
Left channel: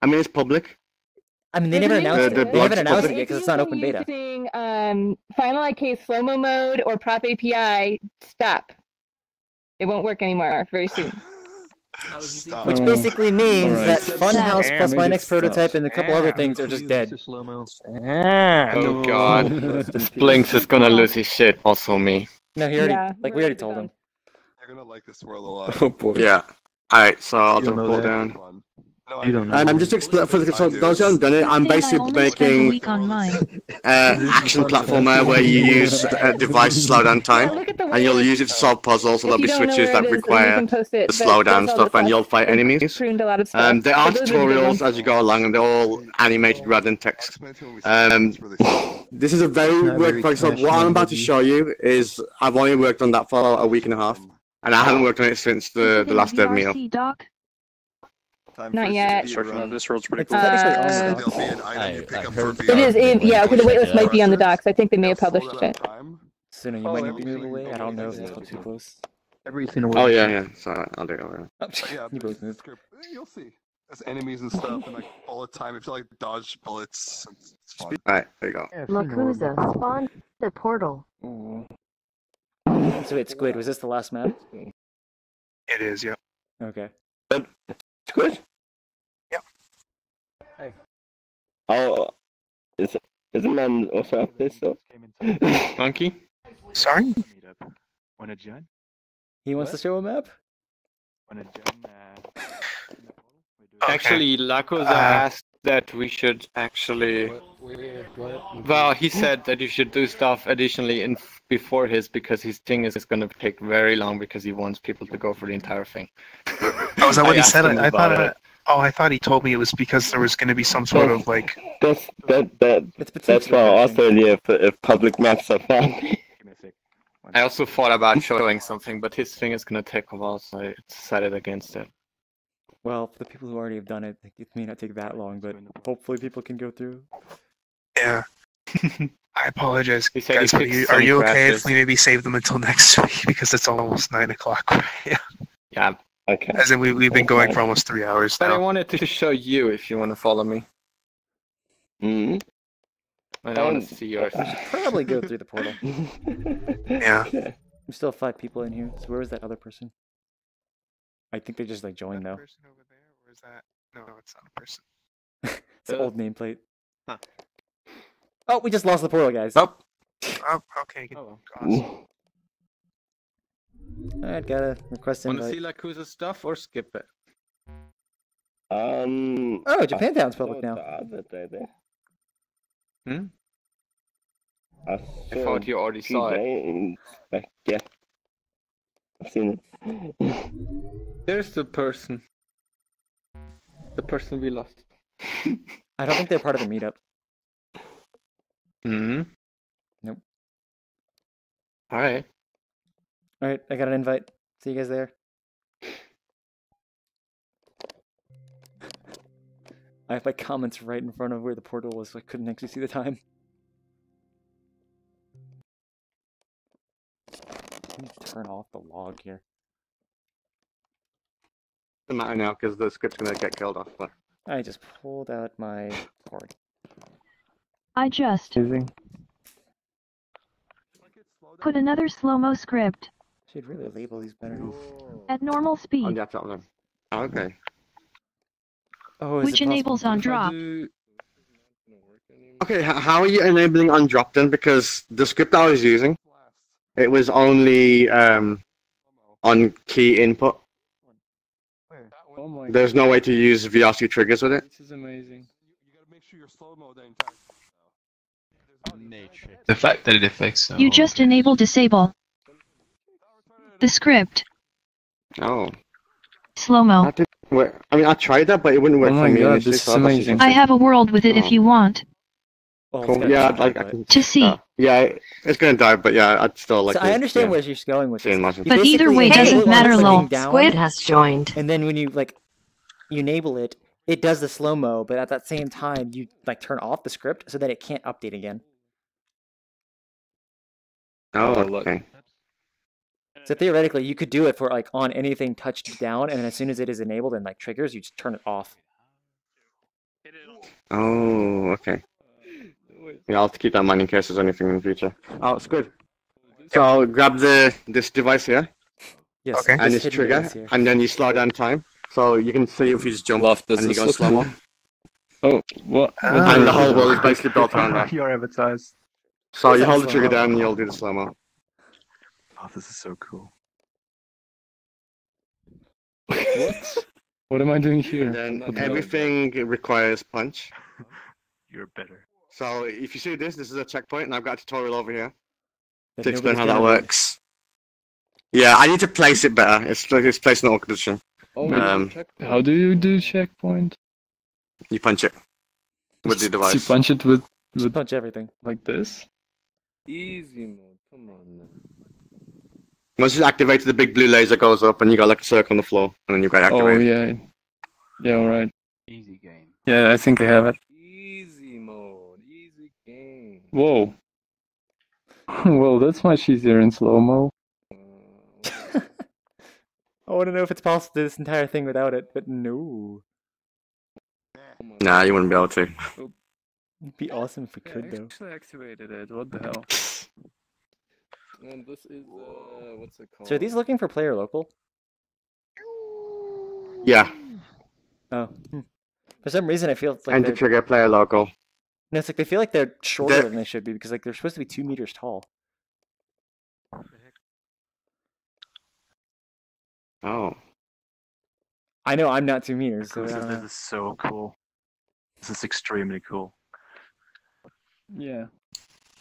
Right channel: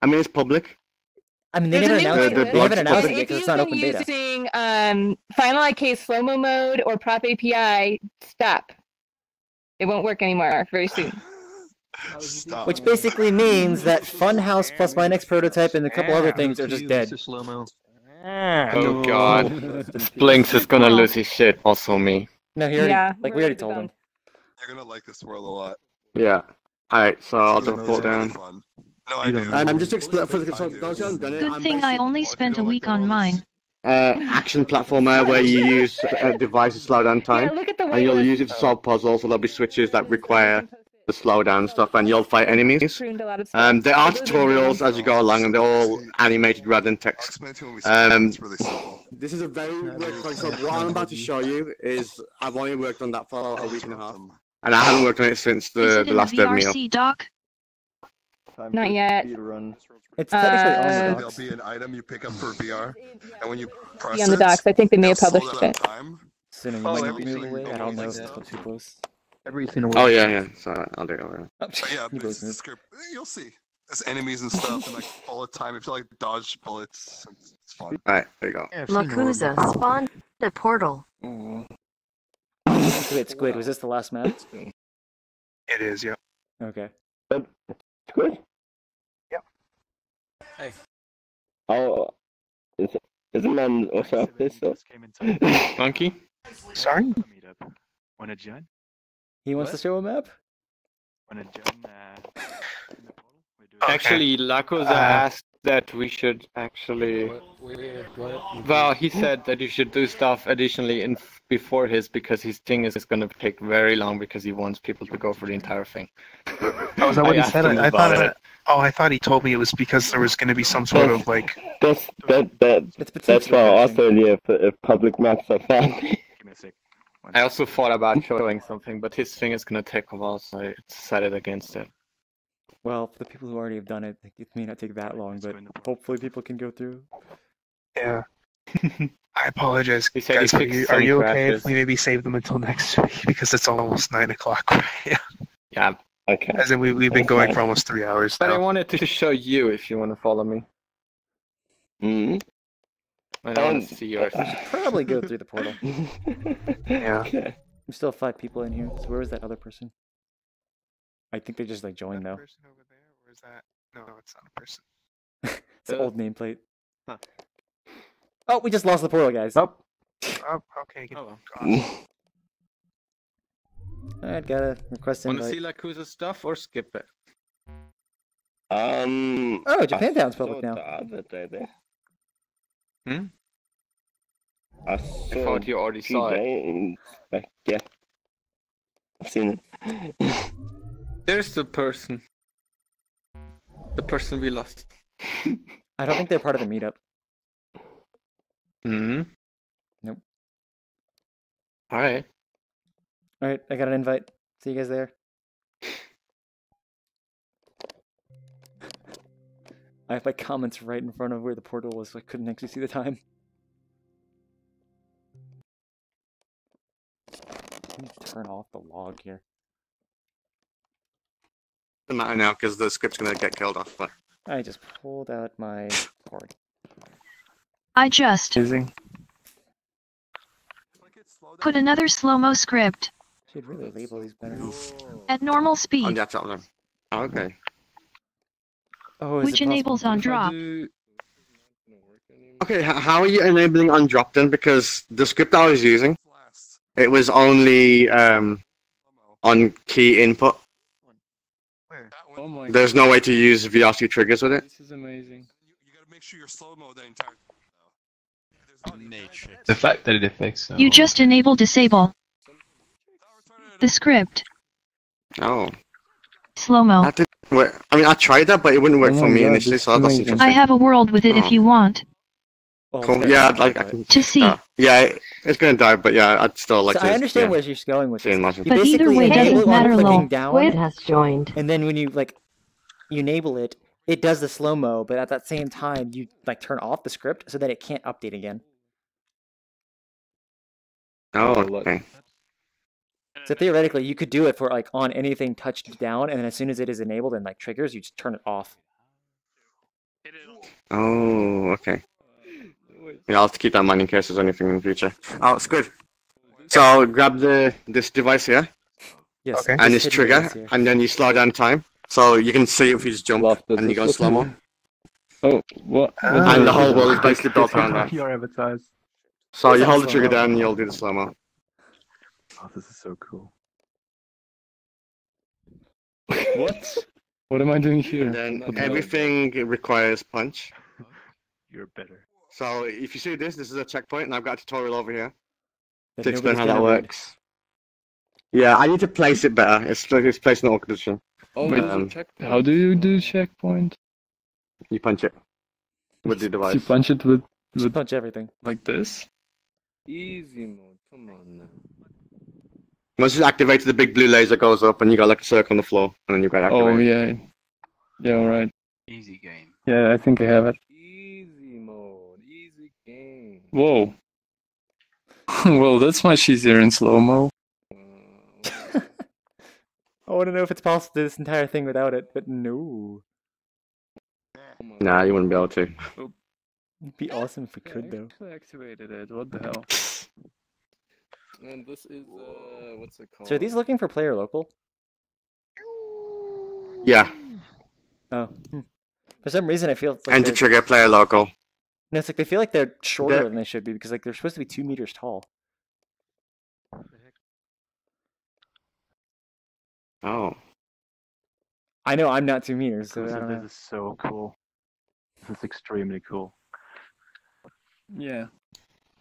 I mean, it's public. I mean, they never announced it. They haven't announced it yet because it's not open beta. Using Final IK slow-mo mode or prop API, stop. It won't work anymore very soon. Which basically means that Funhouse plus my next prototype and a couple other things are just dead. Oh god. Blinks is gonna lose his shit, also me. No, he already, we already told him. You're gonna like this world a lot. Oh boy. Yeah. Alright, so I'll just pull it down. I'm just explaining for those who haven't done it. I'm basically making action platformer where you use a device to slow down time, and you'll use it to solve puzzles. So there'll be switches that require the slowdown stuff, and you'll fight enemies. There are tutorials as you go along, and they're all animated rather than text. This is a very work project. So what I'm about to show you is I've only worked on that for a week and a half, and I haven't worked on it since the last day of Meetup. Not yet. This world's pretty It's technically on the dock. It is. Yeah, okay, the waitlist might be on the docs. I think they may have published it. Sooner, you might need to move away. I don't know if it's too close. Oh yeah. So I'll do it over. Yeah, there's a script. You'll see. There's enemies and stuff, and like all the time. If you like dodge bullets, it's fun. Alright, there you go. Lakuza spawned the portal. So wait, Squid, was this the last map? It is. Yeah. Okay. Squid? Yep. Hey. Oh, is the man also up this stuff? Monkey? Sorry? Wanna join? He wants to show a map? Wanna join? Actually, Lakoza asked that we should actually... Well, he said that you should do stuff additionally before his, because his thing is going to take very long because he wants people to go for the entire thing. Oh, is that what he said? I thought he told me it was because there was going to be some sort of like... That's why I also idea if public maps are fun. I also thought about showing something, but his thing is going to take a while, so I decided against it. Well, for the people who already have done it, it may not take that long, but hopefully people can go through. Yeah. I apologize. He said guys, are you okay if we maybe save them until next week? Because it's almost 9 o'clock, right? Yeah. Okay. As in, we've been going for almost 3 hours now. But I wanted to show you if you want to follow me. I don't want to see yours. We should probably go through the portal. Yeah. We still have 5 people in here, so where was that other person? I think they just joined though. Person over there, or is that? No, it's not a person. It's an old nameplate. Huh. Oh, we just lost the portal, guys. Nope. Oh, okay. Alright, got a request invite. Want to see Lakuza's stuff or skip it? Oh, Japantown's public now. I thought you already saw it. Yeah. I've seen it. There's the person. The person we lost. I don't think they're part of the meetup. Hmm. Nope. All right. All right, I got an invite. See you guys there. I have my comments right in front of where the portal was, so I couldn't actually see the time. Let me turn off the log here. Doesn't matter now because the script's gonna get killed off. But I just pulled out my board. I just put another slow-mo script Should really label these better. at normal speed, okay. Oh, is which it possible? enables on drop. Okay, how are you enabling on drop then? Because the script I was using, it was only on key input. Oh my There's no way to use VRC triggers with it. This is amazing. The fact that it affects. You just enable disable the script. Oh. Slow-mo. That didn't work. I mean, I tried that, but it wouldn't work Oh for my me God, initially. this So is that's amazing. I interesting. have a world with it if you want Well, Cool. Yeah, to see. yeah, it's gonna die, but yeah, I'd still like So to. I understand yeah. where she's going with this. But You But either basically way enable doesn't it on matter, clicking lol. down, Squid has joined. and then when you you enable it, it does the slow mo, but at that same time you turn off the script so that it can't update again. Oh, okay. So theoretically, you could do it for on anything touched down, and then as soon as it is enabled and triggers, you just turn it off. Oh, okay. Yeah, I'll have to keep that in mind in case there's anything in the future. Oh, it's good. So grab this device here. Yes. Okay. And this trigger, and then you slow down time, so you can see if you just jump and you go slow mo. Oh, what? And the whole world is basically built around that. You're advertised. So you hold the trigger down and you'll do the slow mo. Oh, this is so cool. What? What am I doing here? And then everything requires punch. You're better. So if you see this is a checkpoint, and I've got a tutorial over here That to explain how nobody's that gonna read. works. Yeah, I need to place it better. It's placed in the awkward position. How do you do checkpoint? You punch it with the device. You punch it with punch everything like this. Easy mode, come on. Once it's activated, the big blue laser goes up, and you got like a circle on the floor, and then you got activated. Oh yeah, yeah, all right. Easy game. Yeah, I think I have it. Easy mode, easy game. Whoa. Well, that's much easier in slow mo. I want to know if it's possible to do this entire thing without it, but no. Nah, you wouldn't be able to. It'd be awesome if we could, though. Actually activated it. What the hell? And this is what's it called? So are these looking for player local? Yeah. Oh. For some reason, I feel like And to trigger player local. No, it's like they feel like they're shorter than they should be because they're supposed to be 2 meters tall. Oh. I know I'm not 2 meters, so I don't know. This is so cool. This is extremely cool. Yeah.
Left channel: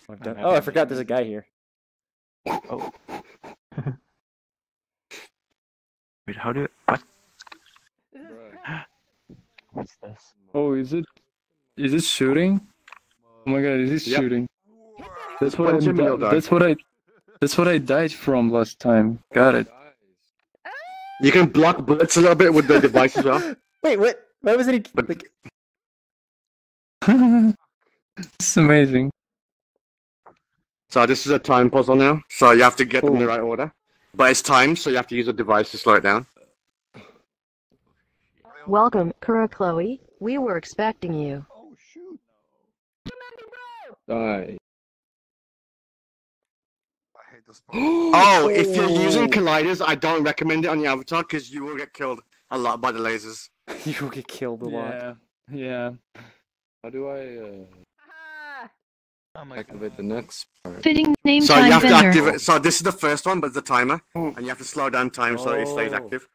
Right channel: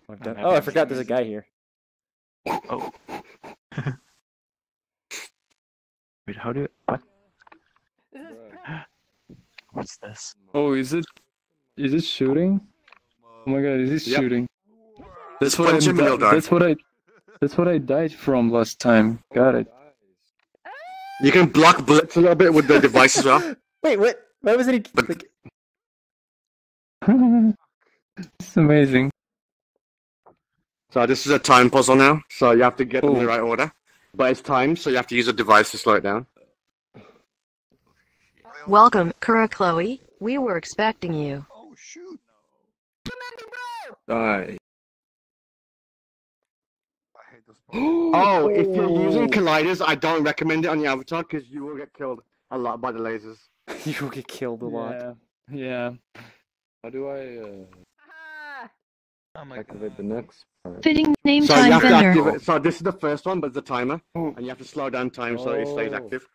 Oh, I forgot there's a guy here. Oh. Wait, how do what? What's this? Oh, is it shooting? Oh my god, is it shooting? That's what That's what I died from last time. Got it. You can block bullets a little bit with the device as well. Wait, what? Why was it like? It's amazing. So this is a time puzzle now. So you have to get them in the right order. But it's timed, so you have to use a device to slow it down. Welcome, Kura Chloe. We were expecting you. Die. Oh, if you're using colliders, I don't recommend it on your avatar because you will get killed a lot by the lasers. You will get killed a lot. Yeah. How do I activate the next part? Fitting name So you time have to vendor. activate. So this is the first one, but it's a timer, and you have to slow down time so it stays active.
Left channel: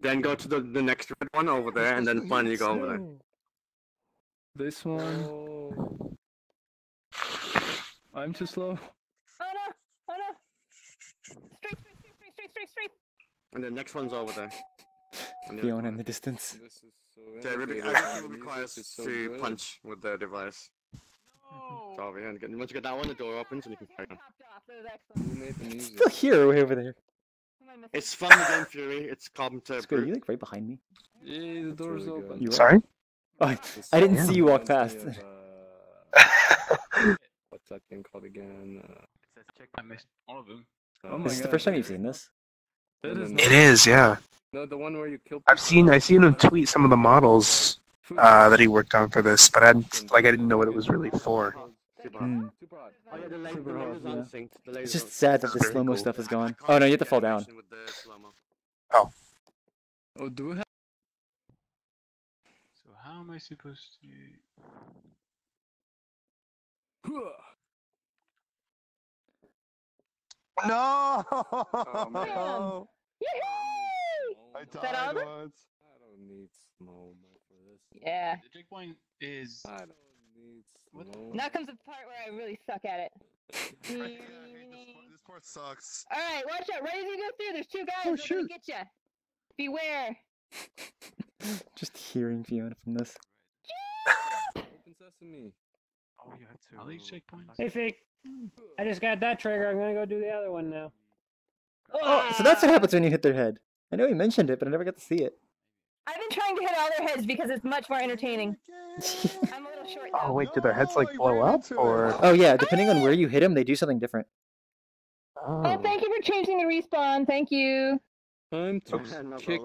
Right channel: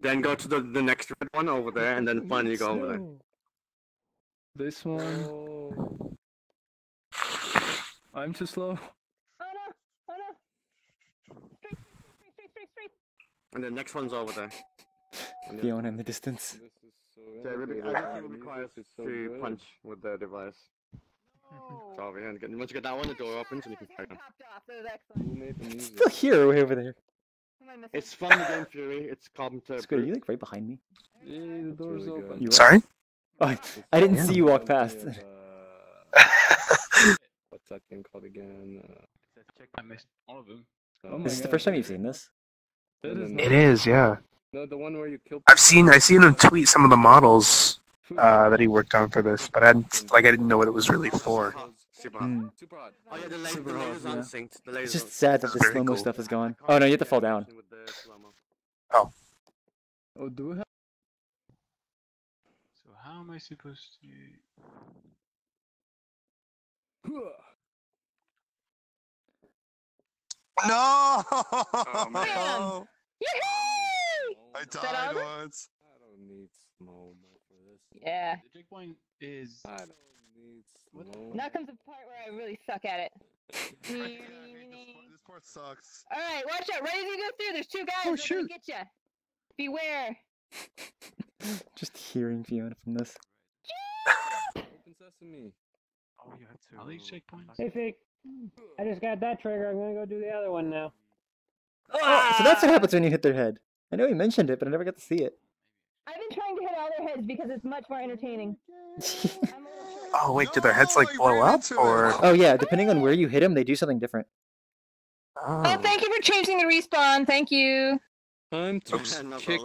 Then go to the next red one over there, and then finally go over there. This one. I'm too slow. And the next one's over there. Fiona in the distance. So everything requires to punch with the device. Sorry, and once you get that one, the door opens and you can carry on. Who made the music? Still here, way over there. It's from the game Fury. It's Carpenter. Squid, are you like right behind me? Yeah, the door's really open. You are? Sorry? Oh, I didn't see you walk past. What's that game called again? I missed all of them. Is this the first time you've seen this? It is, yeah. No, the one where you kill. I've seen him tweet some of the models that he worked on for this, but I didn't know what it was really for. Mm. It's just sad that the slow-mo stuff is gone. Oh no, you have to fall down. Oh. Oh, do we have? So how am I supposed to? No! Oh, man. I that died over? once. I don't need slow mo for this. Yeah. The checkpoint is. I don't need slow. Now comes the part where I really suck at it. This part sucks. Alright, watch out. Right as you go through, there's two guys Oh, that are gonna get you. Beware. Just hearing Fiona from this. Open sesame. Oh, you have to. All these checkpoints. Hey, Fake. I just got that trigger. I'm gonna go do the other one now. Oh, so that's what happens when you hit their head. I know he mentioned it, but I never got to see it. I've been trying to hit all their heads because it's much more entertaining. I'm a little short. Oh wait, do their heads like blow up or? Oh yeah, depending on where you hit them, they do something different. Oh, thank you for changing the respawn. Thank you. Time to kick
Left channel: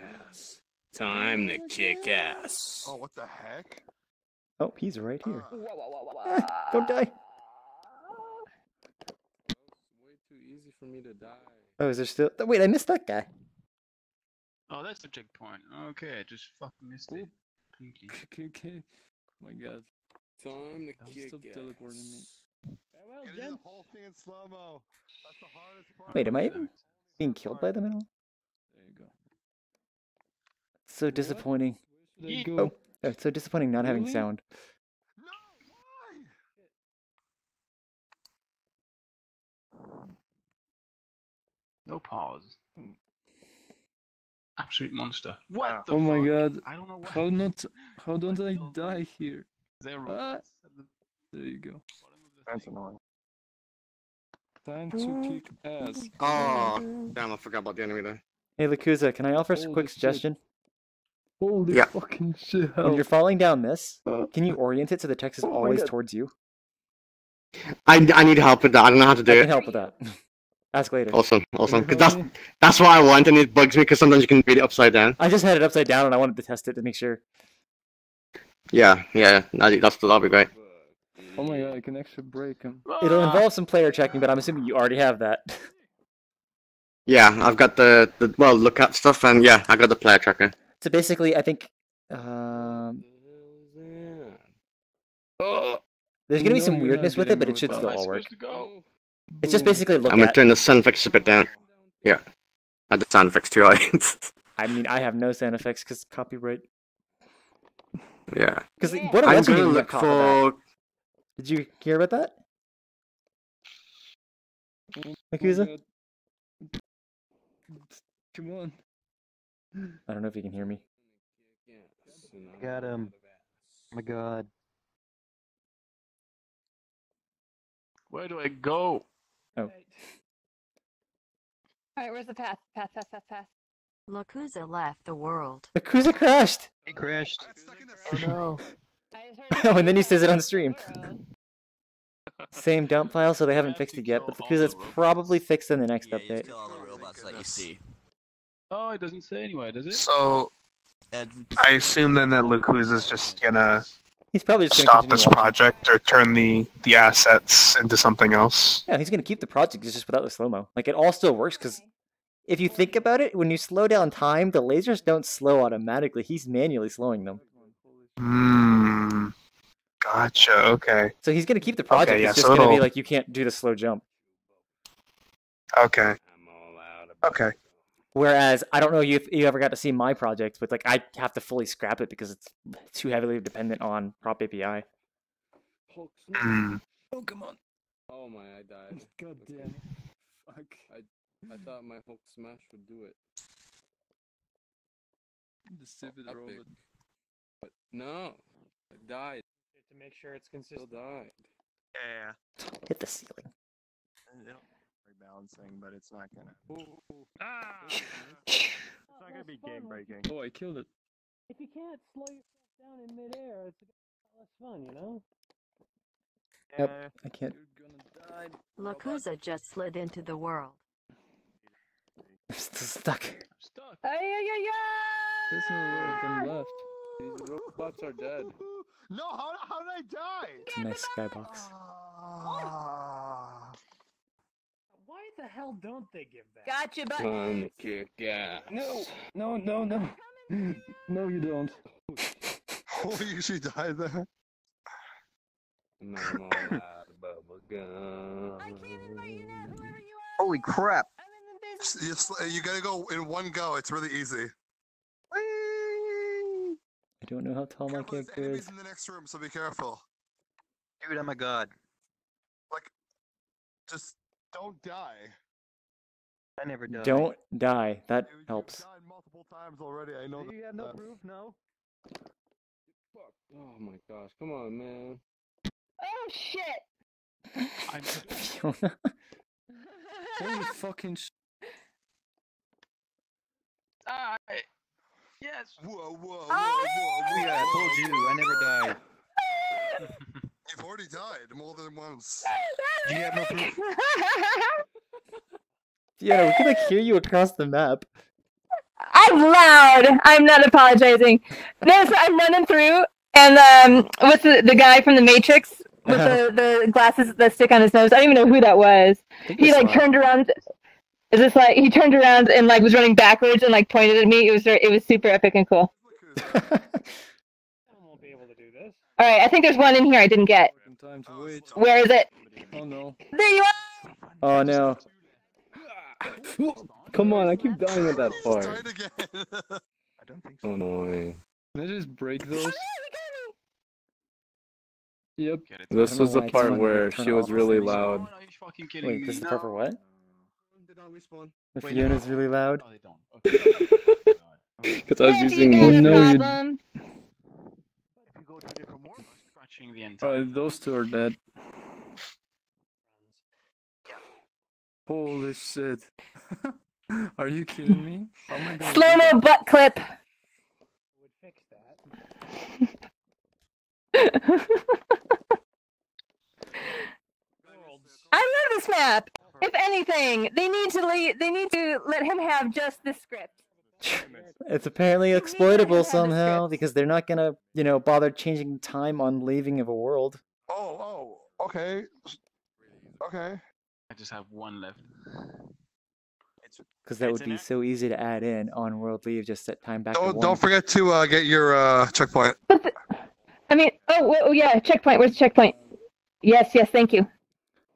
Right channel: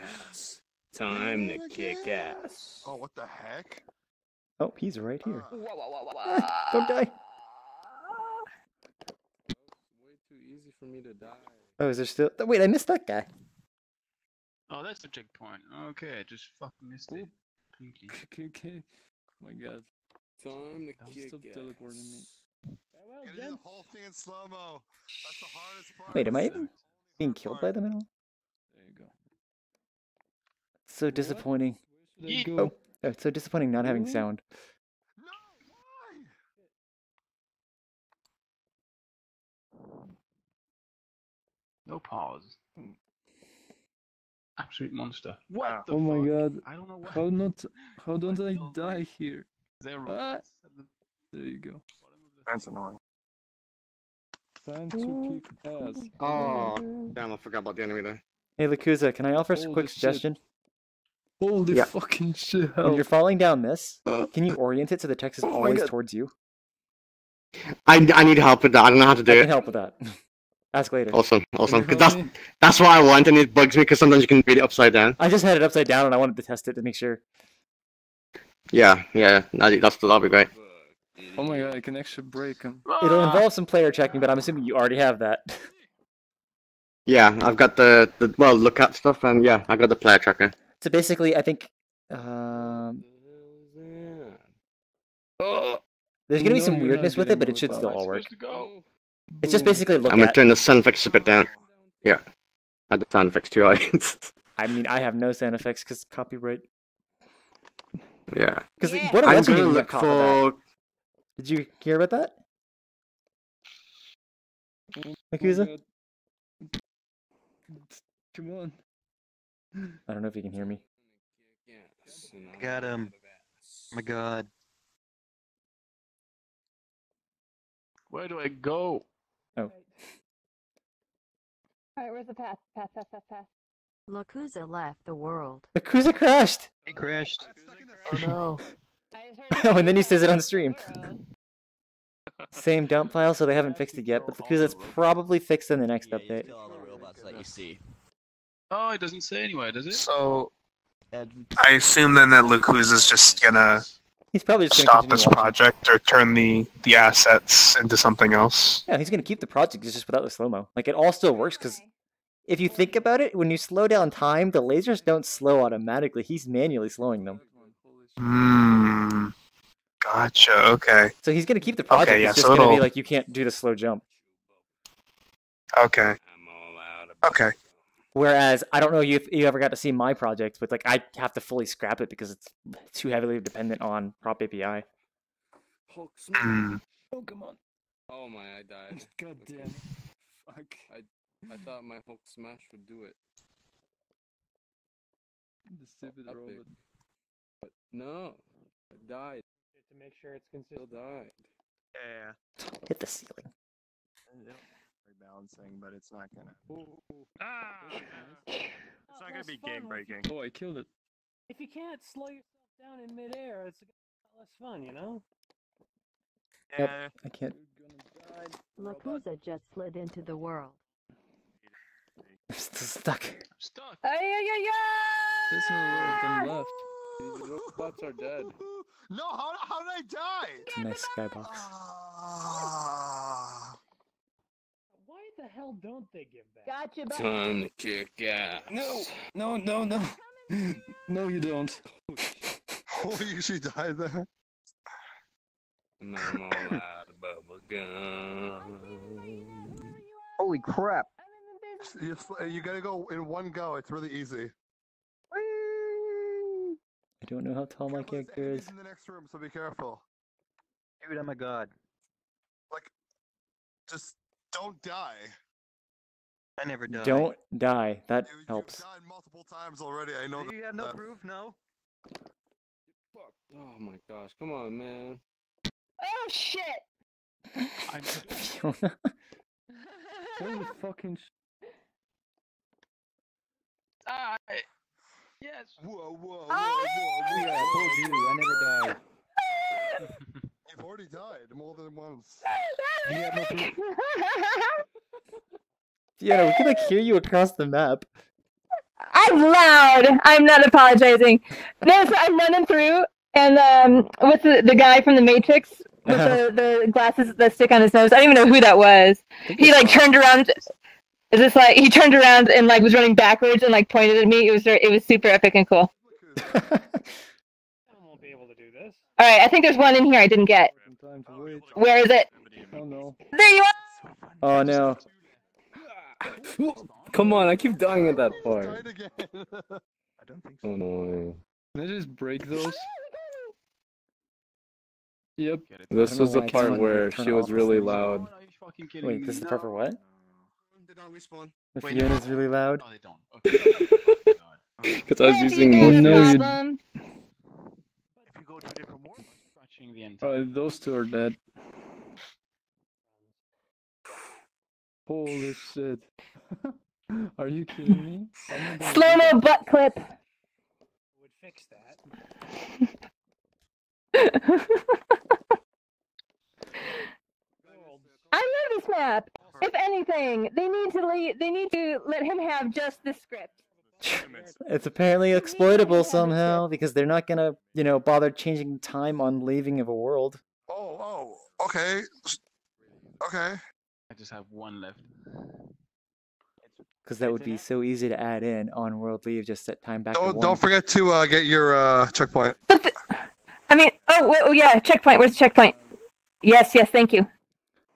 ass. Time to kick ass. Oh, what the heck? Oh, he's right here. Don't die. Way too easy for me to die. Oh, is there still? Wait, I missed that guy. Oh, that's the checkpoint. Okay, I just fucking missed it. Completely. Okay. Oh my god. Time to kick Stop ass. teleporting me. Getting the whole thing in slow-mo. That's the hardest part. Wait, am I even being killed by them at all? There you go. So disappointing. There you go. Oh, it's so disappointing not having sound. No pause. Absolute monster. What the Oh my fuck? god. I don't know why. How don't I die here? Zero. There you go. That's annoying. Time to kick ass. Oh, damn, I forgot about the enemy there. Hey, Lakuza, can I offer a quick suggestion? Holy fucking shit. When you're falling down this, can you orient it so the text is Oh my always God. towards you? I need help with that. I don't know how to do I it. can help with that. Ask later. Awesome. Cause that's what I want, and it bugs me because sometimes you can read it upside down. I just had it upside down and I wanted to test it to make sure. Yeah. That'll be great. Oh my god, I can actually break him. It'll involve some player checking, but I'm assuming you already have that. Yeah, I've got the look at stuff, and yeah, I got the player tracker. So basically, I think there's gonna be some weirdness with it, but it should still all work. It's just basically look I'm gonna at. turn the sound effects a bit down. Yeah, add the sound effects too. I mean, I have no sound effects because copyright. Yeah. Because what I'm else gonna you look for? for. Did you hear about that? Akuza? Come on. I don't know if you can hear me. Got him. Oh my god. Where do I go? Oh. Alright, where's the path? Path. Lakuza left the world. Akuza crashed! He crashed. Oh no. Oh, and then he says it on stream. Same dump file, so they haven't fixed it yet, but Lakuza's probably fixed in the next update. All the robots that you see. Oh, it doesn't say anywhere, does it? So, I assume then that Lakuza's just gonna He's probably just stop gonna this continue watching. project or turn the assets into something else. Yeah, he's gonna keep the project, it's just without the slow-mo. Like, it all still works, because if you think about it, when you slow down time, the lasers don't slow automatically. He's manually slowing them. Gotcha, okay. So he's gonna keep the project, Okay, yeah, it's just so gonna be it'll- like, you can't do the slow jump. Okay. Okay. Whereas, I don't know if you ever got to see my project, but like I have to fully scrap it because it's too heavily dependent on Prop API. Mm. Oh, come on. Oh my, I died. God damn. Fuck. I thought my Hulk smash would do it. The stupid Epic. robot. But no, I died. make sure it's consistent. Yeah. Hit the ceiling. Balancing, but it's not gonna. It's not gonna be game breaking. Oh, I killed it. If you can't slow yourself down in midair, it's a lot less fun, you know? Yep, I can't. Lakuza just slid into the world. I'm still stuck. There's no lot of them left. These robots are dead. No, how did I die? It's a nice skybox. Why the hell don't they give that? Gotcha, buddy. Time to kick ass. No. No, you don't. Oh, you usually die there. Holy crap! You gotta go in one go. It's really easy. I don't know how tall my character is. In the next room, so be careful. Dude, I'm a god. Like, just don't die. I never died. Don't die. That helps. Died multiple times already. I know. You have no proof, no? Oh my gosh, come on, man. Oh shit! Fiona. Holy fucking Yes. Whoa. Yeah, I told you, I never died. You've already died more than once. Do you have no proof? Yeah, we can like hear you across the map. I'm loud. I'm not apologizing. No, so I'm running through, and with the guy from the Matrix with the glasses that stick on his nose. I don't even know who that was. He like turned around. Is this like he turned around and like was running backwards and like pointed at me? It was super epic and cool. I won't be able to do this. All right, I think there's one in here I didn't get. Where is it? Oh no. There you are. Oh no. Come on, I keep dying at that part. I don't think so. Annoying. Can I just break those? Yep. This is the part where she was really loud. Wait, this is the part for what? They don't respawn. The Fiona's really loud. Because I was using. Oh no, those two are dead. Holy shit. Are you kidding me? Slow-mo butt clip. Would fix that. I love this map. If anything, they need to let him have just the script. It's apparently exploitable somehow because they're not gonna, bother changing time on leaving of a world. Oh, okay. I just have one left. Because that would be so easy to add in on world leave. Just set time back to 1. Don't forget to get your checkpoint. I mean, yeah, checkpoint. Where's the checkpoint? Yes, thank you.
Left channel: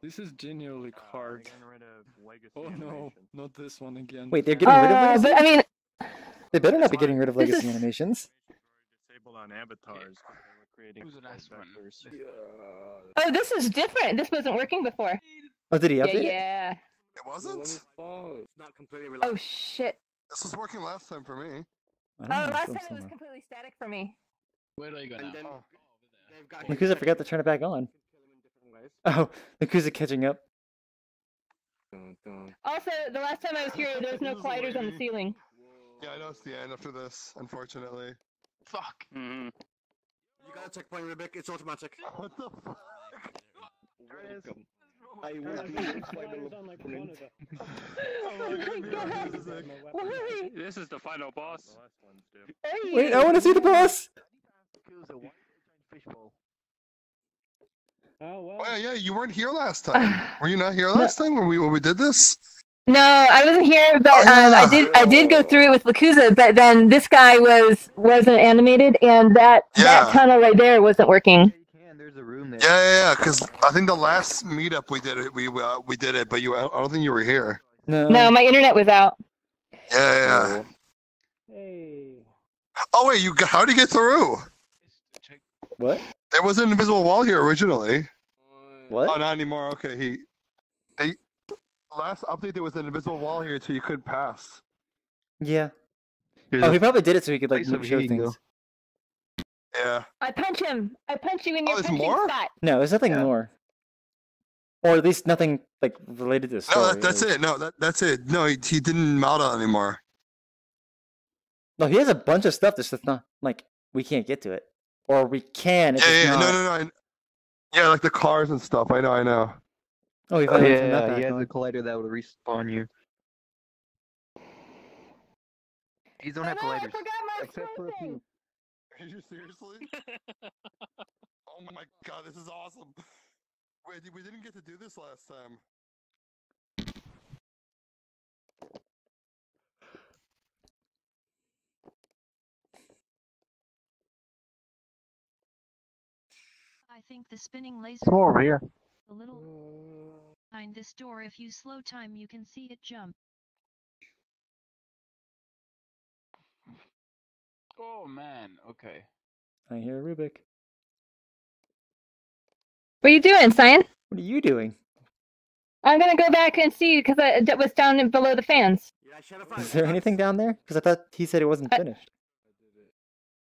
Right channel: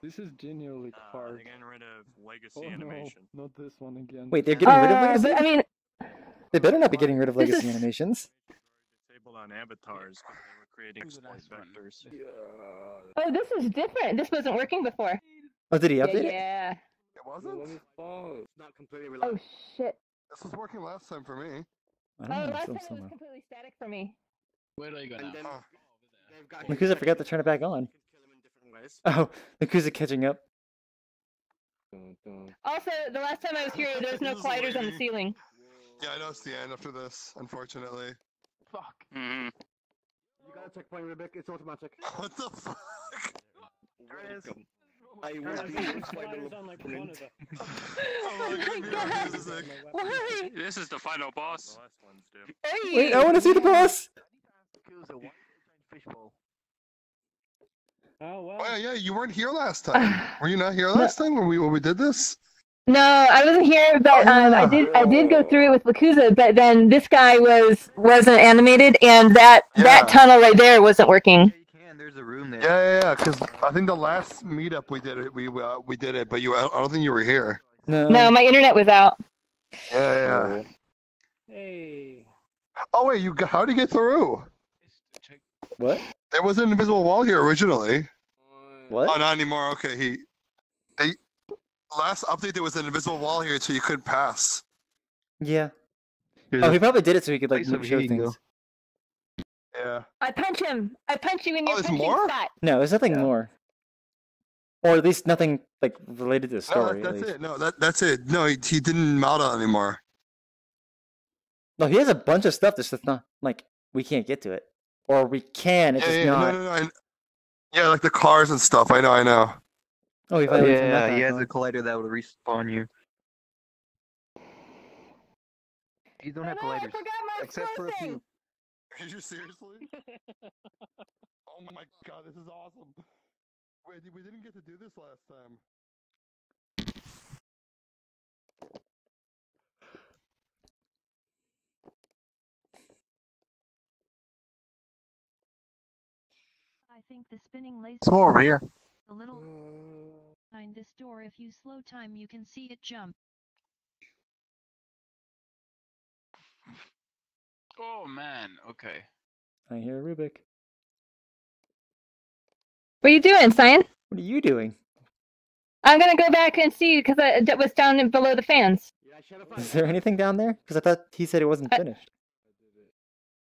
This is genuinely hard. Oh no, not this one again. Wait, they're getting rid of legacy? But I mean, they better not be getting rid of legacy animations. disabled on avatars because they were creating vectors. oh, this is different. This wasn't working before. Oh, did he update it? Yeah. It wasn't? It's not completely relaxed. Oh shit. This was working last time for me. I don't know. Last time it was completely static for me. Where do I go now? Lakuza forgot to turn it back on. Oh, Lakuza catching up. Also, the last time I was here, there was no colliders on the ceiling. Yeah, I know it's the end after this, unfortunately. Fuck. You got a checkpoint, Rebecca. It's automatic. What the fuck? Welcome. I will be your final opponent. This is the final boss. Wait, I want to see the boss! Oh, yeah, you weren't here last time. Were you not here last time when we did this? No, I wasn't here, but I did go through it with Lakuza, but then this guy wasn't animated, and that tunnel right there wasn't working. There's a room there. Yeah, because I think the last meetup we did it, we did it, but I don't think you were here. No, my internet was out. Yeah. Hey. Oh wait, how'd you get through? What? There was an invisible wall here originally. What? Oh, not anymore. Okay, last update there was an invisible wall here, so you couldn't pass. Yeah. Oh, he probably did it so he could like Nice of show you, things. Yeah. I punch him. I punch you in your there's punching more? spot. No, there's nothing more. Or at least nothing like related to the No, story. that's it. No, that's it. No, he didn't model anymore. No, he has a bunch of stuff that's just not like we can't get to it, or we can. It's just not. No. Yeah, like the cars and stuff. I know. Oh, he finally turned that Yeah, back he has on. a collider that will respawn you. These don't have colliders, except for a few. Are you seriously? Oh my god, this is awesome. Wait, we didn't get to do this last time. I think the spinning laser. Let's go over here. A little behind this door. If you slow time, you can see it jump. Oh man, okay. I hear Rubik. What are you doing, Cyan? What are you doing? I'm gonna go back and see because that was down below the fans. Is there anything down there? Because I thought he said it wasn't finished.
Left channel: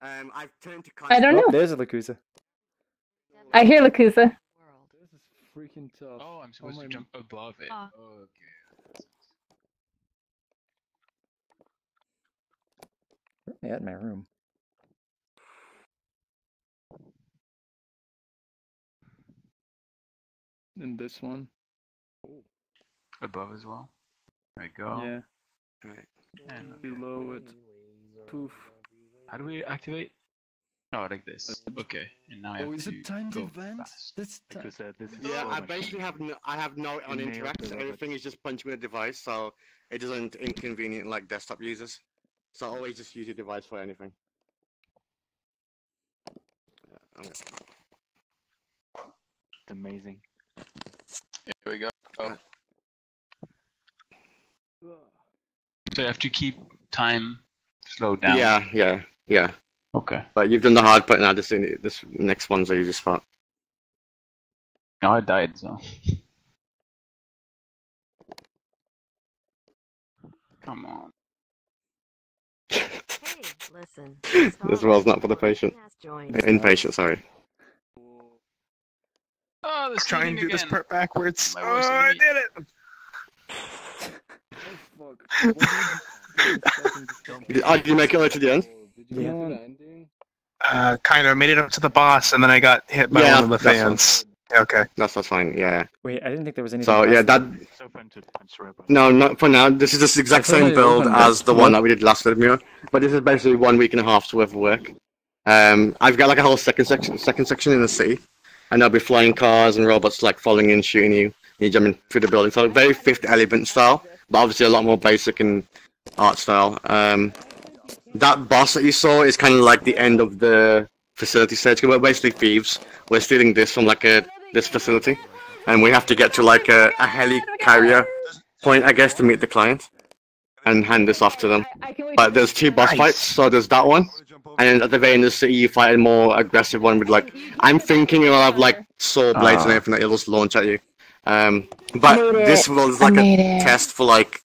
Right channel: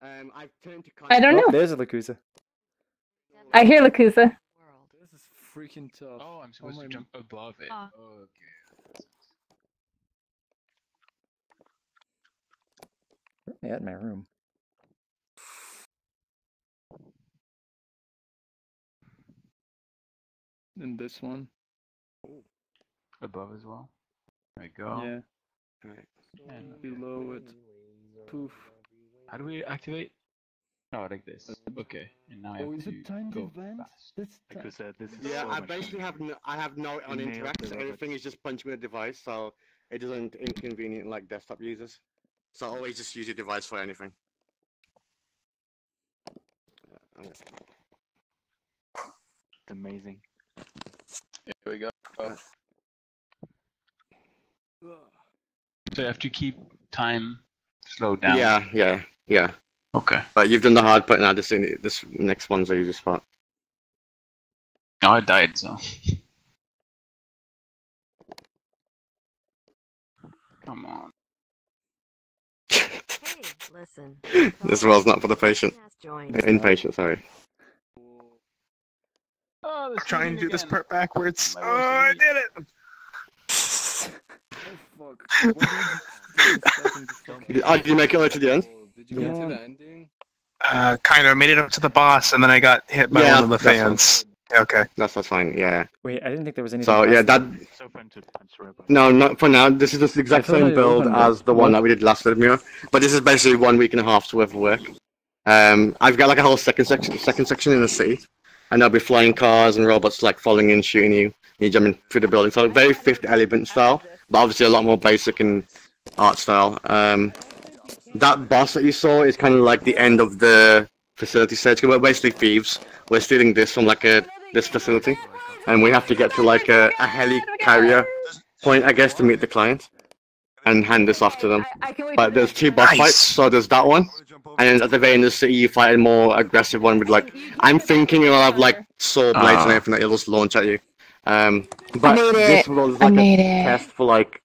I've turned to I don't know. There's a Lakusa. I hear Lakusa. This is freaking tough. Oh, I'm supposed to jump above it. Okay. Yeah, in my room. And this one. Above as well. There we go. Yeah. And below it. Poof. How do we activate? No, like this. Okay. And now I have is to it time to go vent? fast. This is Yeah, so I much basically fun. I have no on You nailed interact, the so robots. everything is just punching the device, so it doesn't inconvenient like desktop users. So I always just use your device for anything. It's amazing. Here we go. Oh. So you have to keep time slowed down. Yeah. Okay. But you've done the hard part now. This next one's the easy spot. No, I died, so. Come on. Hey, listen. This world's not for the patient. Impatient, sorry. Oh, let's try and do this part backwards. Oh, I did it! Did you make it all to the end? Kind of made it up to the boss, and then I got hit by one of the fans. Okay. That's fine, yeah. Wait, I didn't think there was anything. So, yeah, that. So fun to punch robots. No, not for now. This is just the exact Definitely same build open as the one that we did last Mirror. But this is basically 1 week and a half's worth of work. I've got like a whole second section in the city. And there'll be flying cars and robots like following in, shooting you. You're jumping through the building. So very Fifth Element style, but obviously a lot more basic and art style. That boss that you saw is kind of like the end of the facility stage. We're basically thieves. We're stealing this from like this facility, and we have to get to like a heli carrier point, I guess, to meet the client and hand this off to them. But there's 2 boss fights, so there's that one, and then at the very end of the city you fight a more aggressive one with like, I'm thinking it'll have like saw blades and everything that it'll just launch at you. But this was like a test for like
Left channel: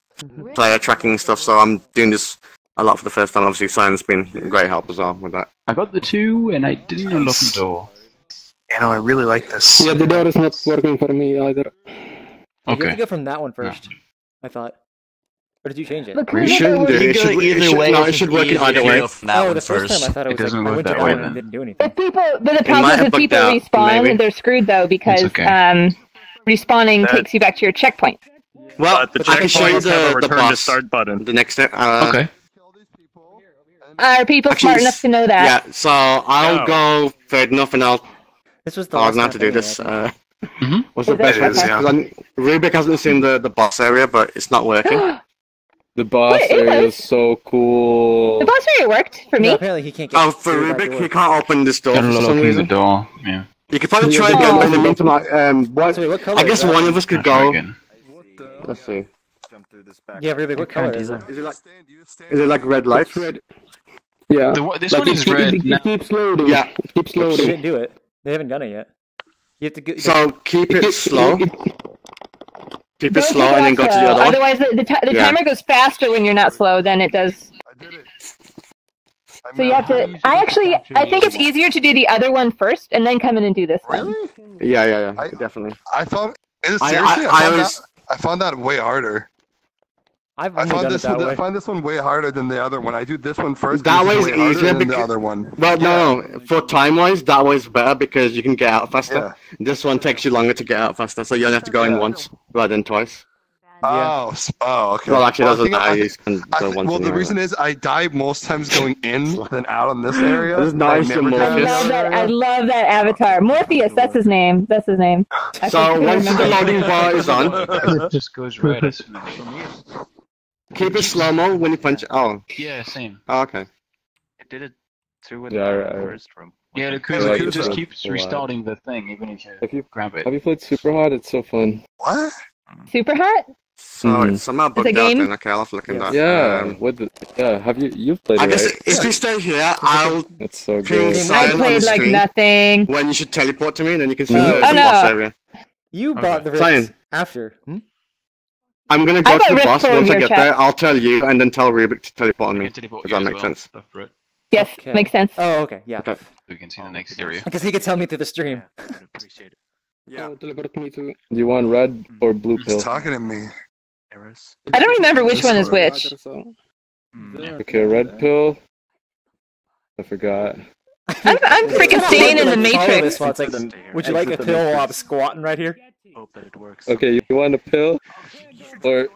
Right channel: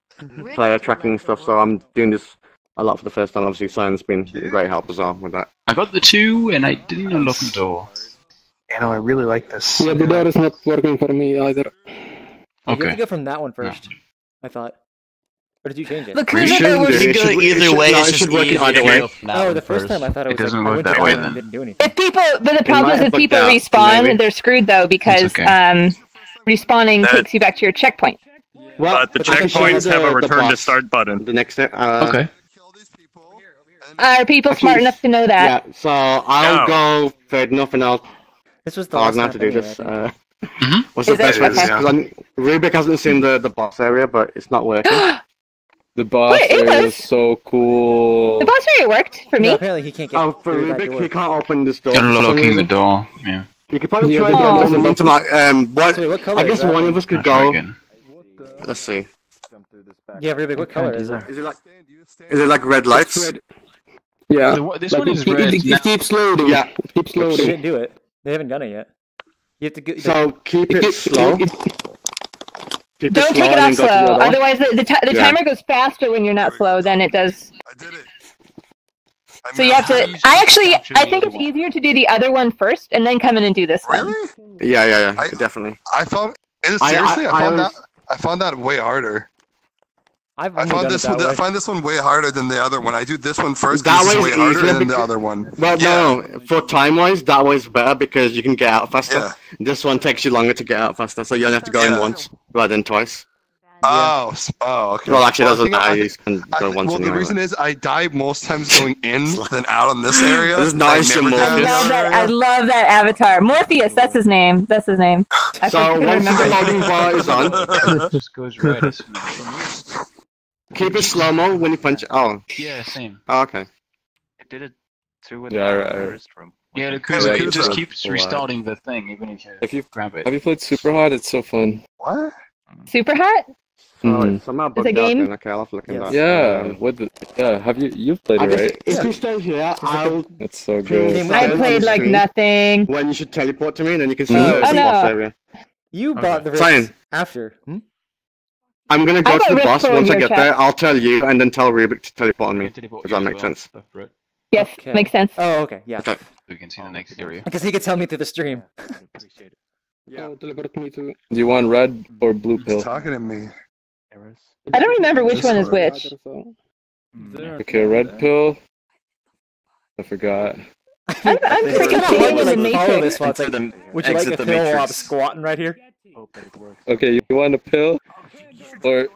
player tracking stuff, so I'm doing this a lot for the first time. Obviously, Cyan's been a great help as well with that. I got the 2 and I didn't unlock the door. Yeah, no, I really like this. Yeah, the door is not working for me either. You have to go from that one first. I thought. Or did you change it? You shouldn't do it. It should work in either way. Oh, the first time I thought it was like I went to that one and it didn't do anything. But the problem is if people respawn, they're screwed though because respawning takes you back to your checkpoint. Well, but the checkpoints have a return to start button. The next step. Okay. Are people smart enough to know that? Yeah, so I'll go third enough and I'll. This was the last last to do this. What's Is the best way it? to Rubik hasn't seen the boss area, but it's not working. The boss area is so cool. The boss area worked for me. No, apparently he can't get for through that Rubik, door. he can't open this door for some Unlocking the reason. door, yeah. You could probably try again in the meantime. what color I guess is that? one of us could I'll try go. again. Let's see. Yeah, Rubik, what color is it? Is it like red lights? Yeah. This one is red. It keeps loading. Yeah. It keeps They loading. didn't do it. They haven't done it yet. You have to go. So keep it slow. Keep it Don't slow take and then it go off to the slow. other one. Otherwise, the Yeah. timer goes faster when you're not slow than it does. So you have to. I think it's easier to do the other one first and then come in and do this one. Yeah, definitely. I found. Is it seriously? I found that way harder. I only done it that way. I find this one way harder than the other one. I do this one first. That way is is easier than the other one. Well, no, for time-wise, that way is better because you can get out faster. Yeah. This one takes you longer to get out faster, so you only have to go in once rather than twice. Oh, okay. Well, actually, doesn't matter. Well, the reason is I die most times going in than out on this area. This is nice and Morpheus. I love that avatar. Morpheus, that's his name. So once the loading bar is on, it just goes right. Keep it slow-mo when you punch. Oh. Yeah, same. Oh, okay. I did it too in the first room. Yeah, it just keeps restarting the thing even if you grab it. Have you played Super Hot? It's so fun. What? Super Hot? Sorry, somehow bugged out game? then. Okay, I'll have to look at that. Yeah, have you've played it, right? If you stay here, I'll... That's so good. I played like nothing. When you should teleport to me, and then you can see the boss area. You bought the rift after. I'm gonna go to the boss. Once I get there, I'll tell you, and then tell Rubik to teleport on me. Does that make sense? Yes, makes sense. Oh, okay, yeah. We can see the next area. Because he could tell me through the stream. Appreciate it. Yeah. Do you want red or blue pill? He's talking to me. I don't remember which one is which. Okay, red pill. I forgot. I'm freaking staying in the Matrix. Would you like a pill while I'm squatting right here? Okay, you want a pill? Or...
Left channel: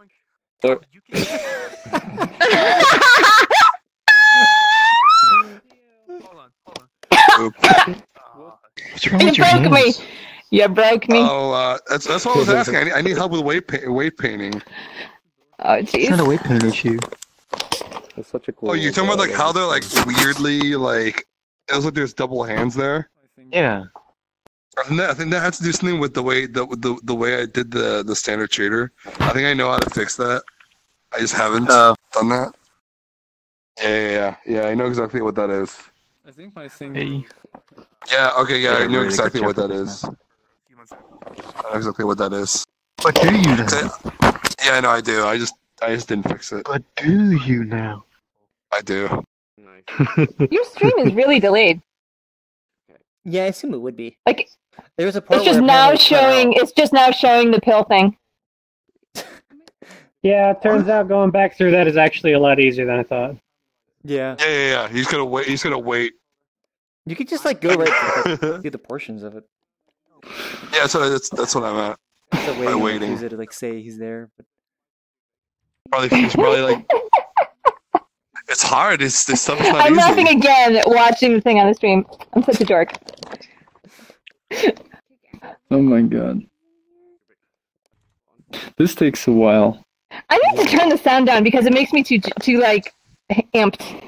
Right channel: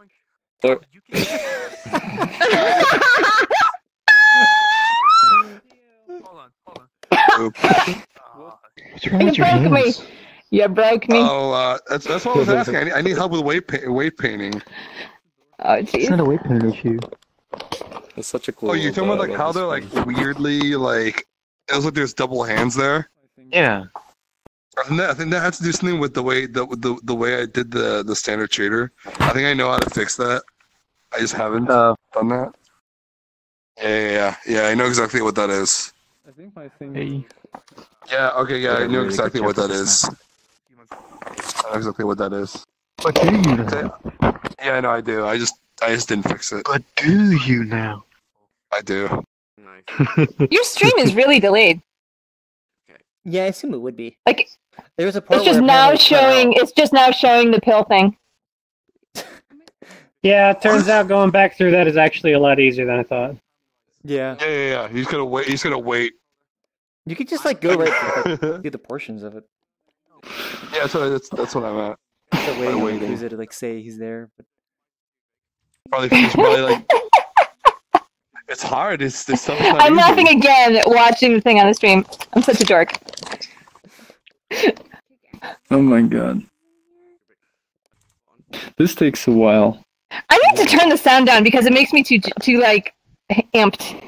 You broke me. Oh, that's what I was asking. I need help with weight painting. Oh, jeez. It's not a weight painting issue. It's such a cool. Oh, you're talking about like how they're like weirdly like it looks like there's double hands there. Yeah. I think that has to do something with the way the way I did the standard shader. I think I know how to fix that. I just haven't done that. Yeah. I know exactly what that is. I think my thing. Yeah. Okay. Yeah. I know exactly what that is. I know exactly what that is. But do you now? Yeah, I know I do. I just didn't fix it. But do you now? I do. Your stream is really delayed. Yeah, I assume it would be. Like, there was a part it's just now showing. It's just now showing the pill thing. Yeah, it turns out going back through that is actually a lot easier than I thought. Yeah. Yeah. He's gonna wait. You could just like go right through the portions of it. Yeah, so that's what I meant. It's a waiting user to like say he's there, but he's probably like. It's hard. This stuff is not I'm easy. laughing again watching the thing on the stream. I'm such a dork. Oh my god. This takes a while. I need to turn the sound down because it makes me too like amped.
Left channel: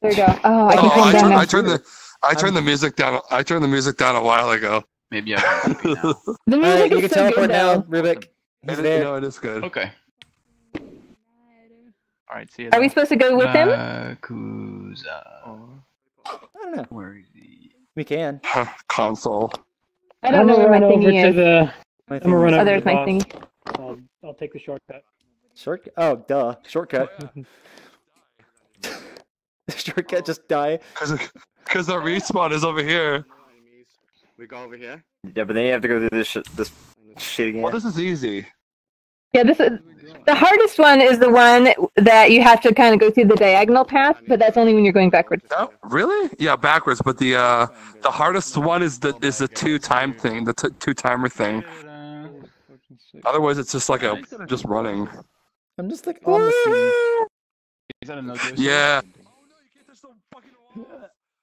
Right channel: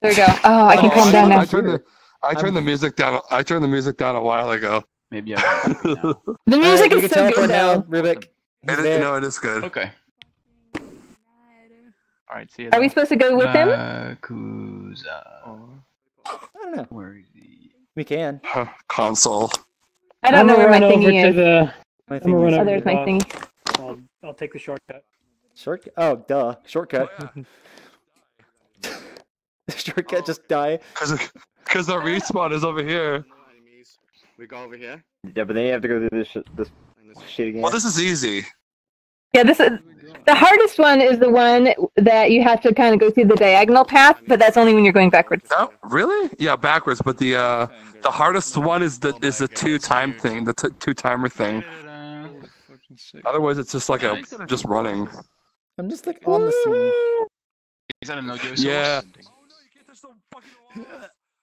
There we go. Oh, I can calm down now. I turned the music down. I turned the music down a while ago. Maybe the music is so good now, Rubik. It is good. Okay. All right, see you. Are we supposed to go with him? I don't know. Where is he? We can. Console. I don't know where my thingy is. There's my thingy. I'll take the shortcut. Shortcut? Oh, duh. Shortcut. Shortcut just die. Because the respawn is over here. We go over here? Yeah, but then you have to go through this shit again. Well, this is easy. Yeah, this is the hardest one. Is the one that you have to kind of go through the diagonal path, but that's only when you're going backwards. Oh, really? Yeah, backwards. But the hardest one is the 2-time thing, the 2-timer thing. Otherwise, it's just like just running. I'm just like on the scene. Is that a no Yeah.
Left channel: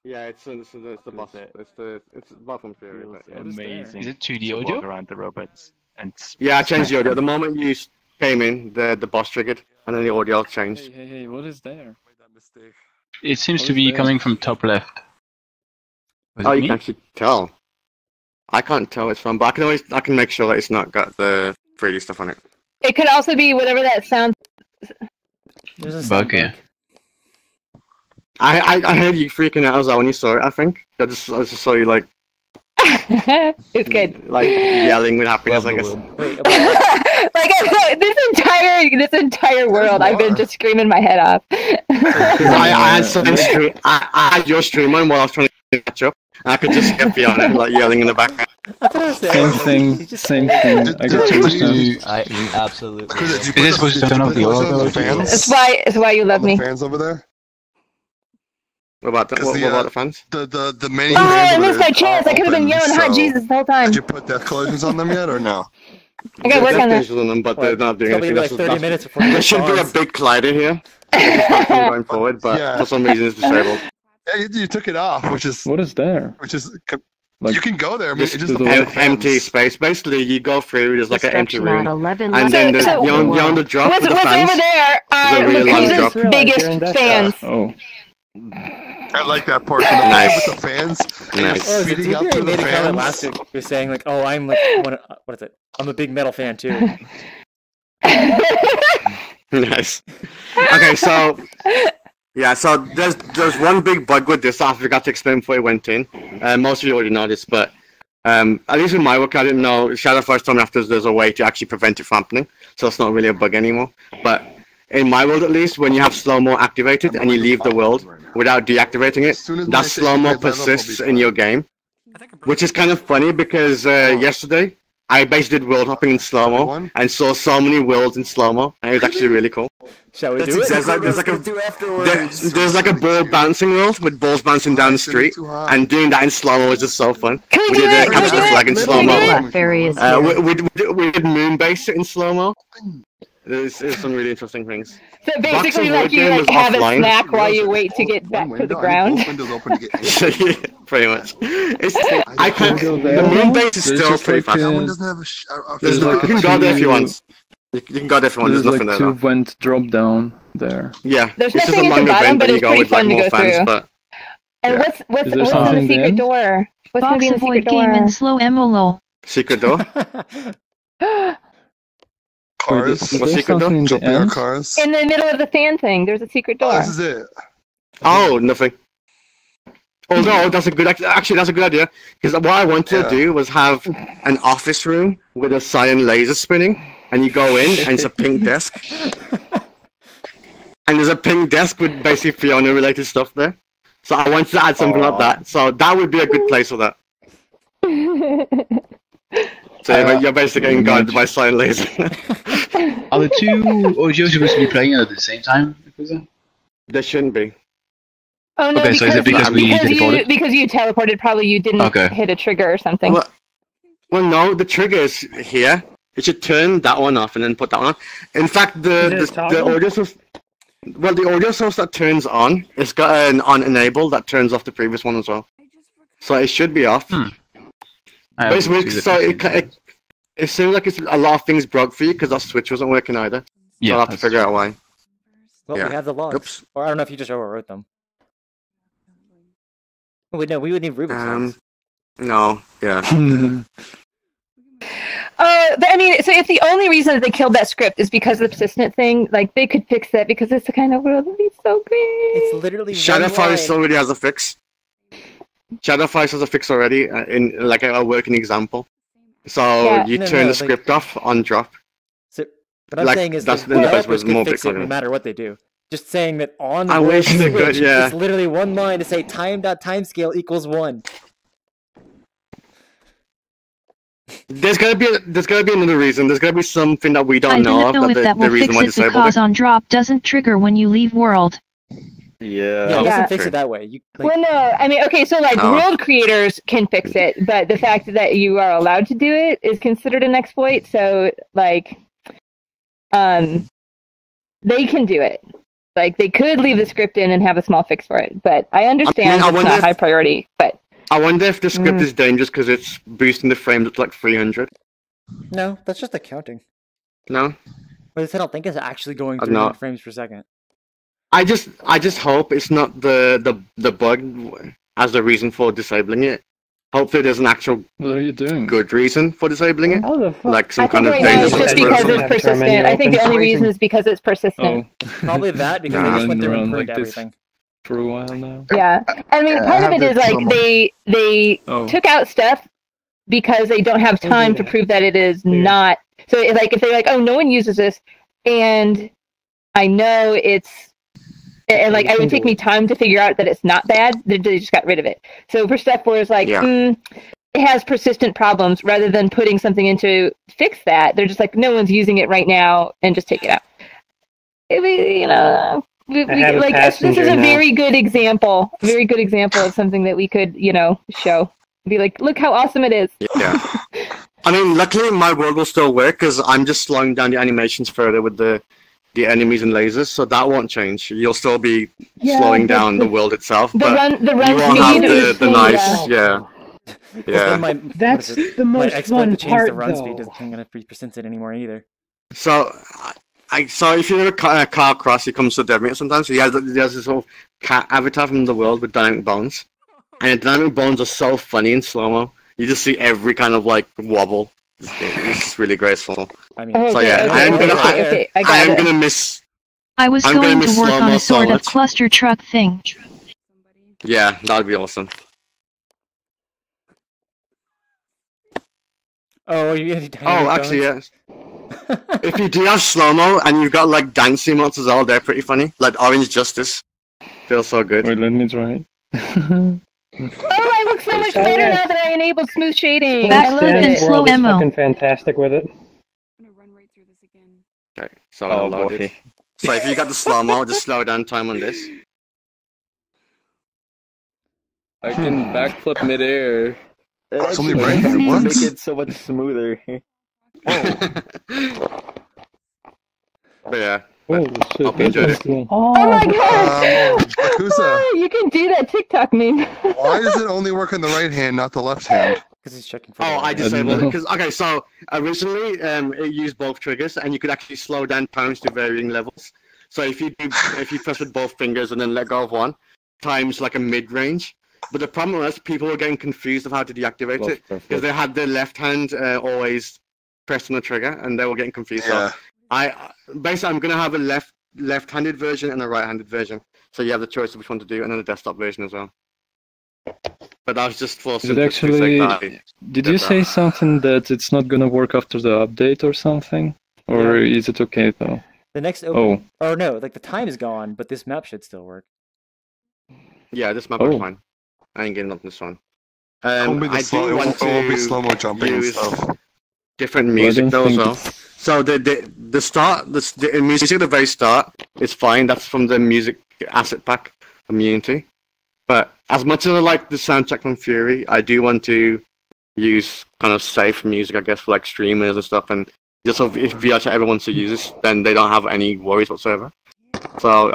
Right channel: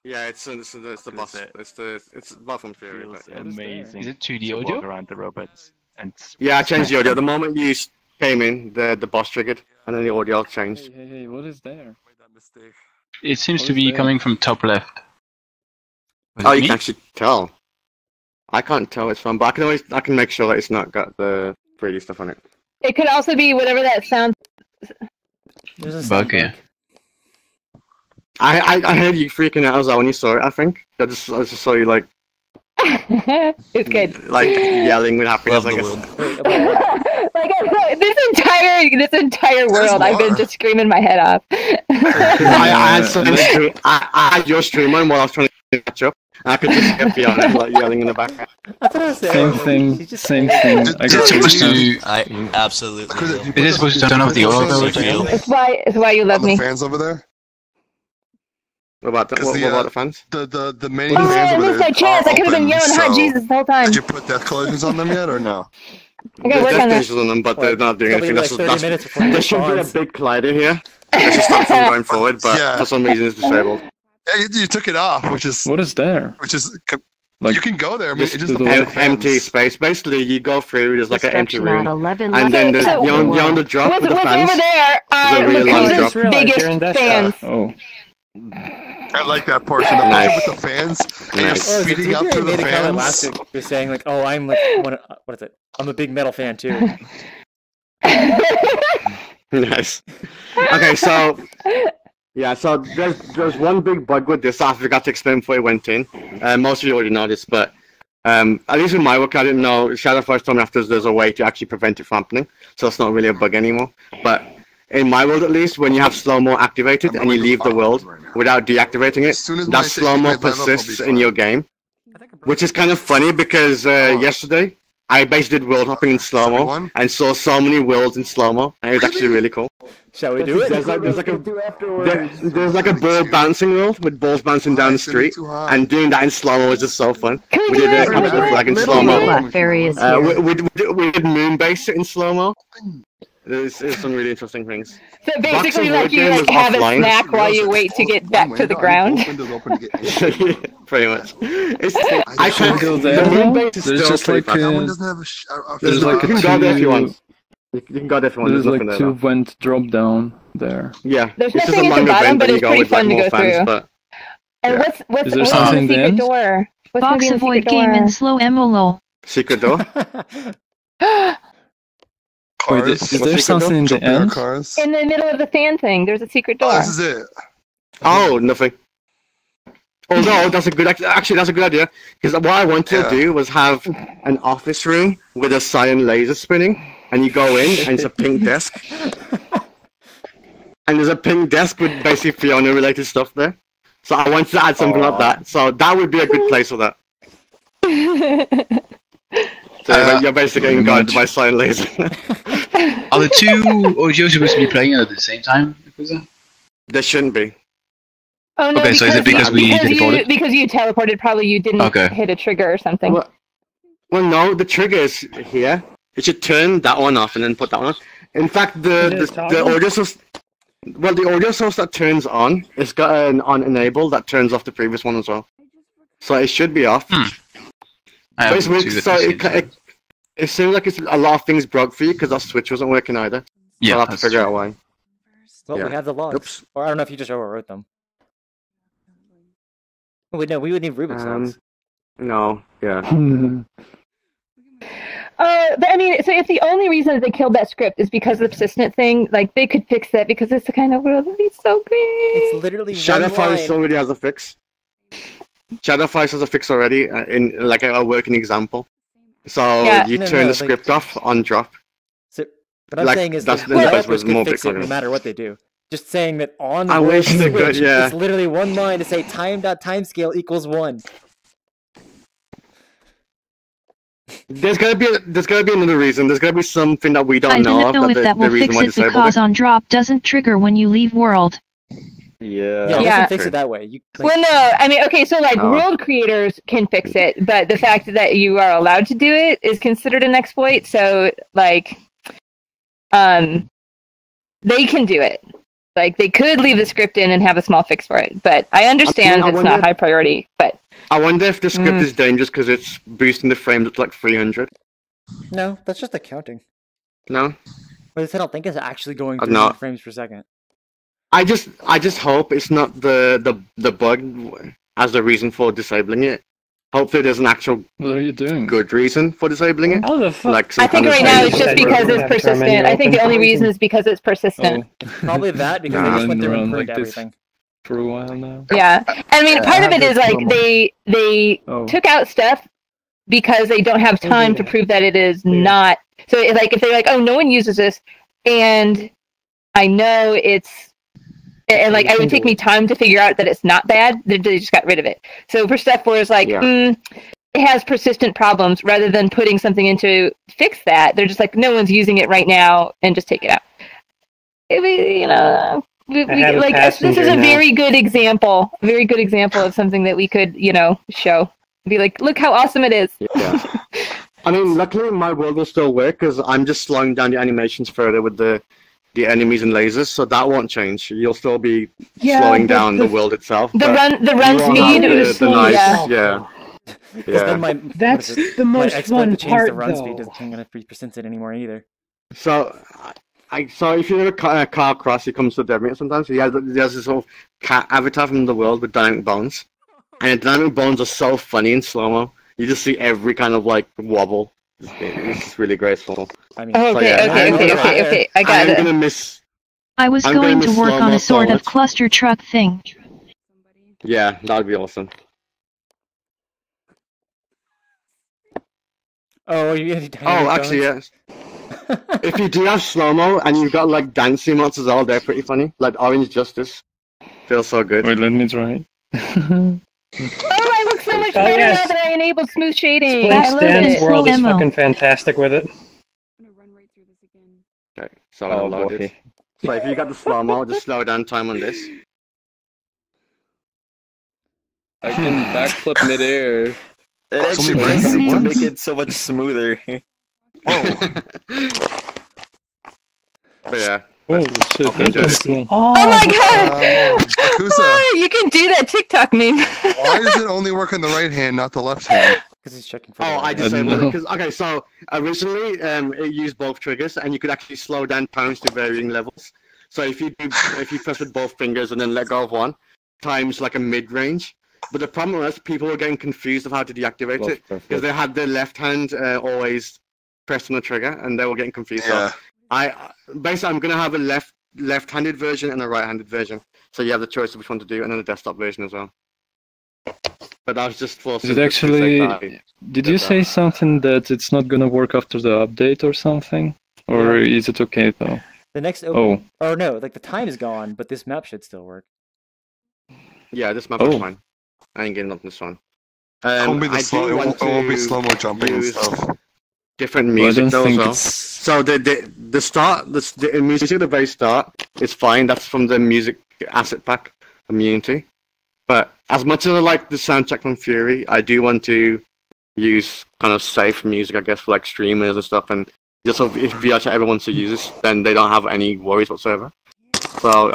Yeah, it's the boss. It's Bathroom Fury. Amazing. Is it 2D Just audio? walk around the robots and. Yeah, I changed the audio. The moment you came in, the boss triggered, and then the audio changed. Hey, what is there? It seems to be coming from top left. Oh, you can actually tell. I can't tell it's from, but I can make sure that it's not got the 3D stuff on it. It could also be whatever that sound. Bug, yeah. I heard you freaking out as well when you saw it. I think I just saw you like. It's good. Like yelling with happiness, I guess. Wait, about what? Like this entire world, I've been just screaming my head off. I had your stream on while I was trying to catch up. I could just hear Fiona like yelling in the background. I thought I was saying Same thing. Is it supposed to? Absolutely. Is it supposed to turn off the audio? It's why you love me. Fans over there. What about the fans? The main Oh, fans I over missed there. my chance. I could have been yelling hot Jesus the whole time. Did you put death collisions on them yet, or no? I gotta work on that. On them, but they're not doing Probably anything. like 30 minutes before you There should be a big collider here. That should stop from going forward, but for some reason it's disabled. Yeah, you took it off, which is what is there? Which is like, you can go there. I mean, it's just empty space. Basically, you go through. There's like an empty room, 11 and then there's you're on the drop What's with the fans. over there are really long drop. Lakuza's biggest fans. Oh. I like that portion. The portion with the fans. Nice. Oh, Feeding up to the made a comment fans. last week. You're saying like, oh, I'm like, what is it? I'm a big metal fan too. Nice. Okay, so yeah, so there's one big bug with this that I forgot to explain before I went in. Most of you already know this, but at least in my work, I didn't know. Shadow first told me after there's a way to actually prevent it from happening, so it's not really a bug anymore. But in my world, at least, when you have slow-mo activated and you leave the world without deactivating it, that slow-mo persists in your game, which is kind of funny because yesterday I basically did world hopping in slow-mo and saw so many worlds in slow-mo, and it was actually really cool. Shall we do it? There's like a ball bouncing world with balls bouncing down the street, and doing that in slow-mo is just so fun. We did a capture the flag in slow-mo. We did Moonbase in slow-mo. There's some really interesting things. So basically, like you like have a snack while you wait to get back to the ground. Pretty much. I can't. The Moonbase is still just like there's like you can go there if you want. You can go there if you want. There's There's like nothing two there. vent drop down there. Yeah. There's it's nothing at the bottom, but it's pretty fun to go through. But, and yeah. what's there in the something secret in? door? What's gonna be in the Box secret avoid game and door? slow emolo. Secret door? Cars. Is there something in the Jumping on end? cars. In the middle of the fan thing, there's a secret door. This is it. Oh, nothing. Although that's a good actually that's a good idea because what I wanted to do was have an office room with a CyanLaser spinning, and you go in and it's a pink desk, and there's a pink desk with basically Fiona related stuff there. So I wanted to add something like that. So that would be a good place for that. So you're basically getting guided by CyanLaser. Are the two audios supposed to be playing at the same time? There shouldn't be. Oh no! Okay, so is it because we teleported? Because you teleported, probably you didn't hit a trigger or something. Well, no, the trigger is here. You should turn that one off and then put that one on. In fact, the audio source, well, the audio source that turns on, it's got an on enable that turns off the previous one as well. So it should be off. But it's weird, so it seems like it's a lot of things broke for you because that switch wasn't working either. Yeah, I'll have to figure out why. Well, we have the logs. Oops. Or I don't know if you just overwrote them. Oh, wait, no, we would need Rubik's logs. No, yeah. But I mean, so if the only reason that they killed that script is because of the persistent thing, like they could fix that because it's the kind of world that'd be so great. It's literally Shadowfire already has a fix. Shadowfire has a fix already in like a working example. So you turn the script off on drop. So, what I'm saying is the developers can fix it no matter what they do. Just saying that on the world switch, it's literally one line to say time.timescale equals 1. There's gotta be another reason. There's gotta be something that we don't I know don't know of. if that will fix it because on drop doesn't trigger when you leave world. Yeah, it doesn't fix it that way. Well, no, I mean, okay, so like world creators can fix it, but the fact that you are allowed to do it is considered an exploit. So like, they can do it. Like they could leave the script in and have a small fix for it, but I understand it's not high priority. But I wonder if the script is dangerous because it's boosting the frames up to like 300. No, that's just accounting. No, but I don't think it's actually going 300 frames per second. I just hope it's not the bug as the reason for disabling it. Hopefully, there's an actual good reason for disabling it. Like some I think right now it's just because it's persistent. I think the only reason is because it's persistent. Probably that because they just went through and proved everything. For a while now. Yeah, I mean, part of it is like they took out stuff because they don't have time to prove that it is not. So like if they're like, oh, no one uses this, and I know it's, and like it would take me time to figure out that it's not bad, they just got rid of it. So for stuff where it's like, it has persistent problems, rather than putting something in to fix that, they're just like, no one's using it right now, and just take it out. You know, like this is a very good example of something that we could, you know, show. Be like, look how awesome it is. Yeah. I mean, luckily my world will still work because I'm just slowing down the animations further with the enemies and lasers, so that won't change. You'll still be slowing down the world itself. The run speed, the nice, yeah. That's the most fun to change part, the run though. speed doesn't gonna be percented anymore either. So, if you have a car cross, he comes to dead meat sometimes. He has this sort of cat avatar from the world with dynamic bones, and the dynamic bones are so funny in slow mo. You just see every kind of like wobble. It's really graceful. I mean, okay, I got it. Gonna miss. I was going to work on a sort of cluster truck thing. Yeah, that'd be awesome. Oh, actually, yes. If you do have slow-mo and you've got like dancing mods as well, they're pretty funny. Like Orange Justice. Feels so good. Wait, let me try. Oh, I look so much better now that I enabled smooth shading. I love it. World is fucking fantastic with it. Okay, so I'll load it. So if you got the slow-mo, just slow down time on this. I can backflip midair. It's only right to make it so much smoother. But yeah. Oh shit! Oh my god! Yakuza, You can do that TikTok meme. why does it only work on the right hand, not the left hand? Because he's checking for. I disabled it because so originally it used both triggers, and you could actually slow down times to varying levels. So if you press with both fingers and then let go of one, times like a mid range. But the problem was people were getting confused of how to deactivate it because they had their left hand always pressed on the trigger, and they were getting confused. Yeah. So basically I'm gonna have a left-handed version and a right-handed version. So you have the choice of which one to do, and then a desktop version as well. But that was just for. Did actually? Did you say something that it's not gonna work after the update or something, or is it okay though? The next no, like the time is gone, but this map should still work. Yeah, this map is fine. I ain't getting up this one. It won't be slow-mo jumping and stuff. Different music though as well. So the music at the very start is fine. That's from the music asset pack community. But as much as I like the soundtrack from Fury, I do want to use kind of safe music, I guess, for like streamers and stuff. And just so if VRChat ever wants to use this, then they don't have any worries whatsoever. So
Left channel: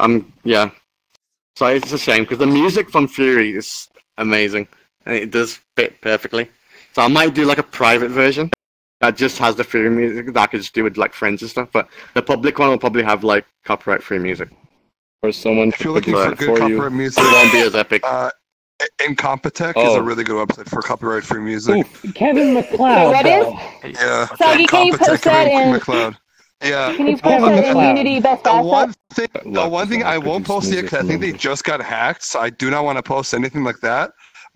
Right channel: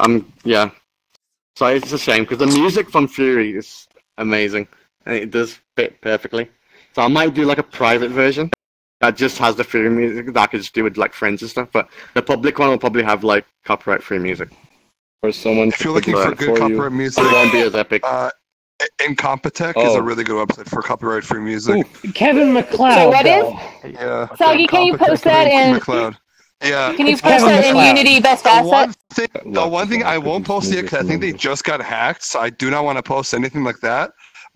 So it's a shame because the music from Fury is amazing and it does fit perfectly. So I might do like a private version that just has the Fury music that I could just do with like friends and stuff. But the public one will probably have like copyright-free music. Or someone. If you're looking for good copyright music, it won't be as epic. Incompetech is a really good website for copyright-free music. Ooh, Kevin McLeod. So what is? Yeah. Soggy, can you post that in? McLeod. Yeah. Can you post that in Unity Best Asset? The one thing I won't post yet because I think they just got hacked, so I do not want to post anything like that.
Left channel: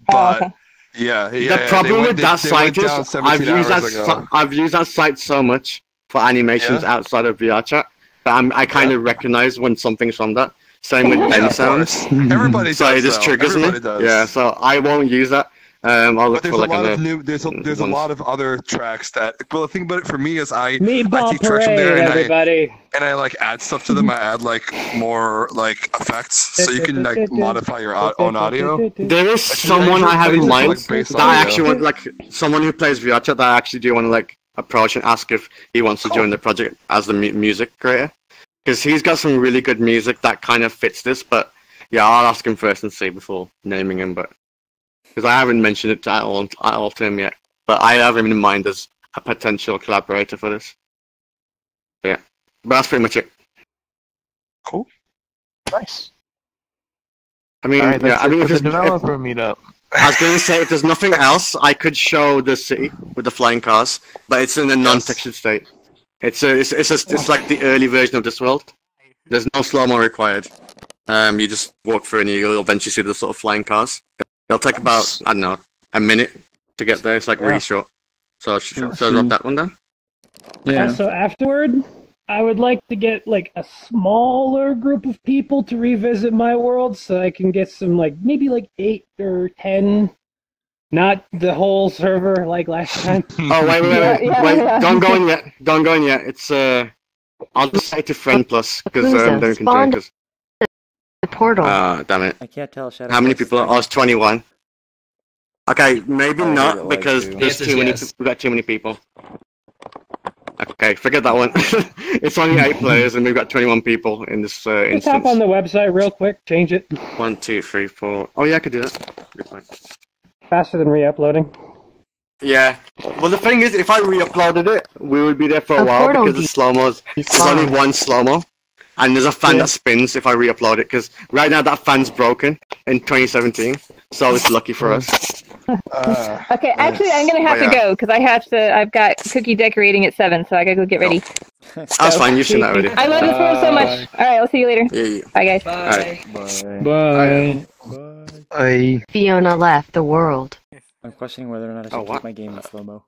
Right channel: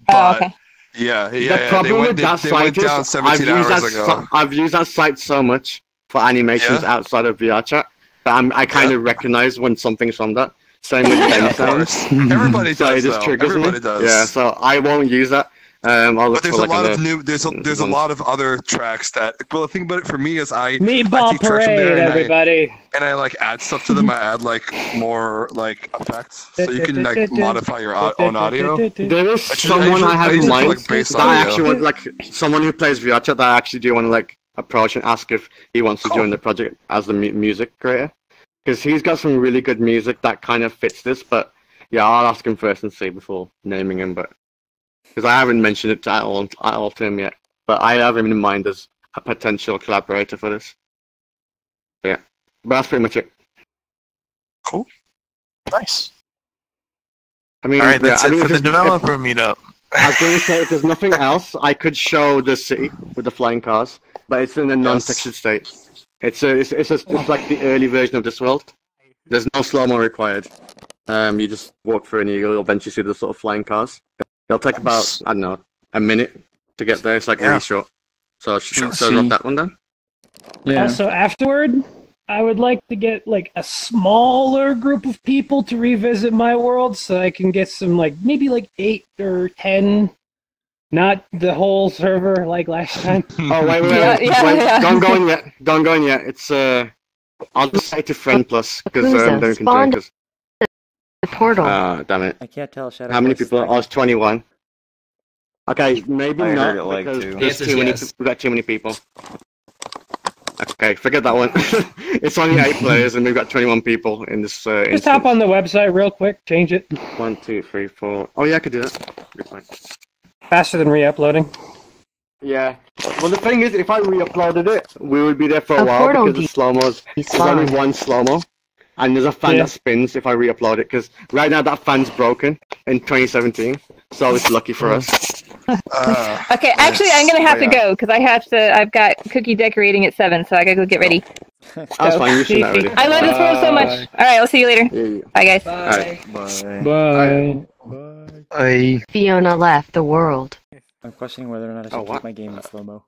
But The problem with that site is I've used that site so much for animations outside of VRChat that I kind of recognize when something's on that. Same with Ben sounds. Everybody does. It just triggers Everybody me. does. Yeah, so I won't use that. I'll look But for like there's a lot of other tracks that. Well, the thing about it for me is I Meatball take tracks from Parade, there everybody. and I like add stuff to them. I add like more like effects, so you can like modify your own audio. There is someone I have in mind that I actually want, like someone who plays VRChat that I actually do want to like approach and ask if he wants to join the project as the music creator, because he's got some really good music that kind of fits this. But yeah, I'll ask him first and see before naming him. But because I haven't mentioned it at all to him yet, but I have him in mind as a potential collaborator for this. But yeah, but that's pretty much it. Cool. Nice. I mean, Alright, that's I mean, it for the developer meetup. I was going to say, if there's nothing else, I could show the city with the flying cars, but it's in a non-textured state. It's like the early version of this world. There's no slow-mo required. You just walk through and you'll eventually see the sort of flying cars. They'll take about, I don't know, a minute to get there. It's like really short. So drop that one then. Yeah. Also, afterward, I would like to get like a smaller group of people to revisit my world, so I can get some maybe 8 or 10, not the whole server like last time. Oh wait! Don't go in yet. Don't go in yet. It's I'll just say to friend plus because they can join us. The portal. Damn it! I can't tell. Shadow How many Force is people? back. I was 21. Okay, maybe I heard not it like because too. there's Yes, too many. yes. We got too many people. Okay, forget that one. It's only 8 players and we've got 21 people in this Just instance. hop on the website real quick, change it. 1, 2, 3, 4. Oh yeah, I could do that. Be fine. Faster than re-uploading. Yeah. Well, the thing is, if I re-uploaded it, we would be there for a A while portal because the slow-mos. There's only one slow-mo, and there's a fan that spins if I re-upload it. Because right now that fan's broken in 2017, so it's lucky for us. Okay, actually, I'm gonna have to go because I've got cookie decorating at 7, so I gotta go get ready. That's fine. You should know already. I love this world so much. All right, I'll see you later. Yeah. Bye, guys. Bye. Bye. Fiona left the world. I'm questioning whether or not I should keep my game in slow-mo.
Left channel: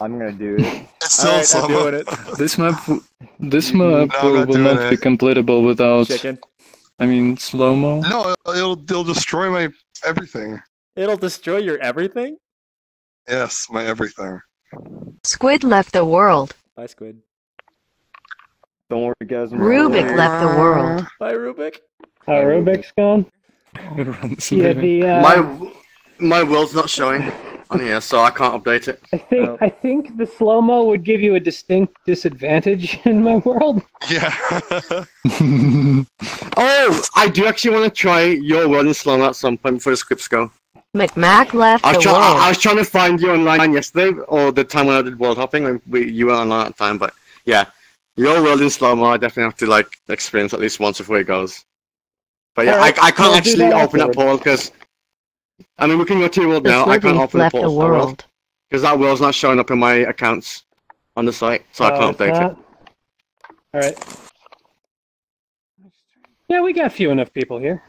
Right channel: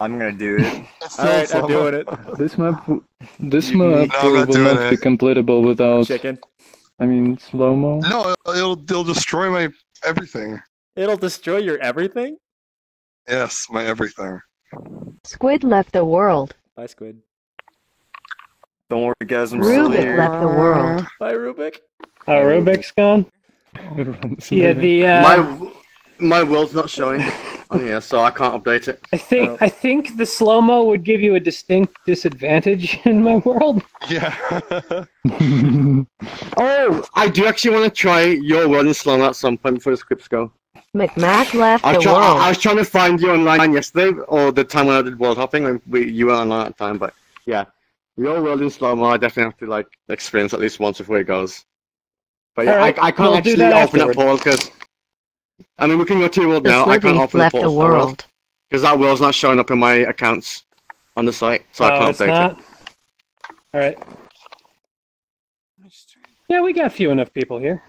I'm gonna do it. Alright, I'm doing it. This map will not be completable without Chicken. I mean slow-mo. No, it'll destroy my everything. It'll destroy your everything? Yes, my everything. Squid left the world. Bye, Squid. Don't worry, guys. Rubik left the world. Bye, Rubik. Rubik's gone. Yeah, my world's not showing on here, so I can't update it. I think the slow-mo would give you a distinct disadvantage in my world. Yeah. I do actually want to try your world in slow-mo at some point before the scripts go. McMac left the world. I was trying to find you online yesterday, or the time when I did world hopping. You were online at the time, but yeah, your world in slow-mo, I definitely have to experience at least once before it goes. But yeah, Right, I can't actually open that portal because I mean we can go to your world now. I can't open the portal because that world's not showing up in my accounts on the site, so I can't update it. All right. Yeah, we got a few enough people here.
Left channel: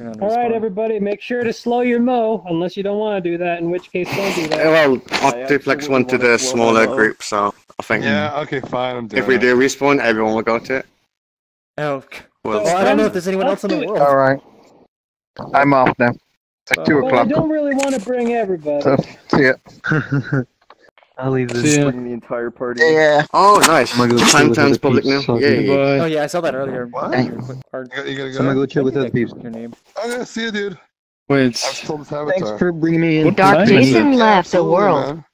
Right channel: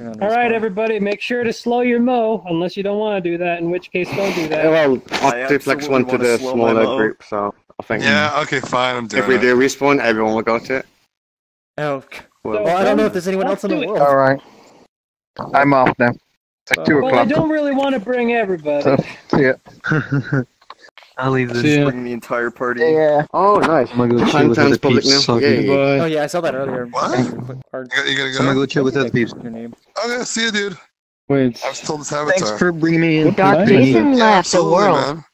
All right, everybody, make sure to slow your mo, unless you don't want to do that, in which case don't do that. Well, Octaflex went to the smaller group, so I think. Yeah, okay, fine, I'm doing If we do respawn, everyone will go to it. Oh, well, I don't know if there's anyone else in the world. Alright. I'm off now. It's like 2 Well, I o'clock. don't really want to bring everybody. So, see ya. I'll leave this. Bring the entire party. Yeah. Oh, nice. I'm gonna go chill with Time's other public peeps. now. Okay, Yeah. bye. Oh yeah, I saw that earlier. What? You gotta go? I'm gonna go chill with other peeps. Your name. I'm gonna see you, dude. Wait. I've told this avatar. Thanks for bringing me in. Jason left the world. Man.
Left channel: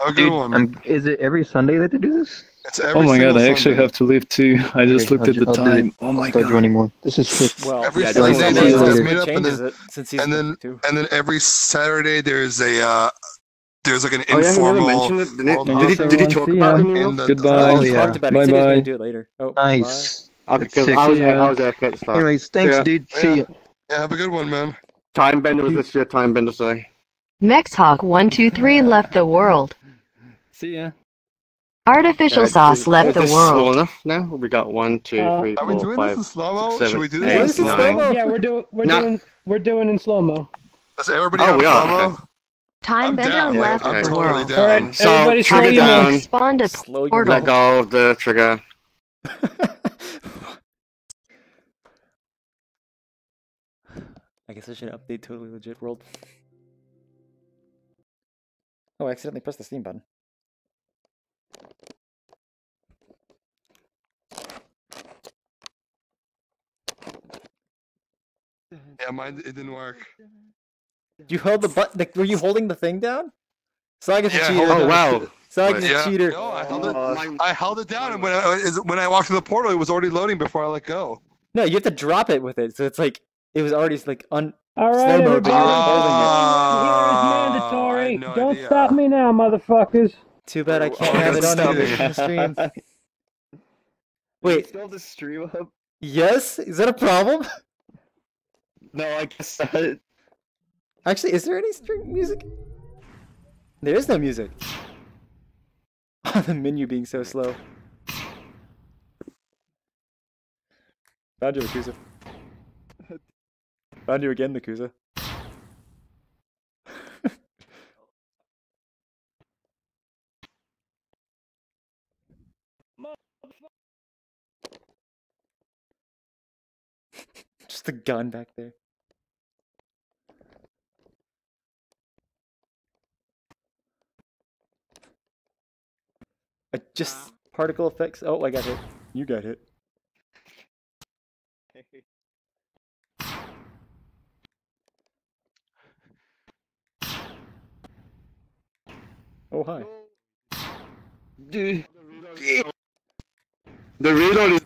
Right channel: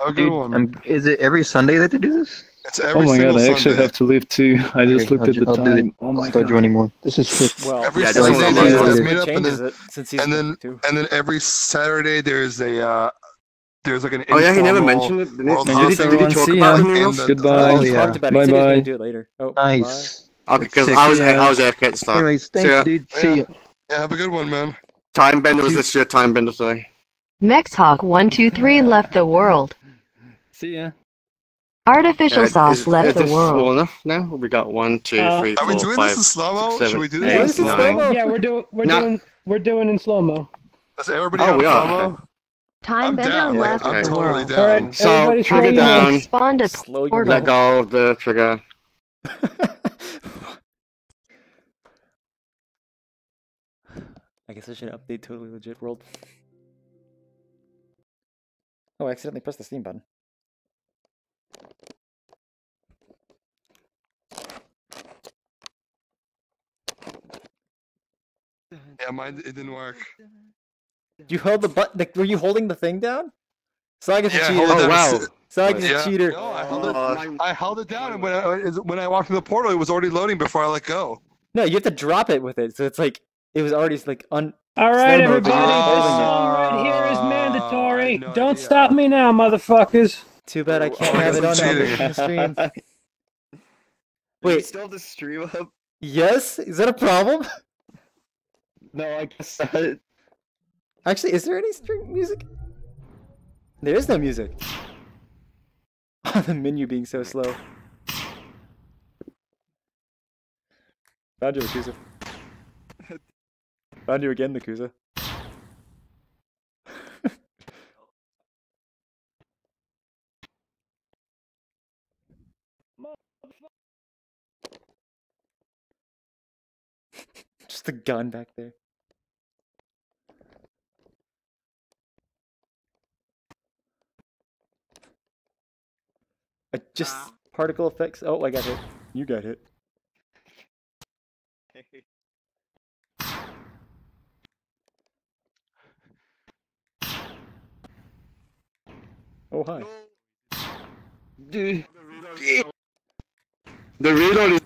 Have a good one. Is it every Sunday that they do this? It's every Oh my god, single I actually Sunday. have to leave too. I just looked at the time. I'll start joining more. This is shit. Well, Every yeah, Sunday Sunday there's is a what meetup, changes it since season 52. and then every Saturday there's a there's like an Oh yeah, he never informal mentioned it, didn't world he? hosting Did he talk See about ya. it anywhere? Goodbye. Oh, he talked about it. He said he was Bye-bye. gonna do it later. Oh, Nice. Okay, because Sick. I was Yeah. AFK at the start. Anyways, thanks, ya. dude. See ya. Yeah, have a good one, man. Time Bender was this year, Time Bender, sorry. Mexhawk123 left the world. See ya. Artificial Yeah, sauce is left the this world. small enough now? We got 1, 2, 3, Are we 4, doing 5, this in slow-mo? 7, Should we do 8, this? 9. Yeah, we're doing in slow-mo. Is everybody Oh, on we are, slow-mo? okay. Time I'm Bender down. left I'm the totally world. down. All right, So, everybody trigger slow your down, mo. Spawned a Slow your portal. let go of the trigger. I guess I should update Totally Legit World. Oh, I accidentally pressed the Steam button. Yeah, mine it didn't work. You held the button. Were you holding the thing down? Saga's a Yeah, cheater. hold it. Oh, wow. Saga's Yeah. a cheater. No, I held it down, and when I walked in the portal, it was already loading before I let go. No, you have to drop it with it. So it's like it was already like All right, slow mo, but you were holding it. right here is mandatory. I had no Don't idea. stop me now, motherfuckers. Too bad I can't have it on the stream. Wait, Still the stream up? yes? Is that a problem? No, I guess not. Actually, is there any stream music? There is no music. The menu being so slow. Found you, Nakusa. Found you again, Nakusa. Just a gun back there. Just particle effects. Oh, I got hit. You got hit. Oh, hi. Dude. The reload is...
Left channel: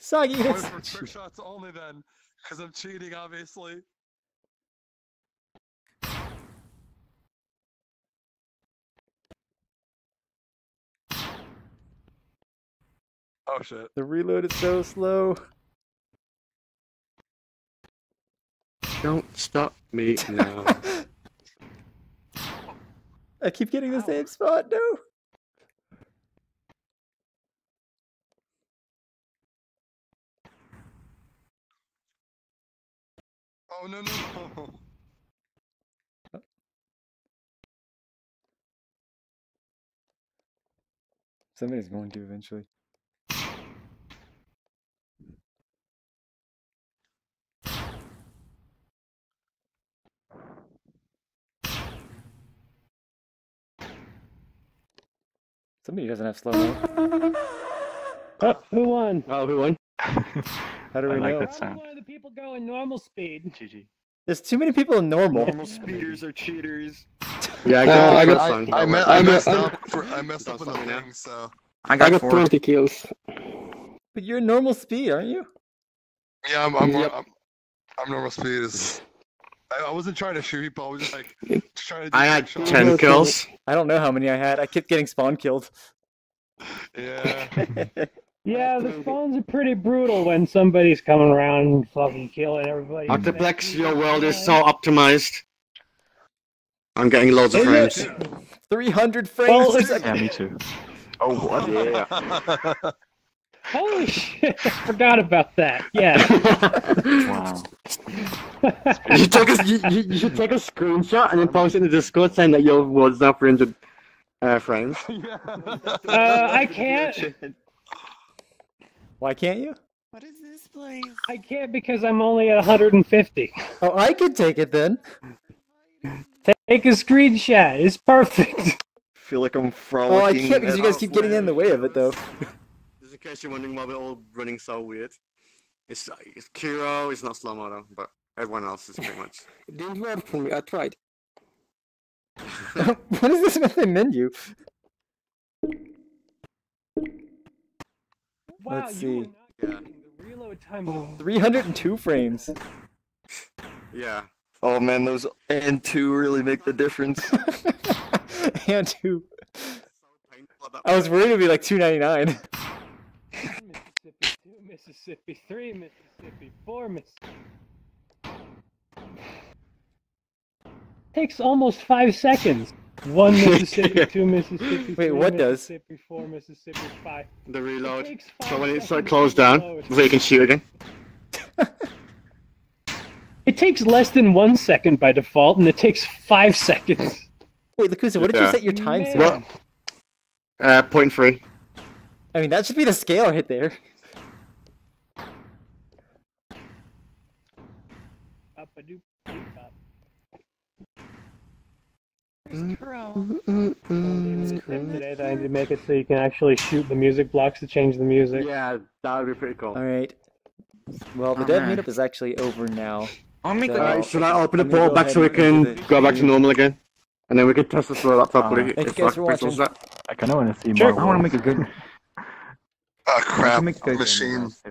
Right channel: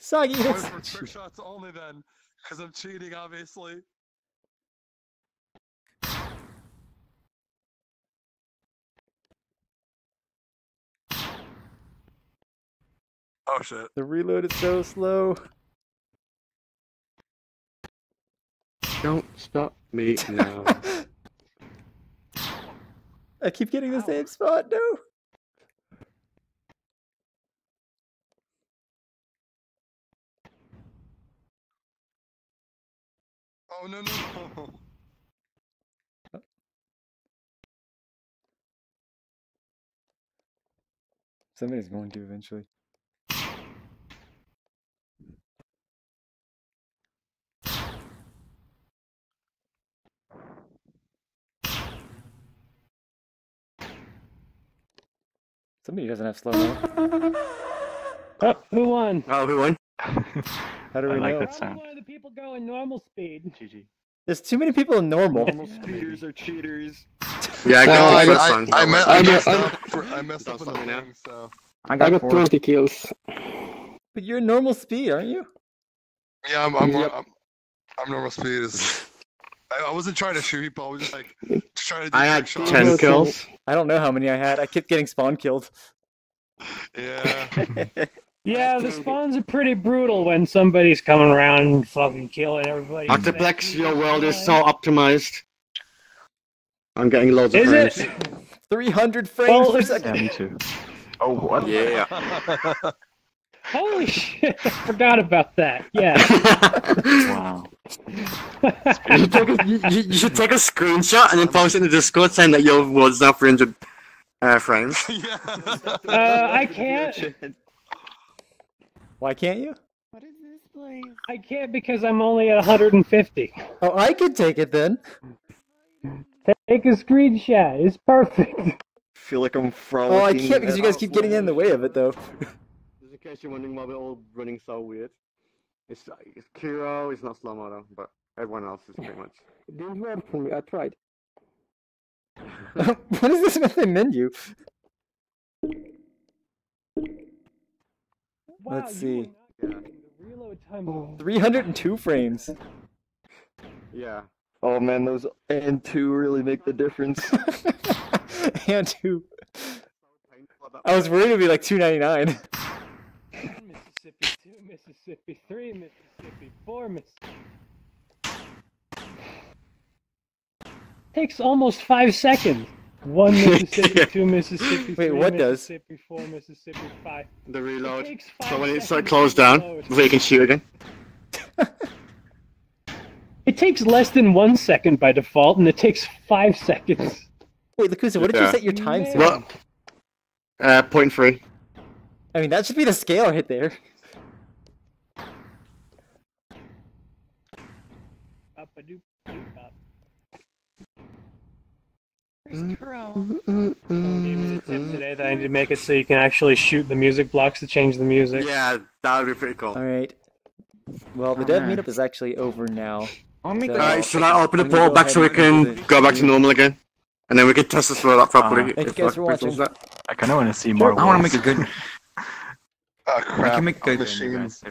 Soggy, I'm that's going for trick shots only then, because I'm cheating, obviously. Oh shit. The reload is so slow. Don't stop me now. I keep getting the same spot, no! Oh no no. Somebody's going to eventually. Somebody doesn't have slow mo. Oh, who won? Oh, who won? How do we know? That sound. One of the people going normal speed. GG. There's too many people in normal. Speeders are cheaters. Yeah, I messed up on the thing, so. I got 20 kills. But you're normal speed, aren't you? Yeah, I'm normal speed. I wasn't trying to shoot people. I was just like trying to do I had shots. 10 kills. I don't know how many I had. I kept getting spawn killed. Yeah. Yeah, the spawns are pretty brutal when somebody's coming around and fucking killing everybody. Multiplex, your world is so optimized. I'm getting loads of frames. 300 frames per second. Yeah, me too. Oh, what? Yeah. Holy shit, I forgot about that. Yeah. Wow. You should take a screenshot and then post it in the Discord saying that your world's now 300 frames. I can't. Why can't you? What is this place? I can't because I'm only at 150. Oh, I could take it then. Take a screenshot. It's perfect. Feel like I'm frolicking. Oh, I can't because you guys keep getting in the way of it, though. Just in case you're wondering why we're all running so weird. It's Kiro, it's not slow moto, but everyone else is pretty much. It didn't work for me, I tried. What is this with the menu? Let's see. 302 frames. Yeah. Oh man, those and 2 really make the difference. And 2. I was worried it'd be like 299. Mississippi 2, Mississippi 3, Mississippi 4, Mississippi. Takes almost 5 seconds. 1 Mississippi, 2 Mississippi. Wait, what does? Mississippi 4, Mississippi 5. The reload. So when it's closed down, before you can shoot again. It takes less than 1 second by default, and it takes 5 seconds. Wait, Lakusa, what did you set your time to? Well, 0.3. I mean, that should be the scale right there. Today that I need to make it so you can actually shoot the music blocks to change the music. Yeah, that would be pretty cool. Alright. Well, the dev meetup is actually over now. Alright, should I open the portal back so we can go back to normal again? And then we can test this world out properly. Thank you guys for watching. I kind of want to see more. I want to make a good. Crap make good machine. If,